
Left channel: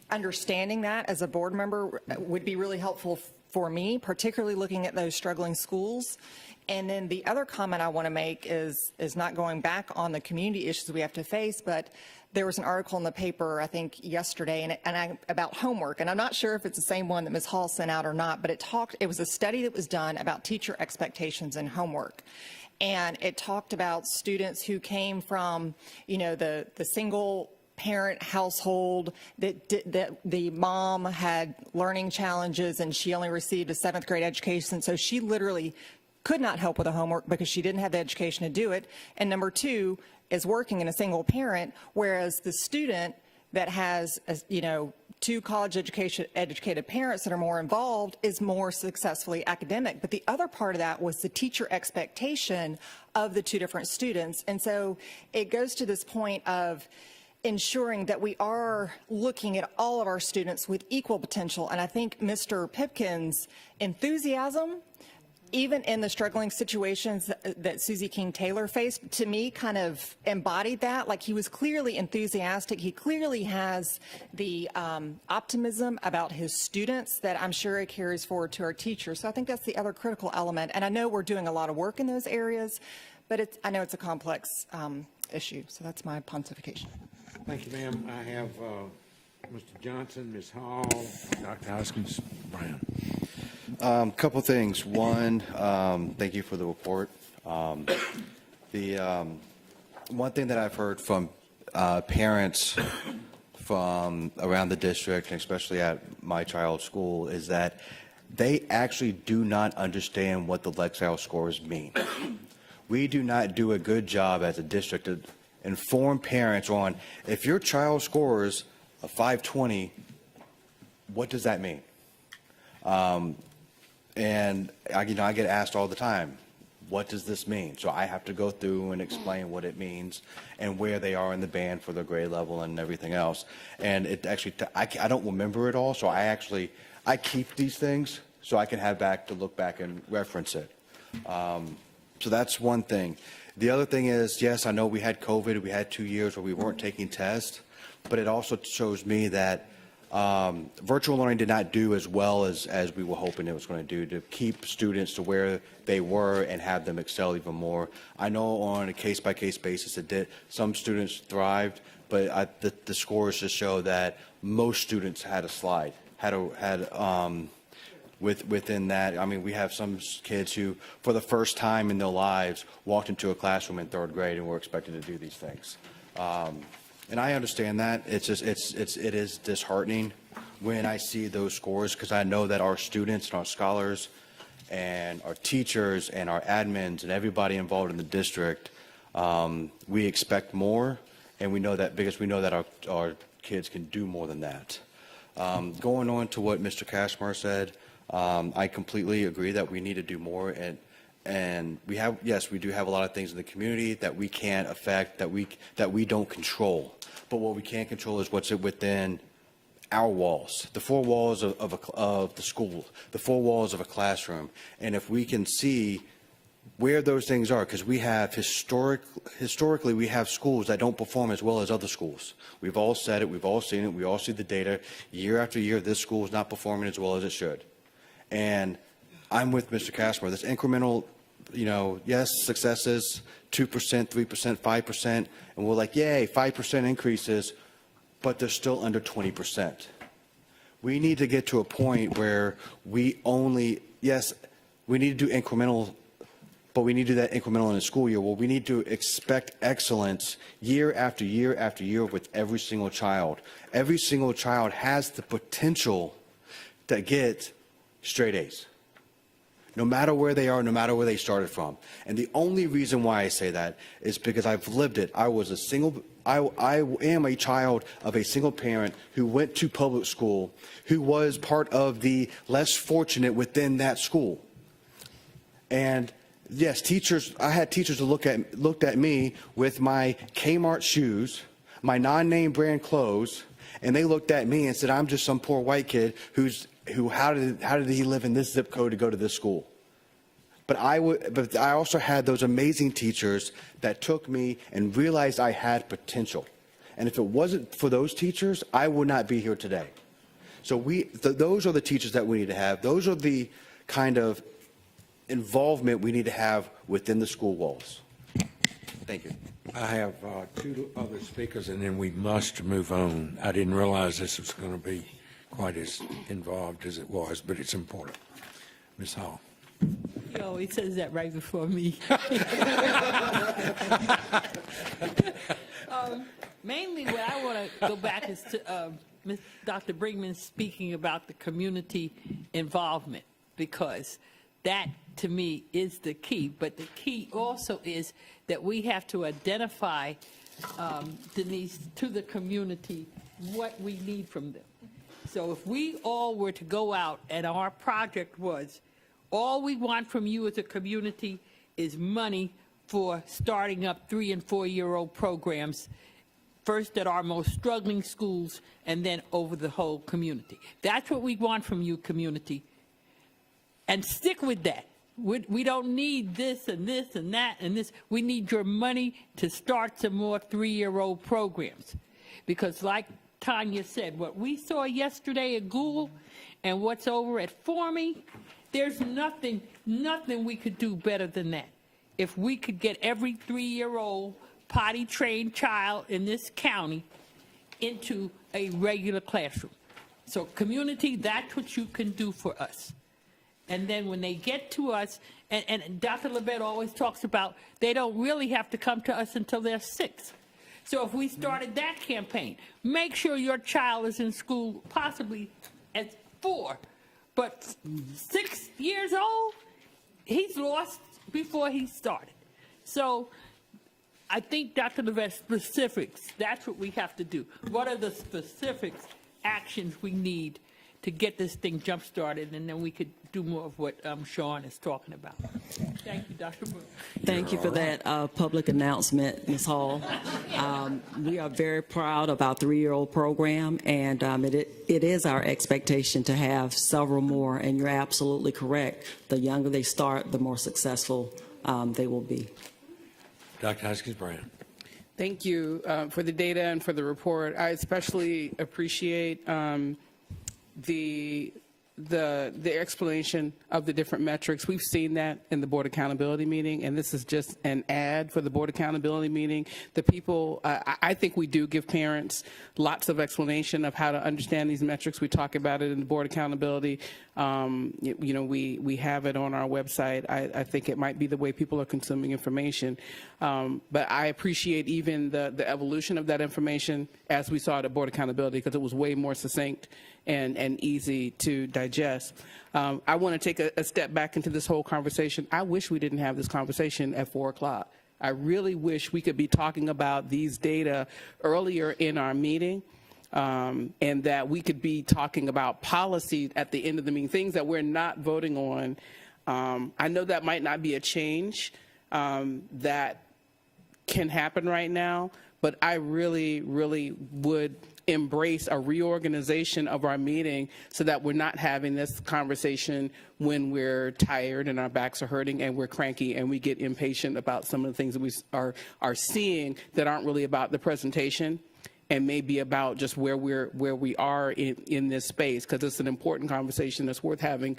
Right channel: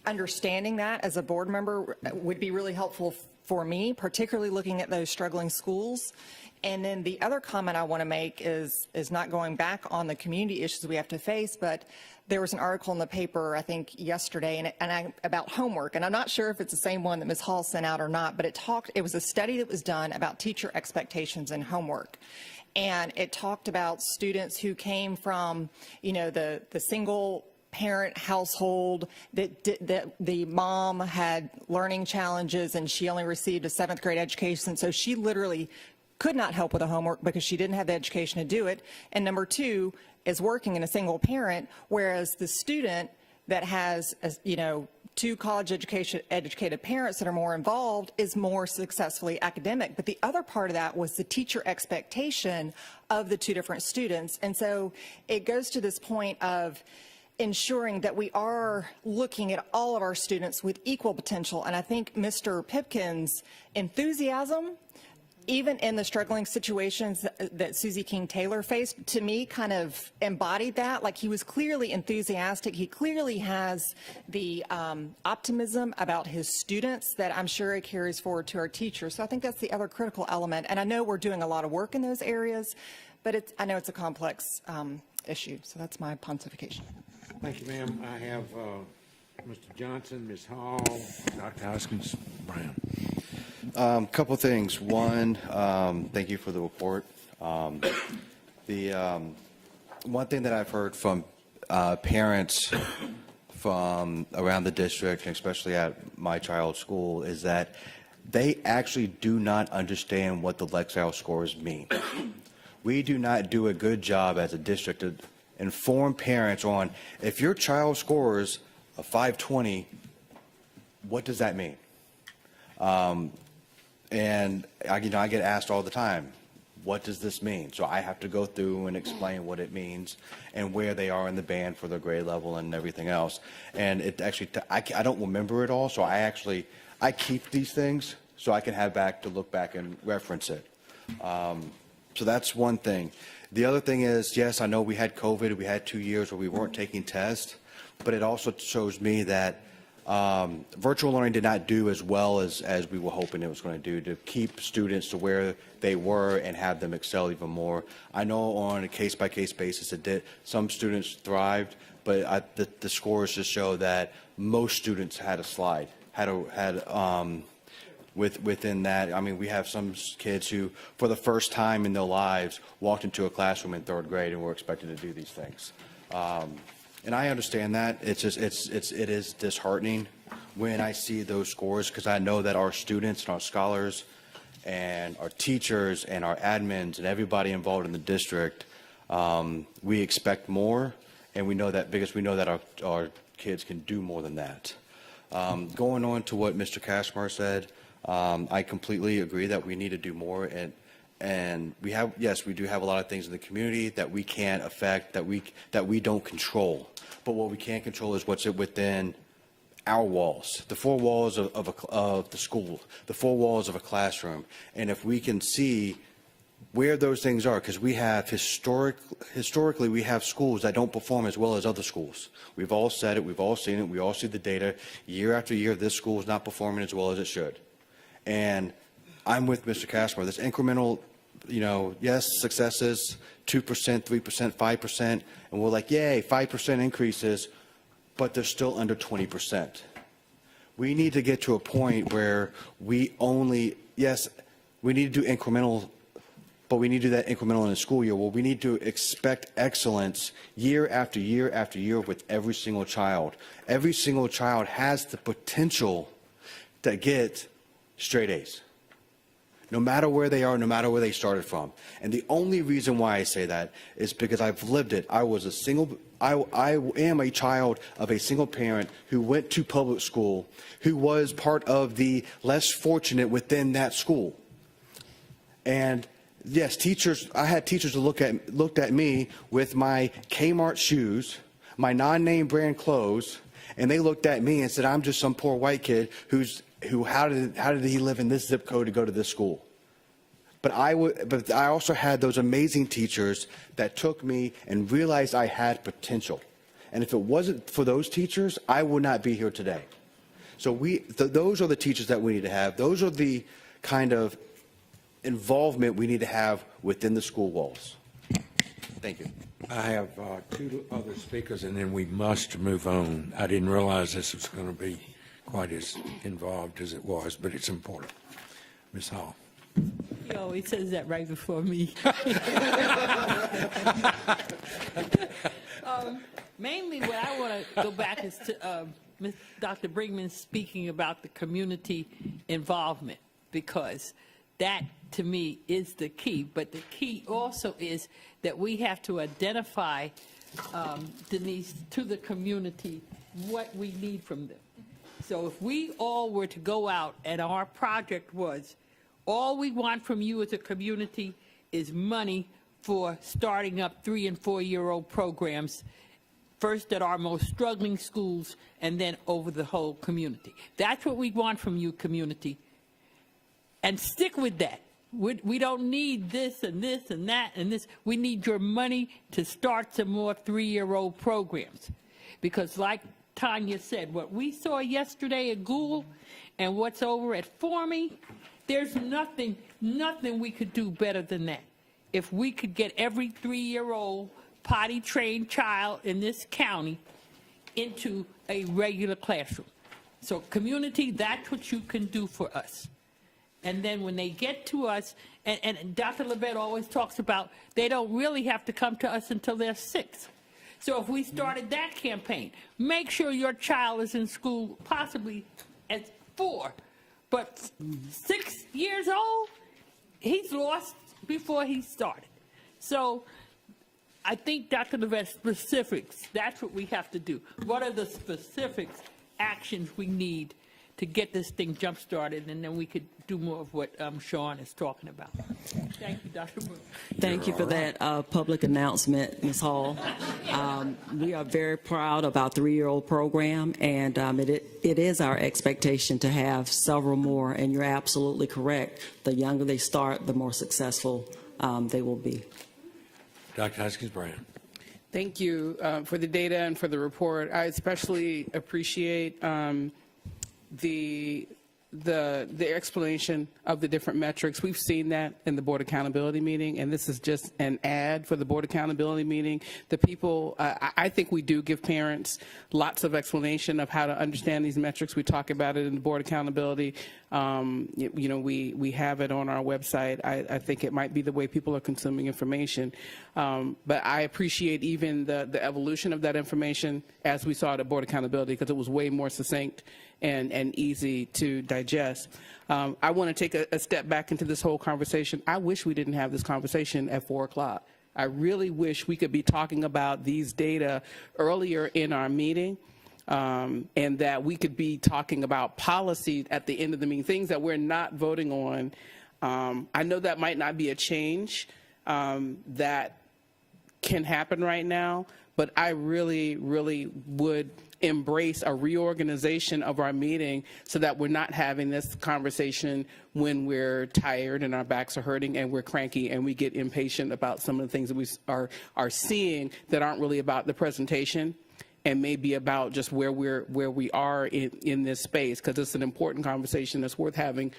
understanding that as a board member would be really helpful for me, particularly looking at those struggling schools. And then the other comment I want to make is not going back on the community issues we have to face, but there was an article in the paper, I think, yesterday about homework. And I'm not sure if it's the same one that Ms. Hall sent out or not, but it was a study that was done about teacher expectations and homework. And it talked about students who came from, the single parent household that the mom had learning challenges and she only received a 7th grade education, so she literally could not help with the homework because she didn't have the education to do it. And number 2 is working in a single parent, whereas the student that has, 2 college educated parents that are more involved is more successfully academic. But the other part of that was the teacher expectation of the 2 different students. And so it goes to this point of ensuring that we are looking at all of our students with equal potential. And I think Mr. Pipkin's enthusiasm, even in the struggling situations that Susie King Taylor faced, to me kind of embodied that. Like, he was clearly enthusiastic. He clearly has the optimism about his students that I'm sure it carries forward to our teachers. So I think that's the other critical element. And I know we're doing a lot of work in those areas, but I know it's a complex issue. So that's my pontification. Thank you, ma'am. I have Mr. Johnson, Ms. Hall, Dr. Hoskins Brown. A couple things. One, thank you for the report. The one thing that I've heard from parents from around the district, and especially at my child's school, is that they actually do not understand what the Lexile scores mean. We do not do a good job as a district to inform parents on, if your child scores a 520, what does that mean? And I get asked all the time, what does this mean? So I have to go through and explain what it means and where they are in the band for their grade level and everything else. And it actually, I don't remember it all, so I keep these things so I can have back to look back and reference it. So that's one thing. The other thing is, yes, I know we had COVID, we had 2 years where we weren't taking tests, but it also shows me that virtual learning did not do as well as we were hoping it was going to do to keep students to where they were and have them excel even more. I know on a case-by-case basis it did. Some students thrived, but the scores just show that most students had a slide, within that. I mean, we have some kids who, for the first time in their lives, walked into a classroom in 3rd grade and were expected to do these things. And I understand that. It is disheartening when I see those scores, because I know that our students, our scholars, and our teachers, and our admins, and everybody involved in the district, we expect more, and we know that because we know that our kids can do more than that. Going on to what Mr. Cashmore said, I completely agree that we need to do more, and we do have a lot of things in the community that we can't affect, that we don't control. But what we can control is what's within our walls, the four walls of the school, the four walls of a classroom. And if we can see where those things are, because we have historically we have schools that don't perform as well as other schools. We've all said it, we've all seen it, we all see the data. Year after year, this school is not performing as well as it should. And I'm with Mr. Cashmore. This incremental, yes, successes, 2%, 3%, 5%, and we're like, yay, 5% increases, but they're still under 20%. We need to get to a point where we need to do incremental, but we need to do that incremental in the school year. Well, we need to expect excellence year after year after year with every single child. Every single child has the potential to get straight A's, no matter where they are, no matter where they started from. And the only reason why I say that is because I've lived it. I am a child of a single parent who went to public school, who was part of the less fortunate within that school. And yes, I had teachers who looked at me with my Kmart shoes, my non-name brand clothes, and they looked at me and said, I'm just some poor white kid how did he live in this zip code to go to this school? But I also had those amazing teachers that took me and realized I had potential. And if it wasn't for those teachers, I would not be here today. So those are the teachers that we need to have. Those are the kind of involvement we need to have within the school walls. Thank you. I have two other speakers, and then we must move on. I didn't realize this was going to be quite as involved as it was, but it's important. Ms. Hall. He always says that right before me. Mainly what I want to go back is to Dr. Brinkman speaking about the community involvement, because that, to me, is the key. But the key also is that we have to identify, Denise, to the community what we need from them. So if we all were to go out and our project was, all we want from you as a community is money for starting up 3- and 4-year-old programs, first at our most struggling schools and then over the whole community. That's what we want from you, community. And stick with that. We don't need this and this and that and this. We need your money to start some more 3-year-old programs. Because like Tanya said, what we saw yesterday at Google and what's over at Forming, there's nothing we could do better than that. If we could get every 3-year-old potty-trained child in this county into a regular classroom. So community, that's what you can do for us. And then when they get to us, and Dr. Levette always talks about they don't really have to come to us until they're 6. So if we started that campaign, make sure your child is in school possibly at 4, but 6 years old, he's lost before he started. So I think Dr. Levette, specifics, that's what we have to do. What are the specific actions we need to get this thing jump-started, and then we could do more of what Sean is talking about. Thank you, Dr. Moore. Thank you for that public announcement, Ms. Hall. We are very proud of our 3-year-old program, and it is our expectation to have several more, and you're absolutely correct. The younger they start, the more successful they will be. Dr. Haskins-Brown. Thank you for the data and for the report. I especially appreciate the the explanation of the different metrics. We've seen that in the board accountability meeting, and this is just an ad for the board accountability meeting. The people, I think we do give parents lots of explanation of how to understand these metrics. We talk about it in board accountability. We have it on our website. I think it might be the way people are consuming information. But I appreciate even the evolution of that information as we saw at the board accountability, because it was way more succinct and easy to digest. I want to take a step back into this whole conversation. I wish we didn't have this conversation at 4 o'clock. I really wish we could be talking about these data earlier in our meeting, and that we could be talking about policy at the end of the meeting, things that we're not voting on. I know that might not be a change that can happen right now, but I really, really would embrace a reorganization of our meeting so that we're not having this conversation when we're tired and our backs are hurting and we're cranky and we get impatient about some of the things we are seeing that aren't really about the presentation and maybe about just where we are in this space, because it's an important conversation that's worth having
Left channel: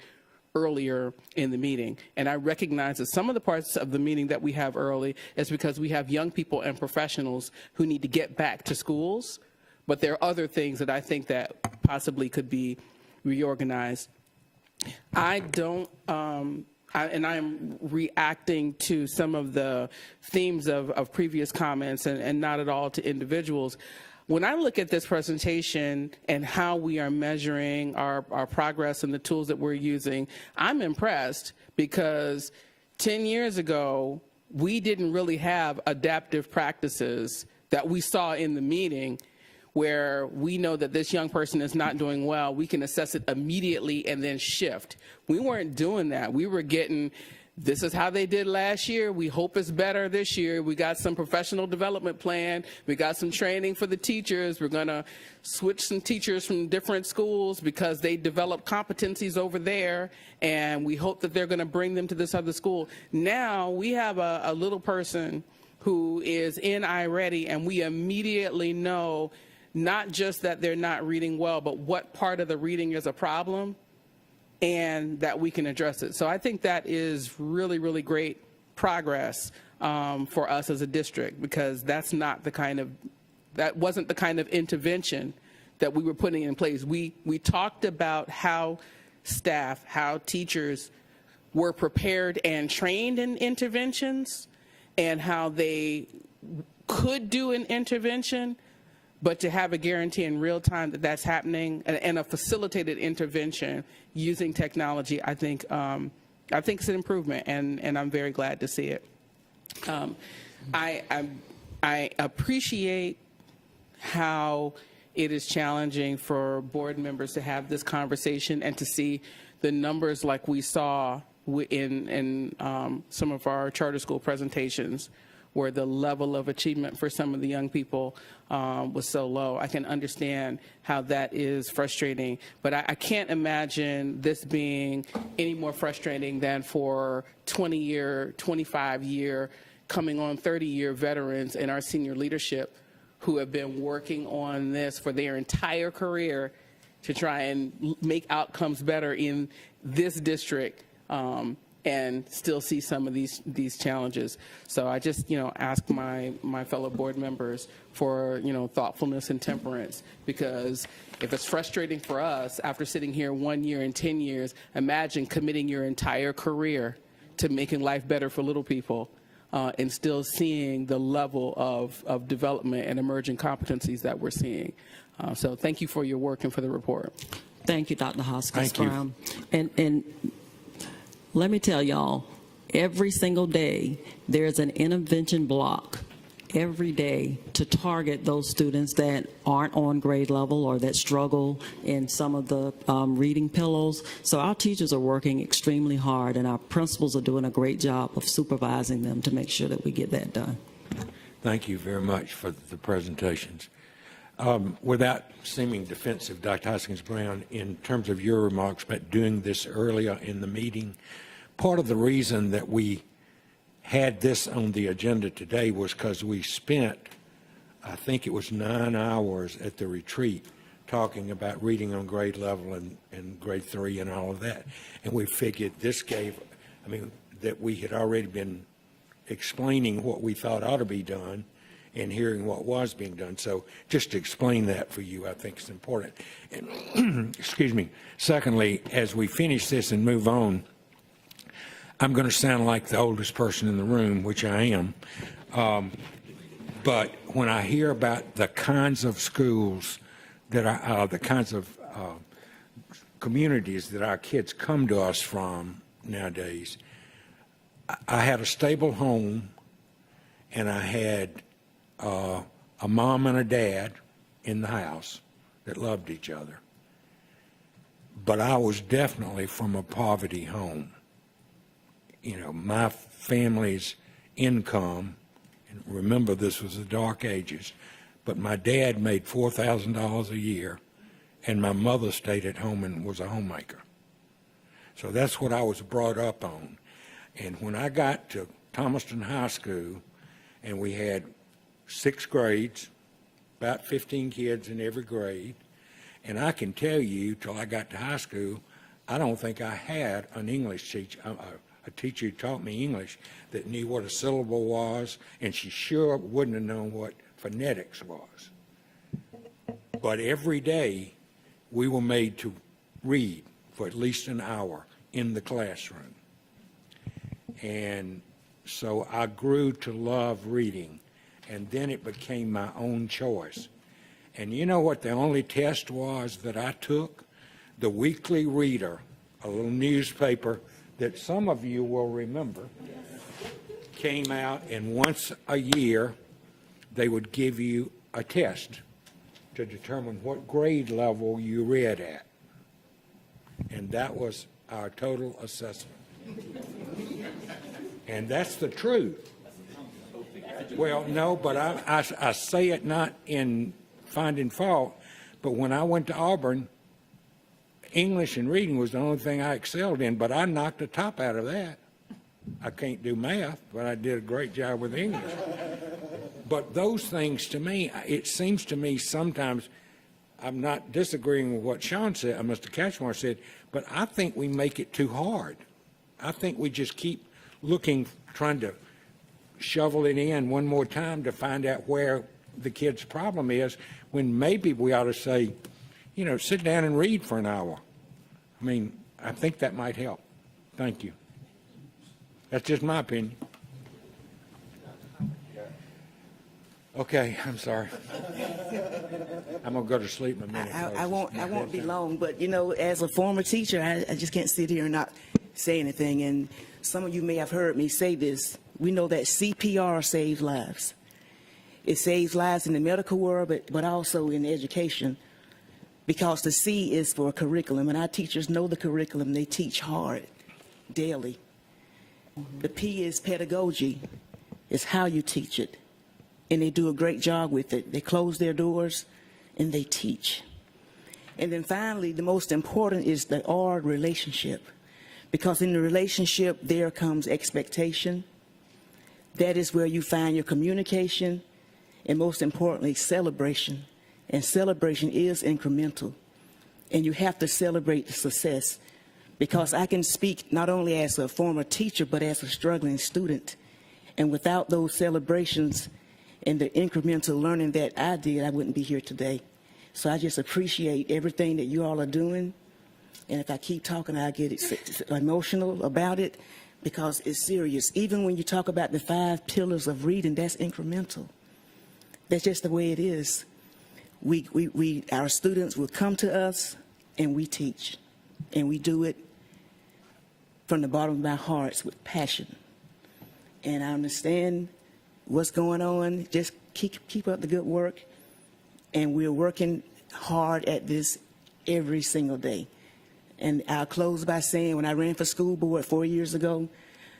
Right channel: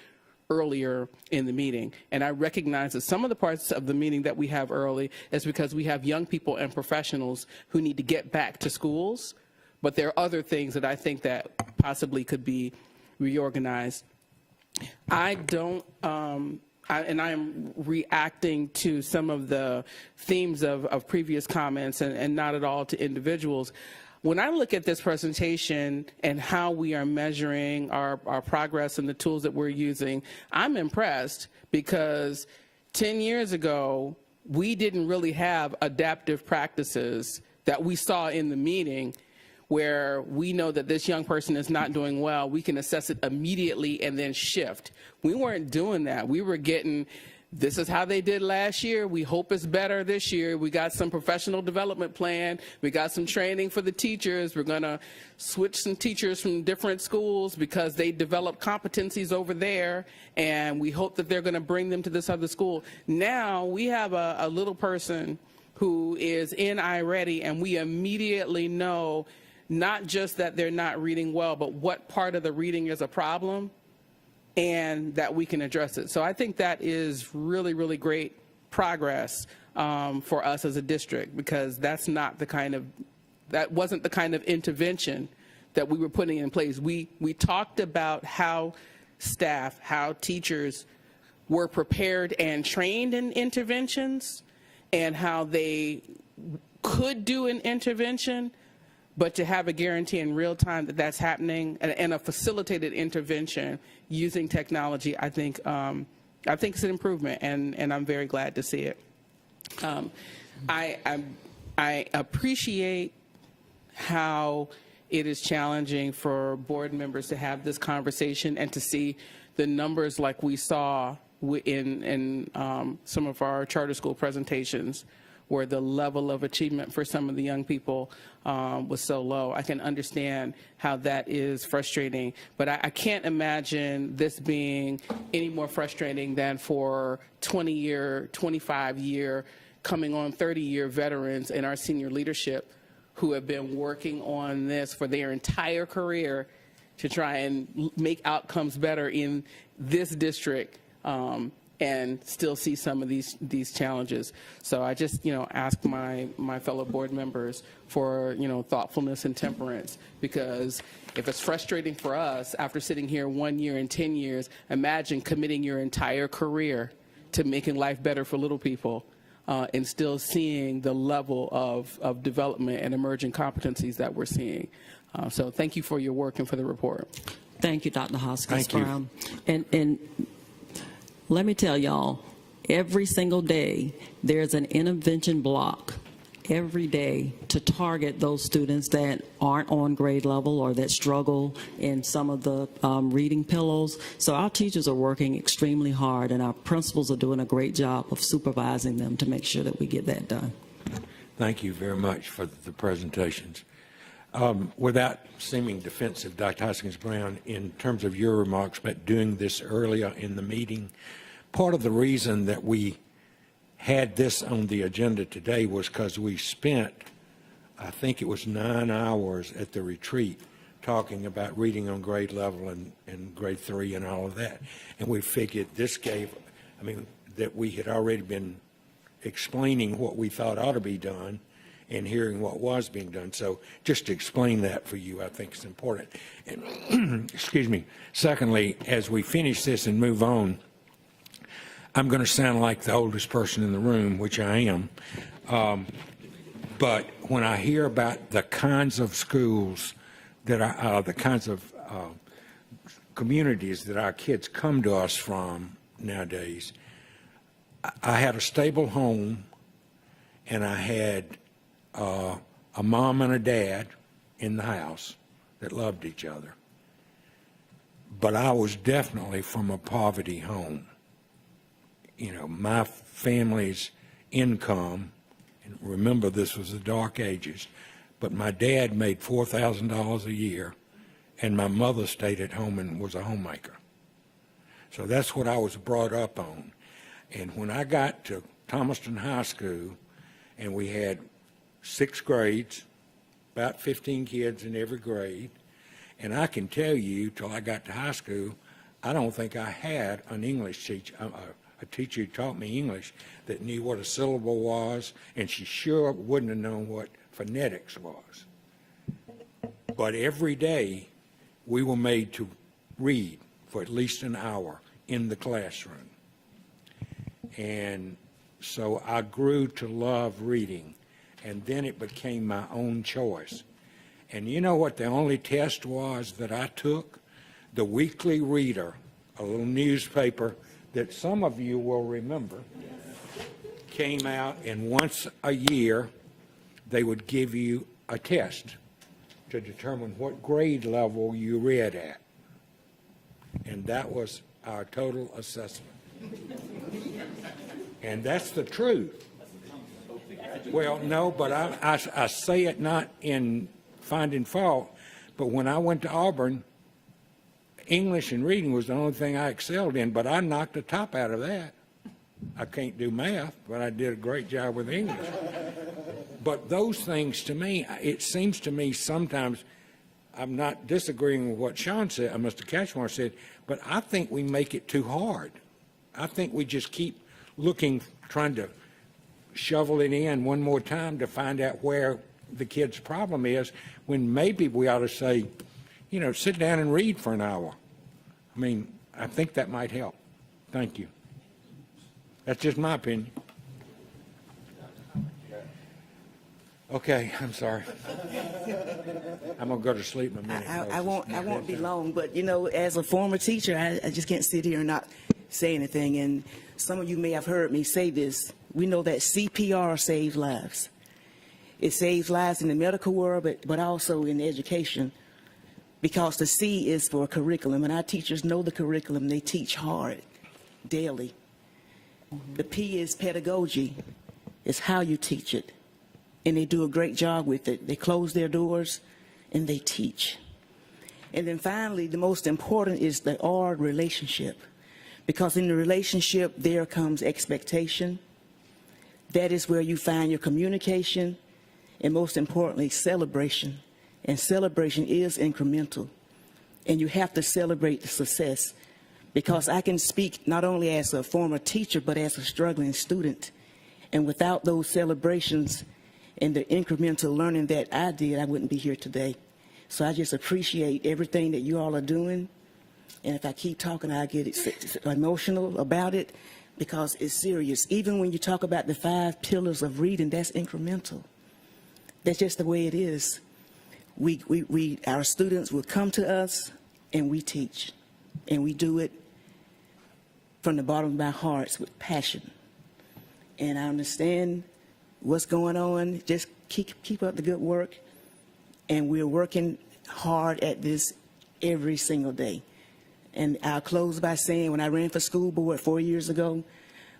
earlier in the meeting. And I recognize that some of the parts of the meeting that we have early is because we have young people and professionals who need to get back to schools, but there are other things that I think that possibly could be reorganized. I don't, and I'm reacting to some of the themes of previous comments and not at all to individuals. When I look at this presentation and how we are measuring our progress and the tools that we're using, I'm impressed, because 10 years ago, we didn't really have adaptive practices that we saw in the meeting where we know that this young person is not doing well. We can assess it immediately and then shift. We weren't doing that. We were getting, this is how they did last year. We hope it's better this year. We got some professional development plan. We got some training for the teachers. We're going to switch some teachers from different schools because they develop competencies over there, and we hope that they're going to bring them to this other school. Now we have a little person who is in iReady, and we immediately know not just that they're not reading well, but what part of the reading is a problem, and that we can address it. So I think that is really, really great progress for us as a district, because that's not the kind of, that wasn't the kind of intervention that we were putting in place. We talked about how staff, how teachers were prepared and trained in interventions and how they could do an intervention, but to have a guarantee in real time that that's happening and a facilitated intervention using technology, I think it's an improvement, and I'm very glad to see it. I appreciate how it is challenging for board members to have this conversation and to see the numbers like we saw in some of our charter school presentations, where the level of achievement for some of the young people was so low. I can understand how that is frustrating, but I can't imagine this being any more frustrating than for 20-year, 25-year, coming on 30-year veterans in our senior leadership who have been working on this for their entire career to try and make outcomes better in this district, and still see some of these challenges. So I just, ask my fellow board members for, thoughtfulness and temperance, because if it's frustrating for us after sitting here 1 year and 10 years, imagine committing your entire career to making life better for little people, and still seeing the level of development and emerging competencies that we're seeing. So thank you for your work and for the report. Thank you, Dr. Hoskins. Thank you. And let me tell y'all, every single day there's an intervention block every day to target those students that aren't on grade level or that struggle in some of the reading pillows. So our teachers are working extremely hard, and our principals are doing a great job of supervising them to make sure that we get that done. Thank you very much for the presentations. Without seeming defensive, Dr. Hoskins-Brown, in terms of your remarks about doing this earlier in the meeting, part of the reason that we had this on the agenda today was because we spent, I think it was 9 hours at the retreat talking about reading on grade level and grade 3 and all of that. And we figured this gave, that we had already been explaining what we thought ought to be done and hearing what was being done. So just to explain that for you, I think is important. And, excuse me. Secondly, as we finish this and move on, I'm going to sound like the oldest person in the room, which I am. But when I hear about the kinds of schools that are, the kinds of communities that our kids come to us from nowadays, I had a stable home, and I had a mom and a dad in the house that loved each other. But I was definitely from a poverty home. You know, my family's income, and remember this was the dark ages, but my dad made $4,000 a year, and my mother stayed at home and was a homemaker. So that's what I was brought up on. And when I got to Thomaston High School, and we had 6 grades, about 15 kids in every grade, and I can tell you, till I got to high school, I don't think I had an English teacher, a teacher who taught me English that knew what a syllable was, and she sure wouldn't have known what phonetics was. But every day, we were made to read for at least an hour in the classroom. And so I grew to love reading, and then it became my own choice. And you know what the only test was that I took? The Weekly Reader, a little newspaper that some of you will remember, came out, and once a year they would give you a test to determine what grade level you read at. And that was our total assessment. And that's the truth. Well, no, but I say it not in finding fault, but when I went to Auburn, English and reading was the only thing I excelled in, but I knocked the top out of that. I can't do math, but I did a great job with English. But those things, to me, it seems to me sometimes, I'm not disagreeing with what Sean said, Mr. Cashmore said, but I think we make it too hard. I think we just keep looking, trying to shovel it in one more time to find out where the kid's problem is, when maybe we ought to say, you know, sit down and read for an hour. I mean, I think that might help. Thank you. That's just my opinion. Okay, I'm sorry. I'm going to go to sleep. I won't be long, but you know, as a former teacher, I just can't sit here and not say anything. And some of you may have heard me say this. We know that CPR saves lives. It saves lives in the medical world, but also in education, because the C is for curriculum, and our teachers know the curriculum. They teach hard, daily. The P is pedagogy. It's how you teach it, and they do a great job with it. They close their doors, and they teach. And then finally, the most important is the R, relationship, because in a relationship, there comes expectation. That is where you find your communication, and most importantly, celebration. And celebration is incremental. And you have to celebrate the success, because I can speak not only as a former teacher, but as a struggling student. And without those celebrations and the incremental learning that I did, I wouldn't be here today. So I just appreciate everything that you all are doing. And if I keep talking, I get emotional about it, because it's serious. Even when you talk about the 5 pillars of reading, that's incremental. That's just the way it is. Our students will come to us, and we teach. And we do it from the bottom of our hearts with passion. And I understand what's going on. Just keep up the good work. And we're working hard at this every single day. And I'll close by saying, when I ran for school board 4 years ago,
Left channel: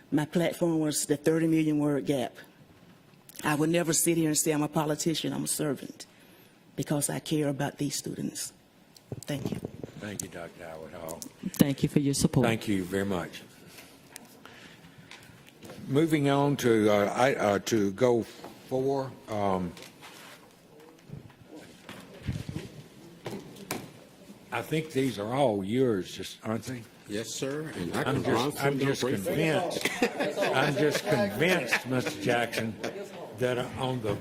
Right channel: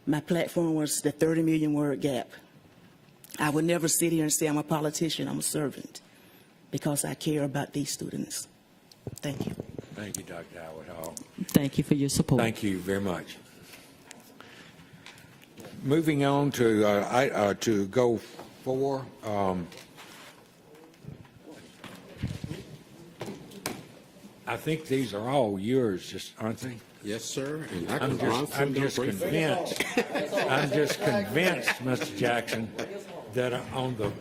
my platform was the 30 million word gap. I would never sit here and say I'm a politician, I'm a servant, because I care about these students. Thank you. Thank you, Dr. Howard. Thank you for your support. Thank you very much. Moving on to go 4. I think these are all yours, just aren't they? Yes, sir. I'm just convinced, Mr. Jackson, that on the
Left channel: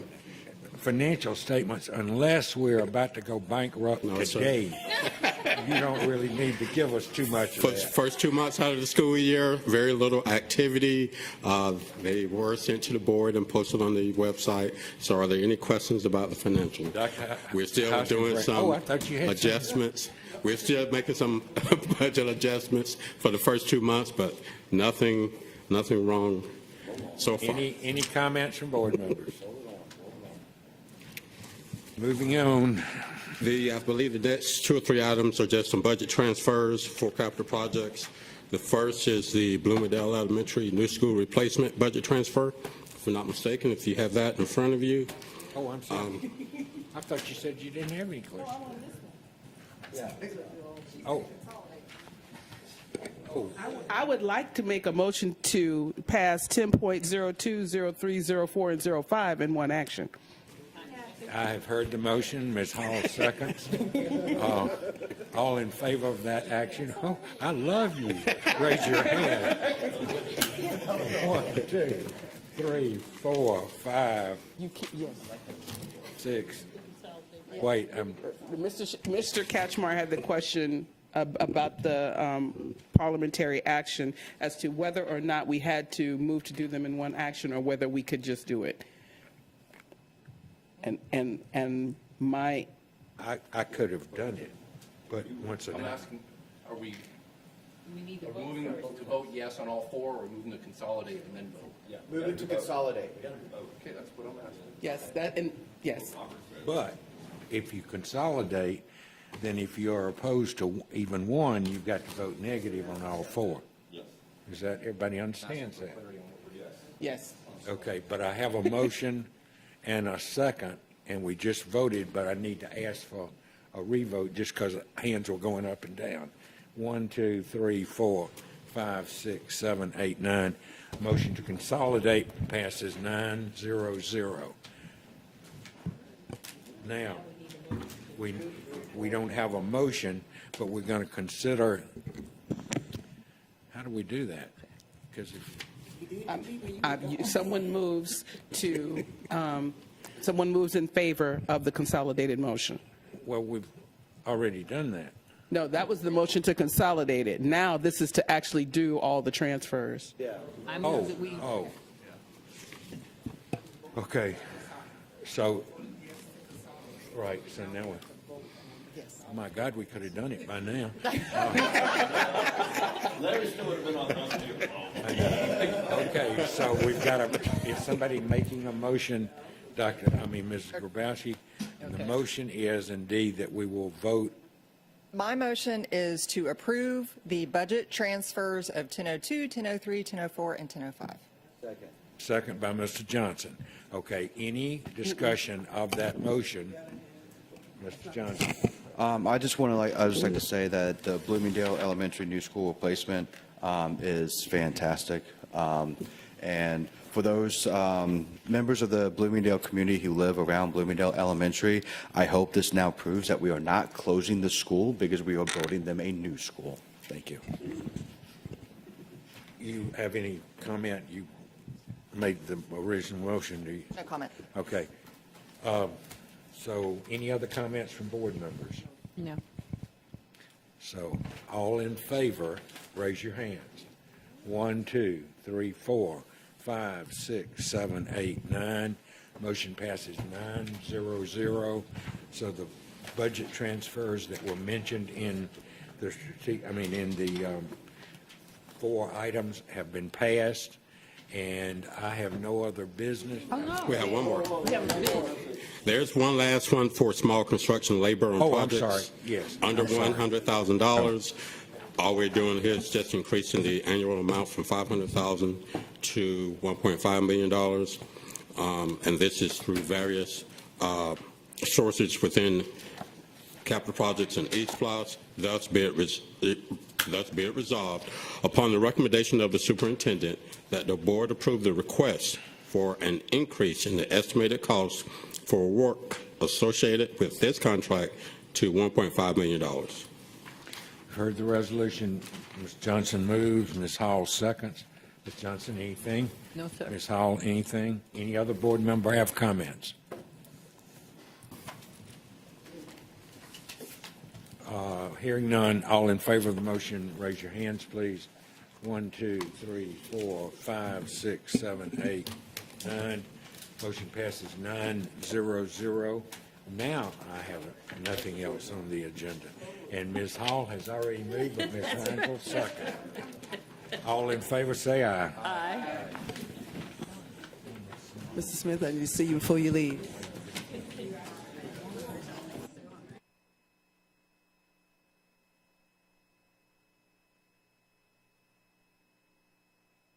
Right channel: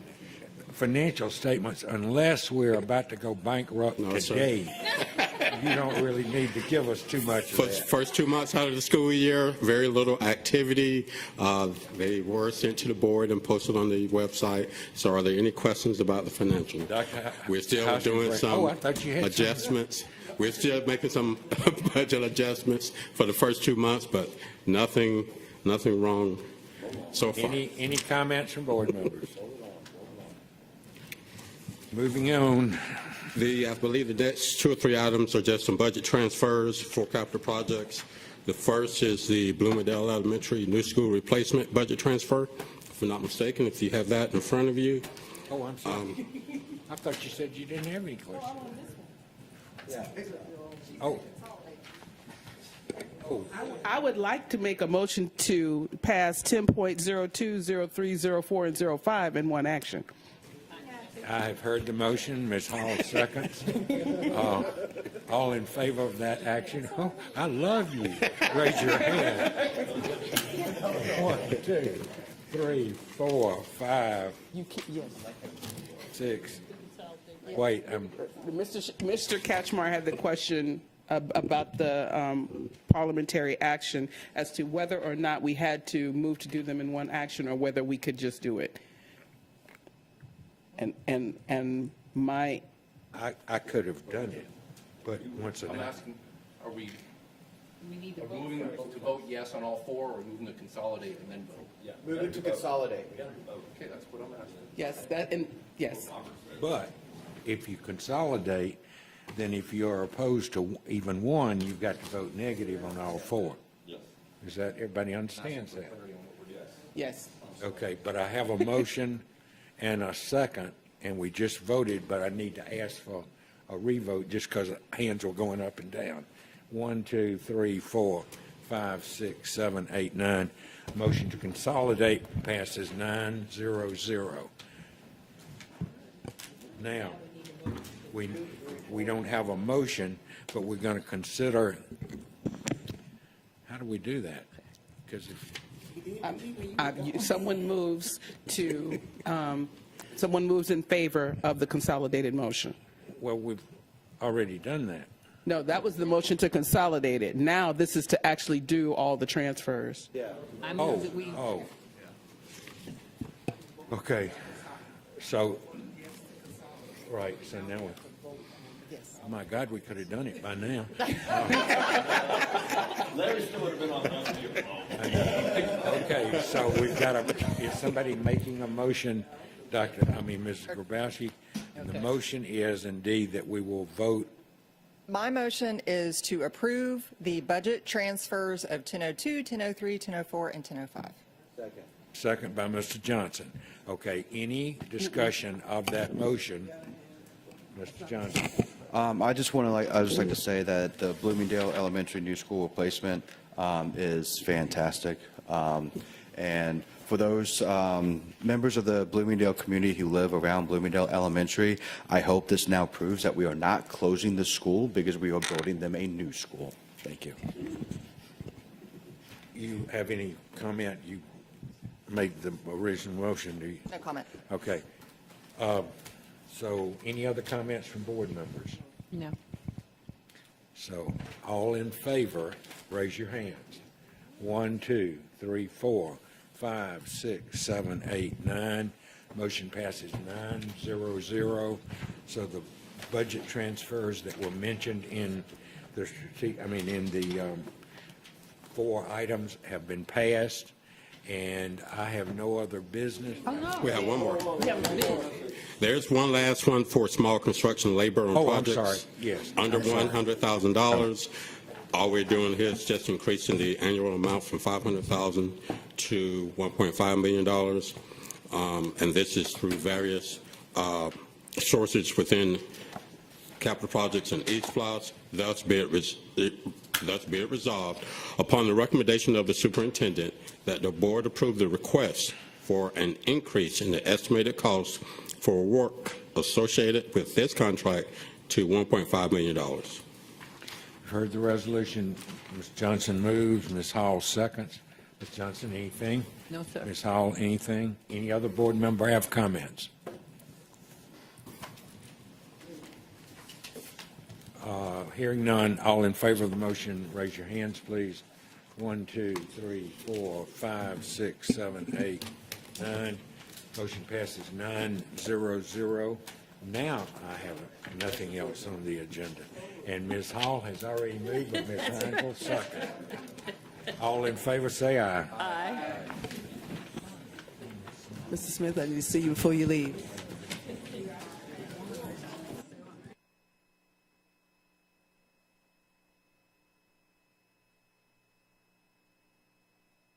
financial statements, unless we're about to go bankrupt today, you don't really need to give us too much of that. First 2 months out of the school year, very little activity. They were sent to the board and posted on the website. So are there any questions about the financial? We're still doing some adjustments. We're still making some budget adjustments for the first 2 months, but nothing wrong so far. Any comments from board members? Moving on. I believe the next 2 or 3 items are just some budget transfers for capital projects. The first is the Bloomingdale Elementary new school replacement budget transfer. If I'm not mistaken, if you have that in front of you. Oh, I'm sorry. I thought you said you didn't have any questions. Oh. I would like to make a motion to pass 10.02, 03, 04, and 05 in one action. I've heard the motion. Ms. Hall seconds. All in favor of that action? Oh, I love you. Raise your hand. 1, 2, 3, 4, 5, 6. Wait. Mr. Katchmar had a question about the parliamentary action as to whether or not we had to move to do them in one action or whether we could just do it. And my... I could have done it, but once So I'm asking, are we moving to vote yes on all 4, or moving to consolidate and then vote? Yeah. Moving to consolidate. Okay, that's what I'm asking. Yes, yes. But if you consolidate, then if you're opposed to even one, you've got to vote negative on all 4. Is that, everybody understands that? Yes. Okay, but I have a motion and a second, and we just voted, but I need to ask for a revote just because hands were going up and down. 1, 2, 3, 4, 5, 6, 7, 8, 9. Motion to consolidate passes 9-0-0. Now, we don't have a motion, but we're going to consider, how do we do that? Because someone moves in favor of the consolidated motion. Well, we've already done that. No, that was the motion to consolidate it. Now this is to actually do all the transfers. Yeah. Oh. Okay. So, right, so now, oh my God, we could have done it by now. Okay, so we've got, is somebody making a motion, Ms. Grabowski? The motion is indeed that we will vote. My motion is to approve the budget transfers of 1002, 1003, 1004, and 1005. Second by Mr. Johnson. Okay, any discussion of that motion? Mr. Johnson. I just like to say that the Bloomingdale Elementary new school replacement is fantastic. And for those members of the Bloomingdale community who live around Bloomingdale Elementary, I hope this now proves that we are not closing the school because we are building them a new school. Thank you. You have any comment? You made the original motion, do you? No comment. Okay. So any other comments from board members? No. So all in favor, raise your hands. 1, 2, 3, 4, 5, 6, 7, 8, 9. Motion passes 9-0-0. So the budget transfers that were mentioned in the 4 items have been passed, and I have no other business. We have one more. There's one last one for small construction labor on projects under $100,000. All we're doing here is just increasing the annual amount from $500,000 to $1.5 million. And this is through various sources within capital projects and E-SPLOST, thus be it resolved upon the recommendation of the superintendent that the board approve the request for an increase in the estimated cost for work associated with this contract to $1.5 million. heard the resolution. Ms. Johnson moves, Ms. Hall seconds. Ms. Johnson, anything? No, sir. Ms. Hall, anything? Any other board member have comments? Hearing none, all in favor of the motion, raise your hands, please. 1, 2, 3, 4, 5, 6, 7, 8, 9. Motion passes 9-0-0. Now I have nothing else on the agenda. And Ms. Hall has already moved, but Ms. Randall second. All in favor, say aye. Mr. Smith, I see you before you leave.